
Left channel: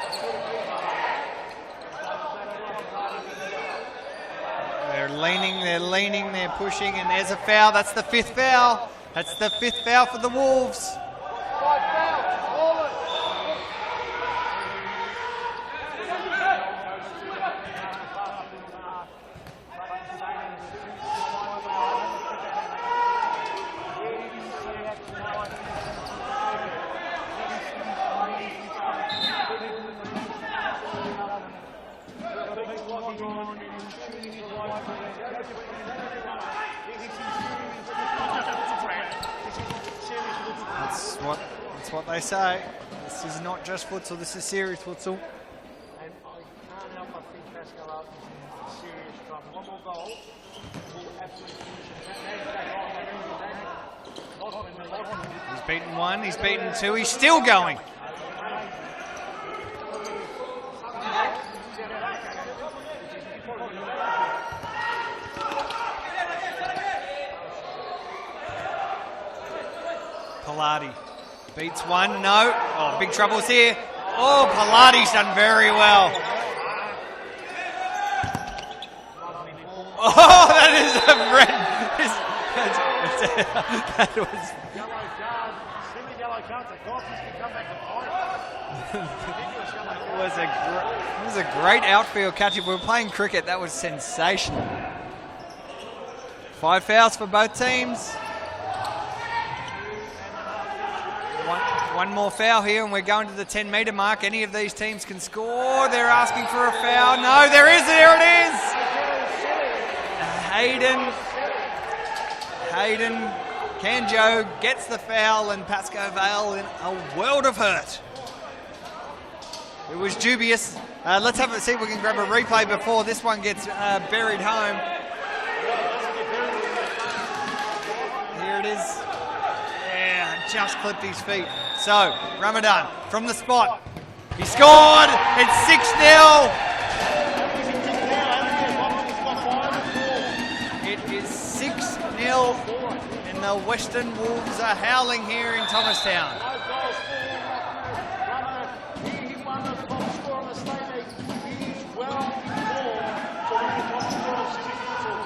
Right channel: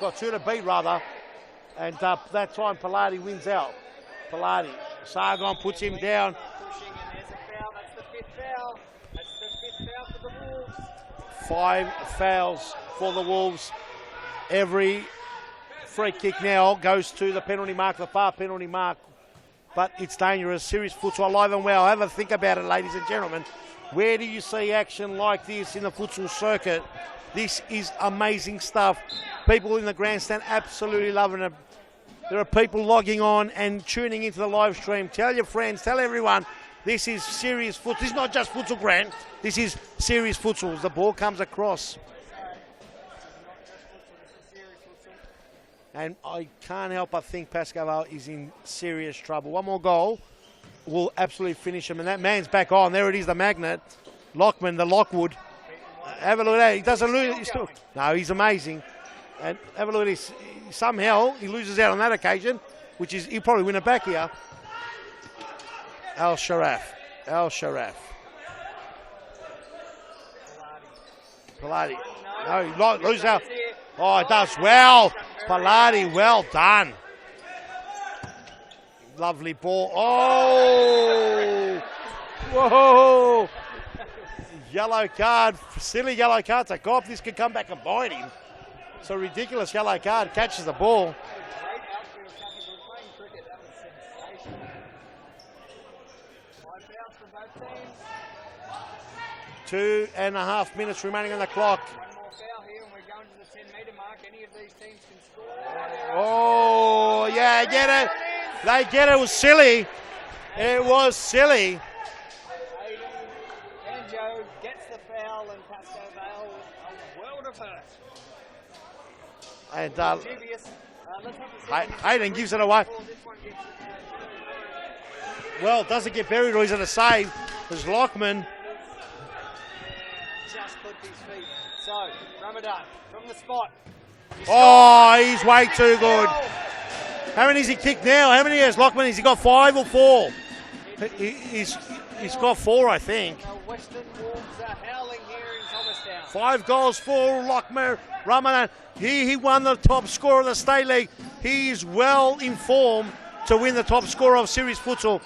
Got 2 to beat rather. And that time Palati wins out. Palati. They're leaning, they're pushing, and there's a foul. That's the 5th foul. That's the 5th foul for the Wolves. 5 fouls for the Wolves. Every free kick now goes to the penalty mark, the far penalty mark. But it's dangerous. Serious futsal alive and well. Have a think about it, ladies and gentlemen. Where do you see action like this in the futsal circuit? This is amazing stuff. People in the grandstand absolutely loving it. There are people logging on and tuning into the live stream. Tell your friends, tell everyone, this is serious futsal. This is not just futsal, Grant. This is serious futsal. The ball comes across. That's what they say. This is not just futsal, this is serious futsal. And I can't help but think Pascoe Vale is in serious trouble. One more goal will absolutely finish him. And that man's back on. There it is, the magnet. Lockman, the Lockwood. He's beaten one, Have he's a look at beaten that. 2, he's still going. No, he's amazing. And have a look at this. Somehow he loses out on that occasion, which is, he'll probably win it back here. Al Sharaf. Palati beats Palati. one, no. Big troubles here. Oh, Palati's done very well. Well done. Lovely ball. Oh, that is a red. Oh, that was yellow card. Silly yellow card to Goff. This could come back and bite him. It's a ridiculous yellow card. Catches the ball. It was a great outfield catch. If we were playing cricket, that was sensational. 5 fouls for both teams. 2.5 minutes remaining in the clock. One more foul here, and we're going to the 10-metre mark. Any of these teams can score. They're asking for a foul. No, yeah, there it is. They get it. It was silly. Hayden. It was silly. Hayden Canjo gets the foul, and Pascoe Vale in a world of hurt. And, it was dubious. Let's have see if we can grab a replay before this one gets buried home. Well, it doesn't get buried, or he's going to save. There's Lockman. Here it is. Yeah, just clipped his feet. So, Ramadan from the spot. He scored. He's way it's 6-0. too good. How many has he kicked now? How many has Lockman? Has he got 5 or 4? It is 6-0. He's got 4, I think. And the Western Wolves are howling here in Thomastown. 5 goals for Lockman. Ramadan. He won the top scorer of the State League. He is well informed to win the top scorer of series futsal.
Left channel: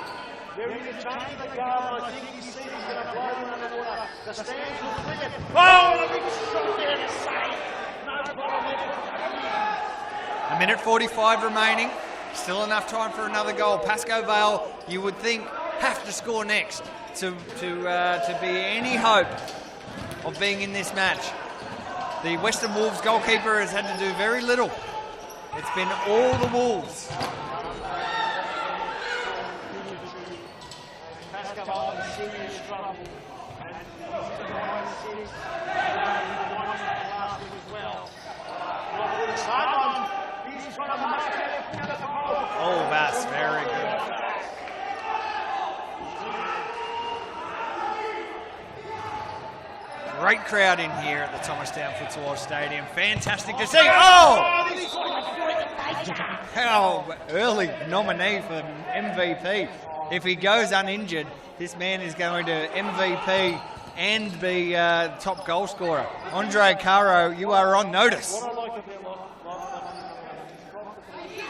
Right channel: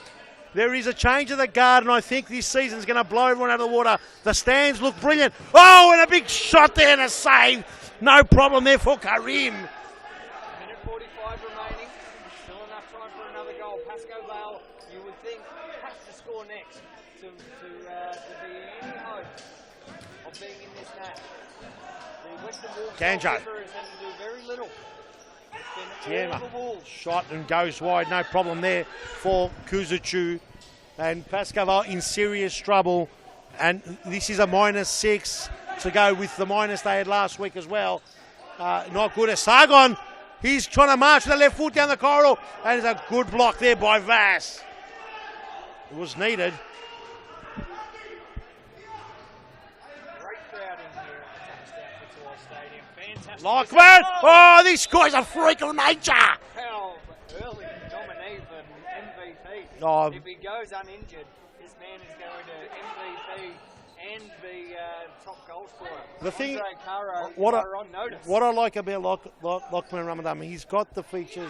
There is a change of the guard, and I think this season's going to blow everyone out of the water. The stands look brilliant. Oh, and a big shot there and a save. No problem there for Karim. 1:45 remaining. Still enough time for another goal. Pascoe Vale, you would think, have to score next to be any hope of being in this match. The Western Wolves goalkeeper has had to do very little. It's been all the Wolves. Shot and goes wide, no problem there for Kuzuchu. And Pascoe Vale in serious trouble. And this is a -6 to go with the minus they had last week as well. Not good. Sargon, he's trying to march with the left foot down the corridor. And it's a good block there by Vass. It was needed. Great crowd in here at the Thomastown Futsal Oz Stadium. Fantastic Like to see. that. Oh, this guy's a freak of nature. How early nominee for MVP. Oh. If he goes uninjured, this man is going to MVP and be top goal scorer. Andre Caro, you are on notice. What I like about Lachlan Ramadan, he's got the features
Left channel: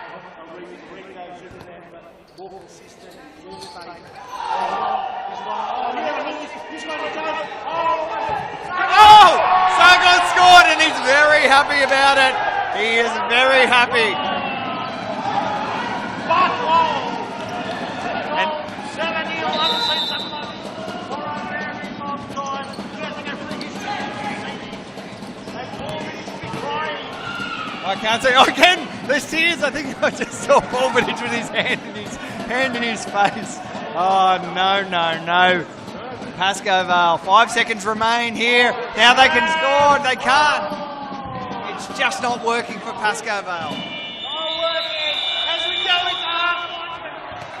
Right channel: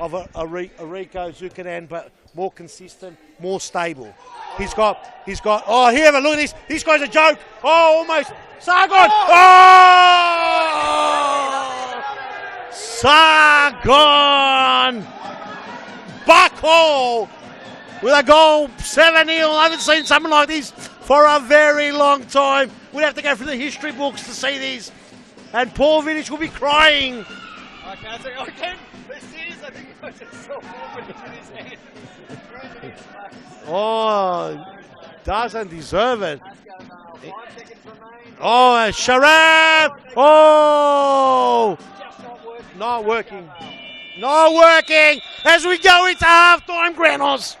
of a Rico Zuccanan, but more consistent, more stable. He's got. Oh, here, look at this. This guy's a joke. Oh, almost. Sargon. Sargon scored, and he's very happy about it. He is very happy. Sargon. Buckle with a goal, 7-0. I haven't seen something like this for a very long time. We have to go through the history books to see these. And Paul Vidic will be crying. I can't say. Oh, again, there's tears. I think I just saw Paul Vidic with his hand in his face. Oh, no. Doesn't deserve it. Pascoe Vale, 5 seconds remain here. Oh, now Sharon. they can score. They can't. It's just not working for Pascoe Vale. Not working as we go into half-time, Granos.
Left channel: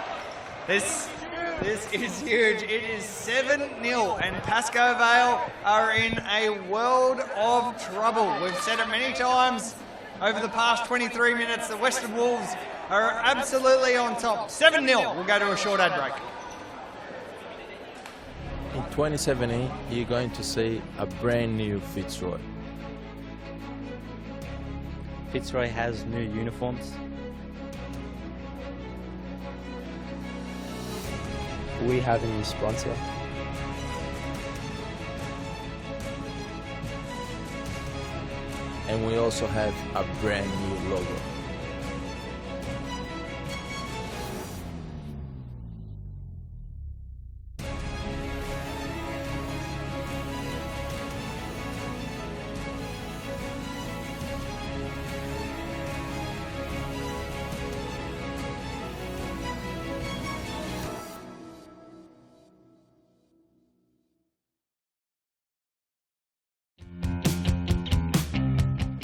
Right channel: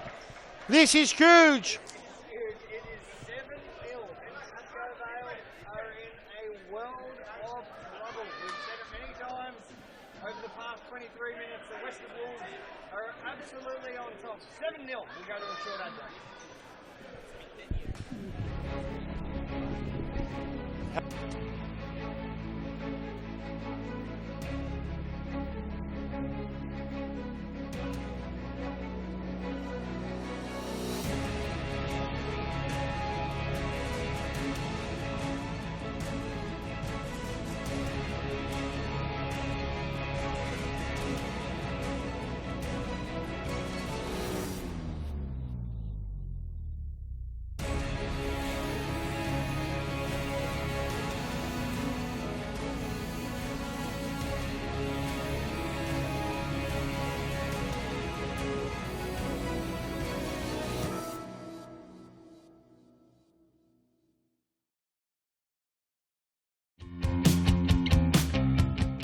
This is huge. This is huge. It is 7-0, and Pascoe Vale are in a world of trouble. We've said it many times over the past 23 minutes. The Western Wolves are absolutely on top. 7-0. We'll go to a short ad break. In 2017, you're going to see a brand new Fitzroy. Fitzroy has new uniforms. We have a new sponsor. And we also have a brand new logo.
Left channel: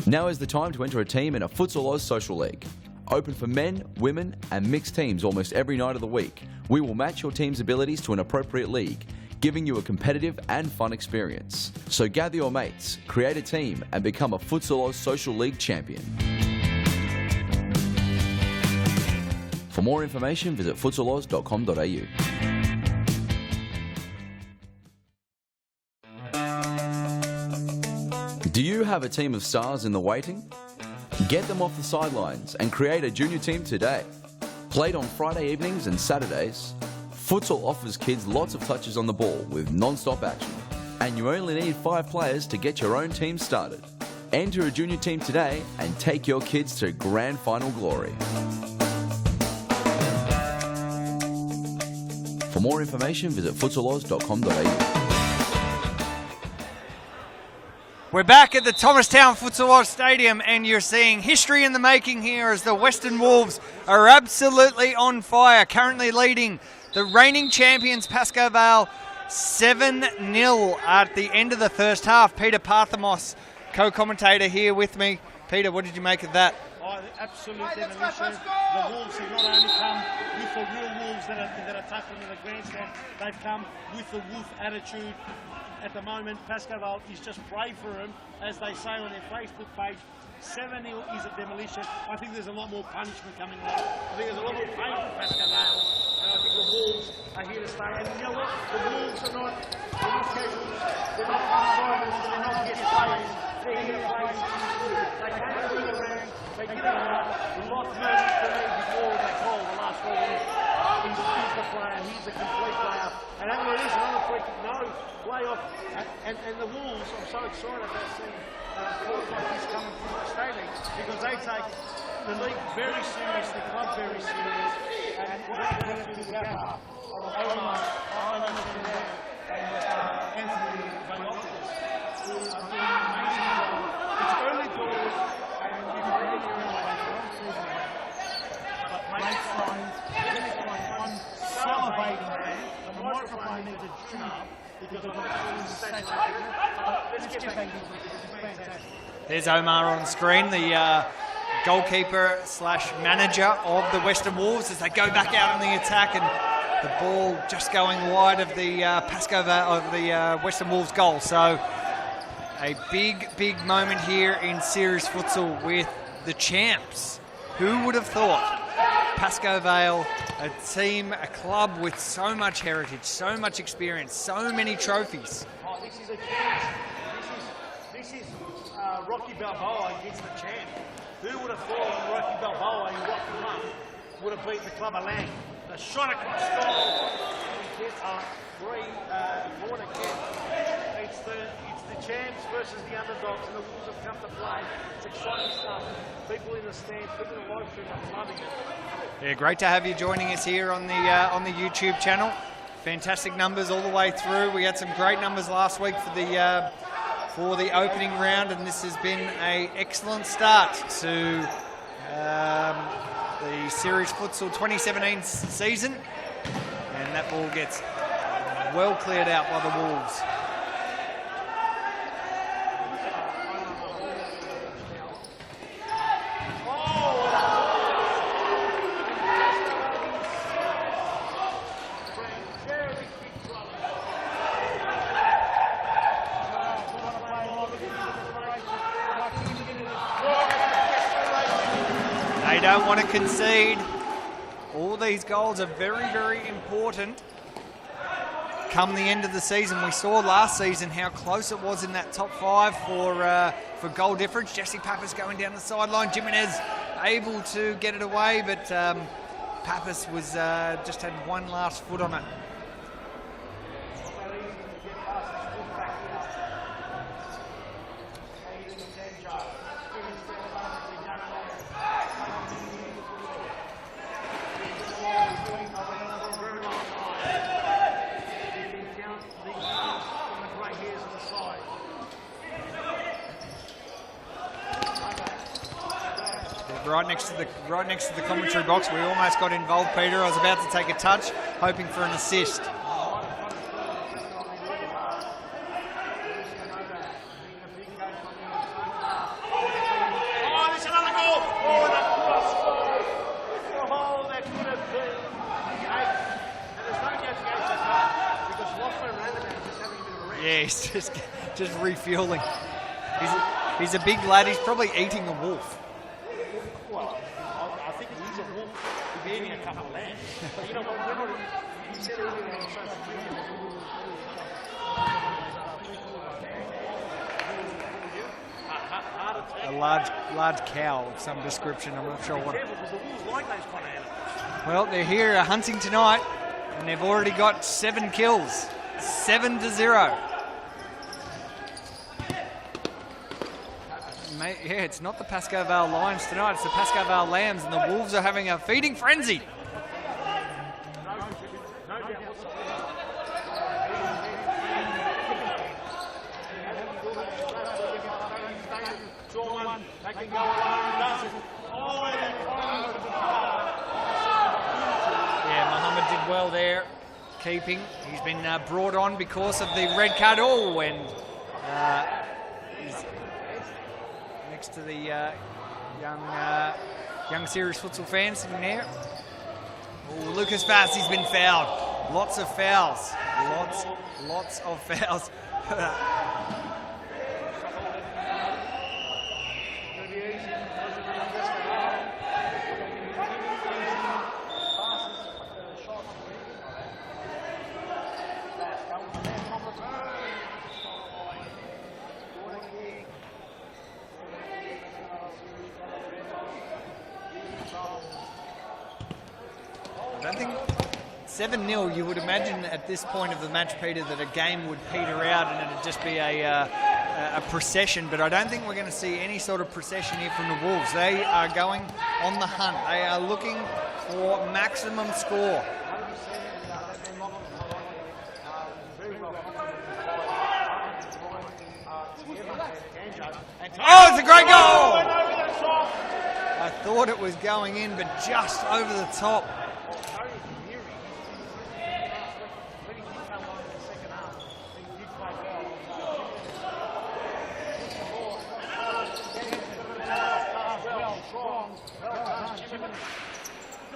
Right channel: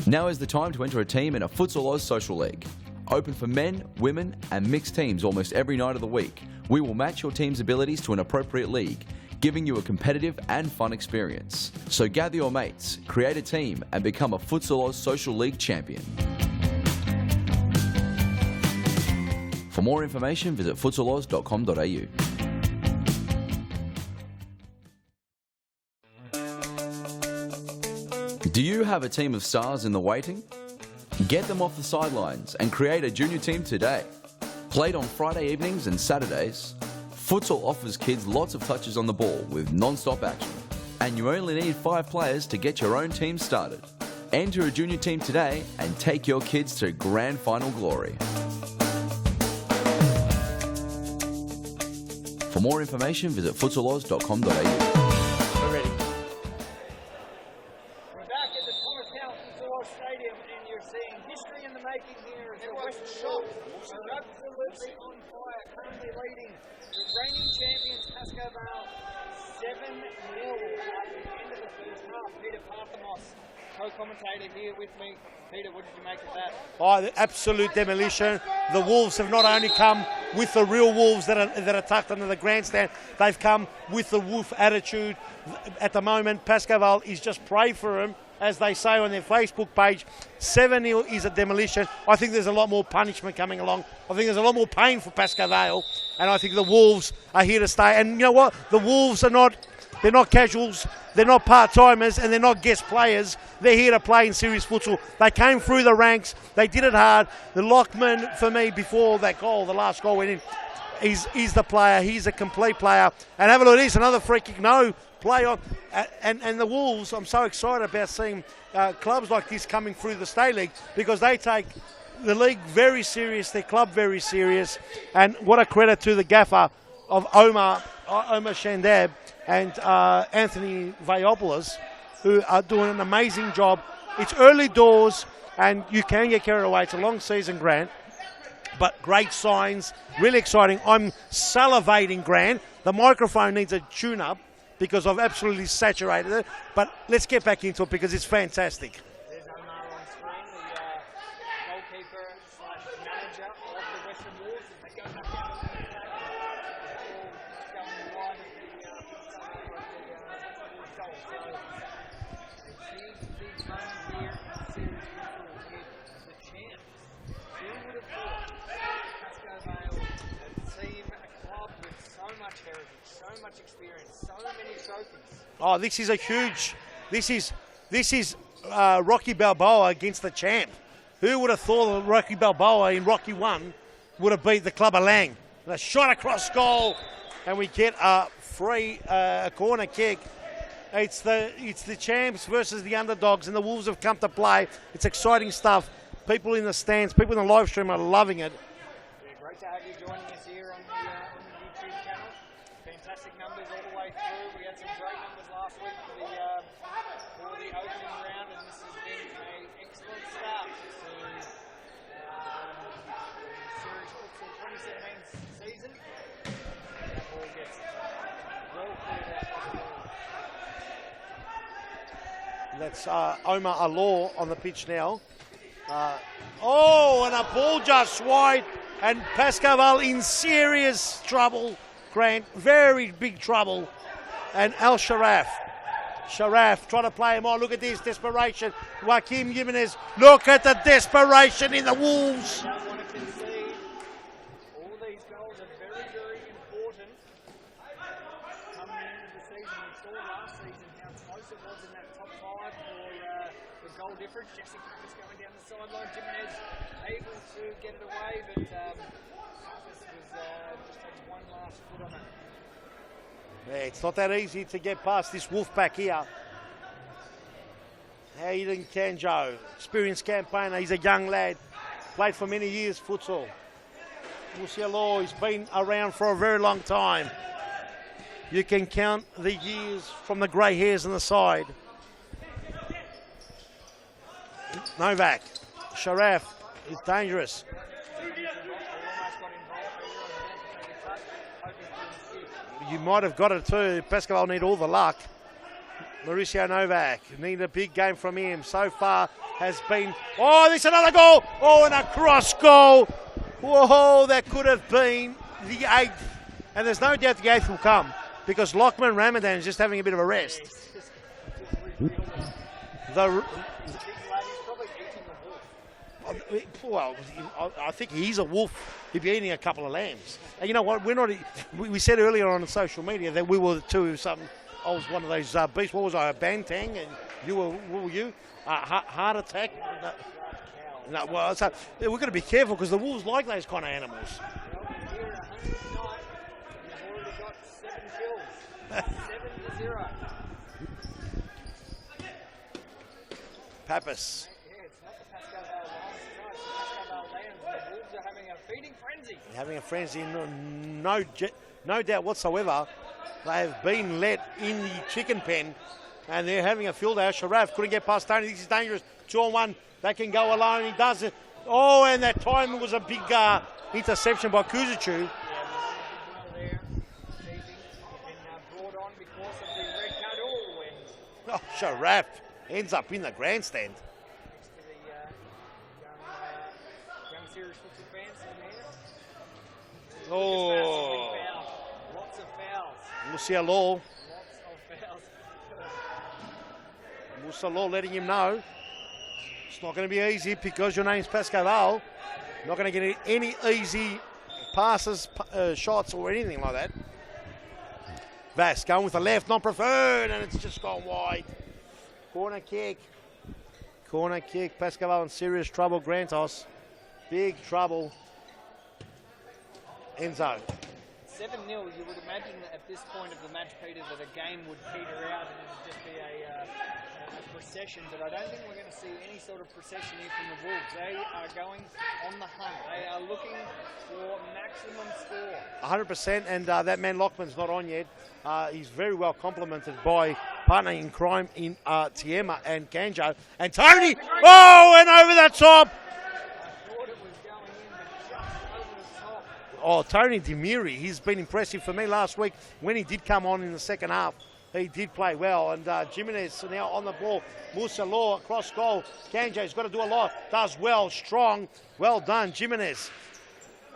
Now is the time to enter a team in a Futsal Oz Social League. Open for men, women and mixed teams almost every night of the week. We will match your team's abilities to an appropriate league, giving you a competitive and fun experience. So gather your mates, create a team and become a Futsal Oz Social League champion. For more information, visit futsaloz.com.au. Do you have a team of stars in the waiting? Get them off the sidelines and create a junior team today. Played on Friday evenings and Saturdays, Futsal offers kids lots of touches on the ball with non-stop action. And you only need 5 players to get your own team started. Enter a junior team today and take your kids to grand final glory. For more information, visit futsaloz.com.au. We're back at the Thomastown Futsal Oz Stadium, and you're seeing history in the making here as the Western Wolves are absolutely on fire, currently leading the reigning champions Pascoe Vale 7-0 at the end of the first half. Peter Parthamos, co-commentator here with me. Peter, what did you make of that? Oh, the absolute demolition. The Wolves have not only come with the real Wolves that are tucked under the grandstand, they've come with the Wolf attitude. At the moment, Pascoe Vale is just pray for him, as they say on their Facebook page. 7-0 is a demolition. I think there's a lot more punishment coming along. I think there's a lot more pain for Pascoe Vale, and I think the Wolves are here to stay. And you know what? The Wolves are they're not casuals, they're not part-timers, and they're not guest players. They're here to play in serious futsal. They came through the ranks, they did it hard. The Lockman, for me, before that goal, the last goal went in, he's the player, he's a complete player. And have a look at this, another free kick, no play on. And the Wolves, I'm so excited about seeing clubs like this coming through the State League, because they take the league very serious, their club very serious. And what a credit to the gaffer of Omar Shandab and Anthony Vayopoulos, who are doing an amazing job. It's early doors and you can get carried away. It's a long season, Grant, but great signs, really exciting. I'm salivating, Grant. The microphone needs a tune-up because I've absolutely saturated it, but let's get back into it because it's fantastic. There's Omar on screen, the goalkeeper slash manager of the Western Wolves, as they go back out on the attack, and The ball just going wide of the Pascoe of the Western Wolves goal. So a big, big moment here in series futsal with the champs. Who would have thought? Pascoe Vale, a team, a club with so much heritage, so much experience, so many trophies. Oh, this is a huge. This is Rocky Balboa against the champ. Who would have thought that Rocky Balboa in Rocky 1 would have beat the Club of Lang? And a shot across goal, and we get a free corner kick. It's the champs versus the underdogs, and the Wolves have come to play. It's exciting stuff. People in the stands, people in the live stream are loving it. Yeah, great to have you joining us here on the YouTube channel. Fantastic numbers all the way through. We had some great numbers last week for the opening round, and this has been an excellent start to the Series Futsal 2017 season. And that ball gets well cleared out by the Wolves. That's Omar Alor on the pitch now. And a ball just wide, and Pascoe Vale in serious trouble, Grant, very big trouble. And Al Sharaf trying to play him on. Look at this desperation. Joaquin Jimenez, look at the desperation in the Wolves. They don't want to concede. All these goals are very, very important come the end of the season. We saw last season how close it was in that top 5 for goal difference. Jesse Pappas going down the sideline. Jimenez able to get it away, but Pappas was just had one last foot on it. Yeah, it's not that easy to get past this Wolf back here. Aiden Kanjo, experienced campaigner. He's a young lad, played for many years futsal. Law, he's been around for a very long time. You can count the years from the grey hairs on the side. Novak, Sharaf, right next to the commentary box. We almost got involved, Peter. I was about to take a touch, hoping for an assist. You might have got it too. Pascoe need all the luck. Mauricio Novak need a big game from him. So far has been. Oh, there's another goal. Oh, and a cross goal. Whoa, that could have been the 8th. And there's no doubt the 8th will come because Lachlan Ramadan is just having a bit of a rest. Yeah, he's just refueling. He's a big lad. He's probably eating a wolf. Well, I think he's a wolf if you're eating a couple of lambs. And you know what? We said earlier on social media that we were the two. I was one of those beasts. What was I? A bantang? And what were you? A heart attack? A large cow of some description. We've got to be careful because the wolves like those kind of animals. Well, they're here hunting tonight, and they've already got 7 kills. 7-0. Pappas. Yeah, it's not the Pascoe Vale Lions tonight, it's the Pascoe Vale Lambs, and the Wolves are having a feeding frenzy. Having a frenzy, no doubt whatsoever. They have been let in the chicken pen, and they're having a field out. Sharaf couldn't get past Tony. This is dangerous. 2-on-1. That can go alone. He does it. Oh, and that time was a big interception by Kuzicu. Yeah, Mohammed did well there, keeping. He's been brought on because of the red card. Oh, and Sharaf ends up in the grandstand. Next to the young serious futsal fans sitting there. Oh, Lucas Bass, he's been fouled. Lots of fouls. Lots of fouls. Law letting him know it's not going to be easy because your name's Pascoe Vale. Not going to get any easy passes, shots or anything like that. Bass going with the left, not preferred, and it's just gone wide. Corner kick. Pascoe Vale in serious trouble. Grantos, big trouble. 7-0, you would imagine at this point of the match, Peter, that a game would peter out and it'd just be a procession, but I don't think we're going to see any sort of procession here from the Wolves. They are going on the hunt. They are looking for maximum score. 100%, and that man Lachlan's not on yet. He's very well complimented by partner in crime in Tiema and Kanjo. And Tony, it's a great goal! Oh, and over the top! I thought it was going in, but just over the top. Oh, Tony Demiri, he's been impressive for me last week. When he did come on in the second half, he did play well. And Jimenez now on the ball. Musa Law, cross goal. Kanjo's got to do a lot. Does well, strong. Well done, Jimenez.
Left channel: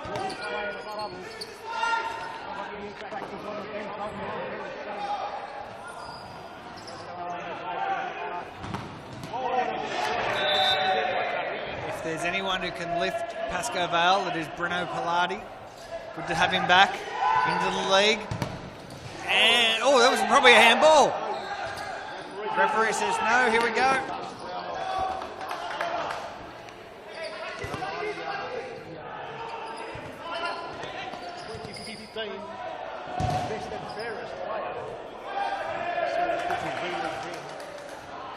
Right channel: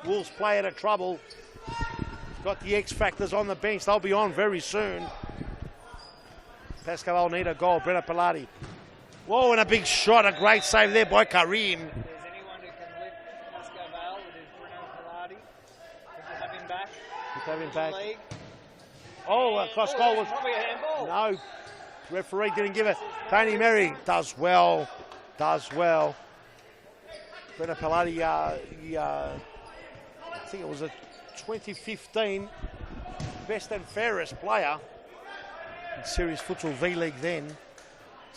Wolves play out of trouble. got the X Factors on the bench. They'll be on very soon. Pascoe will need a goal. Brenna Pilati. Whoa, and a big shot. A great save there by Karim. If there's anyone who can lift Pascoe Vale, it is Bruno Pilati. Good to have him back into the league. And, that was probably a handball. No. Referee says no. Here we go. Does well. Does well. Bruno Pilati, I think it was a 2015 best and fairest player in Series Futsal V-League then.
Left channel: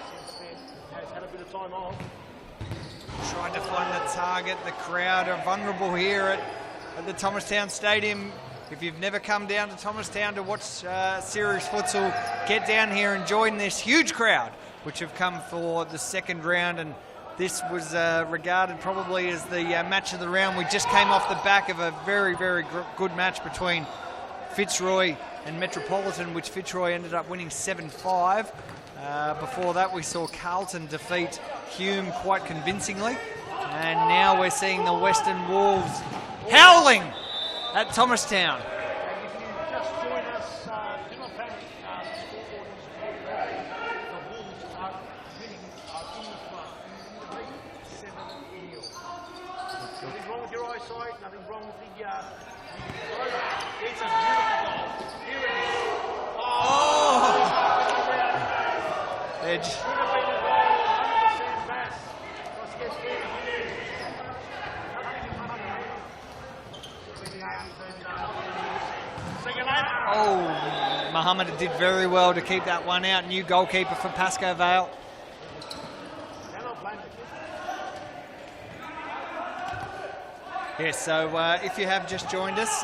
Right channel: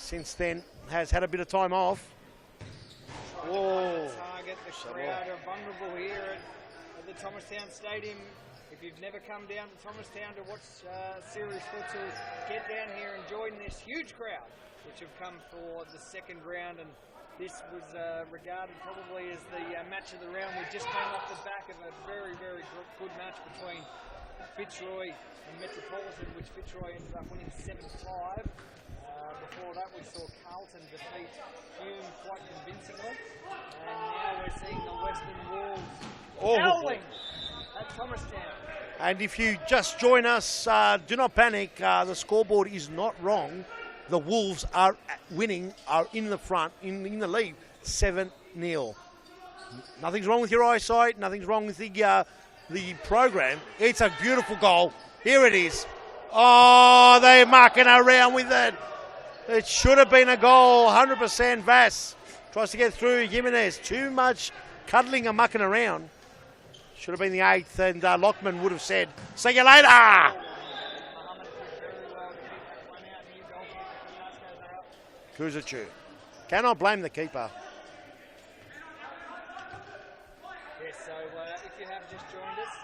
Since then, has had a bit of time off. Trying to find the target. The crowd are vulnerable here at the Thomastown Stadium. If you've never come down to Thomastown to watch Series Futsal, get down here and join this huge crowd, which have come for the second round. And this was regarded probably as the match of the round. We just came off the back of a very, very good match between Fitzroy and Metropolitan, which Fitzroy ended up winning 7-5. Before that, we saw Carlton defeat Hume quite convincingly. And now we're seeing the Western Wolves howling at Thomastown. And if you just join us, do not panic. The scoreboard is not wrong. The Wolves are winning, are in the front, in the lead, 7-0. Nothing's wrong with your eyesight. Nothing's wrong with the program. It's a beautiful goal. Here it is. Oh, they're mucking around with it. It should have been a goal, 100%. Vass tries to get through. Jimenez, too much cuddling and mucking around. Should have been the 8th, and Lockman would have said, see you later. Oh, Muhammad did very well to keep that one out. New goalkeeper for Pascoe Vale. Kuzicu. Cannot blame the keeper. Yes, so if you have just joined us,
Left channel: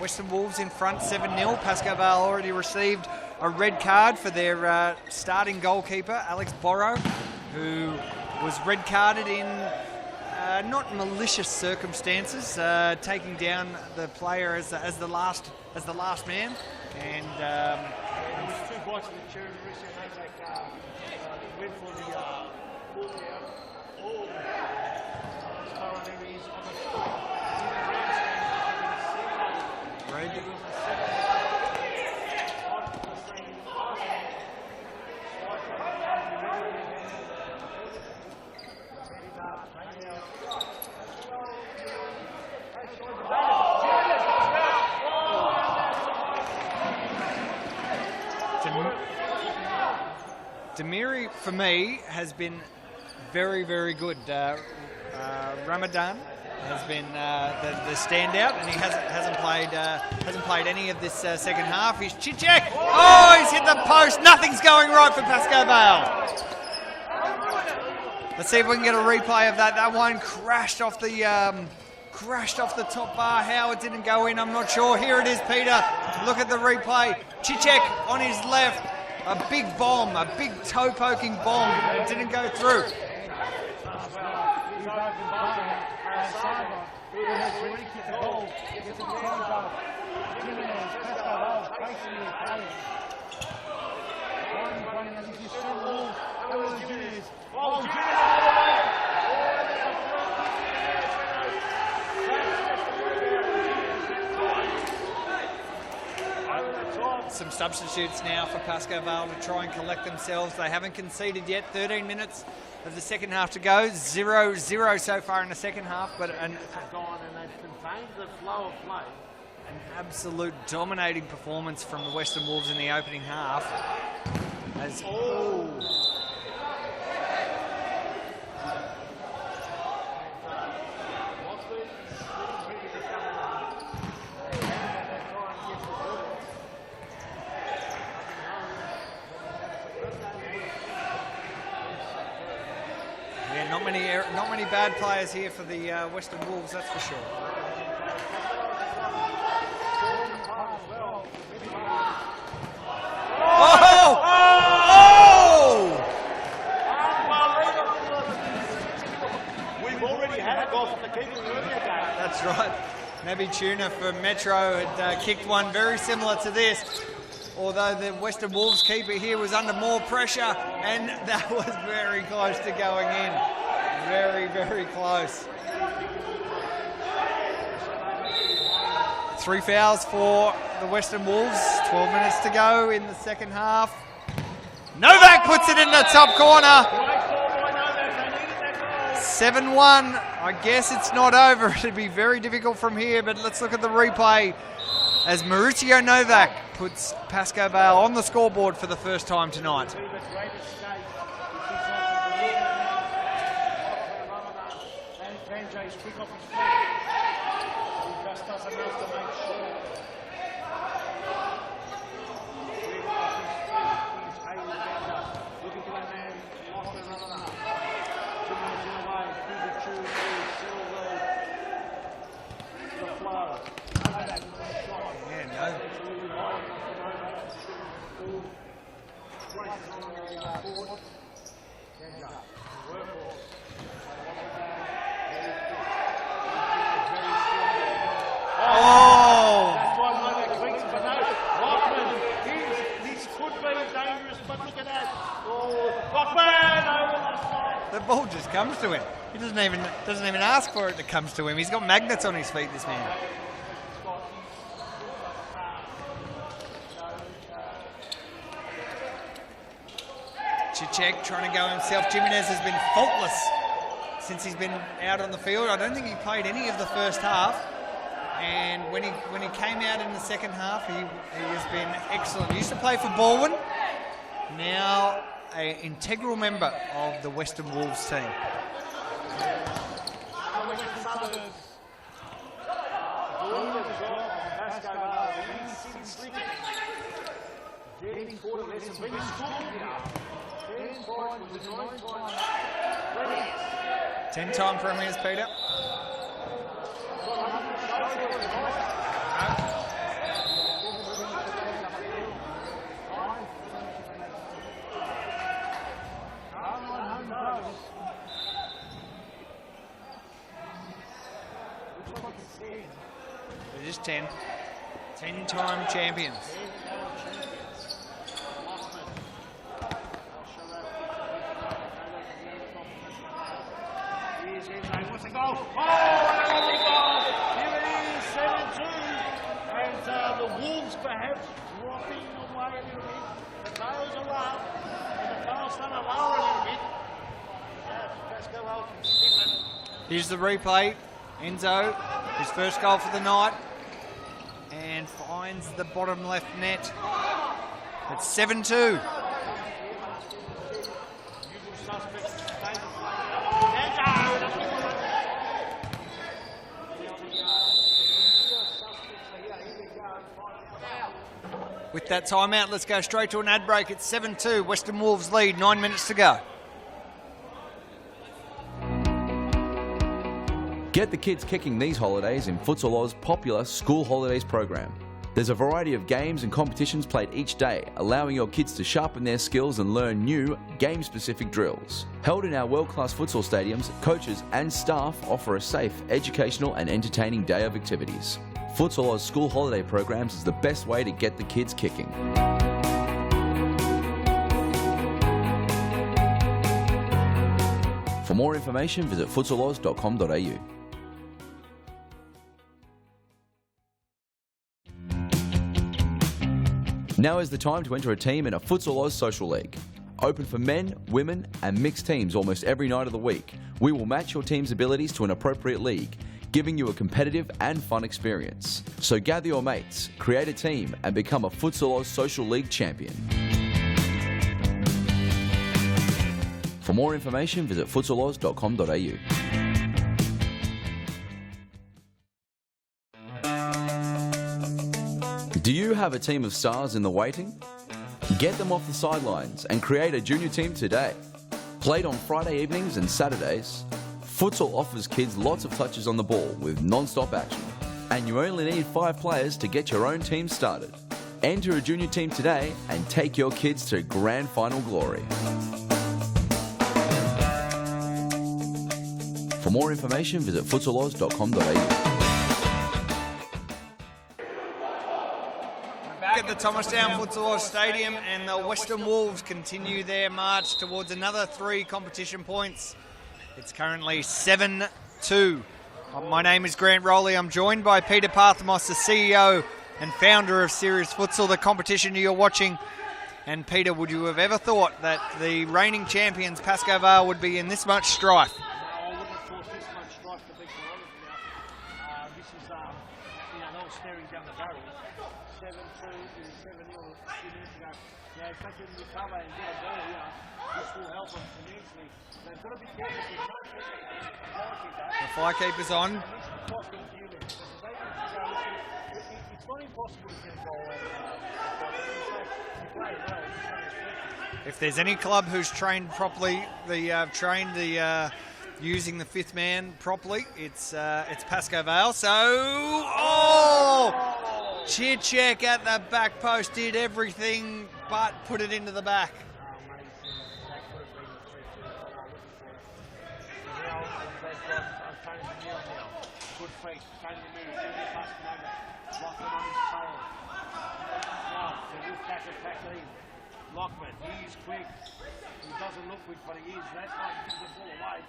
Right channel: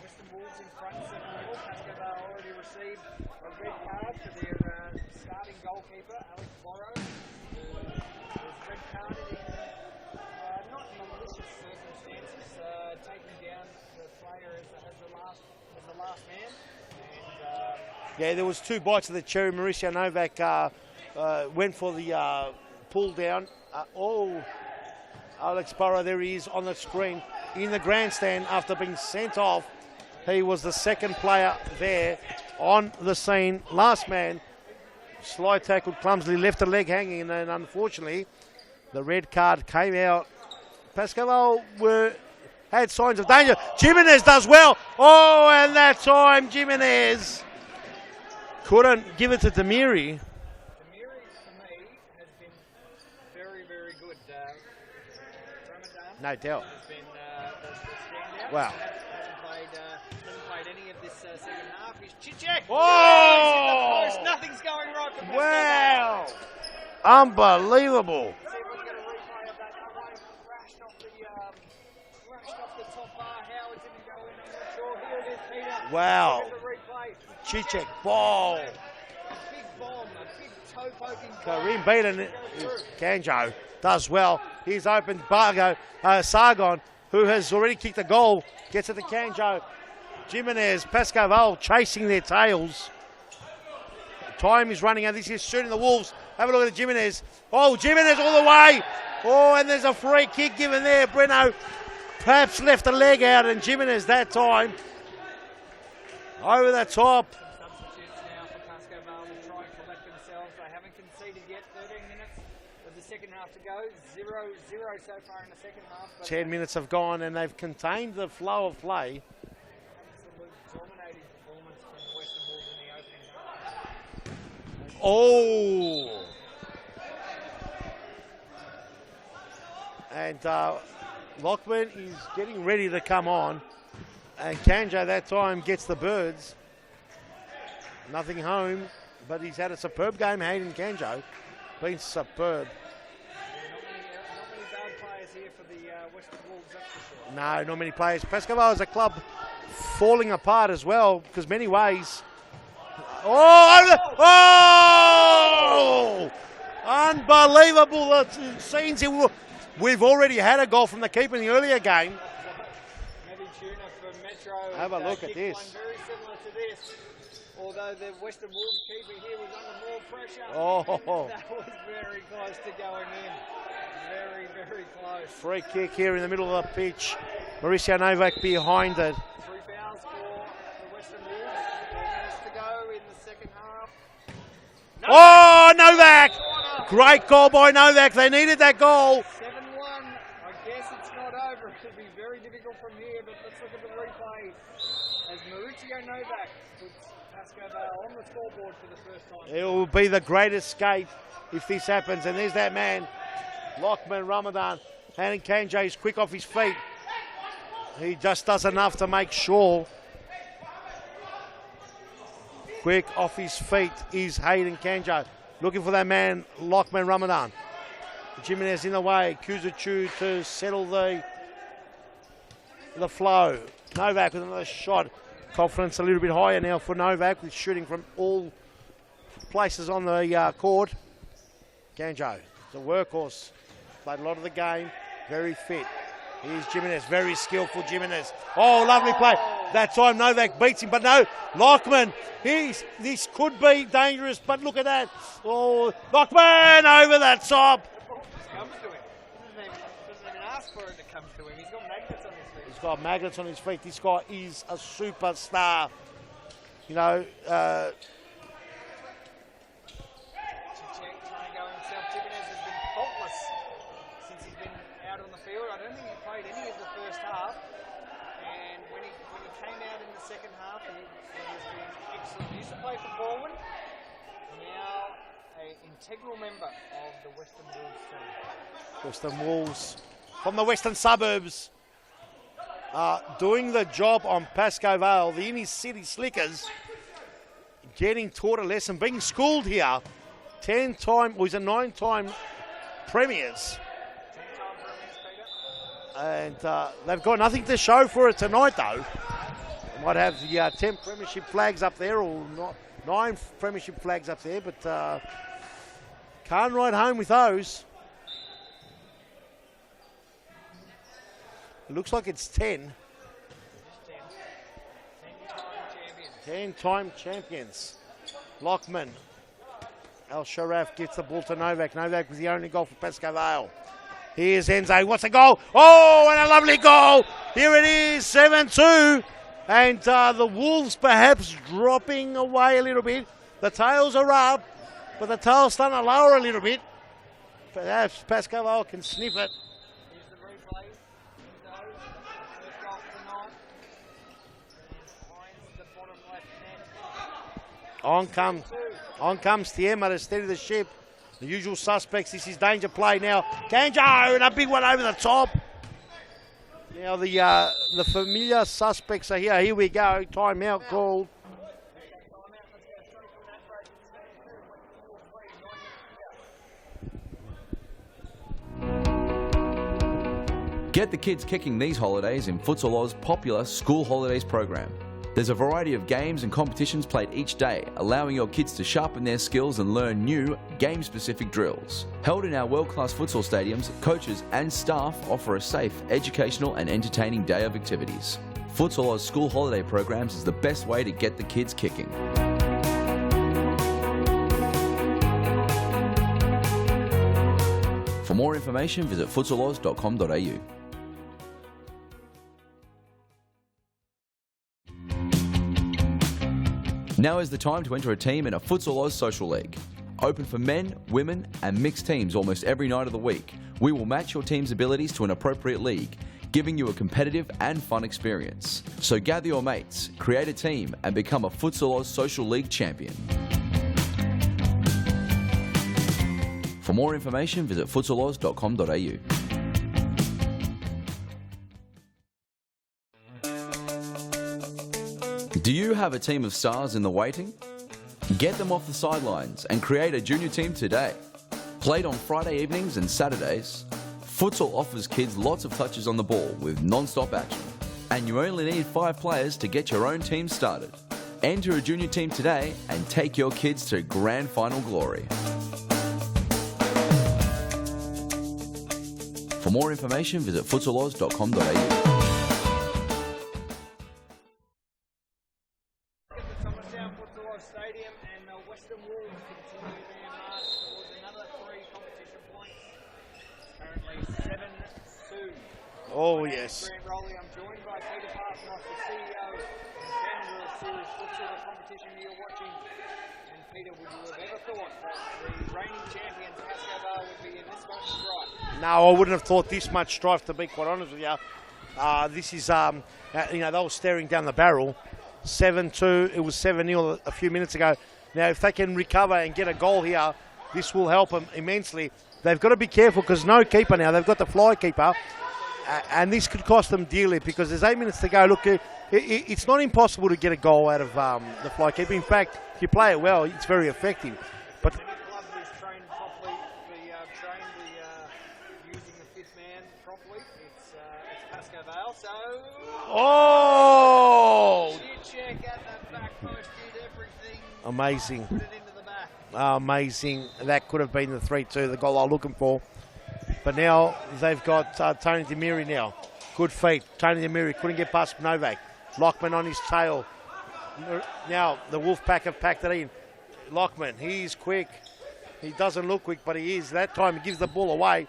Western Wolves in front 7-0. Pascoe Vale already received a red card for their starting goalkeeper, Alex Borrow, who was red carded in not malicious circumstances, taking down the player as the last man. And yeah, there was 2 bites of the cherry. Mauricio Novak went for the pull down. Alex Burrow, there he is on the screen in the grandstand after being sent off. Right. He was the second player there on the scene. Last man, slide tackle, clumsily left a leg hanging, and unfortunately the red card came out. Pascoe had signs of danger. Jimenez does well. Oh, and that time Jimenez couldn't give it to Demiri. Demiri, for me, has been very, very good. Ramadan has been the standout. Wow. And he hasn't played any of this second half. He's Chichek. Oh, he's hit the post. Nothing's going right for Pascoe Vale. Unbelievable. Let's see if we can get a replay of that. That one crashed off the top bar. How it didn't go in, I'm not sure. Here it is, Peter. Wow. Look at the replay. Chichek on his left. A big bomb, a big toe-poking bomb. It didn't go through. Kanjo does well. He's opened Sargon, who has already kicked the goal, gets it to Kanjo. Jimenez, Pascoe Vale chasing their tails. Time is running out. This is shooting the Wolves. Have a look at Jimenez. Oh, Jimenez all the way. Oh, and there's a free kick given there. Breno perhaps left a leg out, and Jimenez that time over the top. Some substitutes now for Pascoe Vale to try and collect themselves. They haven't conceded yet. 13 minutes of the second half to go. 0-0 so far in the second half. But 10 minutes have gone, and they've contained the flow of play. An absolute dominating performance from the Western Wolves in the opening half. And Lockwood is getting ready to come on. And Kanjo that time gets the birds. Nothing home, but he's had a superb game. Hayden Kanjo been superb. Yeah, not many bad players here for the Western Wolves, that's for sure. No, not many players. Pascoe Vale is a club falling apart as well, because many ways. Unbelievable scenes here. We've already had a goal from the keeper in the earlier game. That's right. Naby Tuna for Metro had kicked one very similar to this. Although the Western Wolves keeper here was under more pressure, and that was very close to going in. Very, very close. Free kick here in the middle of the pitch. Mauricio Novak behind it. 3 fouls for the Western Wolves. 12 minutes to go in the second half. Novak puts it in the top corner. Great goal by Novak. They needed that goal. 7-1. I guess it's not over. It'd be very difficult from here, but let's look at the replay as Mauricio Novak puts Pascoe Vale on the scoreboard for the first time tonight. It will be the great escape if this happens. And there's that man, Lachlan Ramadan. And Kanjay is quick off his feet. He just does enough to make sure. Quick off his feet is Hayden Kanjay. Looking for that man, Lachlan Ramadan. Jimenez in the way. Kuzachu to settle the flow. Novak with another shot. Confidence a little bit higher now for Novak, with shooting from all places on the court. Kanjay, the workhorse, played a lot of the game, very fit. Here's Jimenez, very skillful Jimenez. Oh, lovely play. That time Novak beats him, but no, Lachman, this could be dangerous, but look at that. Oh, Lachman over that top. The ball just comes to him. He doesn't even ask for it to come to him. He's got magnets on his feet. He's got magnets on his feet. This guy is a superstar. You know, Cicek trying to go himself. Jimenez has been faultless since he's been out on the field. I don't think he played any of the first half. And when he came out in the second half, he has been excellent. He used to play for Balwyn. Now an integral member of the Western Wolves team. Western Wolves from the western suburbs doing the job on Pascoe Vale. The inner city slickers getting taught a lesson, being schooled here. 10-time, he's a 9-time premiers. 10-time premiers, Peter. And they've got nothing to show for it tonight, though. Might have the 10 premiership flags up there, or 9 premiership flags up there, but can't ride home with those. Looks like it's 10. It is 10. 10-time champions. 10-time champions. Lockman. Al Sharaf gets the ball to Novak. Novak is the only goal for Pascoe Vale. Here's Enzo. What's a goal? Oh, and a lovely goal. Here it is, 7-2. And the Wolves perhaps dropping away a little bit. The tails are up, but the tails starting to lower a little bit. Perhaps Pascoe Vale can snip it. Here's the replay. Enzo, his first goal for the night, and finds the bottom left net. 7-2. On comes Tiema to steady the ship. The usual suspects. This is danger play now. Kanjo, and a big one over the top. Now the familiar suspects are here. Here we go. Timeout called. With that timeout, let's go straight to an ad break. It's 7-2. Western Wolves lead. 9 minutes to go. Get the kids kicking these holidays in Futsal Oz's popular School Holidays program. There's a variety of games and competitions played each day, allowing your kids to sharpen their skills and learn new, game-specific drills. Held in our world-class futsal stadiums, coaches and staff offer a safe, educational and entertaining day of activities. Futsal Oz School Holiday programs is the best way to get the kids kicking. For more information, visit futsaloz.com.au. Now is the time to enter a team in a Futsal Oz Social League. Open for men, women and mixed teams almost every night of the week. We will match your team's abilities to an appropriate league, giving you a competitive and fun experience. So gather your mates, create a team and become a Futsal Oz Social League champion. For more information, visit futsaloz.com.au. Do you have a team of stars in the waiting? Get them off the sidelines and create a junior team today. Played on Friday evenings and Saturdays, futsal offers kids lots of touches on the ball with non-stop action. And you only need 5 players to get your own team started. Enter a junior team today and take your kids to grand final glory. For more information, visit futsaloz.com.au. At the Thomastown Futsal Oz Stadium, and the Western Wolves continue their march towards another 3 competition points. It's currently 7-2. My name is Grant Rowley. I'm joined by Peter Parthamos, the CEO and founder of Serious Futsal, the competition you're watching. And Peter, would you have ever thought that the reigning champions, Pascoe Vale, would be in this much strife? No, I wouldn't have thought this much strife, to be quite honest with you. This is, they were staring down the barrel. 7-2, it was 7-0 a few minutes ago. Now, if they can recover and get a goal here, this will help them immensely. They've got to be careful because no keeper now. They've got the fly keeper. The fly keeper's on. And this could cost them dearly because there's 8 minutes to go. Look, it's not impossible to get a goal out of the fly keeper. In fact, if you play it well, it's very effective. If there's any club who's trained properly, using the fifth man properly, it's Pascoe Vale. So, Chichek at the back post did everything. Amazing. But put it into the back. Amazing. That could have been the 3-2, the goal I was looking for. But now they've got Tony Demiri now. Good feet. Tony Demiri couldn't get past Novak. Lockman on his tail. Now the Wolfpack have packed it in. Lockman, he's quick. He doesn't look quick, but he is. That time he gives the ball away.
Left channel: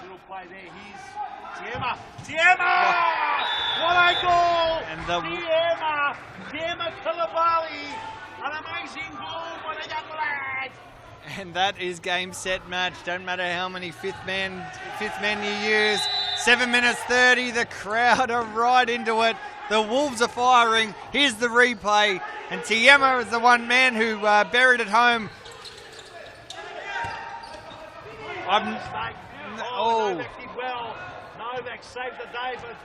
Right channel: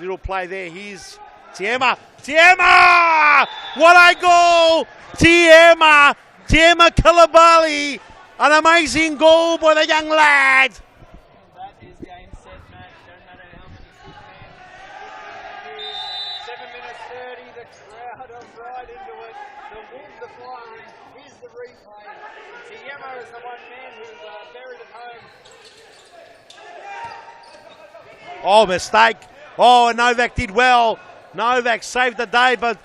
Little play there. Here's Tiema. Tiema! What a goal! Tiema Kalabali. An amazing goal by the young lad. And that is game, set, match. Don't matter how many fifth men you use. 7 minutes 30. The crowd are right into it. The Wolves are firing. Here's the replay. And Tiema is the one man who buried it home. Oh, mistake. Oh, Novak did well. Novak saved the day, but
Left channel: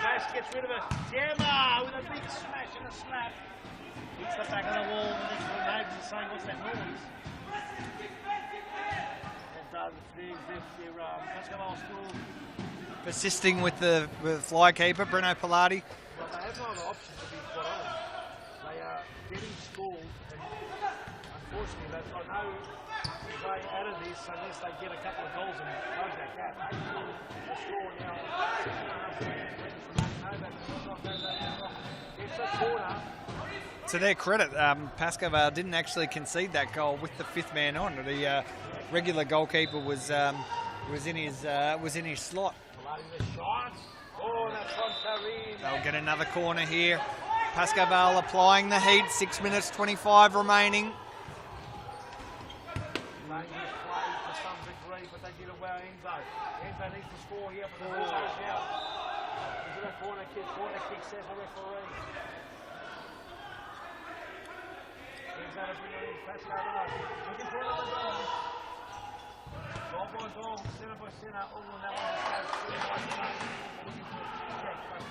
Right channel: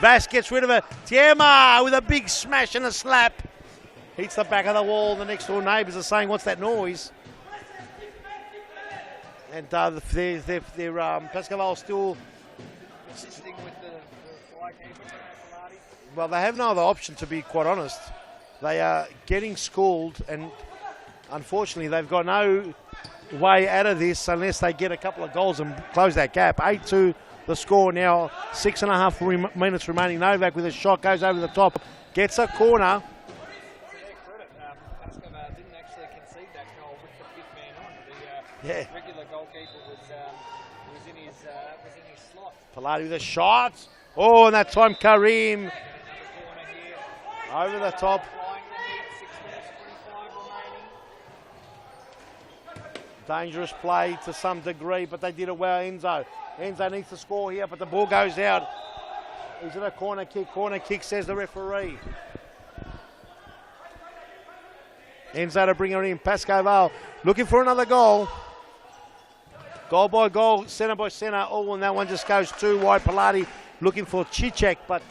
Vass gets rid of it. Tiema with a big smash and a slap. Hits the back of the wall. The next door neighbours are saying, what's that noise? And Pascoe Vale still persisting with the fly keeper, Bruno Pilati. Well, they have no other option, to be quite honest. They are getting schooled, and unfortunately, they've got no way out of this unless they get a couple of goals and close that gap. 8-2 the score now, 6.5 minutes remaining. Novak with a shot, goes over the top, gets a corner. To their credit, Pascoe Vale didn't actually concede that goal with the fifth man on. The regular goalkeeper was in his slot. Pilati with a shot. Oh, and that time Karim. They'll get another corner here. Pascoe Vale applying the heat. 6 minutes 25 remaining. Dangerous play to some degree, but they did it well. Enzo needs to score here, but the ball goes out. He's in a corner kick. Corner kick, says the referee. Enzo to bring her in. Pascoe Vale looking for another goal. Goal by goal, centre by centre. Oh, and that one just goes too wide. Pilati looking for Chichek, but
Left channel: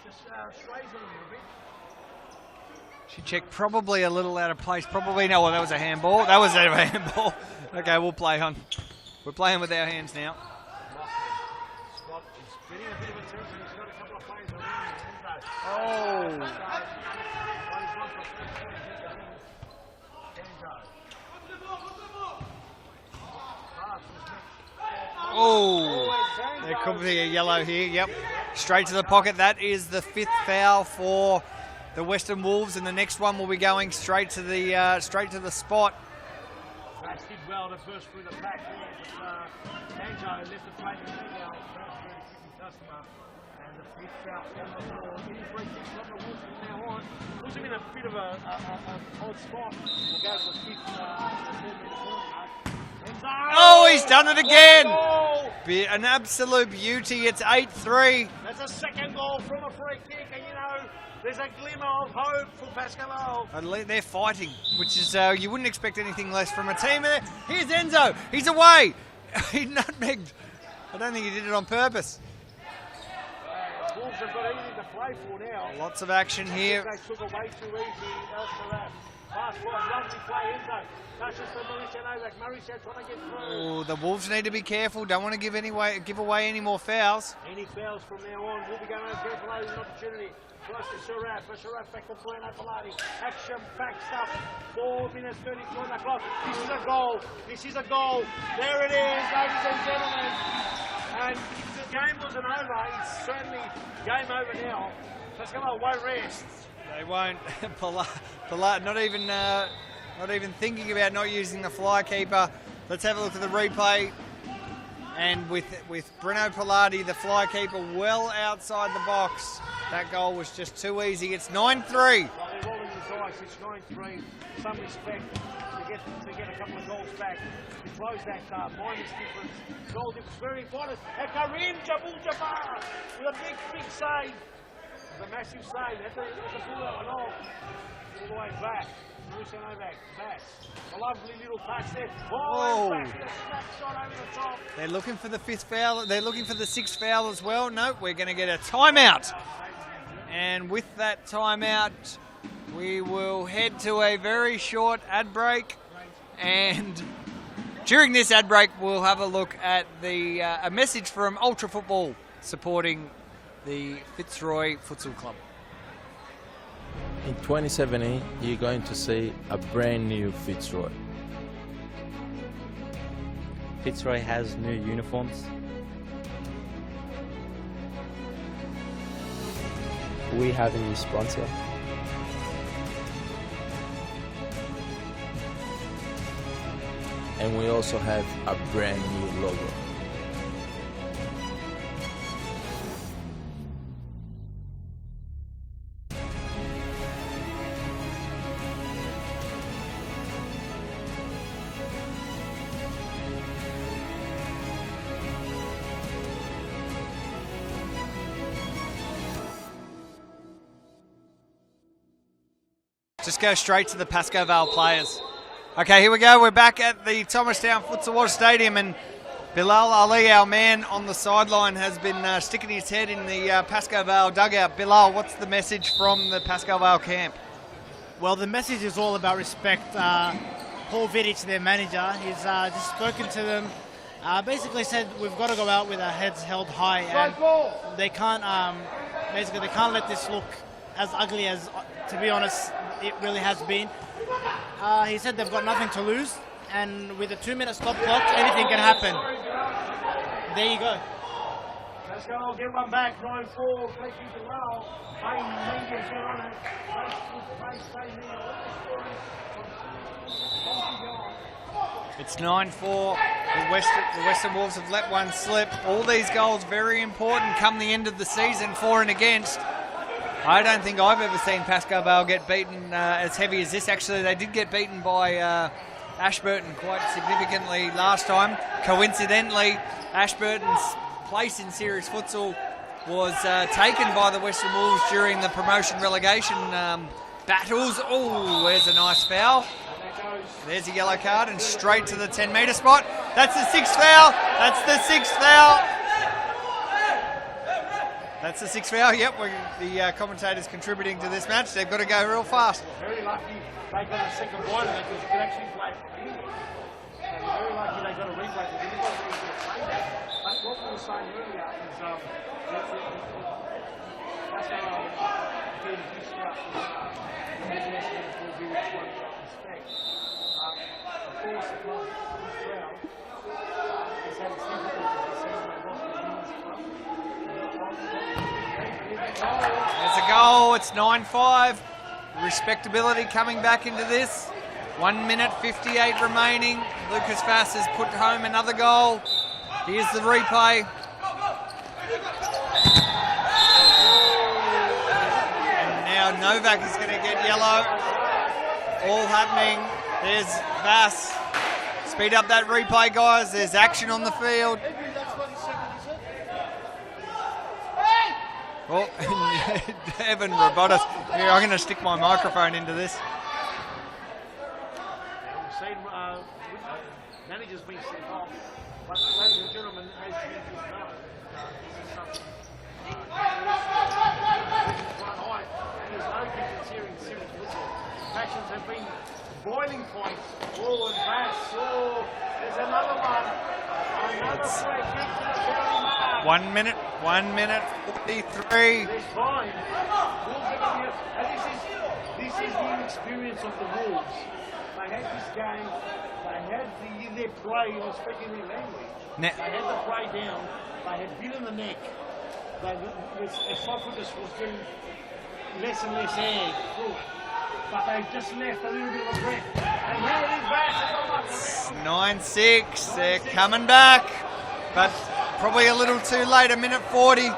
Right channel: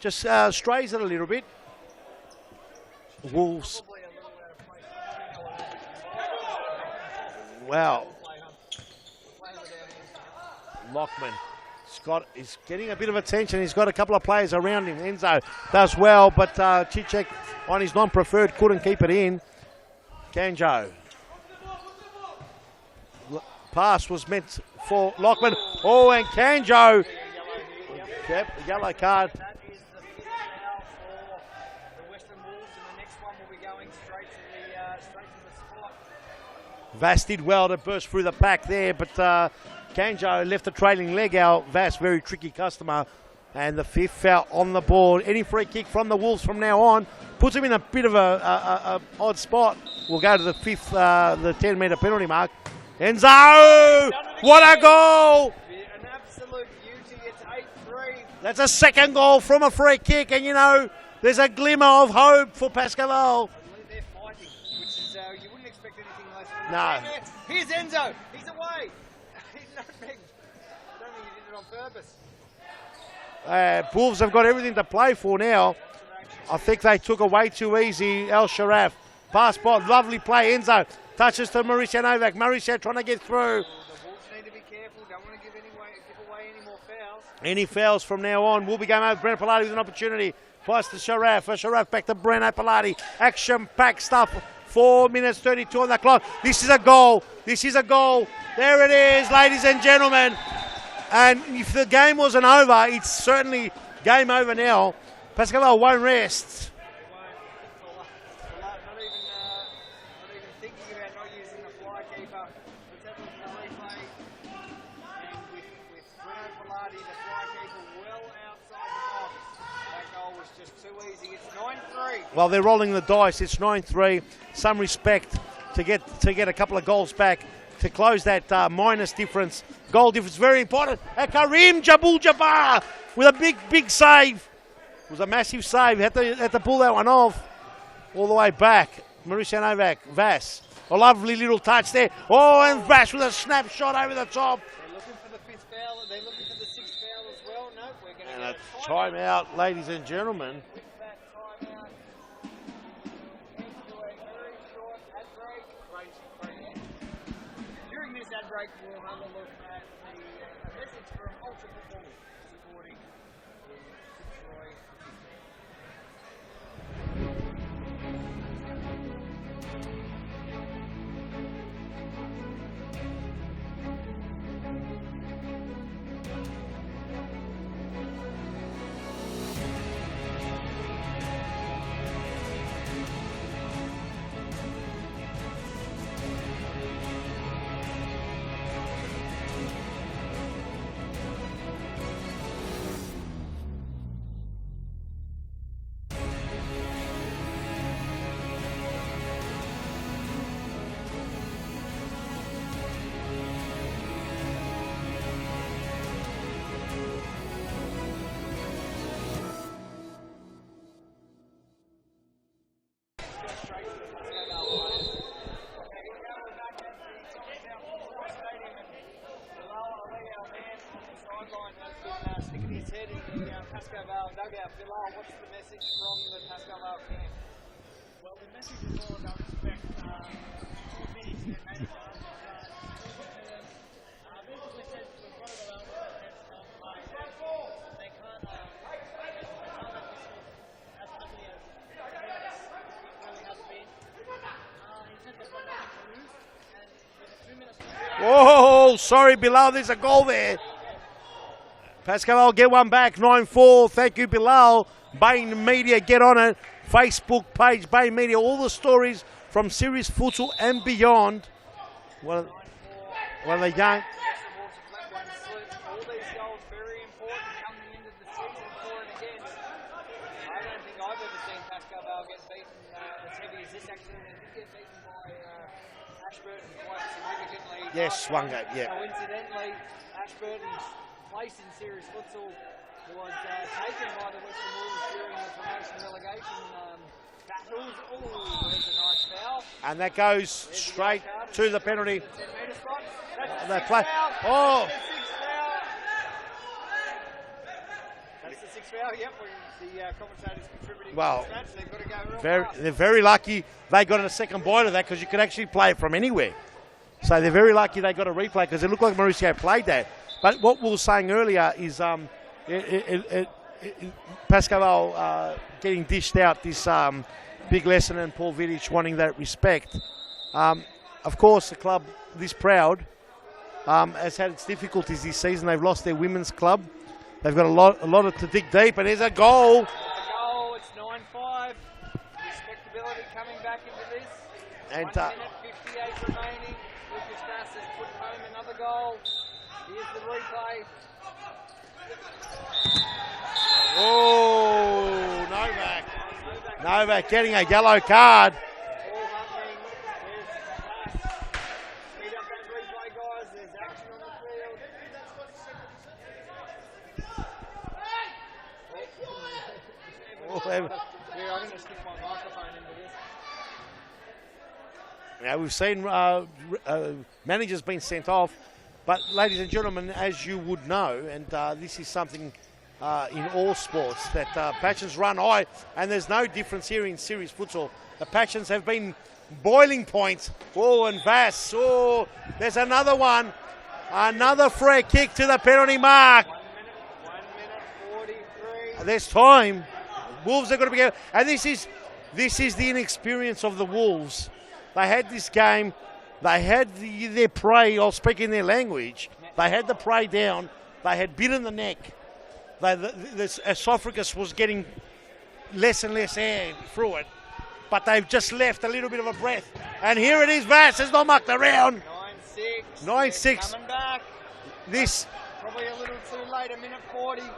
just strays it a little bit. Chichek probably a little out of place. Probably no. Well, that was a handball. That was a handball. Wow. Okay, we'll play on. We're playing with our hands now. Lockman. He's getting a bit of attention. He's got a couple of players around him. Enzo does well, but Chichek on his non-preferred couldn't keep it in. Kanjo. Pass was meant for Lockman. Oh, and Kanjo. A yellow here. Yep. Straight to the pocket. That is the fifth foul for the Western Wolves, and the next one will be going straight to the spot. Vass did well to burst through the pack there, but Kanjo left the trailing leg out. Vass, very tricky customer. And the fifth foul on the board. Any free kick from the Wolves from now on puts him in a bit of a odd spot. We'll go to the fifth, the 10-metre penalty mark. Enzo! Oh, he's done it again. What a goal! An absolute beauty. It's 8-3. That's a second goal from a free kick, and you know, there's a glimmer of hope for Pascoe Vale. And they're fighting, which is, you wouldn't expect anything less from a team there. Here's Enzo. He's away. He nutmegged. I don't think he did it on purpose. Wolves have got everything to play for now. Lots of action here. I think they took it way too easy. El Sharaf. Pass by, lovely play. Enzo touches to Mauricio Novak. Mauricio trying to get through. Oh, the Wolves need to be careful. Don't want to give away any more fouls. Any fouls from now on. Will be going over. Brent Pilati with an opportunity. Pass to Sharaf. Sharaf back to Brent Pilati. Action-packed stuff. 4 minutes 32 on the clock. This is a goal. This is a goal. There it is, ladies and gentlemen. And if the game wasn't over, it's certainly game over now. Pascoe Vale won't rest. They won't. Not even thinking about not using the fly keeper. Let's have a look at the replay. And with Bruno Pilati, the fly keeper, well outside the box, that goal was just too easy. It's 9-3. Well, they're rolling the dice. It's 9-3. Some respect to get a couple of goals back to close that minus difference. Goal difference, very important. Karim Jabbar with a big save. It was a massive save. Had to pull that one off all the way back. Mauricio Novak, Vass. A lovely little touch there. And Vass with a snapshot over the top. They're looking for the 5th foul. They're looking for the 6th foul as well. No, we're going to get a timeout. Timeout, ladies and gentlemen. And with that timeout, we will head to a very short ad break. And during this ad break, we'll have a look at a message from Ultra Football supporting the Fitzroy Futsal Club. In 2017, you're going to see a brand new Fitzroy. Fitzroy has new uniforms. We have a new sponsor. And we also have a brand new logo. Just go straight to the Pascoe Vale players. Okay, here we go. We're back at the Thomastown Futsal Oz Stadium, and Bilal Ali, our man on the sideline, has been sticking his head in the Pascoe Vale dugout. Bilal, what's the message from the Pascoe Vale camp? Well, the message is all about respect. Paul Vidic, their manager, he's just spoken to them. Basically said we've got to go out with our heads held high, and they can't. Basically, they can't let this look as ugly as, to be honest, it really has been. He said they've got nothing to lose, and with a 2-minute stop clock, anything can happen. Sorry, Bilal, there's a goal there. There you go. Pascoe will get one back, 9-4. Thank you, Bilal. Bain Media, get on it. Facebook page, Bain Media, all the stories from Series Futsal and beyond. It's 9-4. The Western Wolves have let one slip. All these goals very important come the end of the season, for and against. I don't think I've ever seen Pascoe Vale get beaten as heavy as this. Actually, they did get beaten by Ashburton quite significantly last time. Yeah. Coincidentally, Ashburton's place in Series Futsal was taken by the Western Wolves during the promotion relegation battles. Oh, there's a nice foul. And that goes. There's a yellow card and to the straight penalty. to the 10-metre spot. That's the 6th foul. That's the 6th foul. That's the 6th foul. Yep, the commentators contributing to this match. They've got to go real fast. They're very lucky they got a second bite of that, because you can actually play it from anywhere. So they're very lucky they got a replay, because it looked like Mauricio played that. But what we were saying earlier is Pascoe getting dished out this big lesson, and Paul Vidic wanting that respect. Of course, the club, this proud, has had its difficulties this season. They've lost their women's club. They've got a lot to dig deep, and there's a goal. There's a goal. It's 9-5. Respectability coming back into this. 1 minute 58 remaining. Lucas Vass has put home another goal. Here's the replay. And now Novak is going to getting a yellow card. All happening. There's Vass. Speed up that replay, guys. There's action on the field. Oh, Evan Robotis. Yeah, I'm going to stick my microphone into this. Yeah, we've seen managers being sent off, but ladies and gentlemen, as you would know, and this is something in all sports, that passions run high, and there's no difference here in Series Futsal. The passions have been boiling point. Oh, and Vass. Oh, there's another one. Another free kick to the penalty mark. 1 minute 43. There's time. Wolves are going to be, and this is the inexperience of the Wolves. They had this game. They had their prey. I'll speak in their language. They had the prey down. They had bitten the neck. The esophagus was getting less and less air through it. But they've just left a little bit of a breath. And here it is, Vass has not mucked around. 9-6. 9-6. They're coming back. This probably a little too late, 1:40.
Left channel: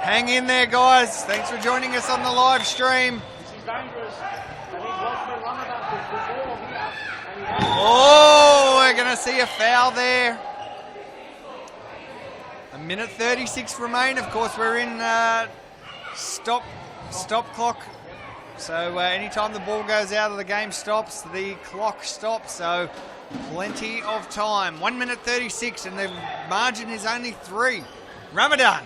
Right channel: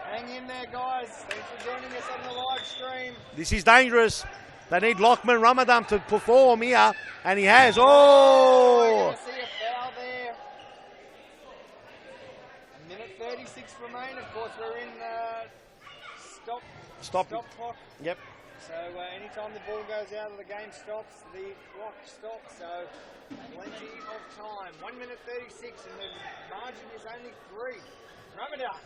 Hang in there, guys. Thanks for joining us on the live stream. This is dangerous. They need Lockman Ramadan to perform here, and he has. Oh, we're going to see a foul there. 1:36 remain. Of course, we're in stop clock. Yep. So anytime the ball goes out of the game stops, the clock stops. So plenty of time. 1:36, and the margin is only 3. Ramadan.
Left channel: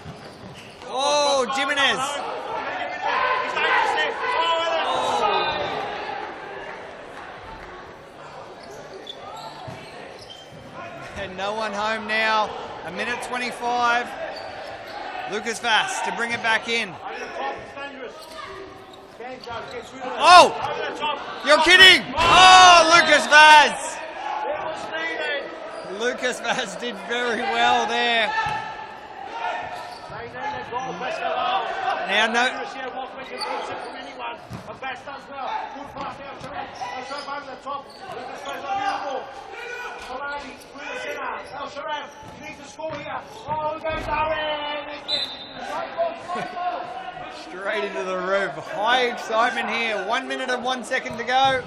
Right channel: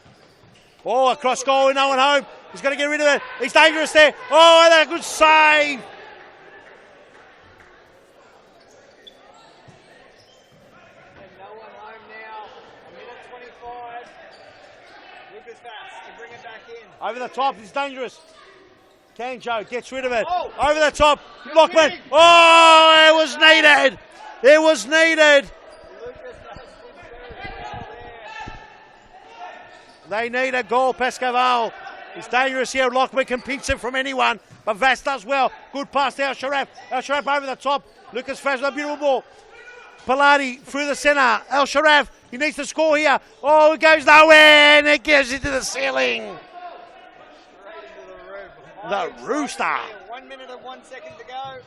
Oh, cross goal, no one home. He's going to get rid of it. He's dangerous there. Oh, that good save. And no one home now. 1:25. Lucas Vass to bring it back in. Over the top, he's dangerous. Kanjo gets rid of it. Oh! Over the top. You're kidding! Oh, Lucas Vass. It was needed. Lucas Vass did very well there. They need a goal, Pascoe. Now Now, dangerous here. Lockman can pinch it from anyone, but Vass does well. Good pass to El Sharaf. El Sharaf over the top. Lucas Vass, a beautiful ball. Pilati through the centre. El Sharaf, he needs to score here. Oh, it goes nowhere, and it goes into the ceiling. Straight into the roof. High excitement here. 1 minute and 1 second to go.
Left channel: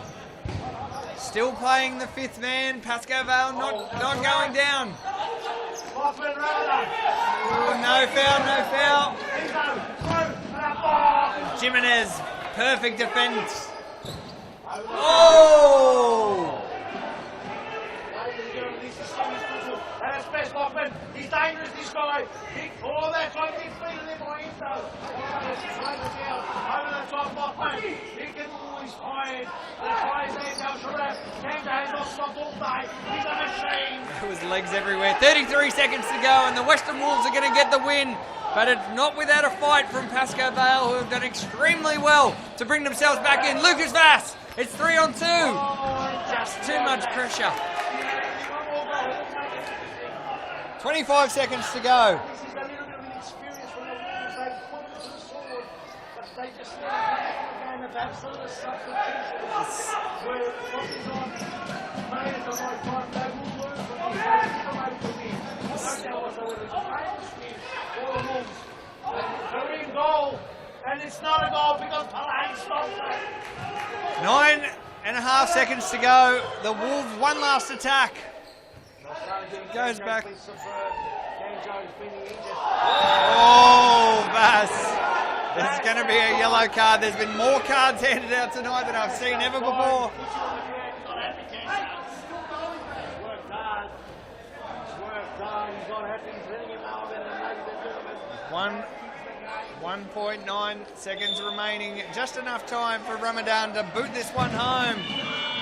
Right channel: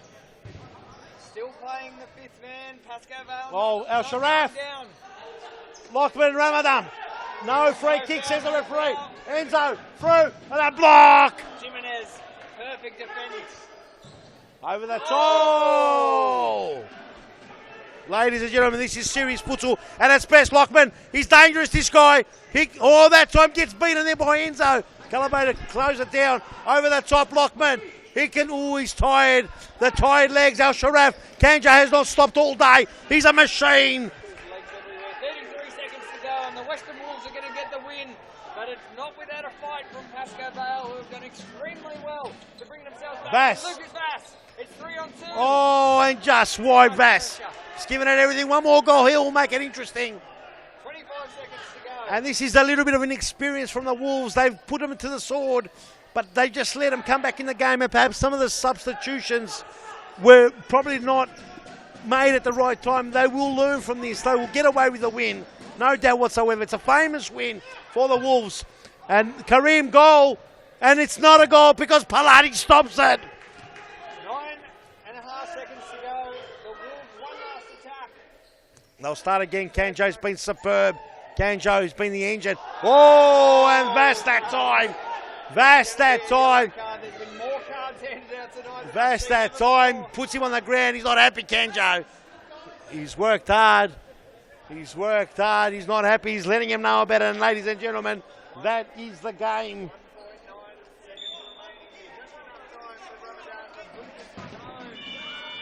Still playing the fifth man. Pascoe Vale not going down. Lockman Ramadan. No foul, no foul. Enzo, through, and a block. Jimenez, perfect defence. Over the top. Ladies and gentlemen, this is serious futsal at its best. Lockman, he's dangerous, this guy. That time gets beaten there by Enzo. Calibrator close it down. Over the top, Lockman. He can, he's tired. The tired legs, El Sharaf. Kanjo has not stopped all day. He's a machine. His legs everywhere. 33 seconds to go, and the Western Wolves are going to get the win. But it's not without a fight from Pascoe Vale, who have done extremely well to bring themselves back in. Lucas Vass, it's 3-on-2. Oh, and just wide Vass. He's giving it everything. One more goal, he'll make it interesting. 25 seconds to go. And this is a little bit of an experience from the Wolves. They've put them to the sword, but they just let them come back in the game, and perhaps some of the substitutions were probably not made at the right time. They will learn from this. They will get away with the win. No doubt whatsoever. It's a famous win for the Wolves. And Kareem goal, and it's not a goal because Pilati stops it. 9.5 seconds to go. The Wolves, one last attack. They'll start again. Kanjo's been superb. Kanjo's been the engine. Oh, and Vass that time. Vass that time. Card. There's been more cards handed out tonight than I've seen ever before. Puts him on the ground. He's not happy, Kanjo. He's worked hard. He's worked hard. He's not happy. He's letting him know about it. And ladies and gentlemen, that is the game. 1.9 seconds remaining. Just enough time for Ramadan to boot this one home.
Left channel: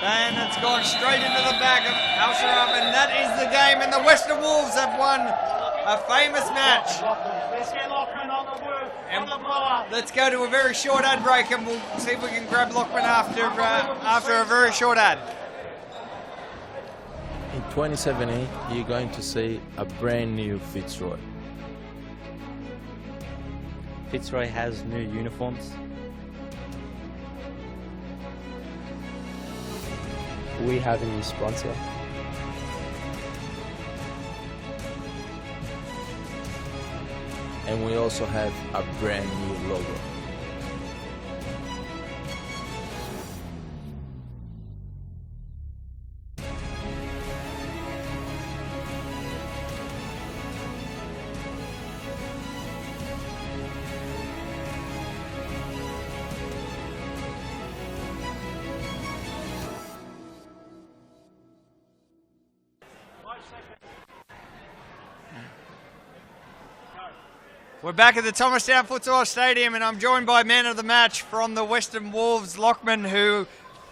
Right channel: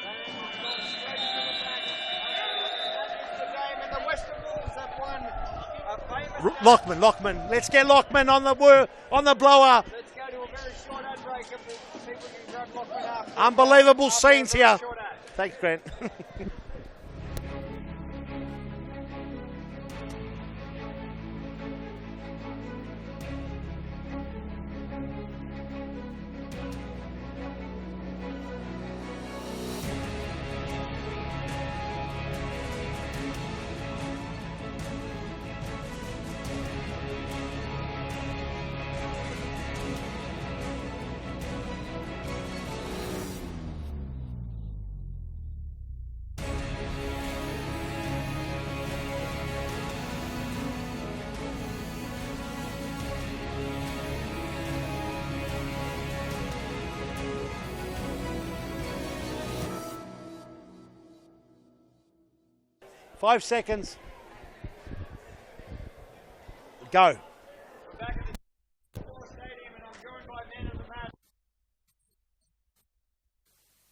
And it's gone straight into the back of Al Sharaf, and that is the game. And the Western Wolves have won a famous match. Lockman. Let's get Lockman on the blower. Let's go to a very short ad break, and we'll see if we can grab Lockman after. Unbelievable scenes a very here. Short ad. Thanks, Grant. In 2017, you're going to see a brand new Fitzroy. Fitzroy has new uniforms. We have a new sponsor. And we also have a brand new logo. Five seconds. Go. We're back at the Thomastown Futsal Stadium, and I'm joined by man of the match from the Western Wolves, Lockman, who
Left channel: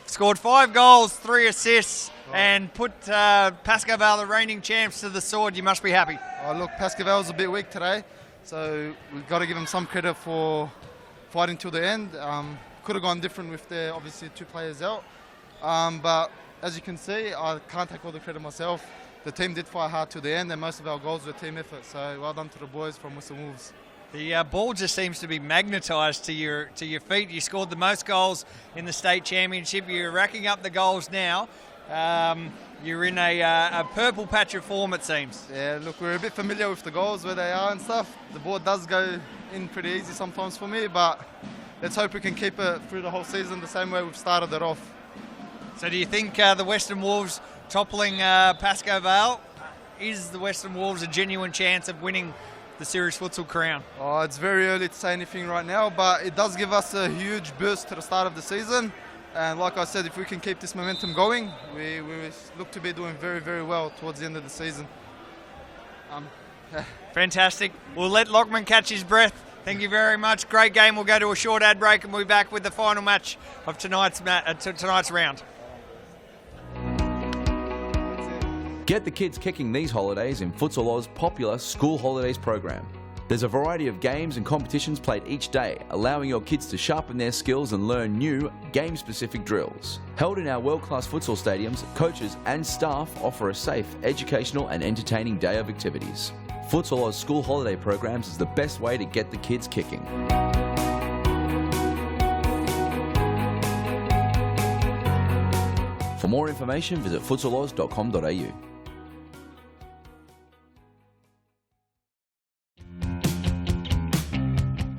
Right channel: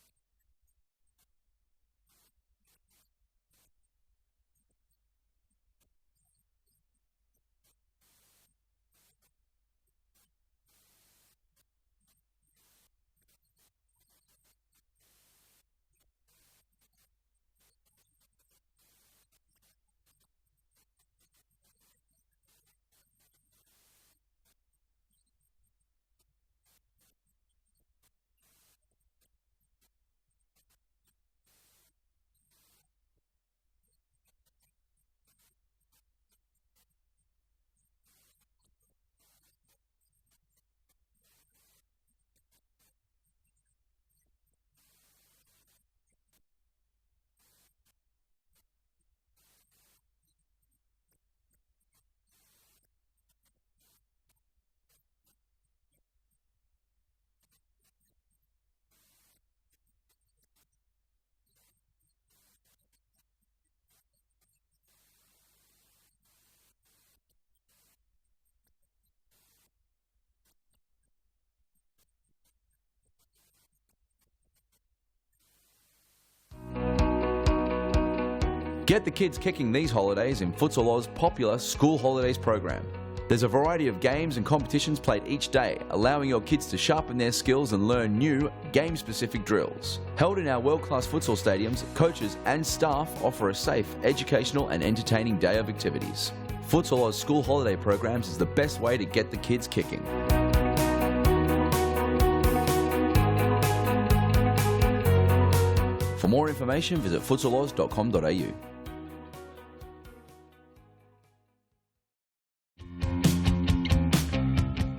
scored 5 goals, 3 assists, and put Pascoe Vale, the reigning champs, to the sword. You must be happy. Oh, look, Pascoe Vale was a bit weak today, so we've got to give them some credit for fighting till the end. Could have gone different with their, obviously, 2 players out. But as you can see, I can't take all the credit myself. The team did fight hard to the end, and most of our goals were team effort. So well done to the boys from Western Wolves. The ball just seems to be magnetised to your feet. You scored the most goals in the state championship. You're racking up the goals now. You're in a purple patch of form, it seems. Yeah, look, we're a bit familiar with the goals, where they are and stuff. The board does go in pretty easy sometimes for me, but let's hope we can keep it through the whole season the same way we've started it off. So do you think the Western Wolves toppling Pascoe Vale, is the Western Wolves a genuine chance of winning the Series Futsal crown? Oh, it's very early to say anything right now, but it does give us a huge boost to the start of the season. And like I said, if we can keep this momentum going, we look to be doing very, very well towards the end of the season. Fantastic. We'll let Lockman catch his breath. Thank you very much. Great game. We'll go to a short ad break and we'll be back with the final match of tonight's round. Get the kids kicking these holidays in Futsal Oz's popular School Holidays program. There's a variety of games and competitions played each day, allowing your kids to sharpen their skills and learn new, game-specific drills. Held in our world-class futsal stadiums, coaches and staff offer a safe, educational and entertaining day of activities. Futsal Oz School Holiday programs is the best way to get the kids kicking. For more information, visit futsaloz.com.au.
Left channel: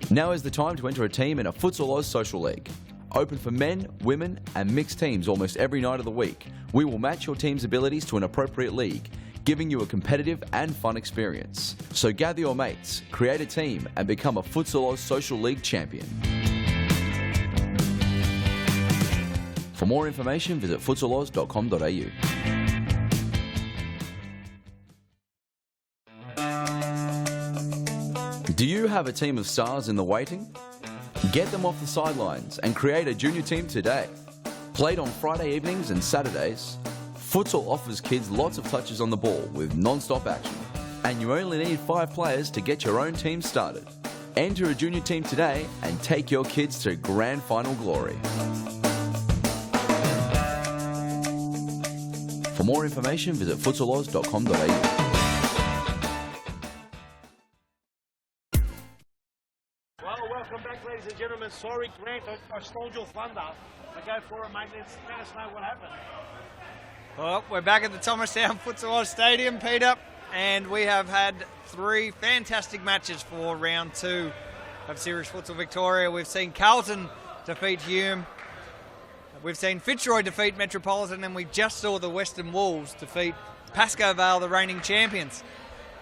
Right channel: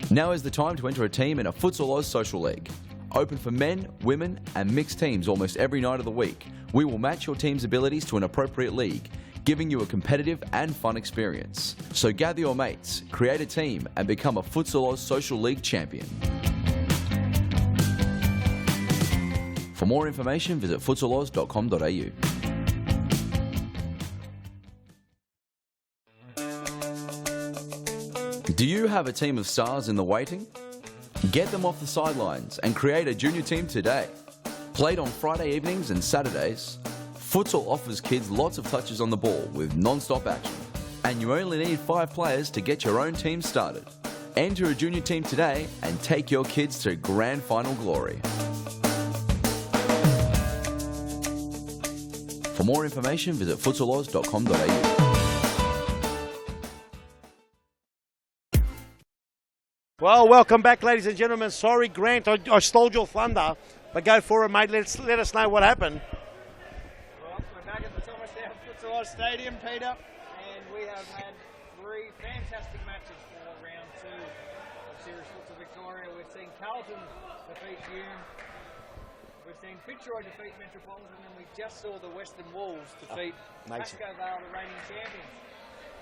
Now is the time to enter a team in a Futsal Oz Social League. Open for men, women and mixed teams almost every night of the week. We will match your team's abilities to an appropriate league, giving you a competitive and fun experience. So gather your mates, create a team and become a Futsal Oz Social League champion. For more information, visit futsaloz.com.au. Do you have a team of stars in the waiting? Get them off the sidelines and create a junior team today. Played on Friday evenings and Saturdays, futsal offers kids lots of touches on the ball with non-stop action. And you only need 5 players to get your own team started. Enter a junior team today and take your kids to grand final glory. For more information, visit futsaloz.com.au. Well, welcome back, ladies and gentlemen. Sorry, Grant, I stole your thunder, but go for it, mate. Let us know what happened. Well, we're back at the Thomastown Futsal Oz Stadium, Peter, and we have had 3 fantastic matches for round 2 of Series Futsal Victoria. We've seen Carlton defeat Hume, we've seen Fitzroy defeat Metropolitan, and we just saw the Western Wolves defeat Pascoe Vale, the reigning champions.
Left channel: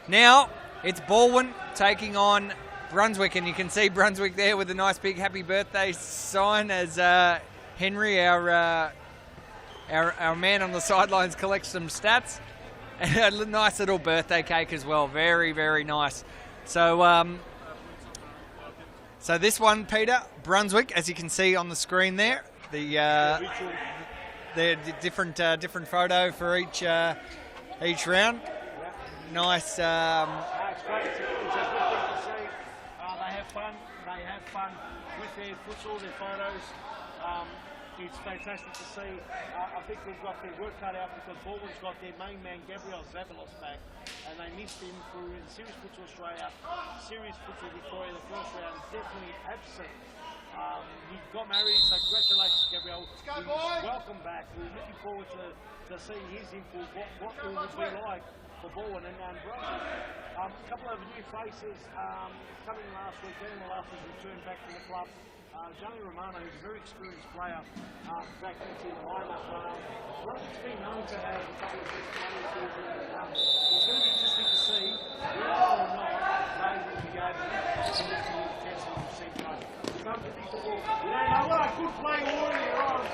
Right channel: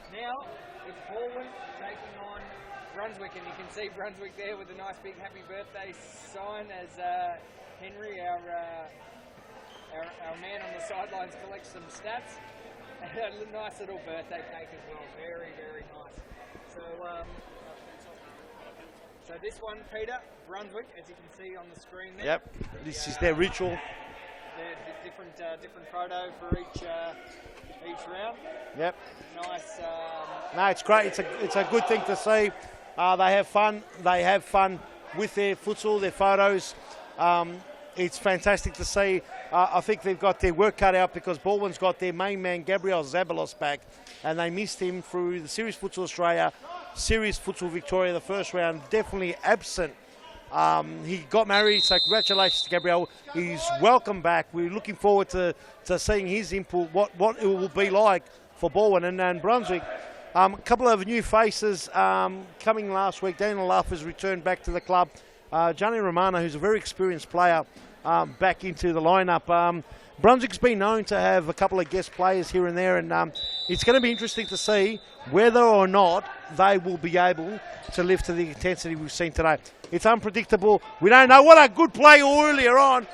Now, it's Balwyn taking on Brunswick, and you can see Brunswick there with a nice big happy birthday sign as Henry, our man on the sidelines, collects some stats. And a nice little birthday cake as well. Very, very nice. So, so this one, Peter, Brunswick, as you can see on the screen there. Yep. This is their ritual. The different photo for each round. Yep. Nice. No, it's great. It's a good thing to see. They have fun. They have fun with their futsal, their photos. It's fantastic to see. I think they've got their work cut out because Balwyn's got their main man, Gabriel Zabalos, back, and they missed him through the Series Futsal Australia, Series Futsal Victoria, the first round. Definitely absent. He got married, so congratulations to Gabriel. He's welcome back. We're looking forward to seeing his input, what it will be like for Balwyn and Brunswick. A couple of new faces coming last week. Daniel Luff has returned back to the club. Johnny Romano, who's a very experienced player, back into the lineup. Brunswick's been known to have a couple of guest players here and there, and it's going to be interesting to see whether or not they will be able to live to the intensity we've seen today. It's unpredictable. We don't know. What a good play earlier on.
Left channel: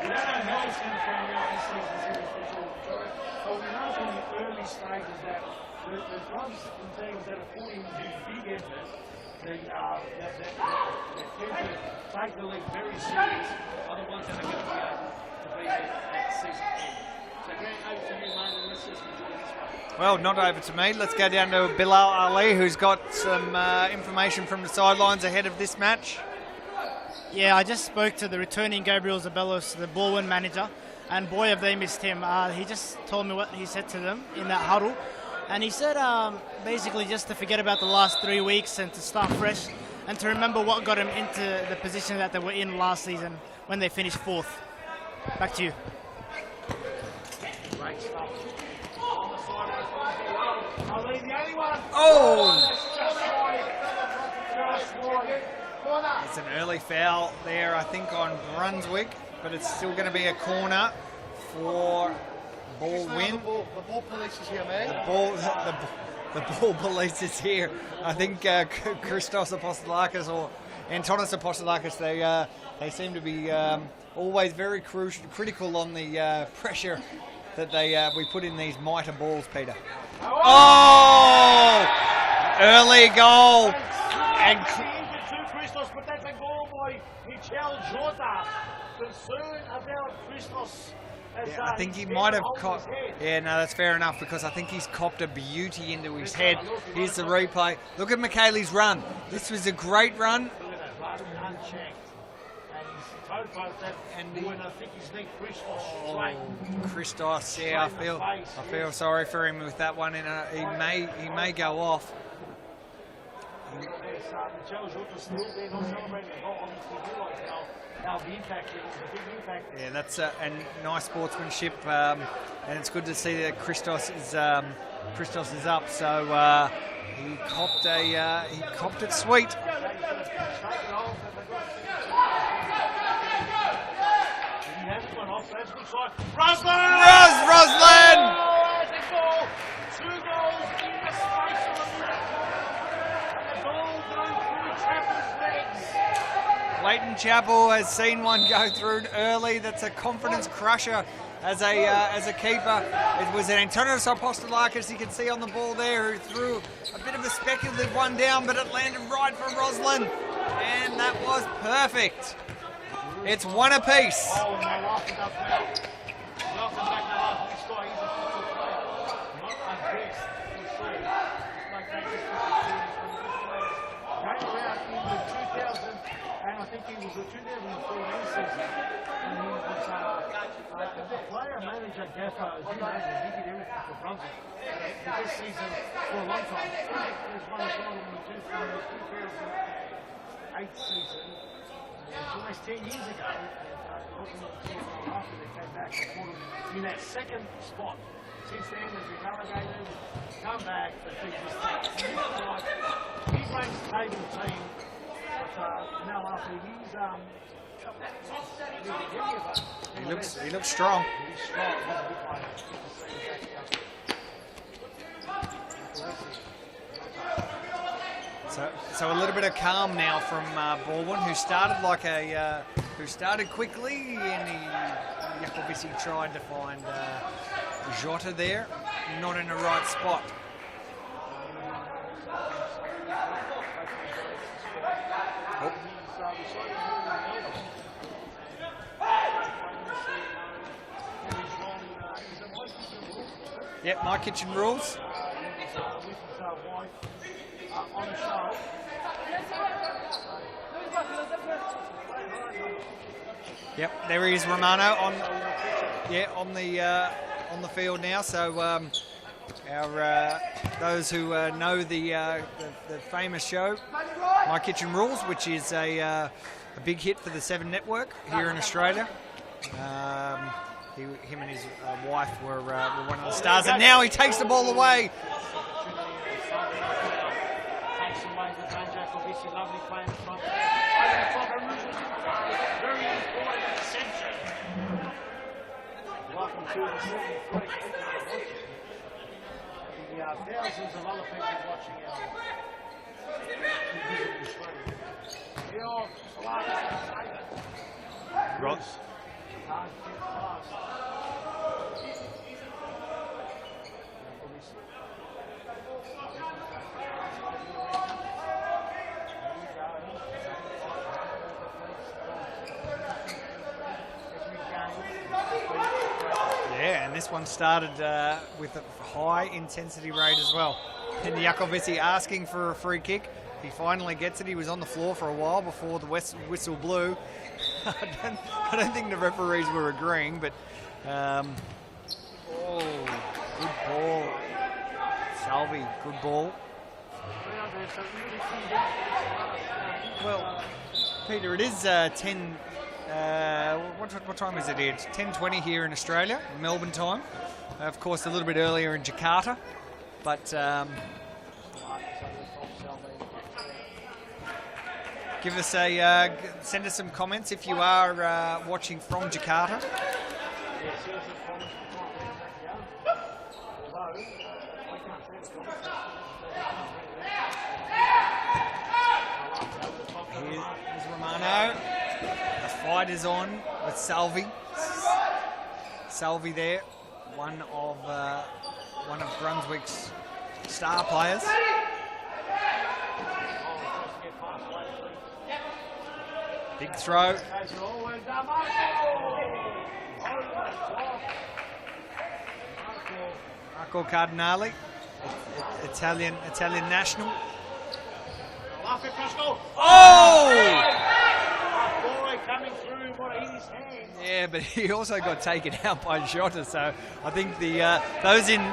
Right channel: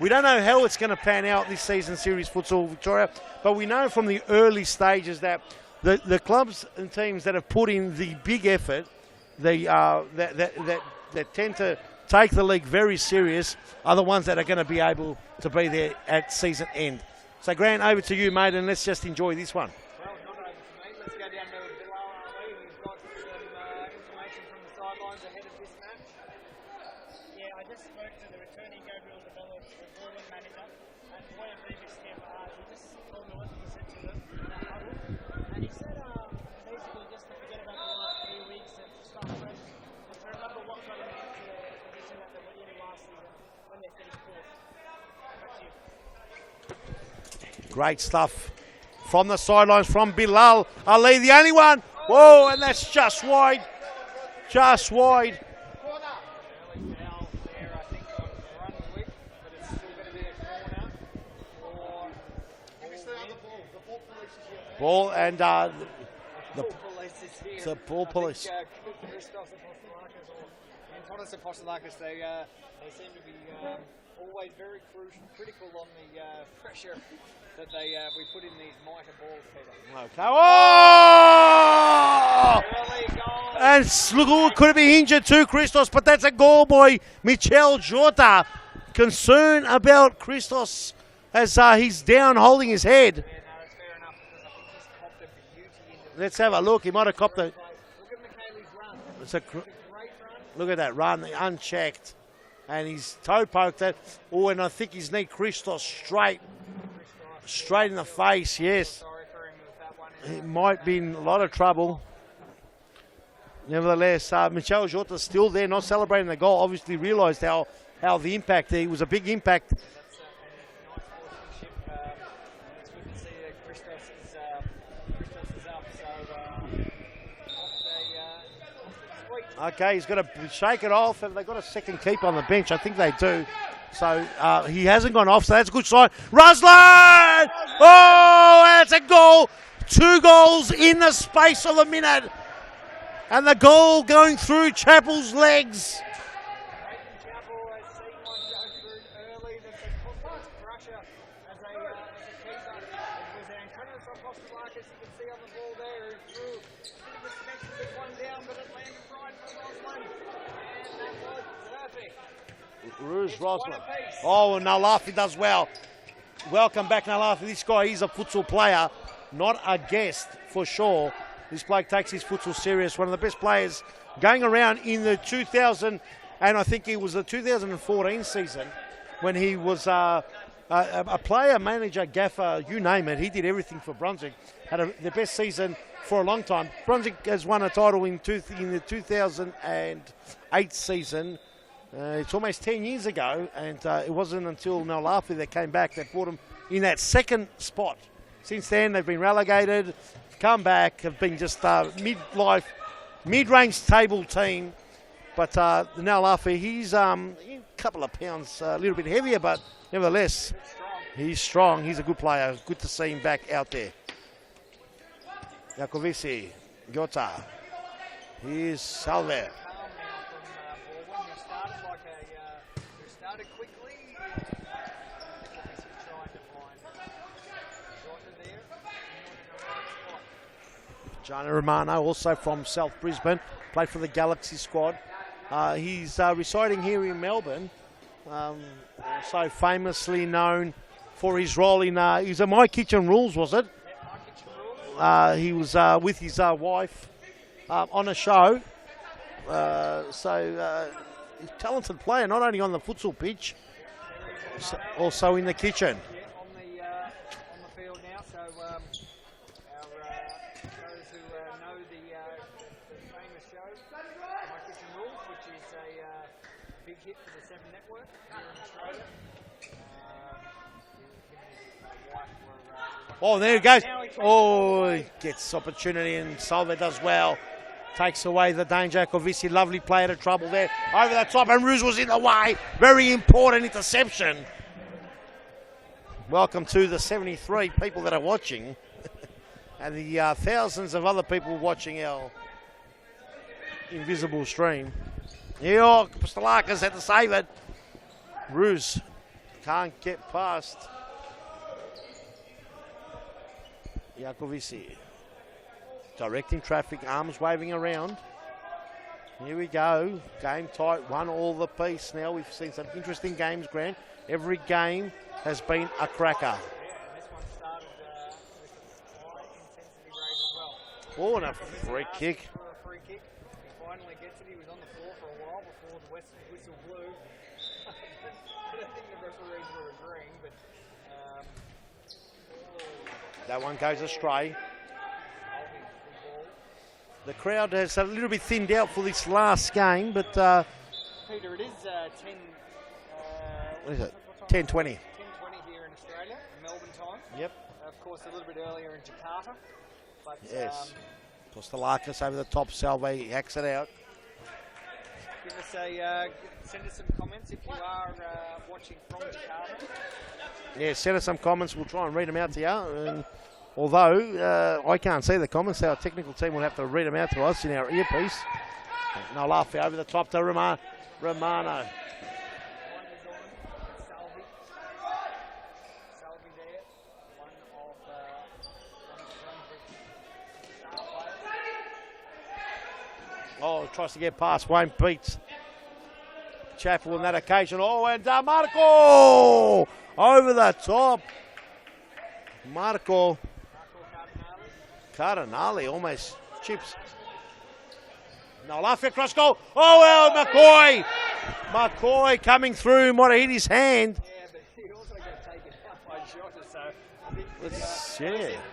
We don't know how it's going to pan out this season, Series Futsal Victoria, but we know from the early stages that the clubs and teams that have put in the big effort, that tend to take the league very serious, are the ones that are going to be able to be there at season end. So, Grant, over to you, mate, and let's just enjoy this one. Well, not over to me. Let's go down to Bilal Ali, who's got some information from the sidelines ahead of this match. Yeah, I just spoke to the returning Gabriel Zabalos, the Balwyn manager, and boy, have they missed him. He just told me what he said to them in that huddle. And he said basically just to forget about the last 3 weeks and to start fresh and to remember what got him into the position that they were in last season when they finished 4th. Back to you. Great stuff from the sidelines from Bilal Ali, the only one. Oh. And that's just wide. Just wide. It's an early foul there, I think, on Brunswick, but it's still going to be a corner for Balwyn. The ball police is here, man. The ball police is here. I think Christos Apostolakis or Antonis Apostolakis, they seem to be always very critical on the pressure that we put in these mitre balls, Peter. Early goal. And look, could be injured too, Christos, but that's a goal by Michel Jota. Concern about Christos as he's down holding his head. Yeah, no, that's fair enough because I think he's copped a beauty into his Let's head. have a look. He might Here's have the copped replay. Look at McKaylee's run. This was a great run. Look at that run, unchecked. And he's toe poked it. And I think his knee Christos straight. Christos. Straight in the face, I yes. feel sorry for him with that one. He might be in a lot of trouble. Nevertheless, Michel Jota's still there, not celebrating the goal. Obviously realised how the impact, it was a big impact. Yeah, that's and nice sportsmanship, and it's good to see that Christos is up. So he copped it sweet. Okay, he's going to shake it off, and they've got a second keeper on the bench. I think they do. So he hasn't gone off, so that's a good sign. Ruslan! Oh, that's a goal. 2 goals in the space of a minute. And the goal going through Chappell's legs. Leighton Chappell has seen one go through early. That's a confidence crusher as a keeper. It was an Antonios Apostolakis, you can see on the ball there, who threw a bit of a speculative one down, but it landed right for Roslin. And that was perfect. It's one apiece. Oh, and Nalafi does well. Welcome back, Nalafi. This guy, he's a futsal player, not a guest for sure. This bloke takes his futsal serious. One of the best players going around in the 2000, and I think it was the 2014 season when he was a player, manager, gaffer, you name it. He did everything for Brunswick. Had the best season for a long time. Brunswick has won a title in the 2008 season. It's almost 10 years ago, and it wasn't until Nalafi that came back that put them in that second spot. Since then, they've been relegated, come back, have been just mid-range table team. But Nalafi, he's a couple of pounds, a little bit heavier, but nevertheless. He looks strong. He's strong. He's a good player. It's good to see him back out there. Jakovici, Jota. So a little bit of calm now from Balwyn, who started quickly, and Jakovici tried to find Jota there, not in the right spot. Jonah Romano, also from South Brisbane, played for the Galaxy squad. He's residing here in Melbourne, so famously known for his role in, he's a My Kitchen Rules, was it? Yep, My Kitchen Rules. He was with his wife on a show. Talented player, not only on the futsal pitch. Yep, there he is, Romano. Also in the kitchen. Yeah, on the field now. So those who know the famous show, My Kitchen Rules, which is a big hit for the 7 Network here in Australia. Him and his wife were one of the stars, and now he takes the ball away. Gets opportunity, and Solve does well. Takes away the danger. Kovici, lovely play out of trouble there. Over the top, and Ruse was in the way. Very important interception. Welcome to the 73 people that are watching, and the thousands of other people watching our invisible stream. New York, Stalakas had to save it. Ruse can't get past. Jakovici. Directing traffic, arms waving around. Here we go. Game tight, 1-1 the piece. Now we've seen some interesting games, Grant. Every game has been a cracker. Yeah, and this one started with a high intensity rate as well. And Jakovici asking for a free kick. He finally gets it. He was on the floor for a while before the whistle blew. I don't think the referees were agreeing, but that one goes astray. Salvi, good ball. The crowd has a little bit thinned out for this last game, but Peter, it is 10 What time is it? 10:20. here? 10:20 here in Australia, Melbourne time. Yep. Of course, a little bit earlier in Jakarta. But Postalakis over the top, Salve hacks it out. give us send us some comments if you are watching from Jakarta. Yeah, send us some comments. We'll try and read them out to you. Although I can't see the comments, our technical team will have to read them out to us in our earpiece. No laugh over the top to Romano. The fight is on with Salve. Salve there, one of Brunswick's star players. Oh, tries to get past Wayne Peets. Chaps on throw. that occasion. Oh, and Marco over the top. Marco Cardinale. Cardinale, Italian national. No, laugh across goal. Oh, McCoy coming through, might have hit his hand. Yeah, but he also got taken out by Jota, so I think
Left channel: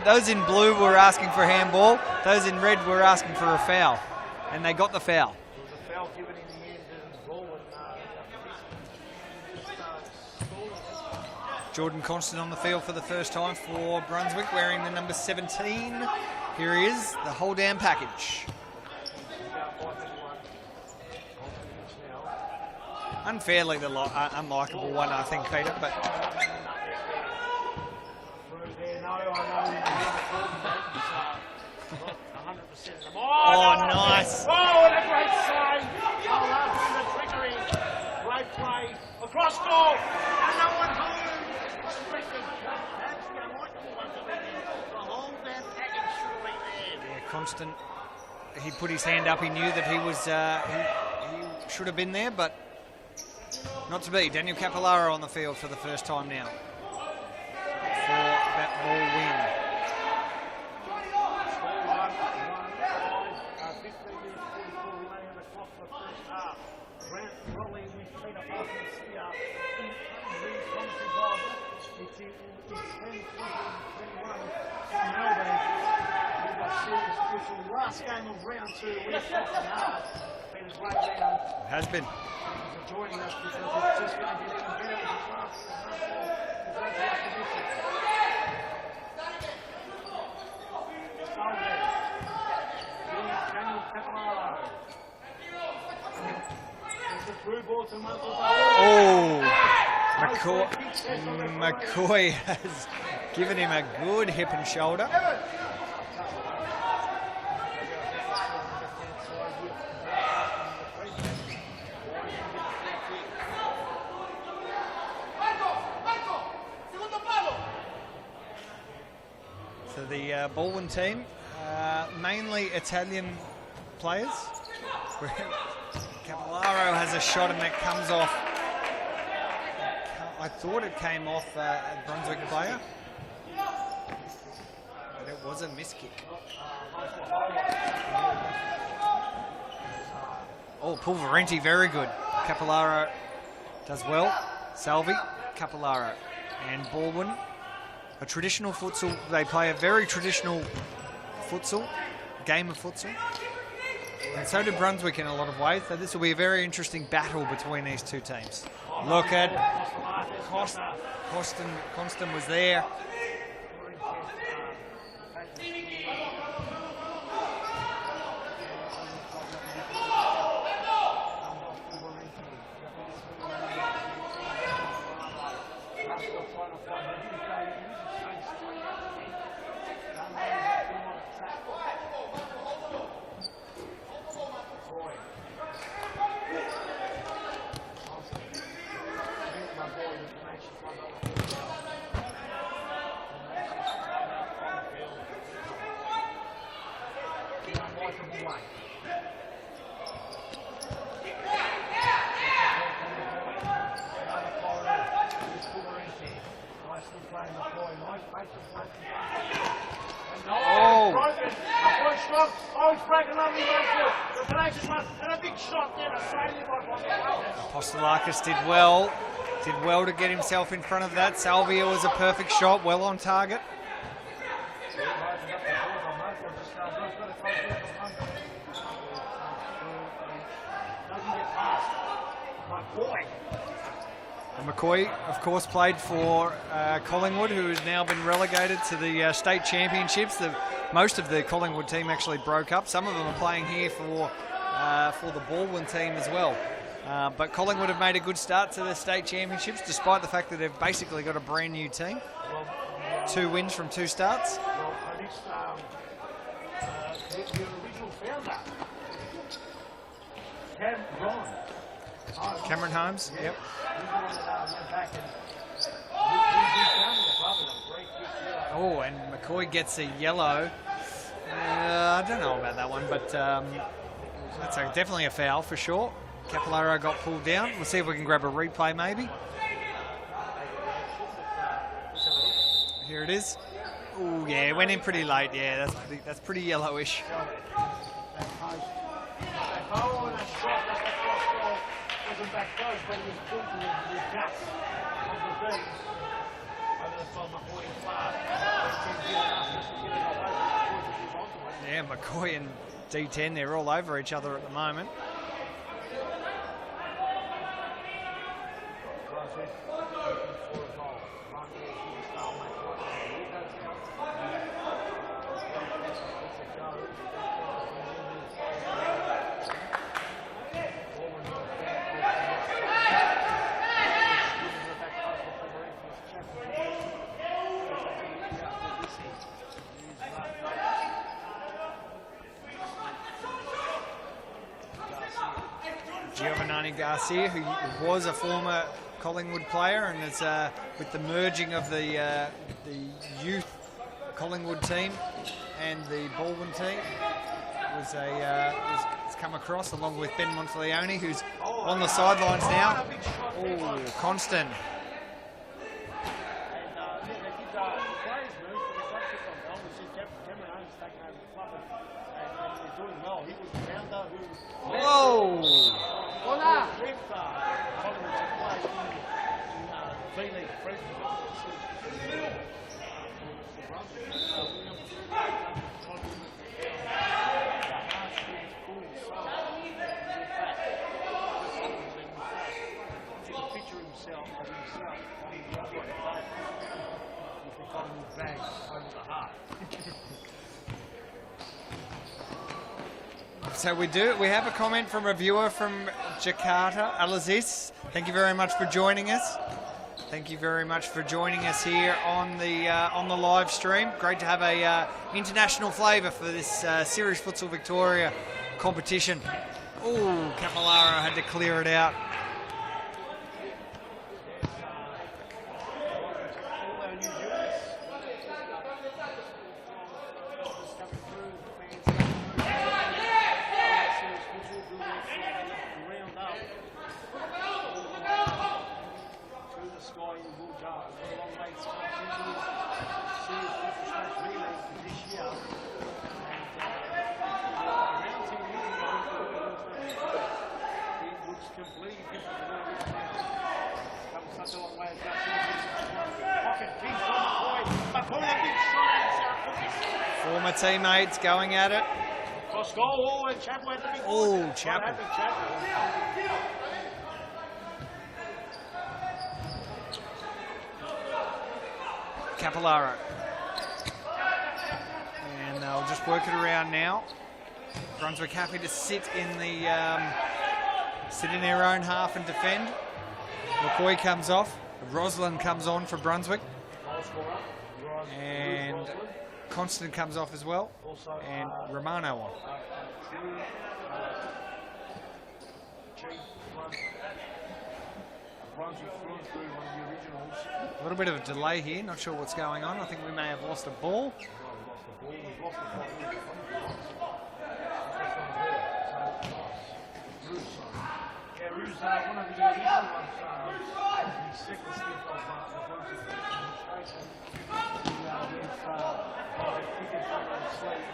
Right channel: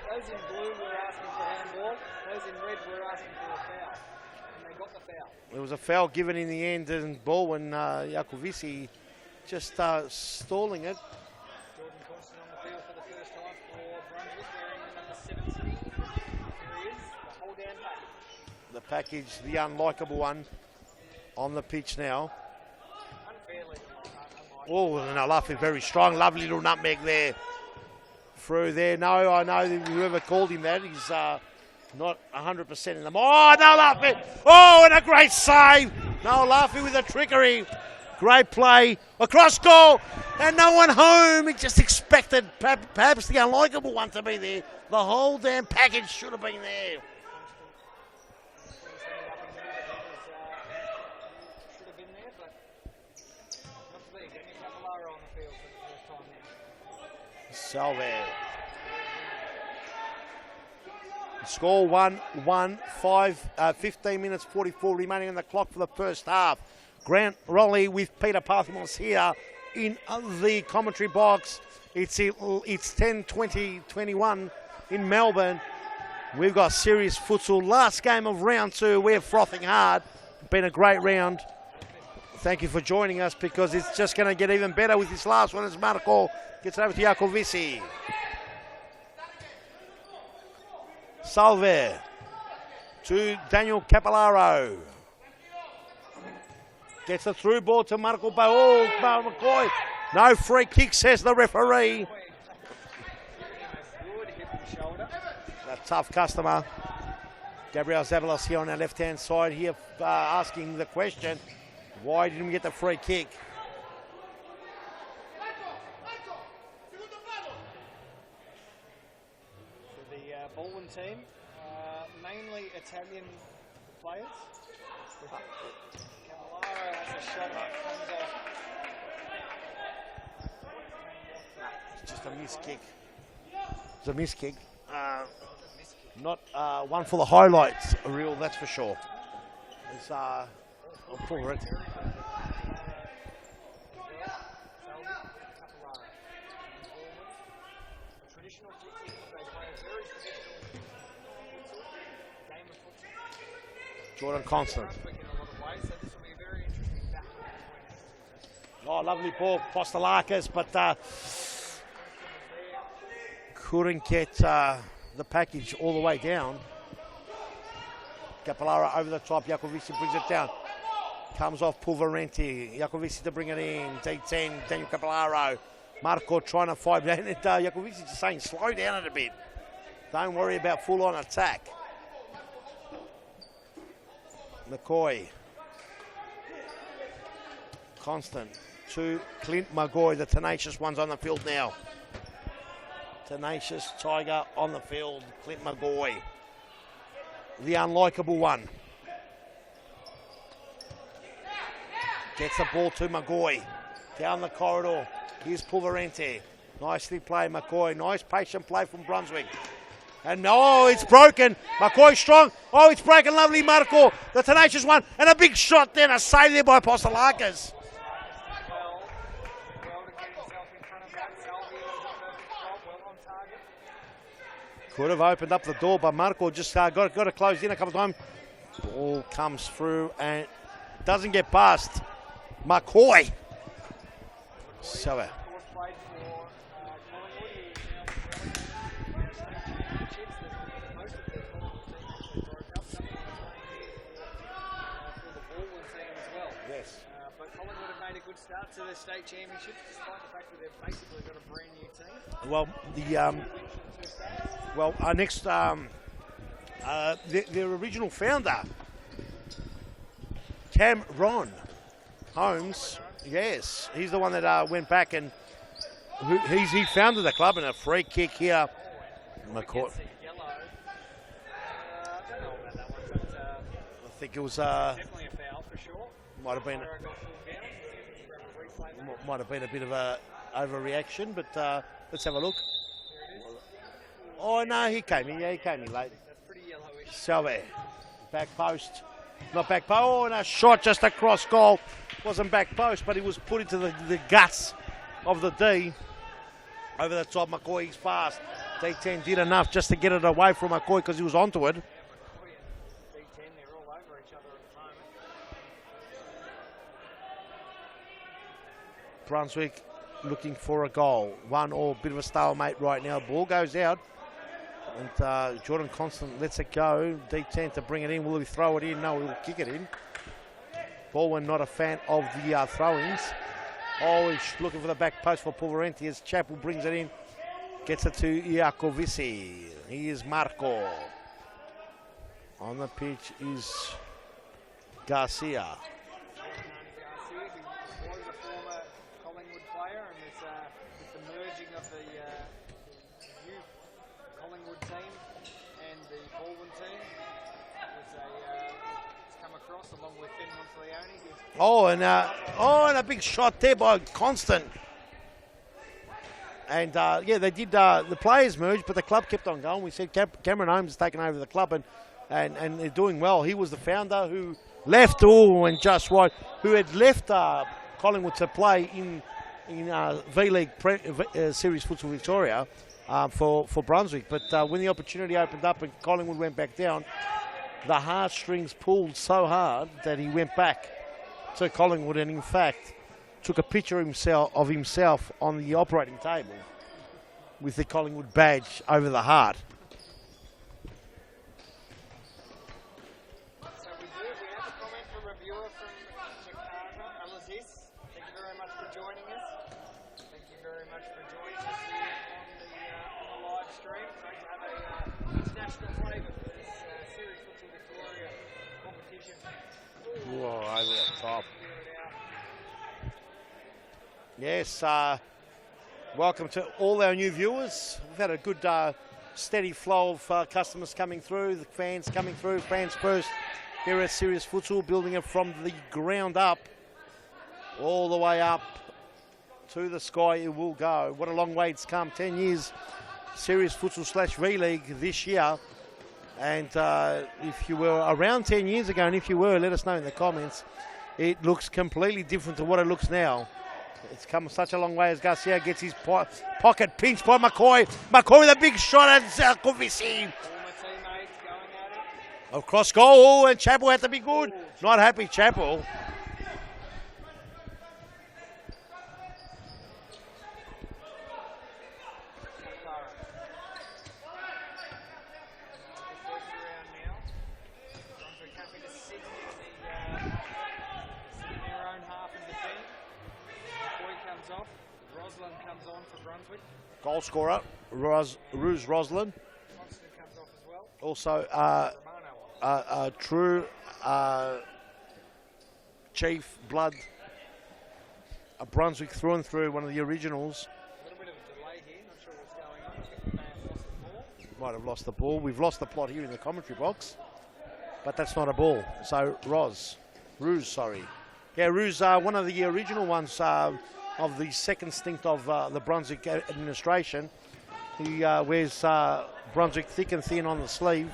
those in blue were asking for a handball, those in red were asking for a foul, and they got the foul. There was a foul given in the end, and Balwyn Jakovici just stalling it. Jordan Constant on the field for the first time for Brunswick, wearing the number 17. Here he is, the whole damn package. The package, the unlikable one, on the pitch now. Unfairly the unlikable one. I love it, very strong, lovely little nutmeg there. Through there, no, I know that whoever called him that, he's not 100% in the... Oh, no, laughing! Nice. Oh, and a great save! No, laughing with the trickery. Great play, across goal, and no one home. He just expected perhaps the unlikable one to be there. The whole damn package should have been there. Yeah, Constant, he put his hand up, he knew that he was, he should have been there, but not to be. Daniel Capillaro on the field for the first time now. So For that ball win. Score 1-1, 15 minutes 44 remaining on the clock for the first half. Grant Raleigh with Peter Pathmos here in the commentary box. It's 10-20-21 in Melbourne. We've got serious futsal. Last game of round 2. We're frothing hard. Been a great round. Has been. Thank you for joining us, because it's just going to get even better with this last one as Marco gets it over to Jakovici. Salve to Daniel Capillaro. Gets a through ball to Marco Bao. No free kick, says the referee. McCoy has given him a good hip and shoulder. A tough customer. Gabriel Zavalos here on the left-hand side here asking the question, why didn't you get the free kick? So the Balwyn team, mainly Italian players. Capillaro has a shot and that comes off. I thought it came off a Brunswick player. It's a miss kick. It was a miss kick. Not one for the highlights reel, that's for sure. Oh, Pulverenti, very good. Capillaro does well. Salve, Capillaro, and Balwyn. A traditional futsal. They play a very traditional futsal, game of futsal. And so do Brunswick in a lot of ways. So this will be a very interesting battle between these two teams. Oh, look at Postalakis, but Constant was there. couldn't get the package all the way down. Capillaro over the top, Jakovici brings it down. Comes off Pulverenti, Jakovici to bring it in, D10, Daniel Capillaro. Marco trying to fight down it. Jakovici is saying slow down it a bit. Don't worry about full-on attack. McCoy. Constant to Clint Magoy, the tenacious one's on the field now. Tenacious Tiger on the field, Clint Magoy. The unlikable one. Gets the ball to Magoy. Down the corridor. Here's Pulverenti. Nicely played, McCoy. Nice patient play from Brunswick. And it's broken. McCoy strong. Oh, it's broken. Lovely Marco. The tenacious one. And a big shot then. A save there by Postalakis. Postalakis did well. Did well to get himself in front of that. Salvia was a perfect shot. Well on target. Could have opened up the door, but Marco just got to close in a couple of times. Ball comes through and doesn't get past McCoy. McCoy, So, of course, played for Collingwood, who has now been relegated to the state championships. Most of the Collingwood team actually broke up. Some of them are playing here for the Balwyn team as well. But Collingwood have made a good start to the state championships, despite the fact that they've basically got a brand new team. Well, 2 wins from 2 starts. Well, our next, their original founder, Cameron Holmes. Yes, he's the one that went back and he founded the club, and a free kick here. Oh, and McCoy gets a yellow. I don't know about that one, but I think it was definitely a foul for sure. Capillaro got pulled down. We'll see if we can grab a replay maybe. Might have been a bit of a overreaction, but let's have a look. Here it is. Ooh, Oh, yeah, no, it went he in pretty came- late. yeah, he Yeah, came that's pretty yellowish. So there. Back post. Not back post. Oh, and a shot just across goal. Wasn't back post, but it was put into the guts of the D. Over the top, McCoy, he's fast. D10 did enough just to get it away from McCoy because he was onto it. Yeah, McCoy and D10, they're all over each other at the moment. Brunswick looking for a goal. 1-1, bit of a stalemate right now. Ball goes out. And Jordan Constant lets it go. D10 to bring it in. Will he throw it in? No, he'll kick it in. Balwyn not a fan of the throw-ins. Oh, he's looking for the back post for Pulverenti as Chappell brings it in. Gets it to Iacovici. He is Marco. On the pitch is Garcia. Giovanni Garcia, who was a former Collingwood player, and it's with the merging of the youth Collingwood team and the Balwyn team, was come across along with Ben Monteleone, who's on the sidelines now. And a big shot there by Constant. And yeah, they did. The players merged, but the club kept on going. We said Cameron Holmes has taken over the club, and they're doing well. He was the founder who left, and just wide, who had left Collingwood to play in V-League Series Futsal Victoria for Brunswick. But when the opportunity opened up and Collingwood went back down, the heartstrings pulled so hard that he went back to Collingwood, and in fact took a picture of himself on the operating table with the Collingwood badge over the heart. So we have a comment from a viewer from Jakarta, Alaziz. Thank you very much for joining us. Thank you very much for joining us here on the live stream. Great to have a international flavour for this Series Futsal Victoria competition. Ooh, Capillaro had to clear it out. Yes, welcome to all our new viewers. We've had a good steady flow of customers coming through, the fans coming through, fans first. We're at Series Futsal, building it from the ground up, all the way up to the sky it will go. What a long way it's come, 10 years Series Futsal / V-League this year. And if you were around 10 years ago, and if you were, let us know in the comments, it looks completely different to what it looks now. It's come such a long way as Garcia gets his pocket pinched by McCoy. McCoy with a big shot at Zarkovici. Former teammates going at it. Across goal, and Chappell had to be good. Ooh, Not happy, Chappell. Capillaro. And they'll just work it around now. Brunswick happy to sit in their own half and defend. McCoy comes off. Roslin comes on for Brunswick. Goal scorer, Rouge Roslin. Constant comes off as well. Also, Romano on. True Chief Blood. Brunswick through and through, one of the originals. A little bit of a delay here, not sure what's going on. I think we may have lost a ball. Might have lost the ball. We've lost the plot here in the commentary box, but that's not a ball. So Rouge, sorry. Yeah, Rouge, one of the original ones of the second stint of the Brunswick administration. He wears Brunswick thick and thin on the sleeve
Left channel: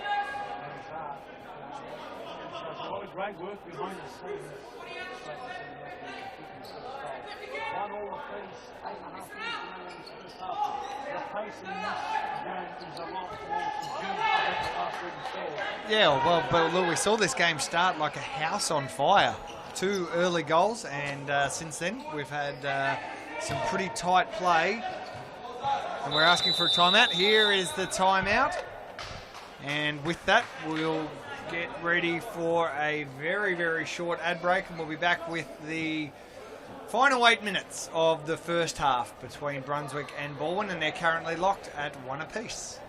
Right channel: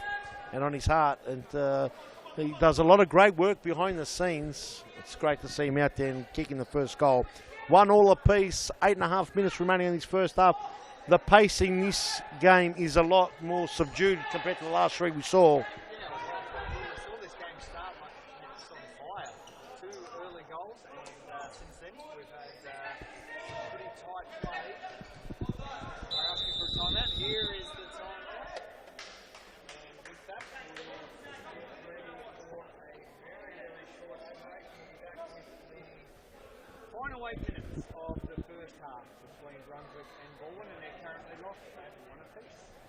and on his heart, and he does a lot of great work behind the scenes. It's great to see him out there and kicking the first goal. 1-1 apiece, 8.5 minutes remaining in this first half. The pace in this game is a lot more subdued compared to the last three we saw. Yeah, well, but look, we saw this game start like a house on fire. 2 early goals, and since then we've had some pretty tight play. And we're asking for a timeout. Here is the timeout. And with that, we'll get ready for a very, very short ad break, and we'll be back with the final 8 minutes of the first half between Brunswick and Balwyn, and they're currently locked at 1 apiece.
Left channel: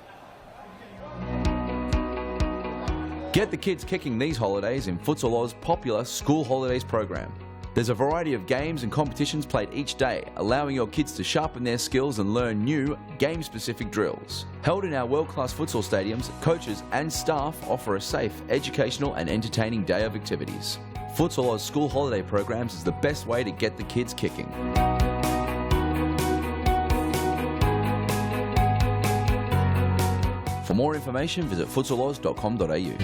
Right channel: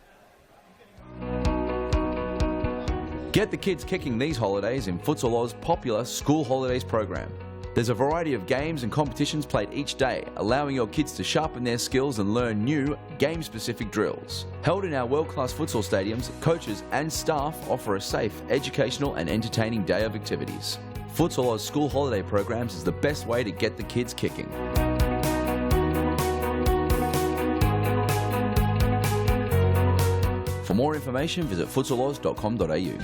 Get the kids kicking these holidays in Futsal Oz popular School Holidays program. There's a variety of games and competitions played each day, allowing your kids to sharpen their skills and learn new, game-specific drills. Held in our world-class futsal stadiums, coaches and staff offer a safe, educational and entertaining day of activities. Futsal Oz School Holiday programs is the best way to get the kids kicking. For more information, visit futsaloz.com.au.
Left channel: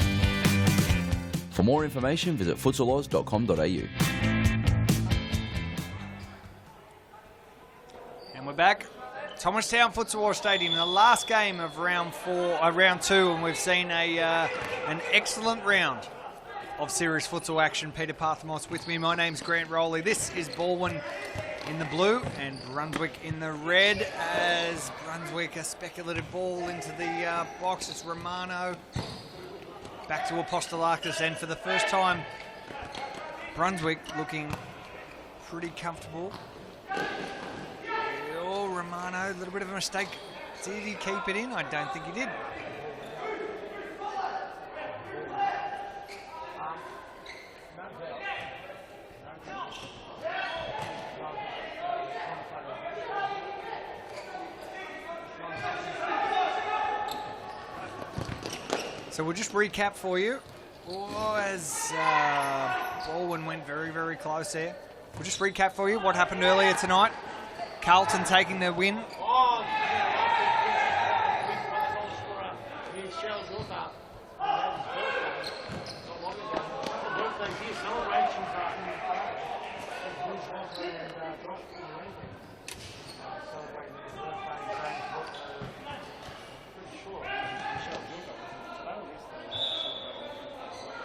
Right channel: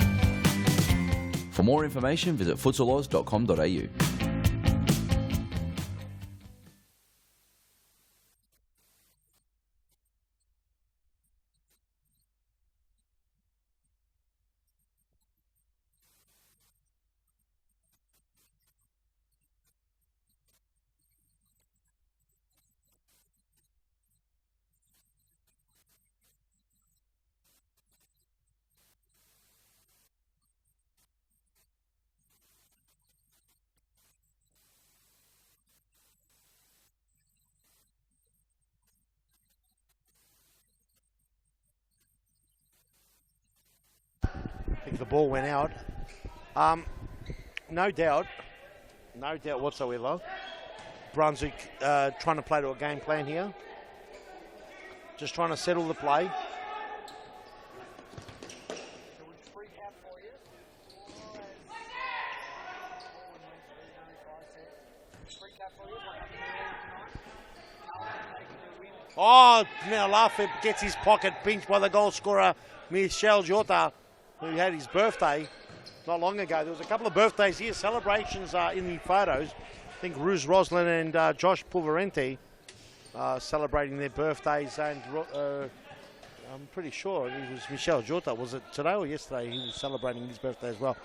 For more information, visit futsaloz.com.au. Back, Thomastown Futsal Stadium, the last game of round 2, and we've seen an excellent round of serious futsal action. Peter Parthamos with me. My name's Grant Rowley. This is Balwyn in the blue and Brunswick in the red. As Brunswick, a speculative ball into the box. It's Romano back to Apostolakis, and for the first time, Brunswick looking pretty comfortable. Romano, a little bit of a mistake. Did he keep it in? I don't think he did. The ball went out. No doubt whatsoever. Brunswick trying to play to a game plan here. Just trying to settle the play. So we'll just recap for you. As Balwyn went very, very close there. We'll just recap for you what happened earlier tonight. Carlton taking the win. Oh, now Lafford gets his pocket pinched by the goal scorer, Michel Jota, who had his birthday not long ago. There's a couple of birthdays here, celebrations in the photos. I think Ruz Roslin and Josh Pulverente celebrating their birthdays, and I'm pretty sure it was Michel Jota. Was it today or yesterday? He was celebrating his birthday as well.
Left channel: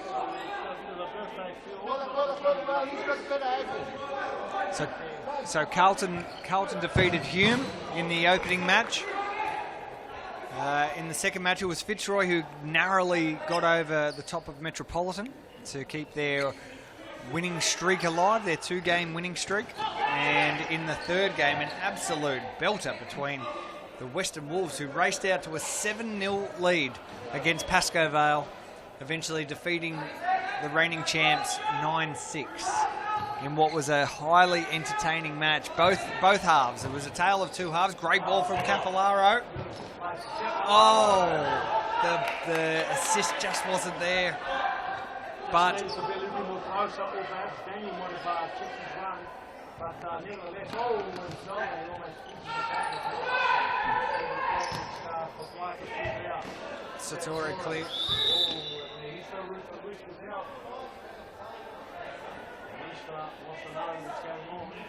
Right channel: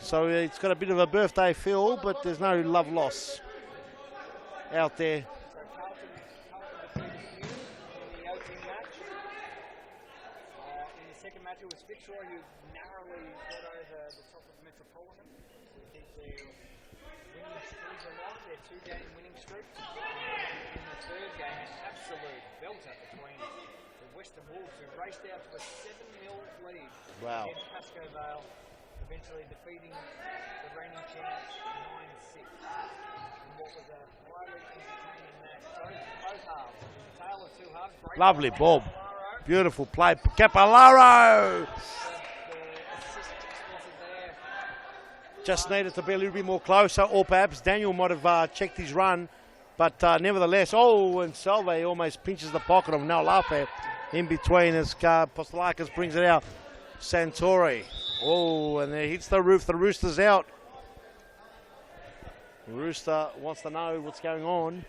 So it's got a bit of a birthday feel, but there's no love loss out there. So Carlton defeated Hume in the opening match. In the second match, it was Fitzroy who narrowly got over the top of Metropolitan to keep their winning streak alive, their 2-game winning streak. And in the third game, an absolute belter between the Western Wolves, who raced out to a 7-0 lead against Pascoe Vale, eventually defeating the reigning champs 9-6. In what was a highly entertaining match, both halves. It was a tale of two halves. Great Lovely ball from Capolaro. Beautiful play, Capolaro. The assist just wasn't there. Just needed to be a little bit more closer, or perhaps Daniel might have checked his run. But nevertheless, and Salve almost pinches the pocket of Noel Lappe in between as Apostolakis brings it out. Santori. And it hits the roof. The Rooster's out. The Rooster wants to know what's going on.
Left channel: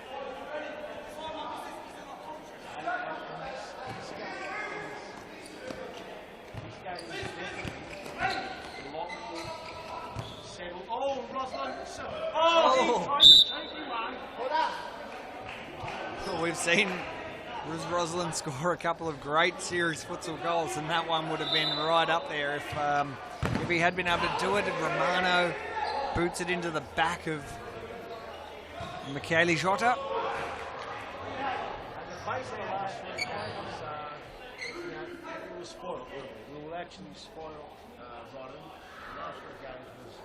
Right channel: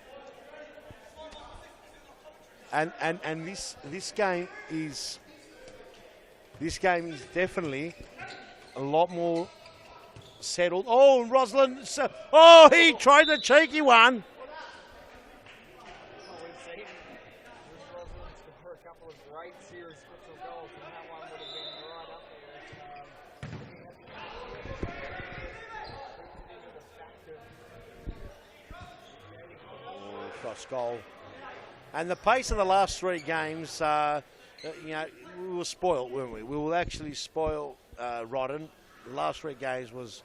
And this game is definitely a lot more settled. Oh, Roslin. He tries a cheeky one. We've seen Roslin score a couple of great series futsal goals, and that one would have been right up there if he had been able to do it. And Romano boots it into the back of Michele Jota. And the pace of the last 3 games, we were spoiled, weren't we? We were actually spoiled, rotten. The last 3 games was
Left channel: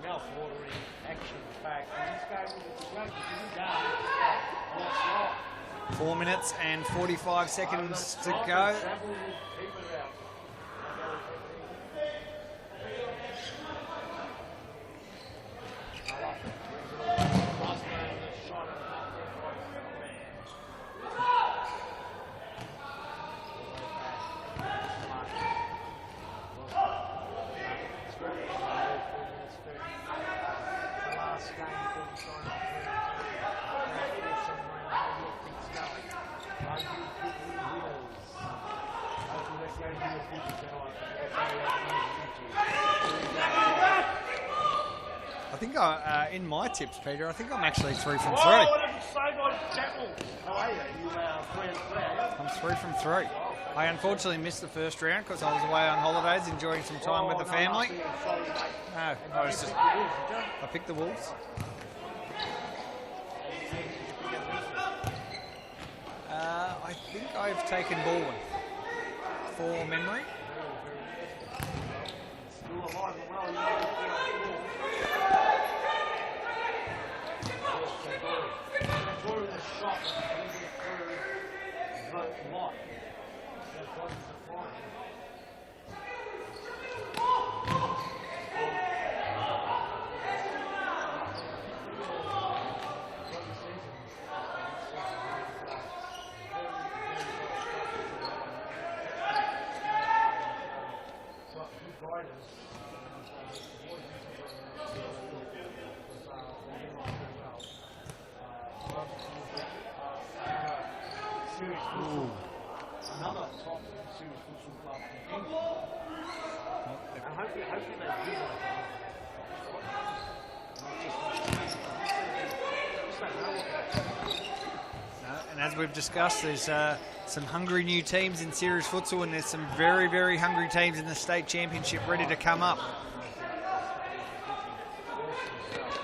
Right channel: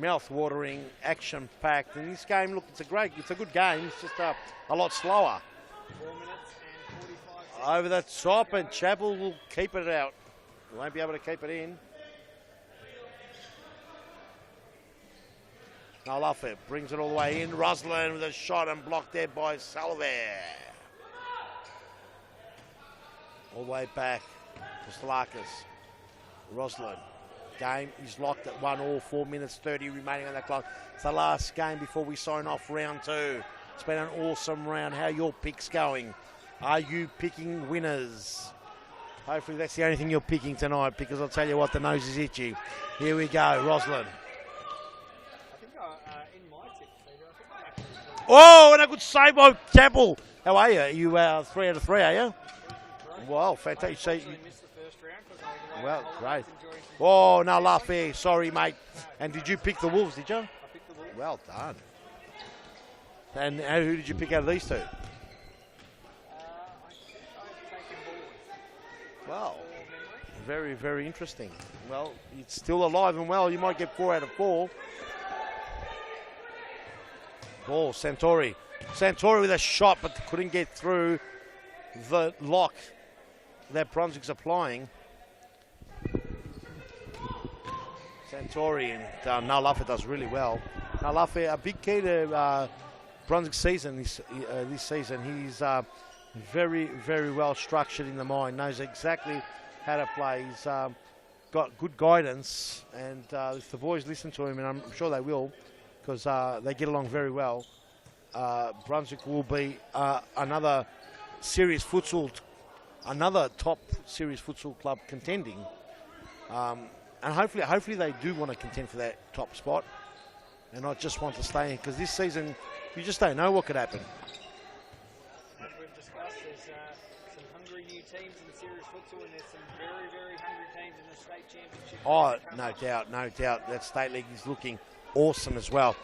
mouth-watering, action-packed. And this game, look, it's a good game. It's just a lot slower. 4 minutes and 45 seconds over the top, to go. and Chapel will keep it out. He won't be able to keep it in. Olafin brings it all the way in. Roslin with a shot and blocked there by Salve. All the way back. Slarkis. Roslin. Game is locked at 1-1, 4 minutes 30 remaining on the clock. It's the last game before we sign off round 2. It's been an awesome round. How are your picks going? Are you picking winners? Hopefully that's the only thing you're picking tonight, because I'll tell you what, the nose is itchy. Here we go, Roslin. I think in my tips, Peter, I think I'm actually 3 from 3. Oh, and a good save by Chapel. How are you? Are you 3 out of 3, are you? I'm 3 from 3. Wow, I fantastic. unfortunately missed the first round because I was away on holidays enjoying some time Oh, with the no, family. Luffy. Sorry, mate. No, and I did you was- pick the Wolves, did you? I picked the Wolves. Well done. And who did you pick out of these two? I think I've taken Balwyn for memory. Very, very interesting. Well, it's still alive and well. You might get 4 out of 4. Oh, Santori. Santori with a shot, but couldn't get through the lock that Brunswick's applying. Santori and Nalafa does really well. Nalafa, a big key to Brunswick's season this season. He's very, very well structured in the mind, knows exactly how to play. He's got good guidance, and if the boys listen to him, and I'm sure they will, because they get along very well, Brunswick will be another serious futsal, another top serious futsal club contending, and hopefully they do want to contend for that top spot, and not just want to stay in, because this season you just don't know what could happen. And as we've discussed, there's some hungry new teams in series futsal, and there's some very, very hungry teams in the state championship ready to come up. No doubt. That state league is looking awesome as well.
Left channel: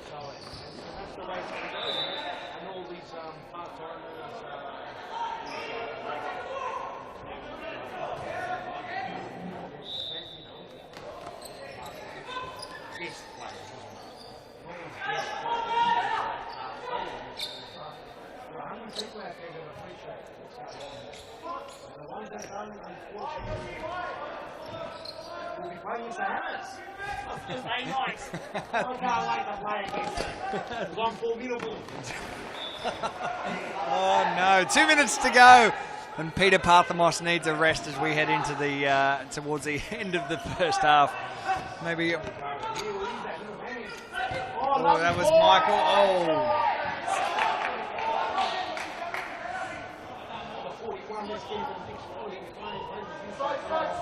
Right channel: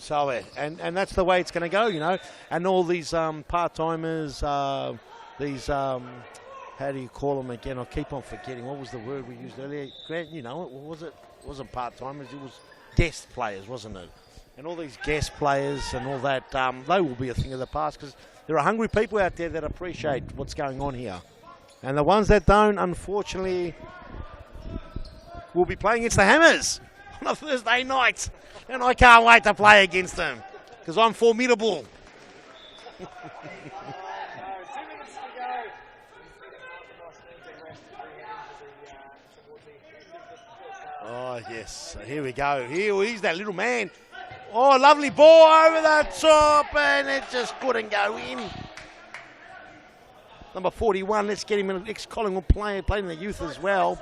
So, and that's the way it's going to go, you know. And all these part-timers, these, how do you call them again? I keep on forgetting. What was the word we used earlier? Grant, you know, it wasn't part-timers, it was guest players, wasn't it? And all these guest players and all that, they will be a thing of the past, because there are hungry people out there that appreciate what's going on here. And the ones that don't, unfortunately, will be playing against the Hammers on Thursday night. And I can't wait to play against them, because I'm formidable. Oh no, 2 minutes to go. And Peter Parthamos needs a rest as we head into the towards the end of the first half. Oh, yes. Maybe here we go. He's that little man. Oh, lovely ball over the top, and it just couldn't go in. Number 41, let's get him in the next Collingwood player, playing in the youth as well.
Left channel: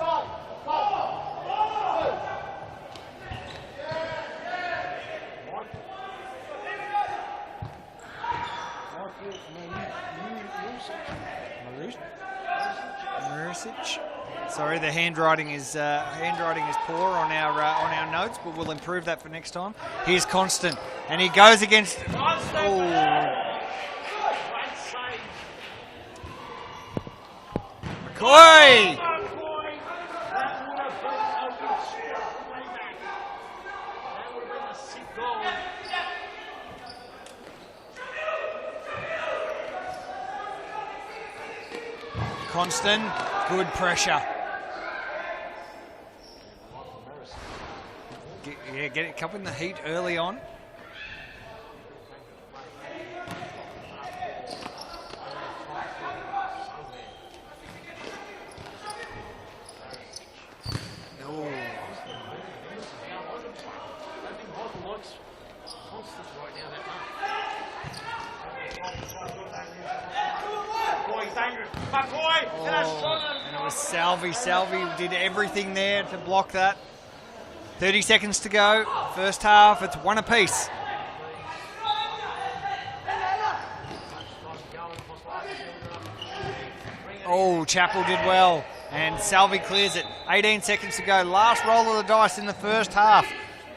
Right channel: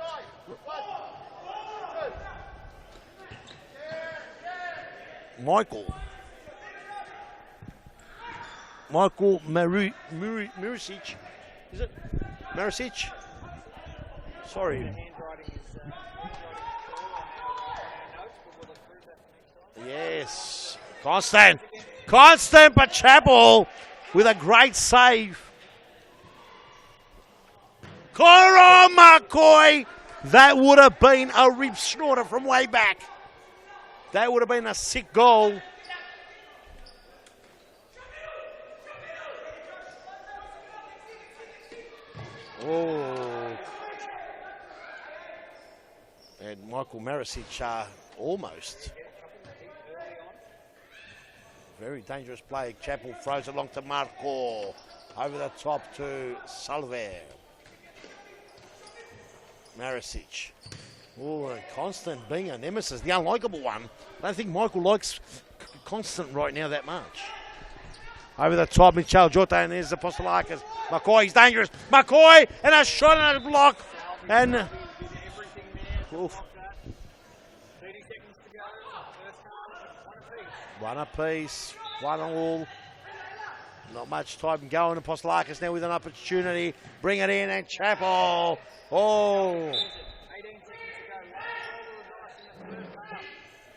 Michael Marisic. Sorry, the handwriting is poor on our notes, but we'll improve that for next time. Yes. Here's Constant, and he goes against Constant, but Chapel with a great save. Oh, McCoy! That would have been a rib snorter from way back. That would have been a sick goal. Constant, good pressure. And Michael Marisic almost. Yeah, get it up in the heat early on. Very dangerous play. Chapel throws it along to Marco. Over the top to Salve. Marisic. Oh, Constant being a nemesis, the unlikable one. I don't think Michael likes Constant right now that much. Over the top, Michelle Jota, and there's the Apostolakis. McCoy, he's dangerous. McCoy, and a shot and a block. Salve did everything there to block that. 30 seconds to go. First half, it's one apiece. One apiece, 1-1. Not much time going. Apostolakis now with an opportunity. Bring it in. Oh, Chapel did well. And Salve clears it. 18 seconds to go. Last roll of the dice in the first half.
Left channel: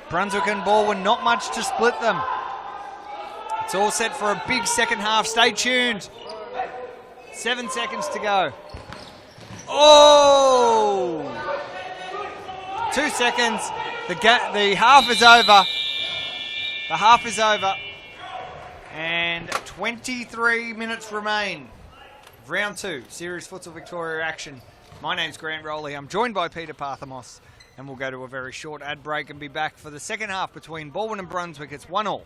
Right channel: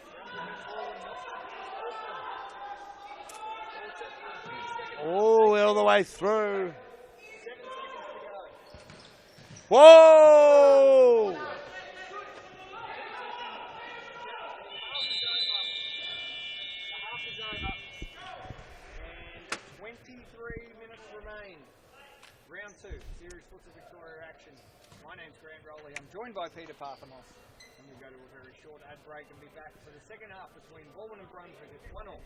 Brunswick and Balwyn, not much to split them. It's all set for a big second half. Stay tuned. 7 seconds to go. Oh! 2 seconds. The half is over. The half is over. And 23 minutes remain. Round 2, Series Futsal Victoria action. My name's Grant Rowley. I'm joined by Peter Parthamos. And we'll go to a very short ad break and be back for the second half between Balwyn and Brunswick. It's 1-1.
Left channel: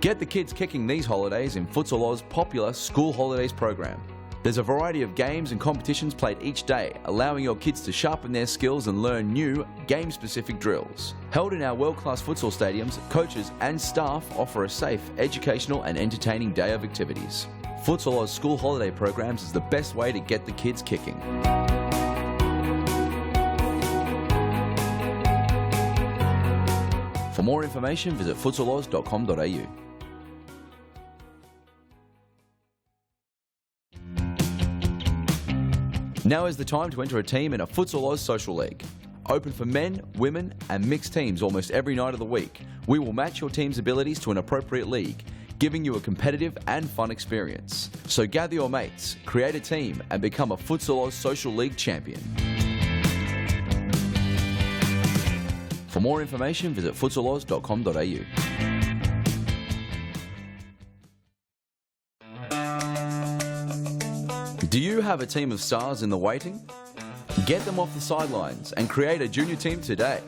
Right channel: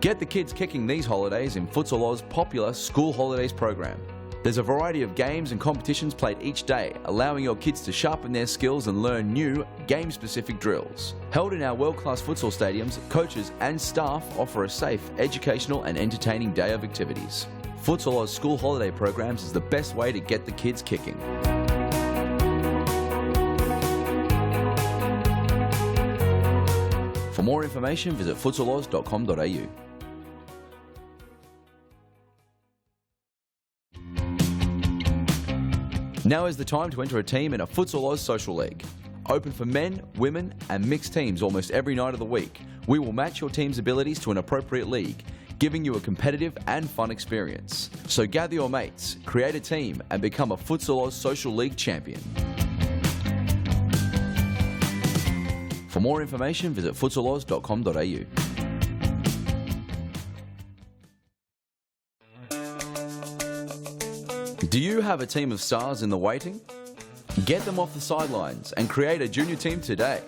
Get the kids kicking these holidays in Futsal Oz's popular School Holidays program. There's a variety of games and competitions played each day, allowing your kids to sharpen their skills and learn new, game-specific drills. Held in our world-class futsal stadiums, coaches and staff offer a safe, educational and entertaining day of activities. Futsal Oz School Holiday programs is the best way to get the kids kicking. For more information, visit futsaloz.com.au. Now is the time to enter a team in a Futsal Oz Social League. Open for men, women and mixed teams almost every night of the week. We will match your team's abilities to an appropriate league, giving you a competitive and fun experience. So gather your mates, create a team and become a Futsal Oz Social League champion. For more information, visit futsaloz.com.au. Do you have a team of stars in the waiting? Get them off the sidelines and create a junior team today.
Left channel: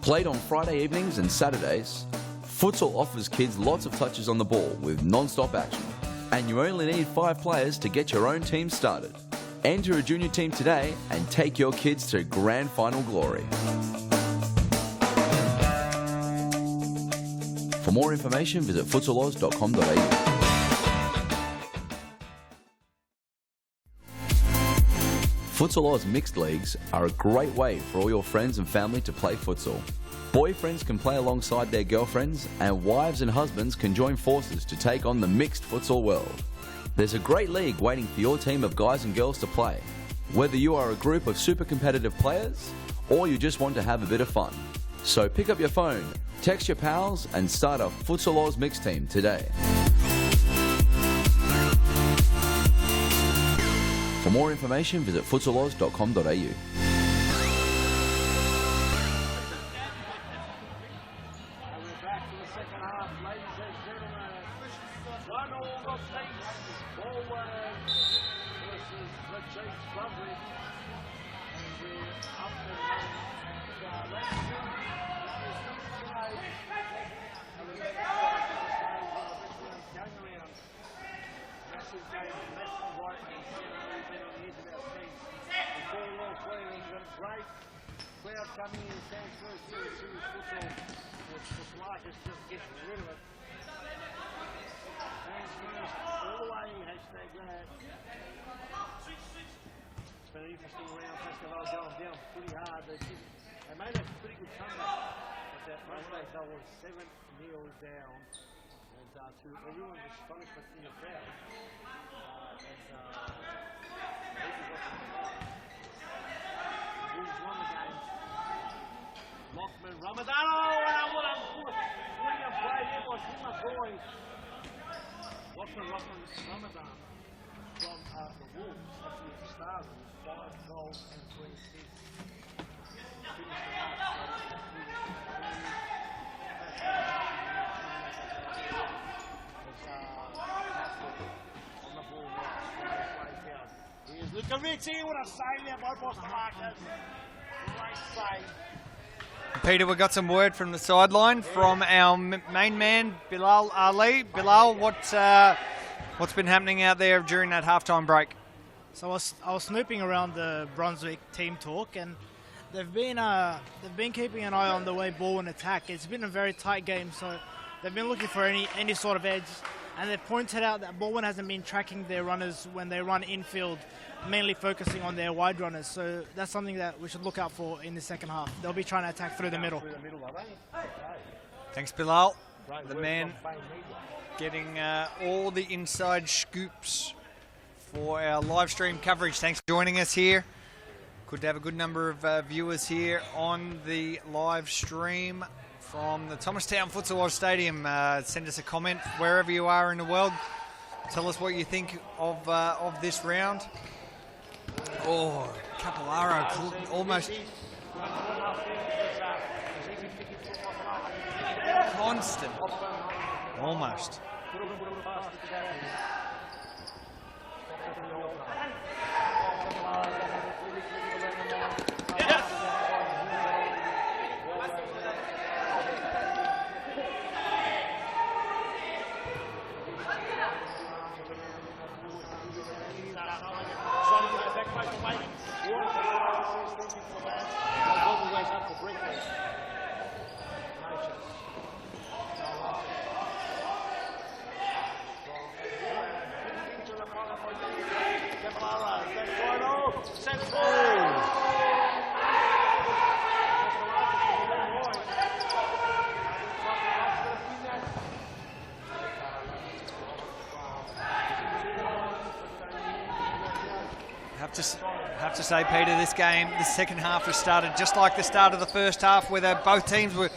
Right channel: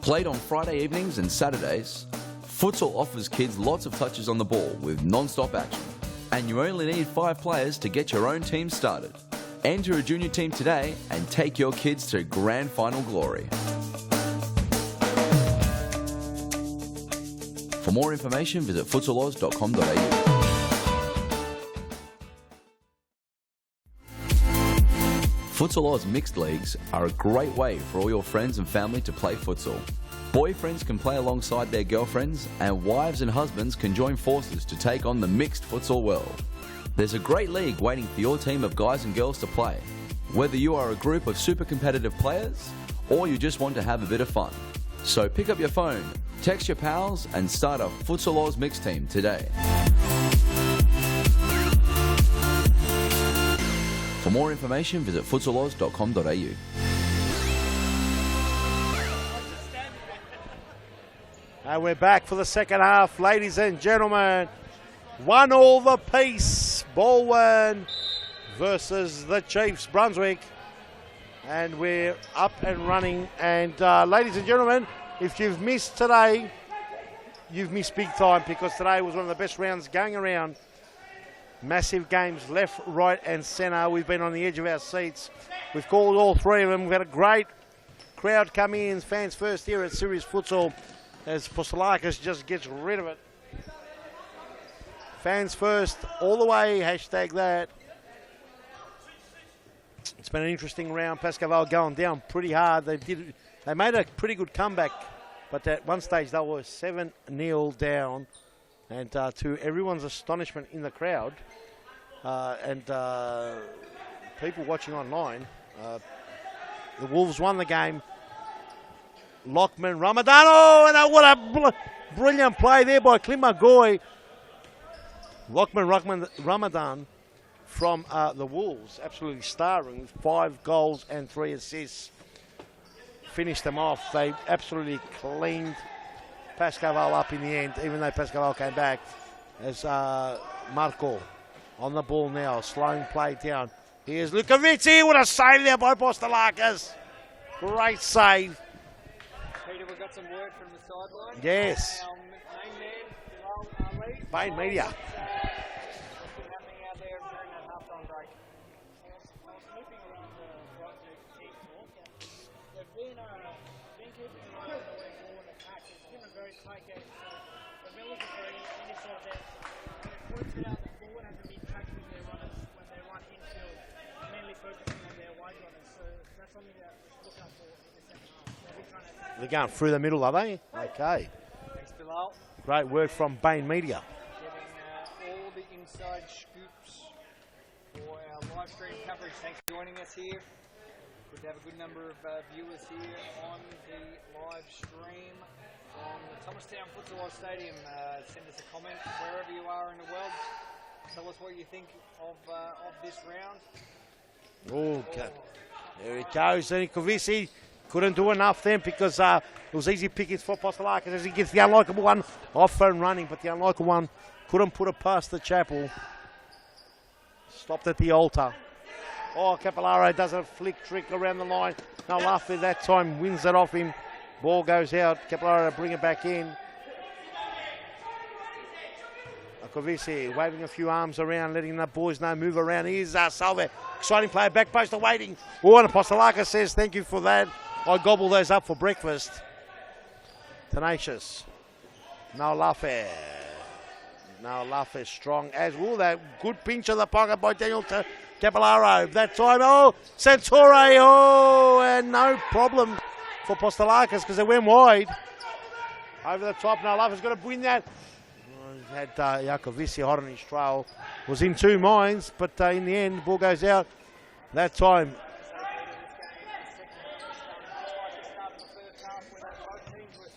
Played on Friday evenings and Saturdays, futsal offers kids lots of touches on the ball with non-stop action. And you only need 5 players to get your own team started. Enter a junior team today and take your kids to grand final glory. For more information, visit futsaloz.com.au. Futsal Oz Mixed Leagues are a great way for all your friends and family to play futsal. Boyfriends can play alongside their girlfriends, and wives and husbands can join forces to take on the mixed futsal world. There's a great league waiting for your team of guys and girls to play, whether you are a group of super competitive players or you just want to have a bit of fun. So pick up your phone, text your pals and start a Futsal Oz Mixed team today. For more information, visit futsaloz.com.au. And we're back for the second half, ladies and gentlemen. 1-1 the piece. Balwyn versus the Chiefs, Brunswick. And we're up and running. And ladies and gentlemen, if you've missed today, you've missed big time, because today was one of the best rounds going around. Massive games left, right and centre. We've been on the edge of our seats. We've called all 3 of them. We've had a great crowd come in. Fans first here at Series Futsal as Pascoe just gets rid of it. Fans first all the way, hashtag that. It's been an interesting round. Pascoe going down pretty hard. They made a pretty good comeback, but at one stage they were 7-0 down. And to everyone's astonishment in the crowd and people watching online, the Wolves won the game. Lockman, Ramadan, and what a brilliant play there by Clint McGoy. Lockman, Ramadan from the Wolves, absolutely starring with 5 goals and 3 assists. Finished them off. They absolutely cleaned Pascoe up in the end, even though Pascoe came back. As Marco on the ball now, slowing play down. Here's Lukovici, what a save there by Postalakas. Great save. Peter, we got some word from the sideline from our main man, Bilal Ali. Bilal, what's been happening out there during that halftime break? So I was snooping around the Brunswick team talk, and they've been keeping an eye on the way Balwyn attack. It's been a very tight game, so they've been looking for any sort of edge, and they've pointed out that Balwyn hasn't been tracking their runners when they run infield, mainly focusing on their wide runners. So that's something that we should look out for in the second half. They'll be trying to attack through the middle. Through the middle, are they? Okay. Thanks, Bilal. Great work from Bain Media. Getting all the inside scoops for our live stream coverage. Thanks for joining us here. Good to have a good number of viewers here on the live stream from the Thomastown Futsal Oz Stadium. Send us a comment wherever you are in the world. Tell us what you think of this round. Capolaro couldn't do enough then, because it was easy pickings for Pascoe as he gets the unlikable one off and running, but the unlikable one couldn't put it past the chapel. Stopped at the altar. Oh, Capolaro does a flick trick around the line. No, after that time wins it off him. Ball goes out. Capolaro bring it back in. Kovici waving a few arms around, letting the boys know move around. Here's Salve, exciting player, back post awaiting. Oh, and Apostolakis says thank you for that. I gobble those up for breakfast. Tenacious. No Lafayette. Now Lafayette strong as well. That good pinch of the pocket by Daniel Capolaro. That time, Santore, and no problem for Apostolakis because they went wide. over the top. No love is going to win that. Had Jacovici hot on his trail. Was in two minds, but in the end, the ball goes out. Time. Have to say, Peter, this game, the second half has started just like the start of the first half, where both teams were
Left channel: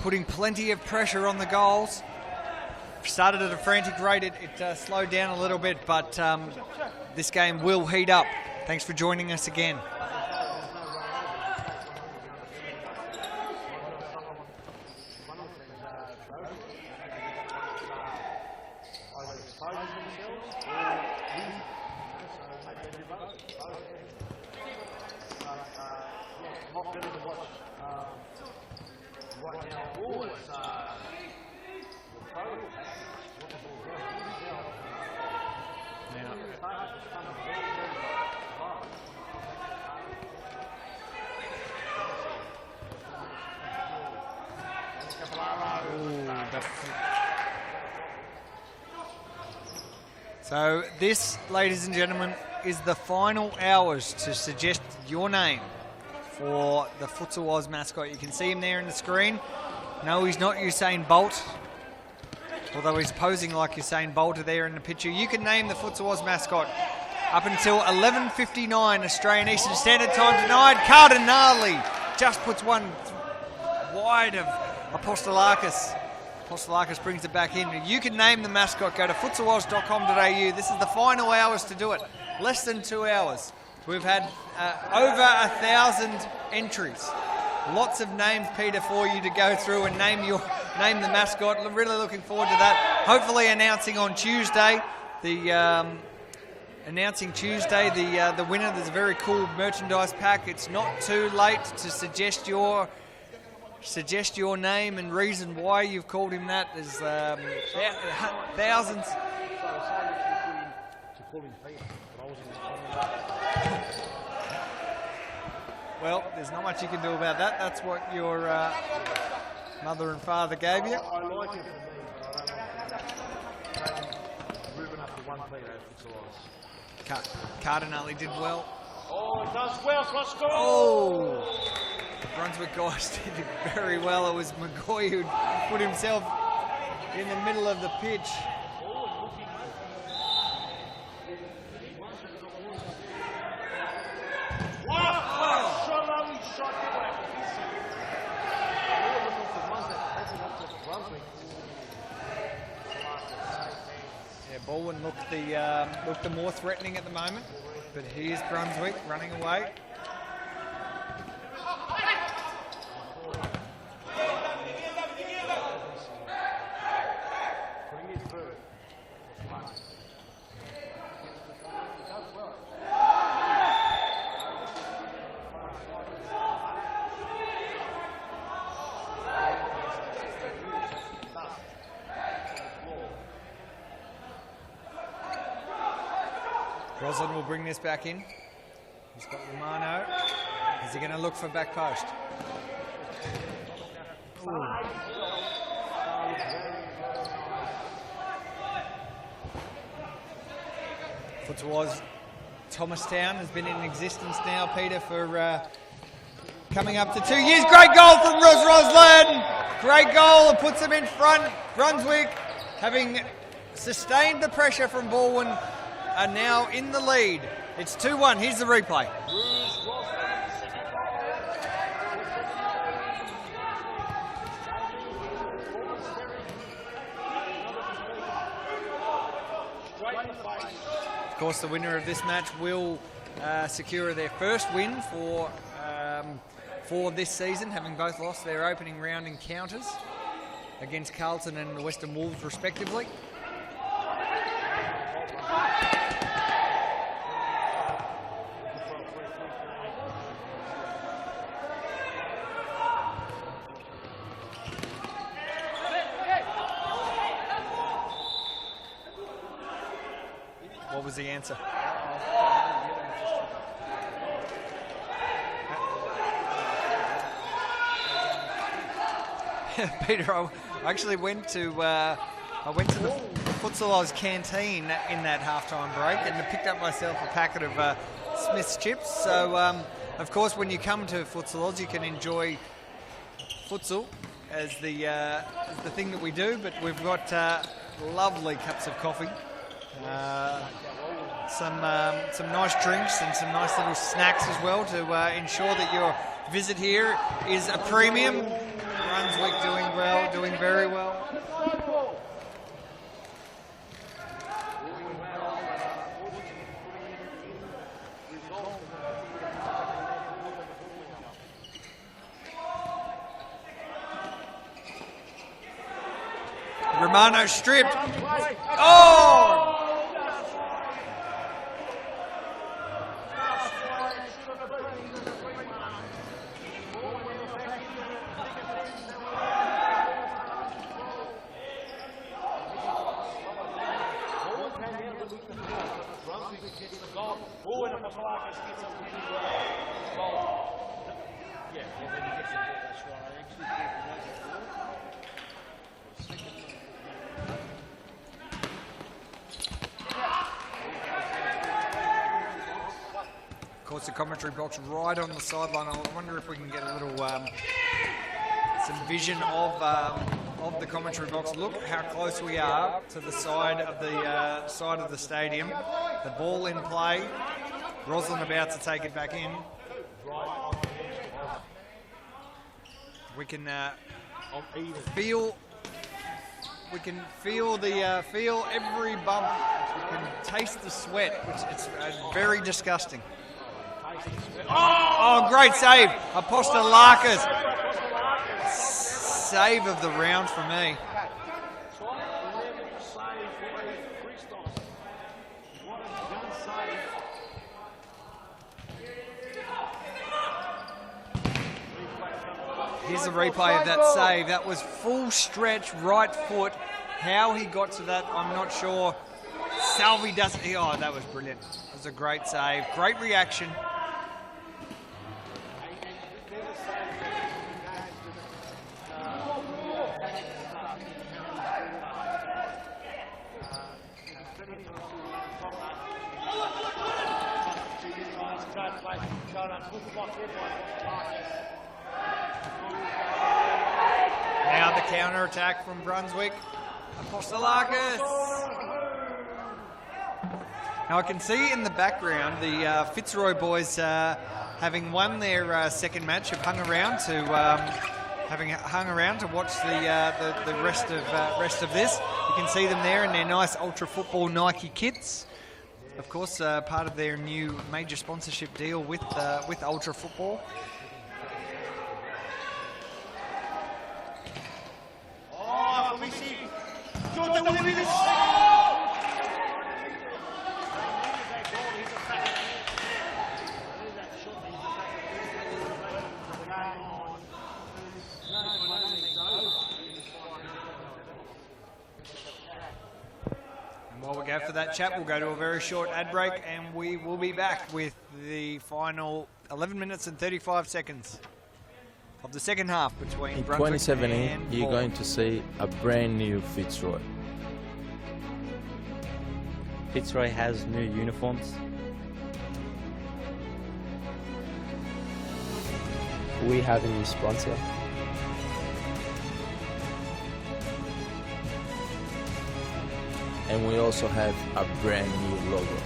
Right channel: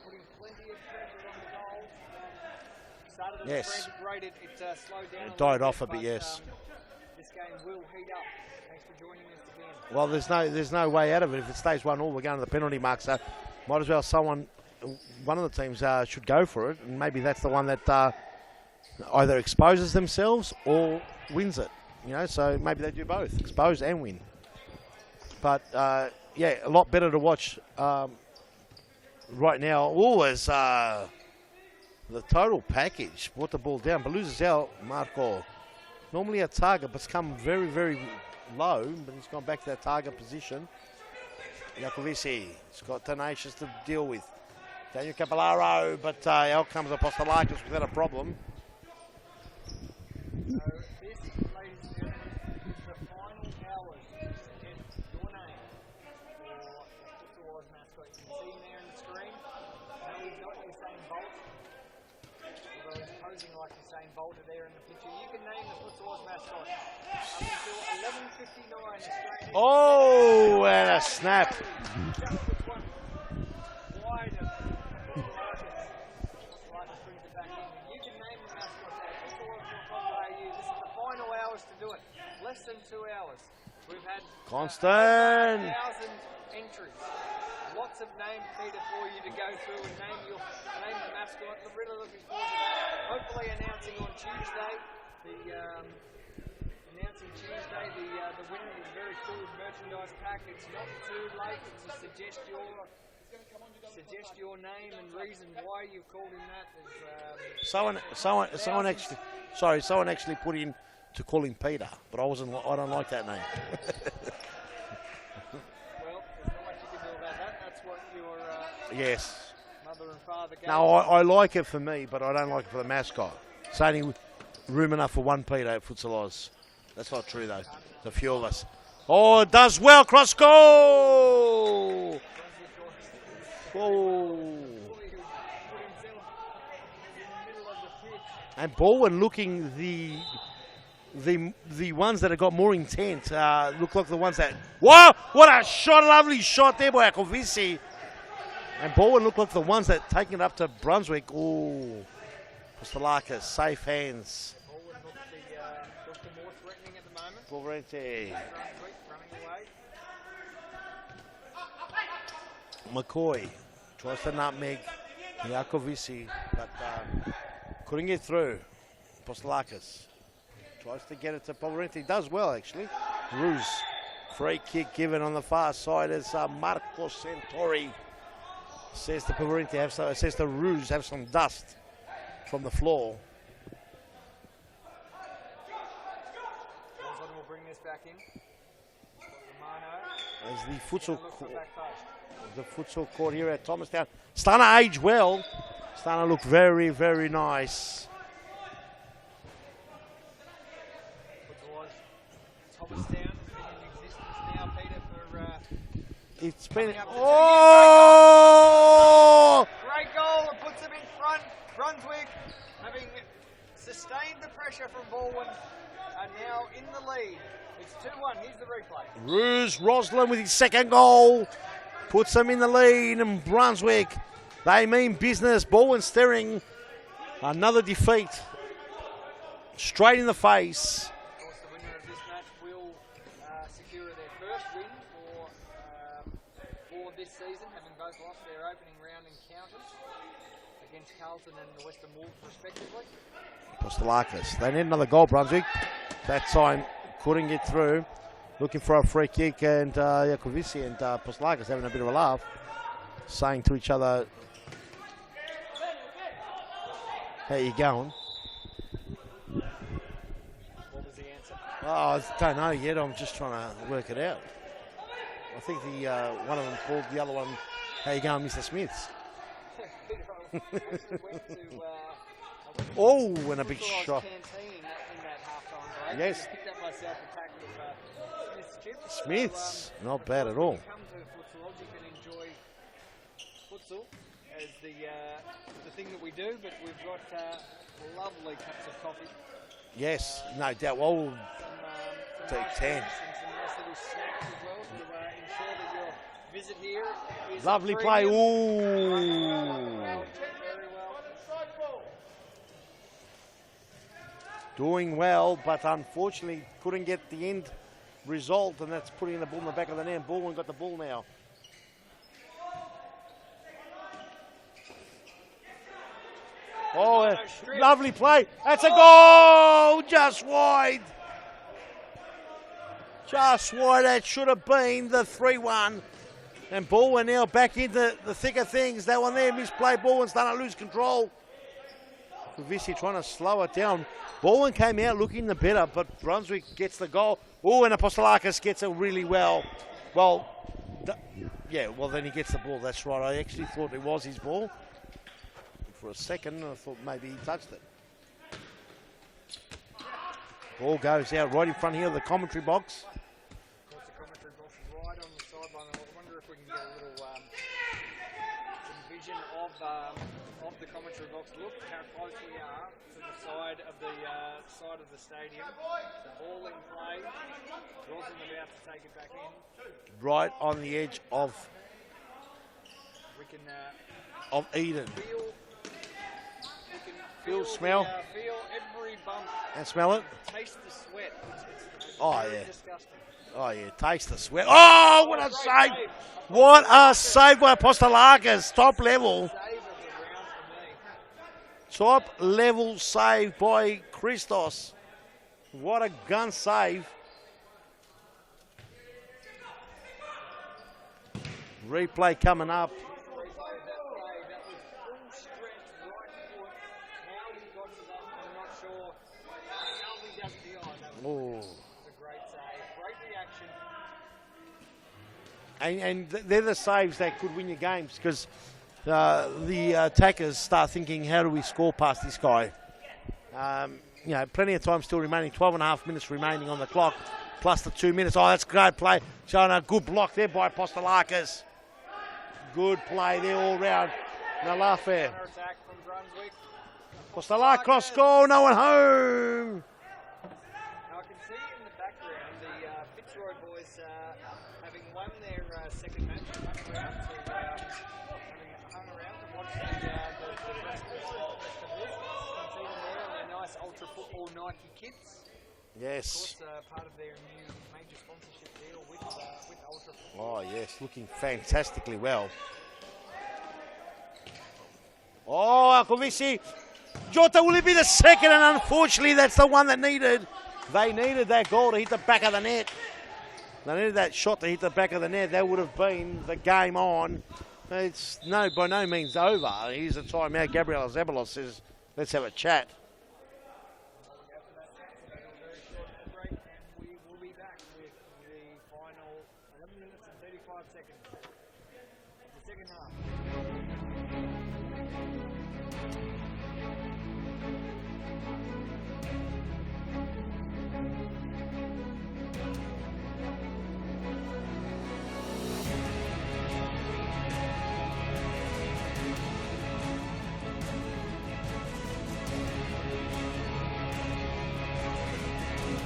putting plenty of pressure on the goals. Started at a frantic rate. It slowed down a little bit, but this game will heat up. Thanks for joining us again. Well, there's no way out of it. If it stays 1-1, we're going to the penalty mark, so might as well one of the teams should go for it, and maybe that's the one that either exposes themselves or wins it. You know, so maybe they do both, expose and win. But yeah, a lot better to watch right now. Always the total package. Brought the ball down, but loses out. Marco. Normally a target, but it's come very, very low. But it's gone back to that target position. Jacovici. It's got tenacious to deal with. Daniel Capellaro, but out comes the Pascoe without a problem. So this, ladies and gentlemen, is the final hours to suggest your name for the Futsal Oz mascot. You can see him there in the screen. No, he's not Usain Bolt, although he's posing like Usain Bolt there in the picture. You can name the Futsal Oz mascot up until 11:59 Australian Eastern Standard Time tonight. Cardinale just puts one wide of Apostolakis. Apostolakis brings it back in. You can name the mascot. Go to futsaloz.com.au. This is the final hours to do it. Less than 2 hours. We've had over 1,000 entries. Lots of names, Peter, for you to go through and name the mascot. Really looking forward to that. Hopefully announcing on Tuesday the winner. There's a very cool merchandise pack. It's not too late to suggest your name and reason why you've called him that. There's someone actually put in to call him Peter, but I don't like that name. Well, there's not much you can do about that. That's what your mother and father gave No, you. I like it for me, but I don't like it for the mascot. It's only room enough for one Peter at Futsal Oz. That's not true though. Cardinale did well. Oh, it does well, cross goal! The Brunswick guys did very well. It was McCoy who put himself in the middle of the pitch. And Balwyn looking the ones that have got more intent look like the ones that... Wow! What a shot! Lovely shot there by Jacovici. And Balwyn look like the ones that take it up to Brunswick. Ooh. Pascoe, safe hands. Yeah, Balwyn looked the more threatening at the moment. Here's Brunswick running away. McCoy tries to nutmeg. Jacovici couldn't get through. Pascoe tries to get it to Florenti. Does well actually. Ruse. Free kick given on the far side as Marco Santori says to Florenti, says to Ruse, have some dust from the floor. Roslin will bring this back in. He's got Romano. Is he going to look for back post? The futsal court here at Thomastown. Starting to age well. Starting to look very, very nice. Futsal Oz Thomastown has been in existence now, Peter, for it's coming up to 2 years. Great goal from Ross Roslin. Great goal and puts them in front. Brunswick, having sustained the pressure from Balwyn, are now in the lead. It's 2-1. Here's the replay. Ruse Roslin with his second goal puts them in the lead, and Brunswick, they mean business. Balwyn staring another defeat straight in the face. Of course, the winner of this match will secure their first win for this season, having both lost their opening round encounters against Carlton and the Western Wolves, respectively. Pascoe, they need another goal, Brunswick. That time couldn't get through. Looking for a free kick, and Jacovici and Pascoe having a bit of a laugh, saying to each other, "How you going?" What was the answer? Oh, I don't know yet. I'm just trying to work it out. I think one of them called the other one, "How you going, Mr. Smiths?" Peter, I actually went to the Futsal Oz canteen in that halftime break and picked up myself a packet of Smith's chips. So, of course, when you come to Futsal Oz, you can enjoy futsal as the thing that we do, but we've got lovely cups of coffee. Yes, no doubt. Well, some nice drinks and some nice little snacks as well to ensure that your visit here is a premium. Brunswick doing well, doing very well. Doing well, but unfortunately couldn't get the end result, and that's putting the ball in the back of the net. Balwyn got the ball now. Romano strip. Lovely play. That's a goal! Just wide. Just wide. That should have been the 3-1. And Balwyn now back into the thick of things. That one there, misplay. Balwyn's starting to lose control. Obviously trying to slow it down. Balwyn came out looking the better, but Brunswick gets the goal. Oh, and Apostolakis gets it really well. Well, well then he gets the ball. That's right. I actually thought it was his ball. For a second, I thought maybe he touched it. Ball goes out right in front here of the commentary box. Of course, the commentary box right on the sideline. I wonder if we can get a little some vision of the commentary box. Look how close we are to the side of the stadium. The ball in play. Roslin about to take it back in. Right on the edge of. We can of Eden. We can feel feel every bump and smell it. Taste the sweat, which it's very disgusting. Oh yeah, taste the sweat. Oh, great save! What a save by Apostolakis. Top level save of the round for me. Top level save by Christos. What a gun save. Replay coming up. Here's the replay of that save. That was full stretch, right foot. How he got to that, I'm not sure. Salvi doesn't. Oh, that was brilliant. It was a great save. Great reaction. And they're the saves that could win your games, because the attackers start thinking, how do we score past this guy? You know, plenty of time still remaining. 12.5 minutes remaining on the clock, plus the 2 minutes. Oh, that's a great play. Showing a good block there by Apostolakis. Good play there all round. Now the counter-attack from Brunswick. Apostolakis score, no one home. Now I can see in the background the Fitzroy boys having won their second match have hung around to watch the rest of this. You can see them there in their nice Ultra Football Nike kits. Yes. Of course, part of their new major sponsorship deal with Ultra Football. Oh yes, looking fantastically well. Oh, Alphavisi. Jota, will it be the second? And unfortunately, that's the one that needed. They needed that goal to hit the back of the net. They needed that shot to hit the back of the net. That would have been the game on. It's by no means over. Here's a timeout. Gabriel Zabalos says, let's have a chat. And while we go for that chat, we'll go to a very short ad break, and we will be back with the final 11 minutes and 35 seconds of the second half between in Brunswick 2017, and you're going to see a brand new Fitzroy. Fitzroy has new uniforms. We have a new sponsor. And we also have a brand new logo.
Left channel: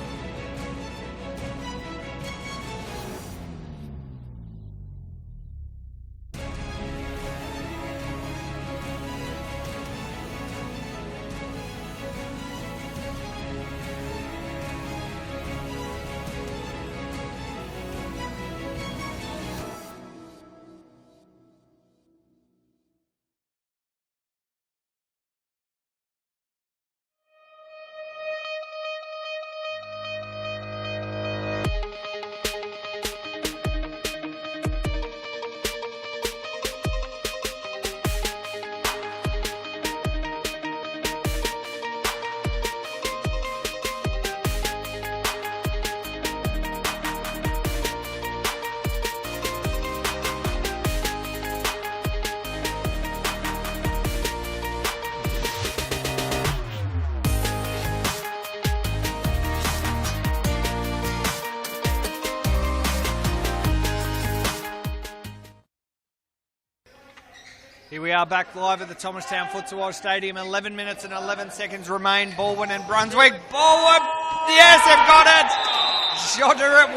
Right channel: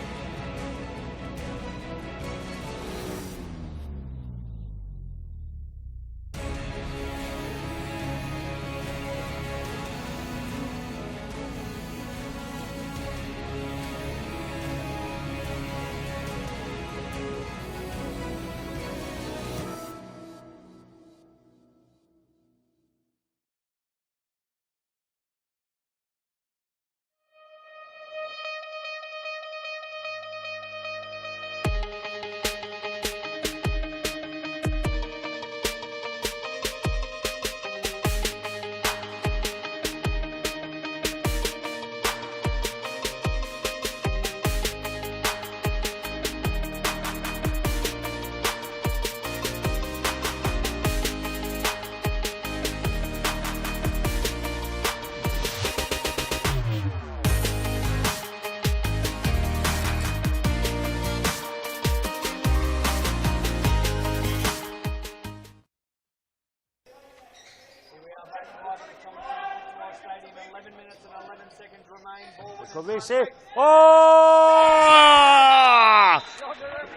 are back live at the Thomastown Futsal Oz Stadium. 11 minutes and 11 seconds remain. Balwyn and Brunswick. Balwyn! Yes, it got it! Shotter, it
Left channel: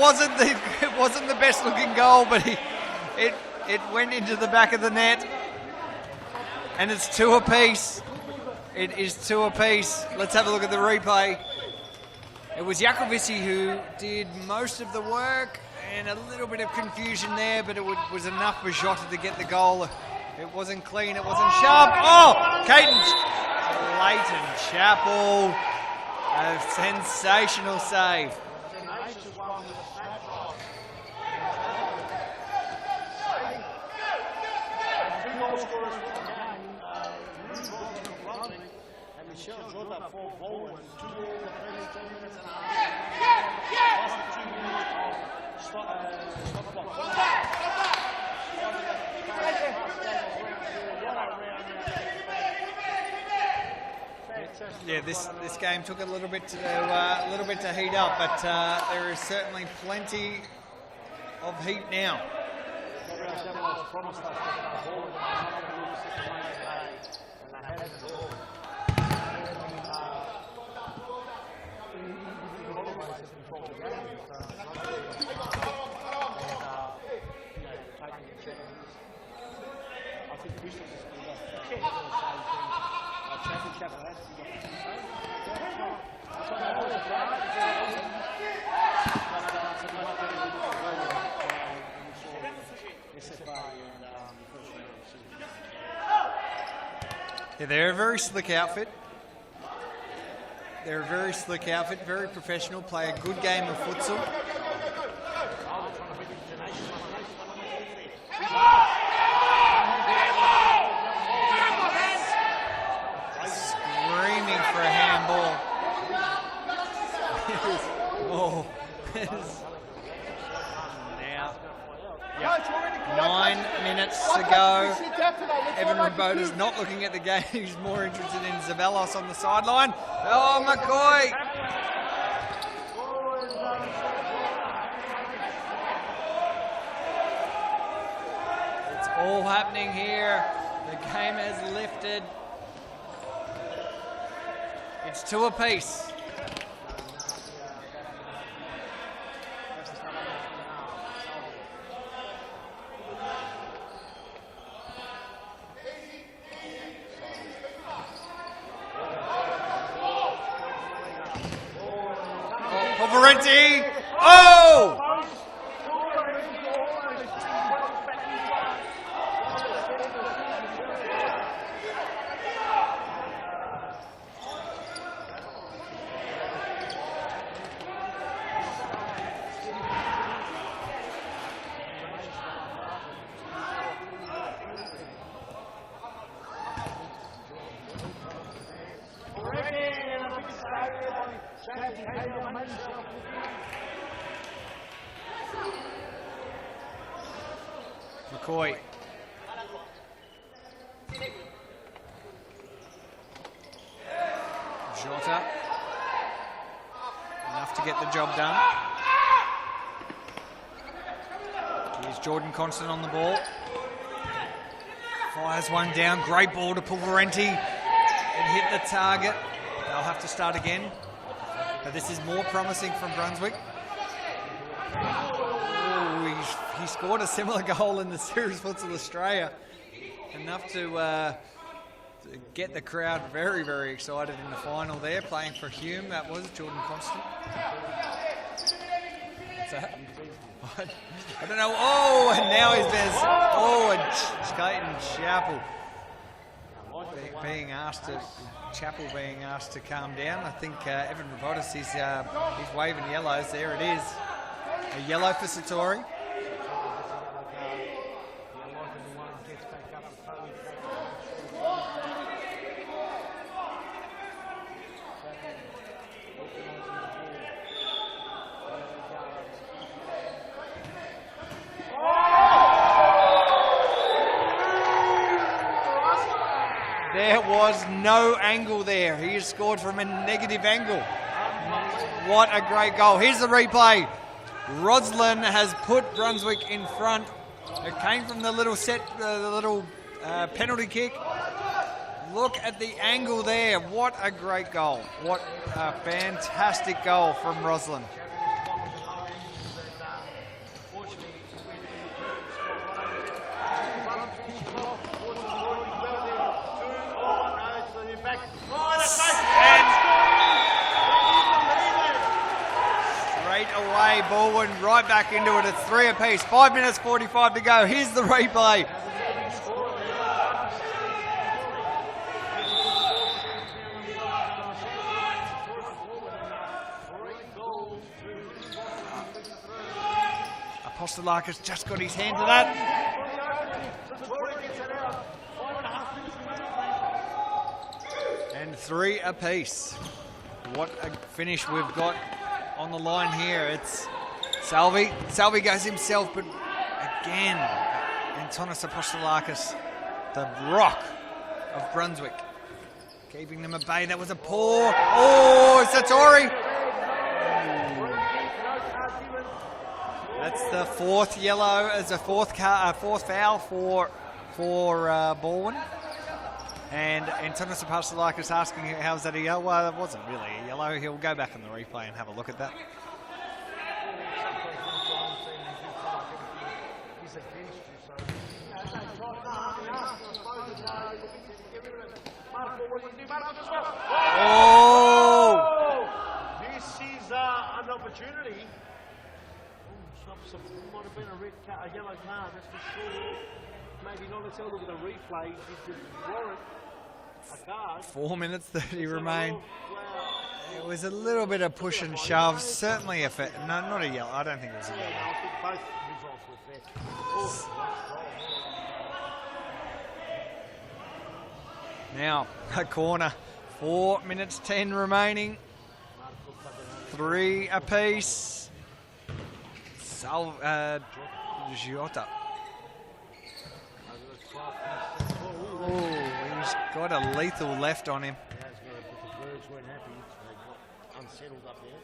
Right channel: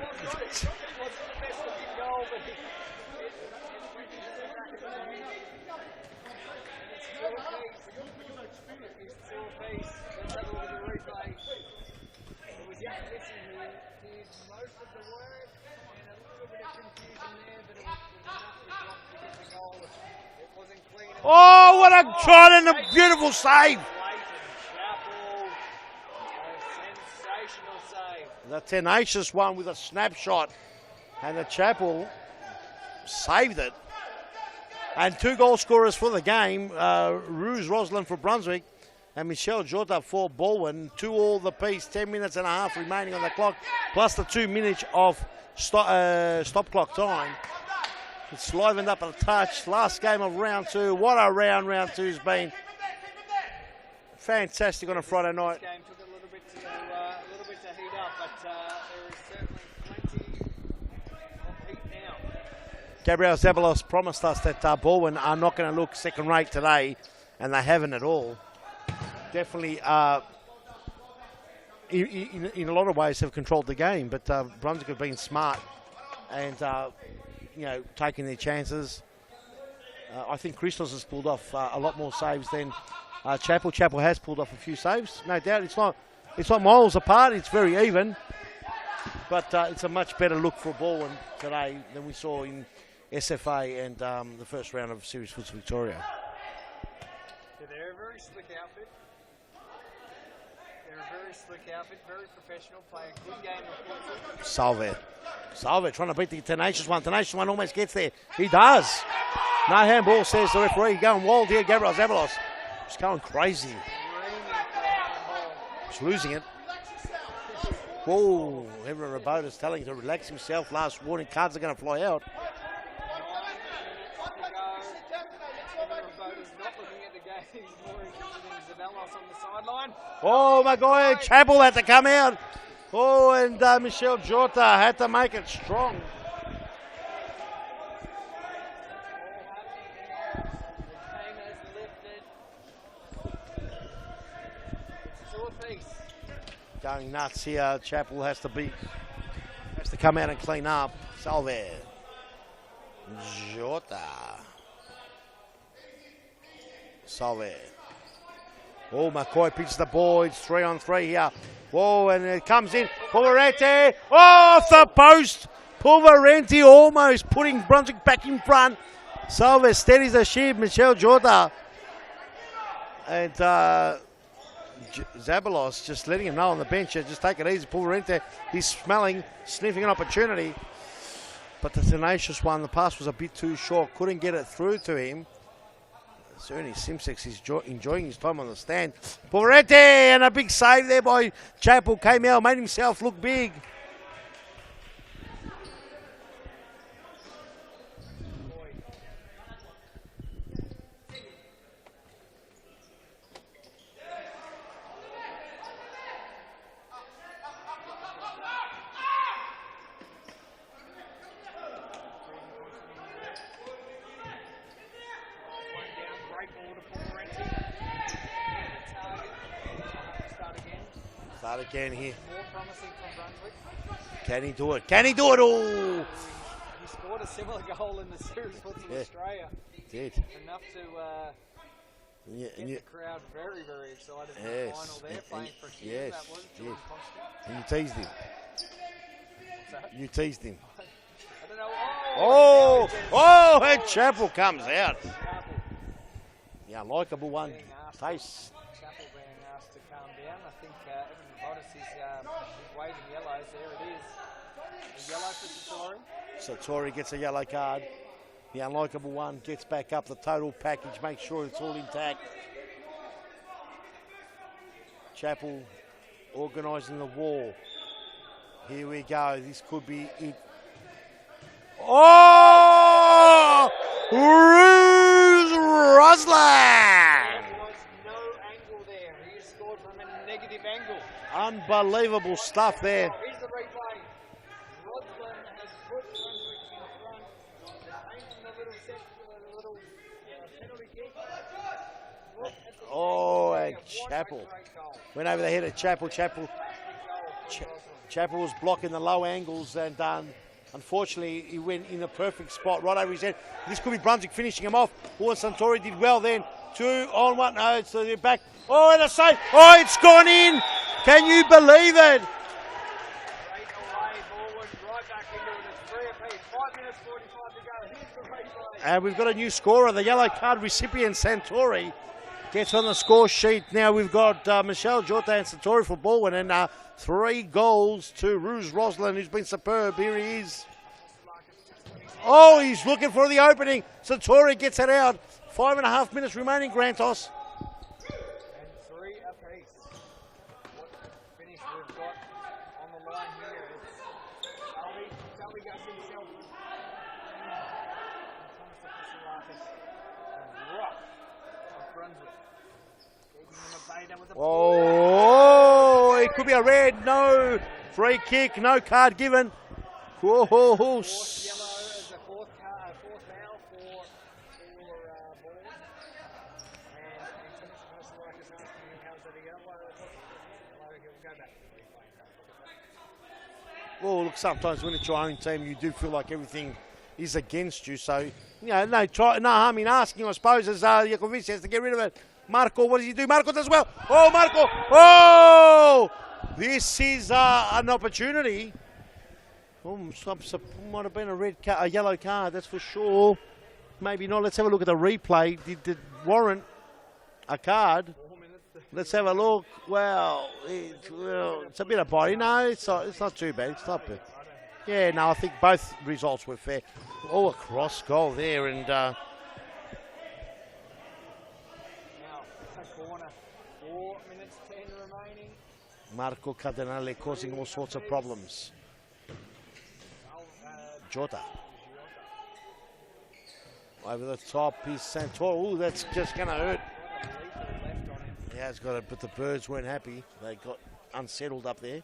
wasn't the best looking goal, but it went into the back of the net. And it's 2 apiece. It is 2 apiece. Let's have a look at the replay. It was Jakovici who did most of the work, and a little bit of confusion there, but it was enough for Jota to get the goal. It wasn't clean, it wasn't sharp. What a shot and a beautiful save. Leighton Chappell, a sensational save. The tenacious one with a snapshot, and the Chappell saved it. And 2 goal scorers for the game, Ruse Roslin for Brunswick and Michelle Jota for Balwyn. 2 all the piece, 10 minutes and a half remaining on the clock, plus the 2 minutes of stop clock time. It's livened up a touch. Last game of round 2. What a round 2's been. Fantastic on a Friday night. This game took a little bit to heat up, but there is certainly plenty of heat now. Gabriel Zabalos promised us that Balwyn are not going to look second rate today, and they haven't at all. Definitely, in a lot of ways, have controlled the game, but Brunswick have been smart and taking their chances. I think Christos has pulled off a lot more saves than Chappell. Chappell has pulled off a few saves, no doubt. It's not miles apart. It's very even, but it's a much better look for Balwyn today than we saw in SFA and the first round of Series Foots Victoria. Yeah, they're a very slick outfit. Very professional, play a good game of futsal. Salve trying to beat the Tenacious one. Tenacious one almost gets there. He does. No handball, says the referee. Going wild here, Gabriel Zabalos. He's going crazy. Screaming for a handball. He's losing it. Oh. Everyone is telling him to relax himself. Last warning, cards are going to fly out. Yep. 9 minutes to go. Evan Rabota's not looking at the game. He's more interested in Zabalos on the sideline. Oh my God, Chappell had to come out. Oh, and Michelle Jota had to make it strong. It's all happening here. The game has lifted. It's 2 apiece. Going nuts here. Chappell has to come out and clean up. Salve. Jota. Salve. Oh, McCoy picks the ball. It's 3-on-3 here. Whoa, and it comes in. Pulverenti. Oh, off the post. Pulverenti almost putting Brunswick back in front. Salve steadies the ship. Michelle Jota. And Zabalos just letting him know on the bench. Just take it easy. Pulverenti. He's sniffing an opportunity. But the tenacious one, the pass was a bit too short. Couldn't get it through to him. Certainly Simsex is enjoying his time on the stand. Pulverenti, and a big save there by Chappell. Came out, made himself look big. McCoy. Jota. Enough to get the job done. Here's Jordan Constant on the ball. Fires one down. Great ball to Pulverenti. It hit the target. They'll have to start again. This is more promising from Brunswick. Can he do it? Can he do it? Oh, he scored a similar goal in the Series Futsal Australia. Enough to get the crowd very, very excited in the final there. Playing for Hume, that was Jordan Constant. You teased him. What's that? You teased him. I don't know. And now he's there. And Chappell comes out. Chappell. Yeah, likeable one. Chappell being asked to calm down. I think Evan Rabotis is he's waving yellows. There it is. A yellow for Satori. Satori gets a yellow card. The unlikable one gets back up the total package, make sure it's all intact. Chappell organising the ball. Here we go. This could be it. Oh! Roslin! There was no angle there. He has scored from a negative angle. Unbelievable What stuff a great there. goal. Here's the replay. Roslin has put Brunswick in front. It came from the little set, the little penalty kick. Look at the angle there. What a great goal. Went over the head of Chappell. Fantastic goal from Roslyn. Chappell was blocking the low angles, and unfortunately he went in the perfect spot right over his head. This could be Brunswick finishing him off. Paul Santori did well then. 2 on 1. No, it's the back. Oh, and a save. Oh, it's gone in. Can you believe it? Straight away, Balwyn right back into it. It's 3 apiece. 5 minutes 45 to go. Here's the replay. And we've got a new scorer. The yellow card recipient, Santori, gets on the score sheet. Now we've got Michelle Jota and Santori for Balwyn, and 3 goals to Rouge Roslyn, who's been superb. Here he is. Apostolakis just got his hand. Oh, he's looking for the opening. Santori gets it out. 5.5 minutes remaining, Grantos. And 3 apiece. What a finish we've got on the line here. It's Salvi. Salvi goes himself, but again, Antonis Apostolakis, the rock of Brunswick, keeping them at bay. That was a poor. Oh, Satori. A red, no free kick, no card given. That's the 4th yellow as a 4th foul for Balwyn. And Antonis Apostolakis asking, how's that a yellow? Well, it wasn't really a yellow. He'll go back on the replay and have a look at that. Well, look, sometimes when it's your own team, you do feel like everything is against you. So, you know, no harm in asking, I suppose, as Jakovic has to get rid of it. Marco, what does he do? Marco does well. Oh, Marco! Oh! This is an opportunity. Oh, might have been a yellow card, that's for sure. Maybe not. Let's have a look at the replay. Did warrant a card? 4 minutes 30 Let's remain. have a look. Well, it was a little bit of push and body. shove. No, Certainly it's not too bad. No, It's not a bad. yellow. I don't think it was. Yeah, no, I think both results were fair. Oh, a cross goal there, and now a corner. 4 minutes 10 remaining. Marco Cardinale 3 apiece. Jota. Jota. Over the top is Santor. Ooh, that's just going to hurt. Got a lethal left on him. Yeah, it's got to, but the Birds weren't happy. They got unsettled up there.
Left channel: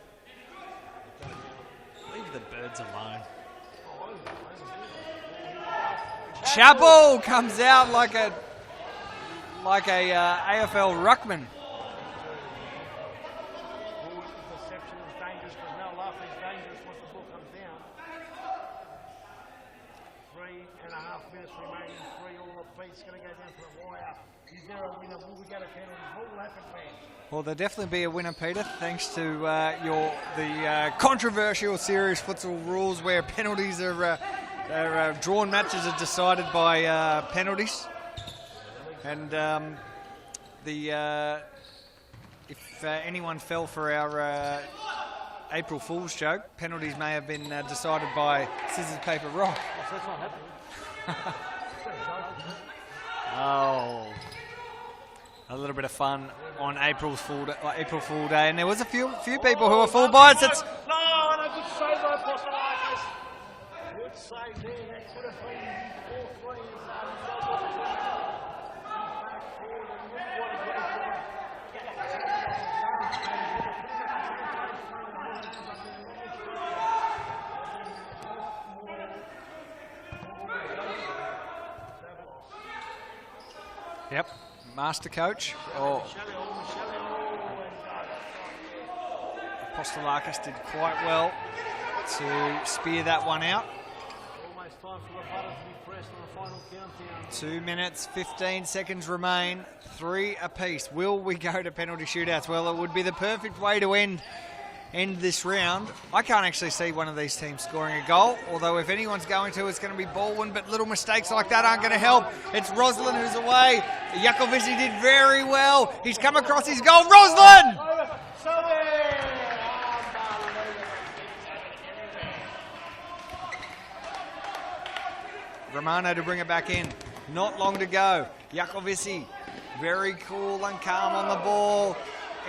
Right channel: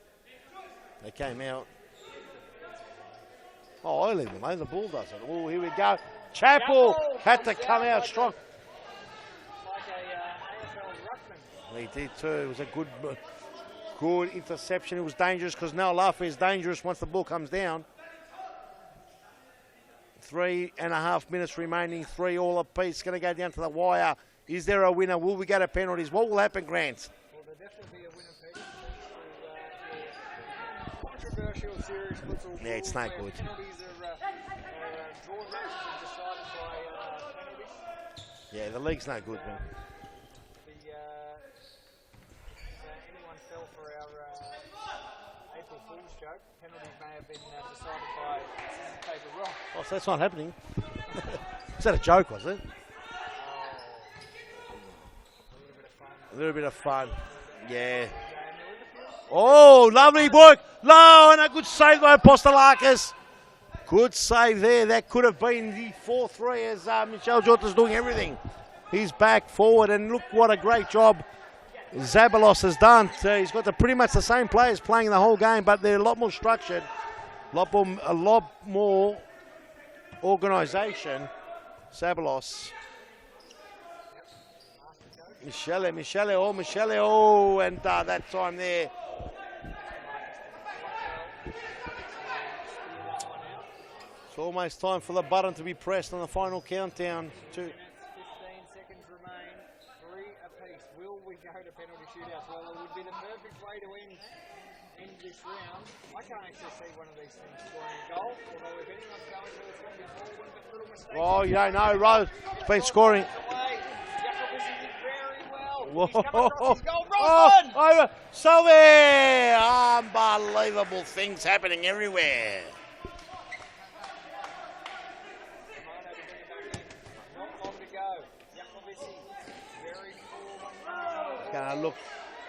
They came out. Leave the Birds alone. Oh, I leave them alone. The ball does it. Oh, here we go. Chappell comes out like a AFL ruckman. He did too. It was a good interception. It was dangerous because Noel Laffer is dangerous once the ball comes down. 3.5 minutes remaining, 3 all apiece. Going to go down to the wire. Is there a winner? Will we go to penalties? What will happen, Grant? Well, there'll definitely be a winner, Peter, thanks to the controversial series futsal rules where penalties are drawn matches are decided by penalties. Yeah, the league's and if anyone fell for our April Fool's joke, penalties may have been decided by scissors, paper, rock. Oh, so that's not happening. Is that a joke, was it? Oh, a little bit of fun on April Fool Day, and there was a few people who were lovely work. No, and a good save by Apostolakis. Good save there. That could have been the 4-3 as Michelle Jota's doing everything. He's back forward, and look what a great job Zabalos has done. So he's got pretty much the same players playing the whole game, but they're a lot more structured, a lot more organisation. Zabalos. Yep, master coach. Michele, and that time there. Apostolakis did quite well to spear that one out. It's almost time for the button to be pressed on the final countdown. 2 minutes, 15 seconds remain. 3 apiece. Will we go to penalty shootouts? Well, it would be the perfect way to end this round. I can't actually see one of these teams scoring a goal, although if anyone's going to, it's going to be Balwyn, but little mistakes like that aren't going to help. It's Roslyn who's away. Jakovic did very well. Whoa. He's come across his goal. Roslyn! Over. So there! Unbelievable things happening everywhere. Romano to bring it back in. Not long to go. Jakovic, very cool and calm on the ball.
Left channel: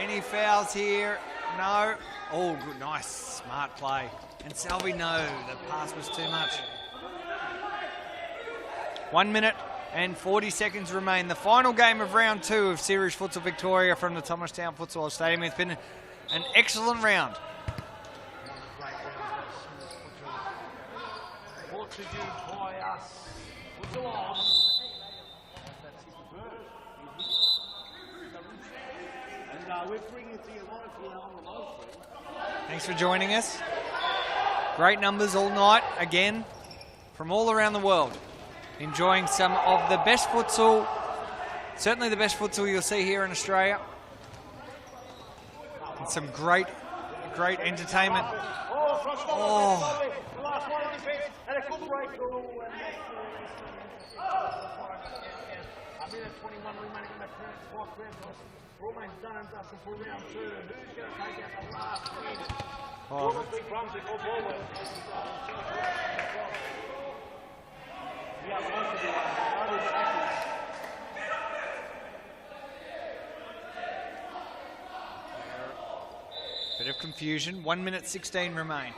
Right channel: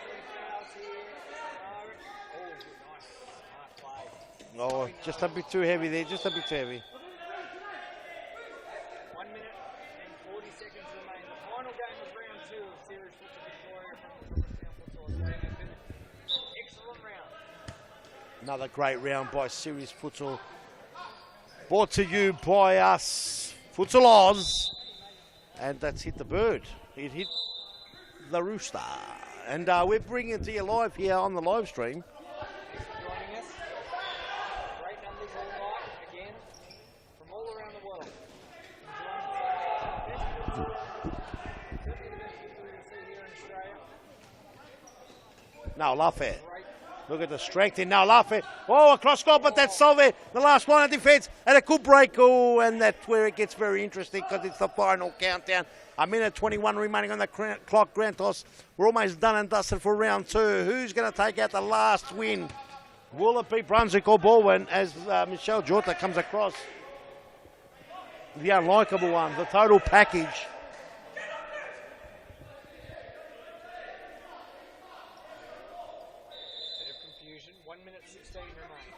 Any fouls here? No. Oh, good, nice, smart play. And Selby, no. Just a bit too heavy there, just a bit too heavy. 1 minute and 40 seconds remain. The final game of round 2 of Series Futsal Victoria from the Thomastown Futsal Stadium. It's been an excellent round. Another great round by Series Futsal. Brought to you by us, Futsal Oz. And that's hit the bird. It hit the rooster. And we're bringing it to you live here on the live stream. Thanks for joining us. Great numbers all night, again, from all around the world. Enjoying some of the best futsal, certainly the best futsal you'll see here in Australia. No, love some it. Great, look at the great strength in entertainment. love it. Oh, a cross goal, but that's Solve. The last line of defence and a good break. Oh, and that's where it gets very interesting because it's the final countdown. A minute 21 remaining on the clock. Grantos, we're almost done and dusted for round 2. Who's going to take out the last win? Will it be Brunswick or Balwyn as Michelle Jorta comes across? The unlikable one, the total package. Bit of confusion. 1 minute 16 remain.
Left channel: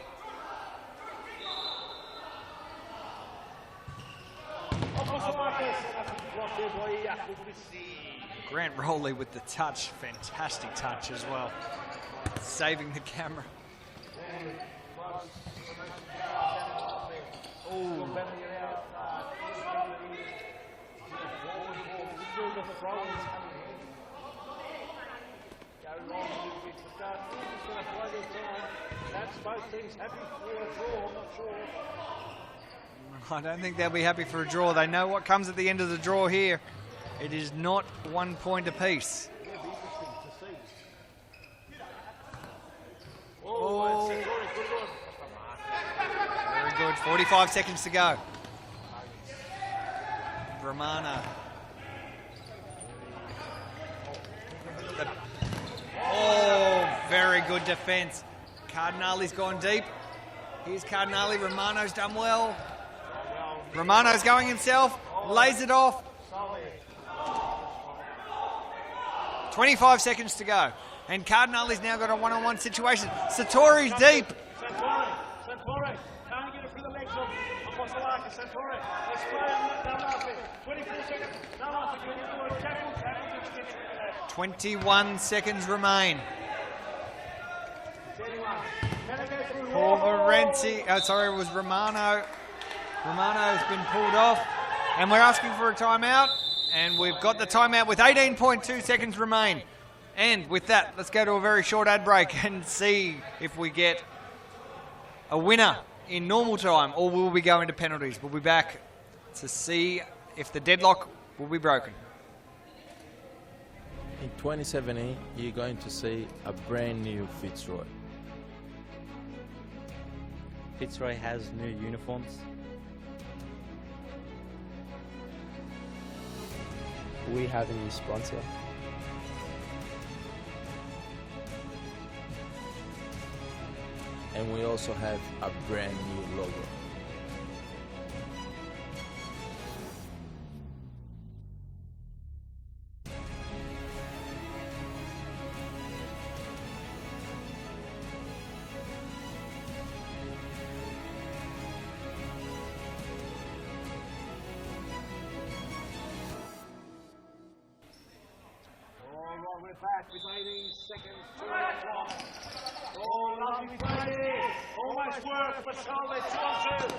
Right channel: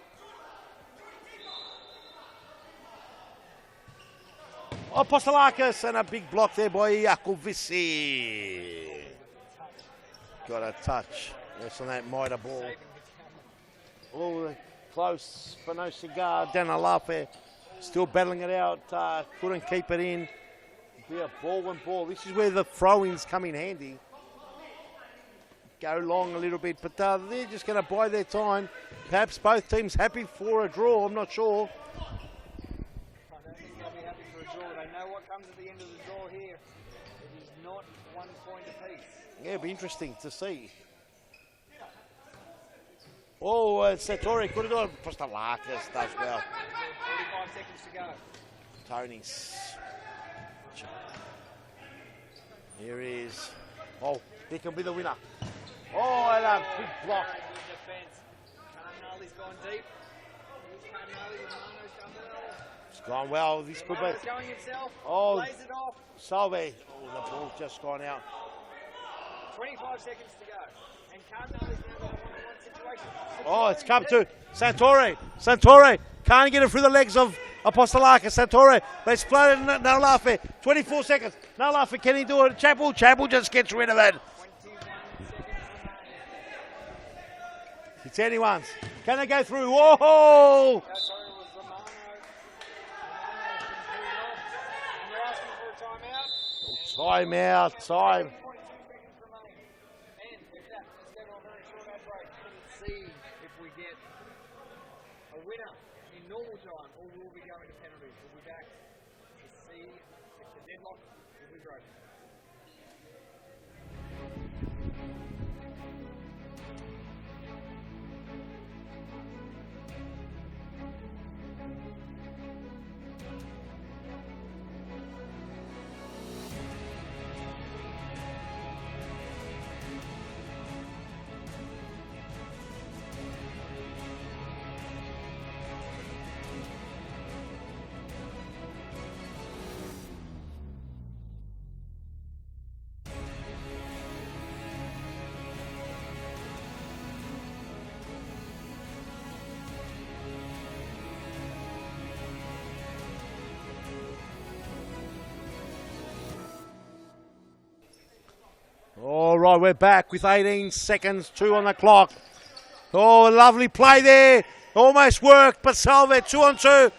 Apostolakis and a big block there by Yakovisi. Grant Rowley with the touch. Fantastic Got a touch as well. Yes, and that might have Saving the camera. Oh, close for no cigar. Danalafe still battling it out. Couldn't keep it in. Yeah, ball. This is where the throw-ins come in handy. Go long a little bit, but they're just going to buy their time. Perhaps both teams happy for a draw. I'm not sure. I don't think they'll be happy for a draw. They know what comes at the end of the draw here. It is not 1 point apiece. Yeah, it'll be interesting to see. Oh, Satori could have gone. Apostolakis does go. Very good. 45 seconds to go. Tony's. Romana. Here is. Oh, he could be the winner. Oh, very good defence. Cardinali's gone deep. Here's Cardinali. Romano's done well. It's gone well. Romano's going himself. Lays it off. Salve. Just gone out. 25 seconds to go. And Cardinali's now got a one-on-one situation. Satori's deep. Santori can't get it through the legs of Apostolakis. Santori, they exploded. Nalafe. 24 seconds. Nalafe, can he do it? Chapel just gets rid of it. 21 seconds remain. It's anyone's. Can they go through? Renzi. Oh, sorry, it was Romano. Romano has been pulled off. And we're asking for a timeout. And we've got the timeout with 18.2 seconds remain. And with that, let's go to a very short ad break and see if we get a winner in normal time or will we go into penalties. We'll be back to see if the deadlock will be broken. In 2017, you're going to see a brand new Fitzroy. Fitzroy has new uniforms. We have a new sponsor. And we also have a brand new logo. All right, we're back with 18 seconds, 2 on the clock. Oh, lovely play there. Almost worked, but Salve 2 on 2.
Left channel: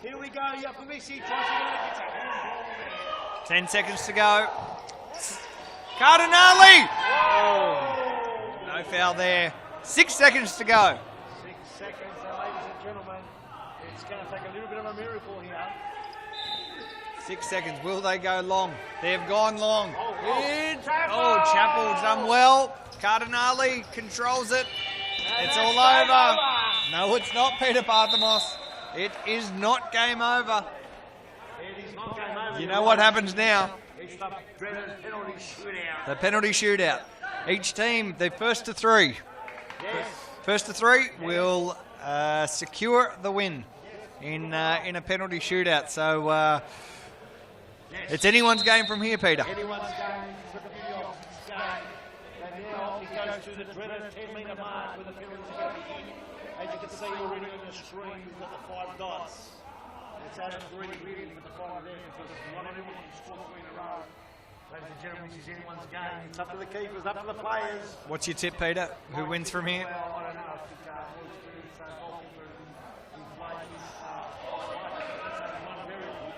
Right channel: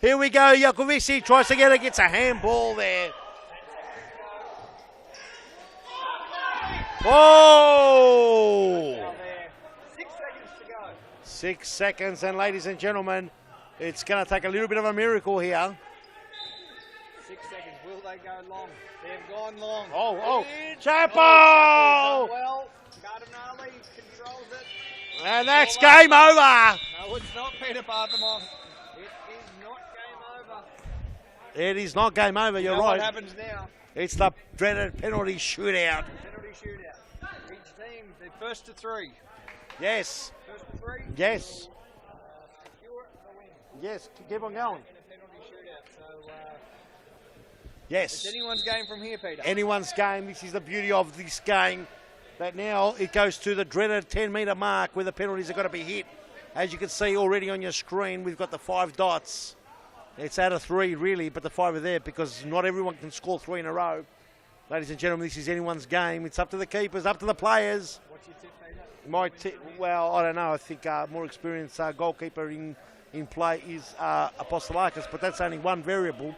Here we go. Yakovisi tries to get it, gets a handball there. 10 seconds to go. Cardinali! Oh! No foul there. 6 seconds to go. 6 seconds, and ladies and gentlemen, it's going to take a little bit of a miracle here. 6 seconds. Will they go long? They've gone long. Chapel! Chapel's done well. Cardinali controls it. And It's that's all game over. No, it's not, Peter Parthamos. It is not game over. It is not game over. You You're know right. what happens now? It's the dreaded penalty shootout. The penalty shootout. Each team, the first to 3. Yes. First to 3 Yes. will secure the win. Yes. In a penalty shootout. So yes. It's anyone's game from here, Peter. Anyone's game. This is the beauty of this game. But now it goes to the dreaded 10-metre mark where the penalties are going to be hit. As you can see already on your screen, we've got the 5 dots. It's out of 3 really, but the 5 are there because not everyone can score 3 in a row. Ladies and gentlemen, this is anyone's game. It's up to the keepers, up to the players. What's your tip, Peter? My Who wins tip- from here? Well, I don't know. I think more experienced goalkeeper in in play is Apostolakis, but that's only one variable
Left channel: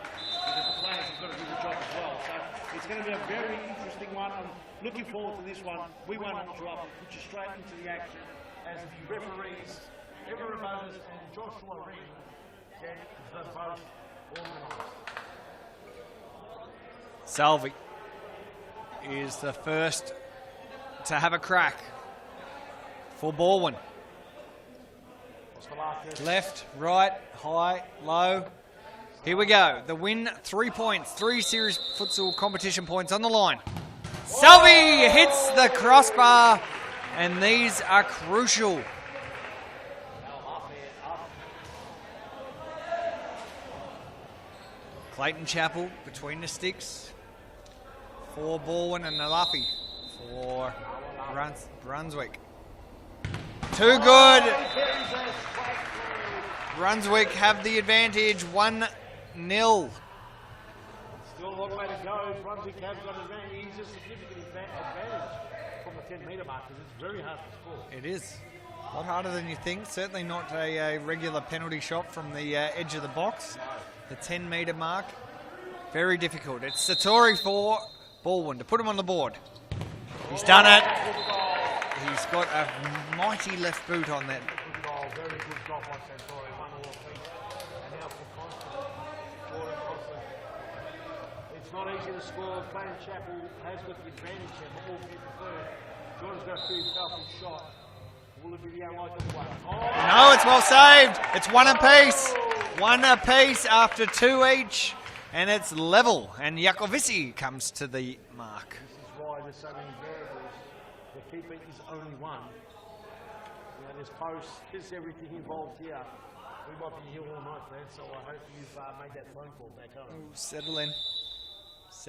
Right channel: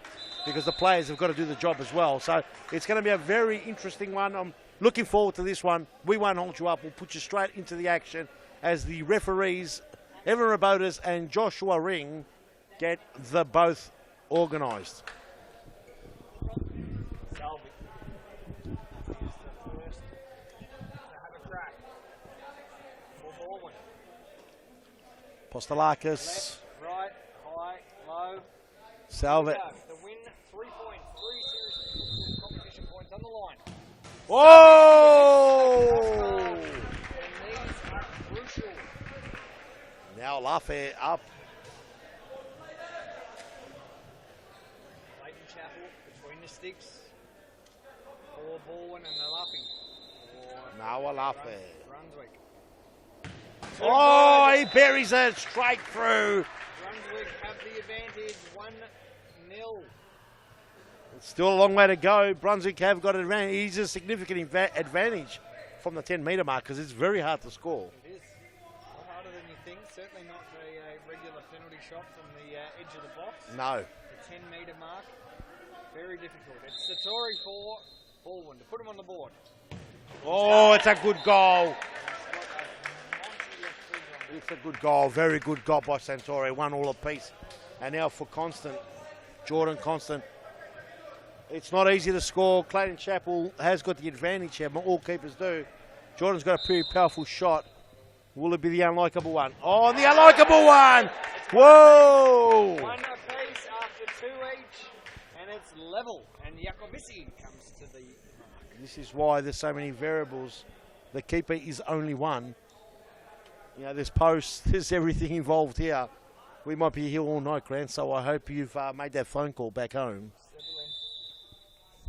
because the players have got to do the job as well. So it's going to be a very interesting one. I'm looking forward to this one. We won't hold you up. We'll put you straight into the action as the referees, Evan Rabotas and Joshua Ring, get the both organised. Salvi is the first to have a crack for Balwyn. Apostolakis. Left, right, high, low. Here we go. The win, 3 points. 3 series futsal competition points on the line. Salvi hits the crossbar, and these are crucial. Now Lafe up. Clayton Chapel between the sticks for Balwyn and Alafi for Brunswick. Too good. He buries it straight through. Brunswick have the advantage, 1-0. Still a long way to go. Brunswick have got an advantage. He's a significant advantage from the 10-metre mark because it's very hard to score. It is. A lot harder than you think. Certainly not a regular penalty shot from the edge of the box. No. The 10-metre mark, very difficult. It's Satori for Balwyn to put him on the board. He's done it. It's a good goal. He's got a mighty left boot on that. It's a good goal. Very good goal by Santori. 1 all apiece. And now for Constant. Jordan Constant. It's not easy to score. Clayton Chapel has got the advantage here, but all keepers do. Jordan's got a pretty powerful shot. Will it be the unlikable one? Oh, the unlikable one! Saved. It's 1 apiece. 1 apiece after 2 each. And it's level. And Jakovici comes to the mark. This is why there's so many variables. The keeper is only one. You know, there's posts, there's everything involved here. We might be here all night, Grant, so I hope you've made that phone call back home. Settle in.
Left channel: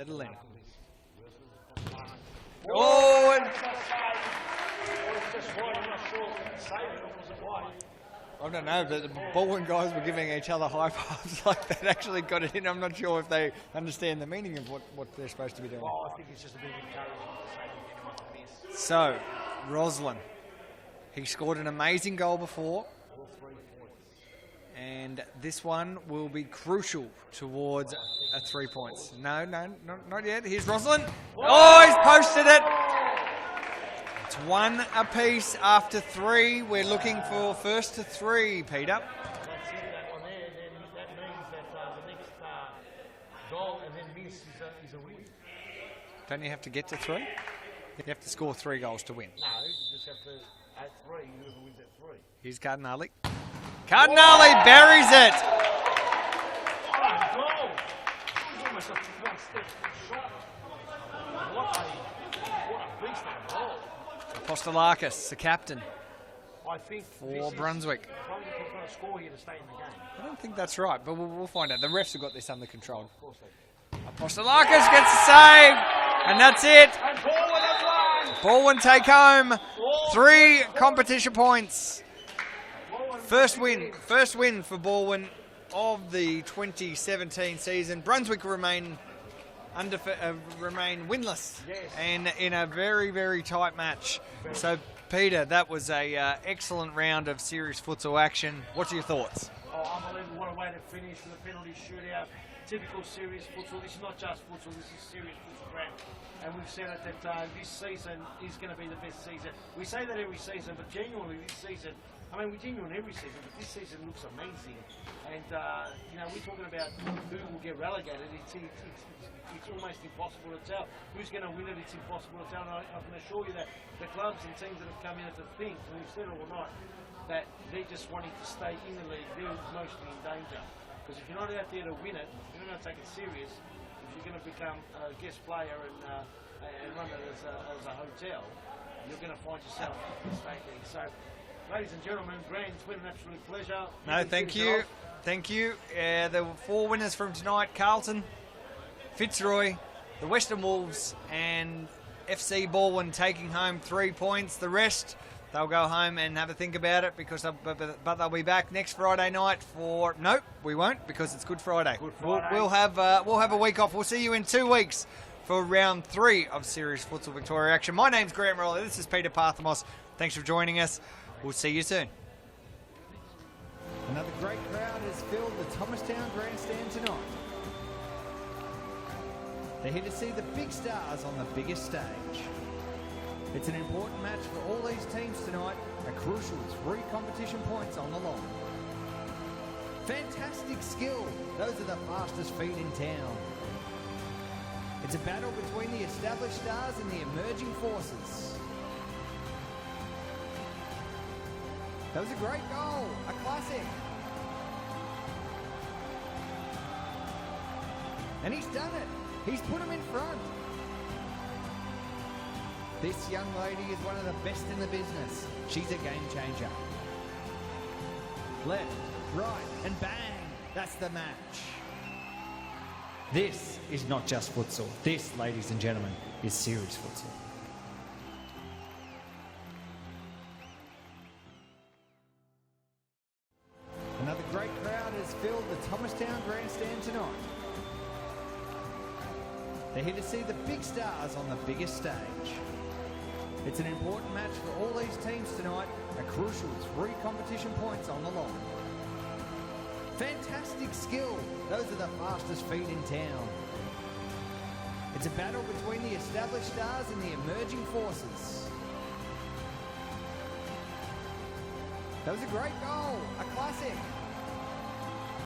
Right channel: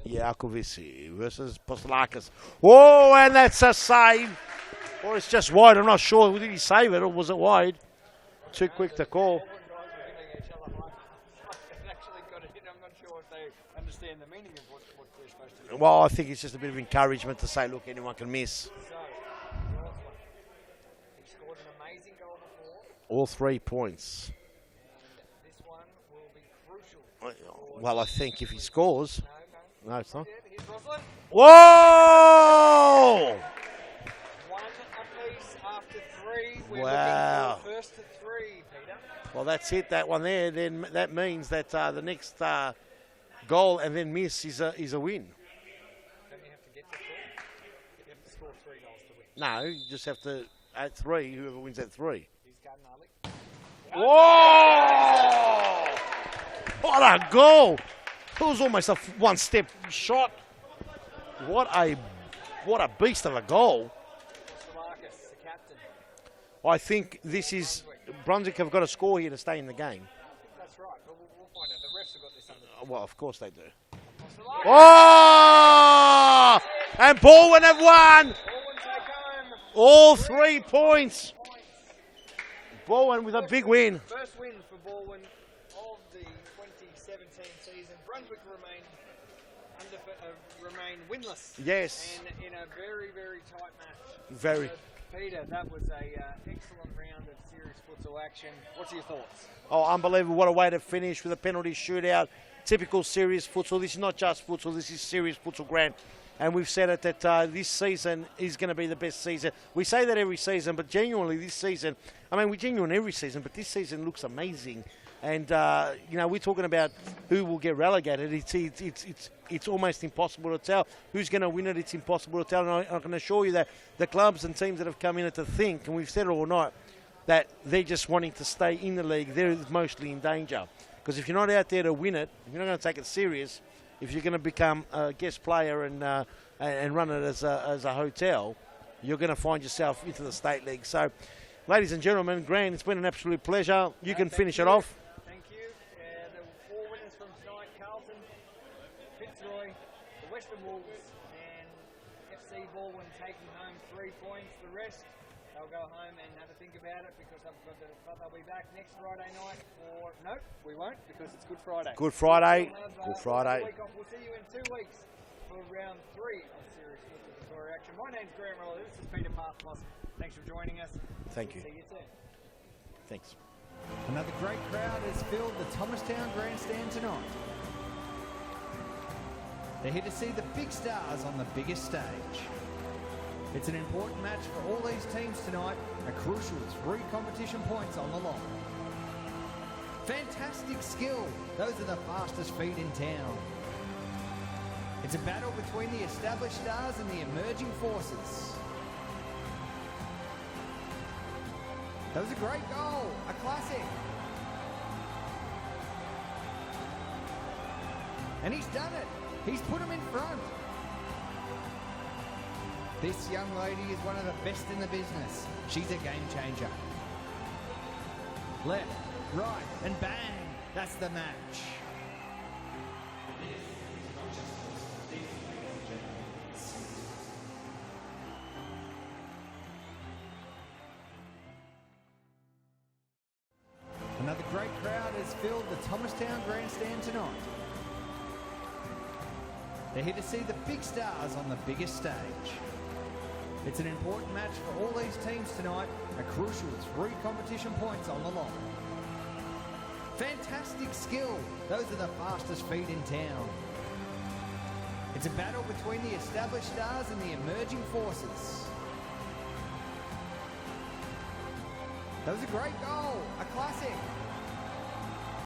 Jakovici versus Apostolakis. Whoa, and that's a save. Or it's just wide, I'm not sure. Did he save it or was it wide? I don't Too know. quick The to call. Balwyn guys were giving each other high fives like that actually got it in. I'm not sure if they understand the meaning of what they're supposed to be doing. Well, I think it's just a bit of encouragement to say, look, anyone can miss. So, Roslin. He scored an amazing goal before. All 3 points. And this one will be crucial towards. Well, I think if he 3 scores. points. No, it's not not. yet. Here's Roslin. Whoa! Oh, he's posted it. It's 1 apiece after 3. We're looking for first to 3, Peter. Well, that's it, that one there. Then that means that the next goal and then miss is a win. Don't you have to get to 3? You have to score 3 goals to win. No, you just have to, at 3, whoever wins at 3. Here's Cardinale. Cardinale buries it. What a goal! It was almost a one-step shot. What a beast of a goal. Apostolakis, the captain. I think this is Brunswick have got to score here to stay in the game. I don't think that's right, but we'll find out. The refs have got this under control. Well, of course they do. Apostolakis gets a save, and that's it. And Balwyn have won. Balwyn take home all 3 points. competition points. Balwyn with a big win. First win for Balwyn of the 2017 season. Brunswick remain winless. Yes. And in a very, very tight match. So, Peter, that was a excellent round of series futsal action. What's your thoughts? Oh, unbelievable. What a way to finish with a penalty shootout. Typical series futsal. This is not just futsal. This is series futsal, Grant. And we've said it that this season is going to be the best season. We say that every season, but genuinely this season, I mean, we genuine every season, but this season looks amazing. And, you know, we're talking about who will get relegated. It's almost impossible to tell. Who's going to win it, it's impossible to tell. And I can assure you that the clubs and teams that have come in to think, and we've said it all night, that they're just wanting to stay in the league. They're mostly in danger. Because if you're not out there to win it, you're not going to take it serious. If you're going to become a guest player and run it as a hotel, you're going to find yourself into the state league. So, ladies and gentlemen, Grant, it's been an absolute pleasure. You can finish it off. Thank you. There were 4 winners from tonight. Carlton, Fitzroy, the Western Wolves, and FC Balwyn taking home 3 points. The rest, they'll go home and have a think about it because but they'll be back next Friday night for... Nope, we won't because it's Good Friday. Good Friday. We'll have a week off. We'll see you in 2 weeks for round 3 of Series Futsal Victoria action. My name's Grant Roller. This is Peter Parthamos. Thanks for joining us. We'll see you soon. Thanks. Another great crowd has filled the Thomastown Grandstand tonight. They're here to see the big stars on the biggest stage. It's an important match for all these teams tonight, a crucial 3 competition points on the line. Fantastic skill, those are the fastest feet in town. It's a battle between the established stars and the emerging forces. That was a great goal, a classic. And he's done it. He's put him in front. This young lady is one of the best in the business. She's a game changer. Left, right, and bang. That's the match. This is not just futsal. This, ladies and gentlemen, is serious futsal. Another great crowd has filled the Thomastown Grandstand tonight. They're here to see the big stars on the biggest stage. It's an important match for all these teams tonight, a crucial 3 competition points on the line. Fantastic skill, those are the fastest feet in town. It's a battle between the established stars and the emerging forces. That was a great goal, a classic.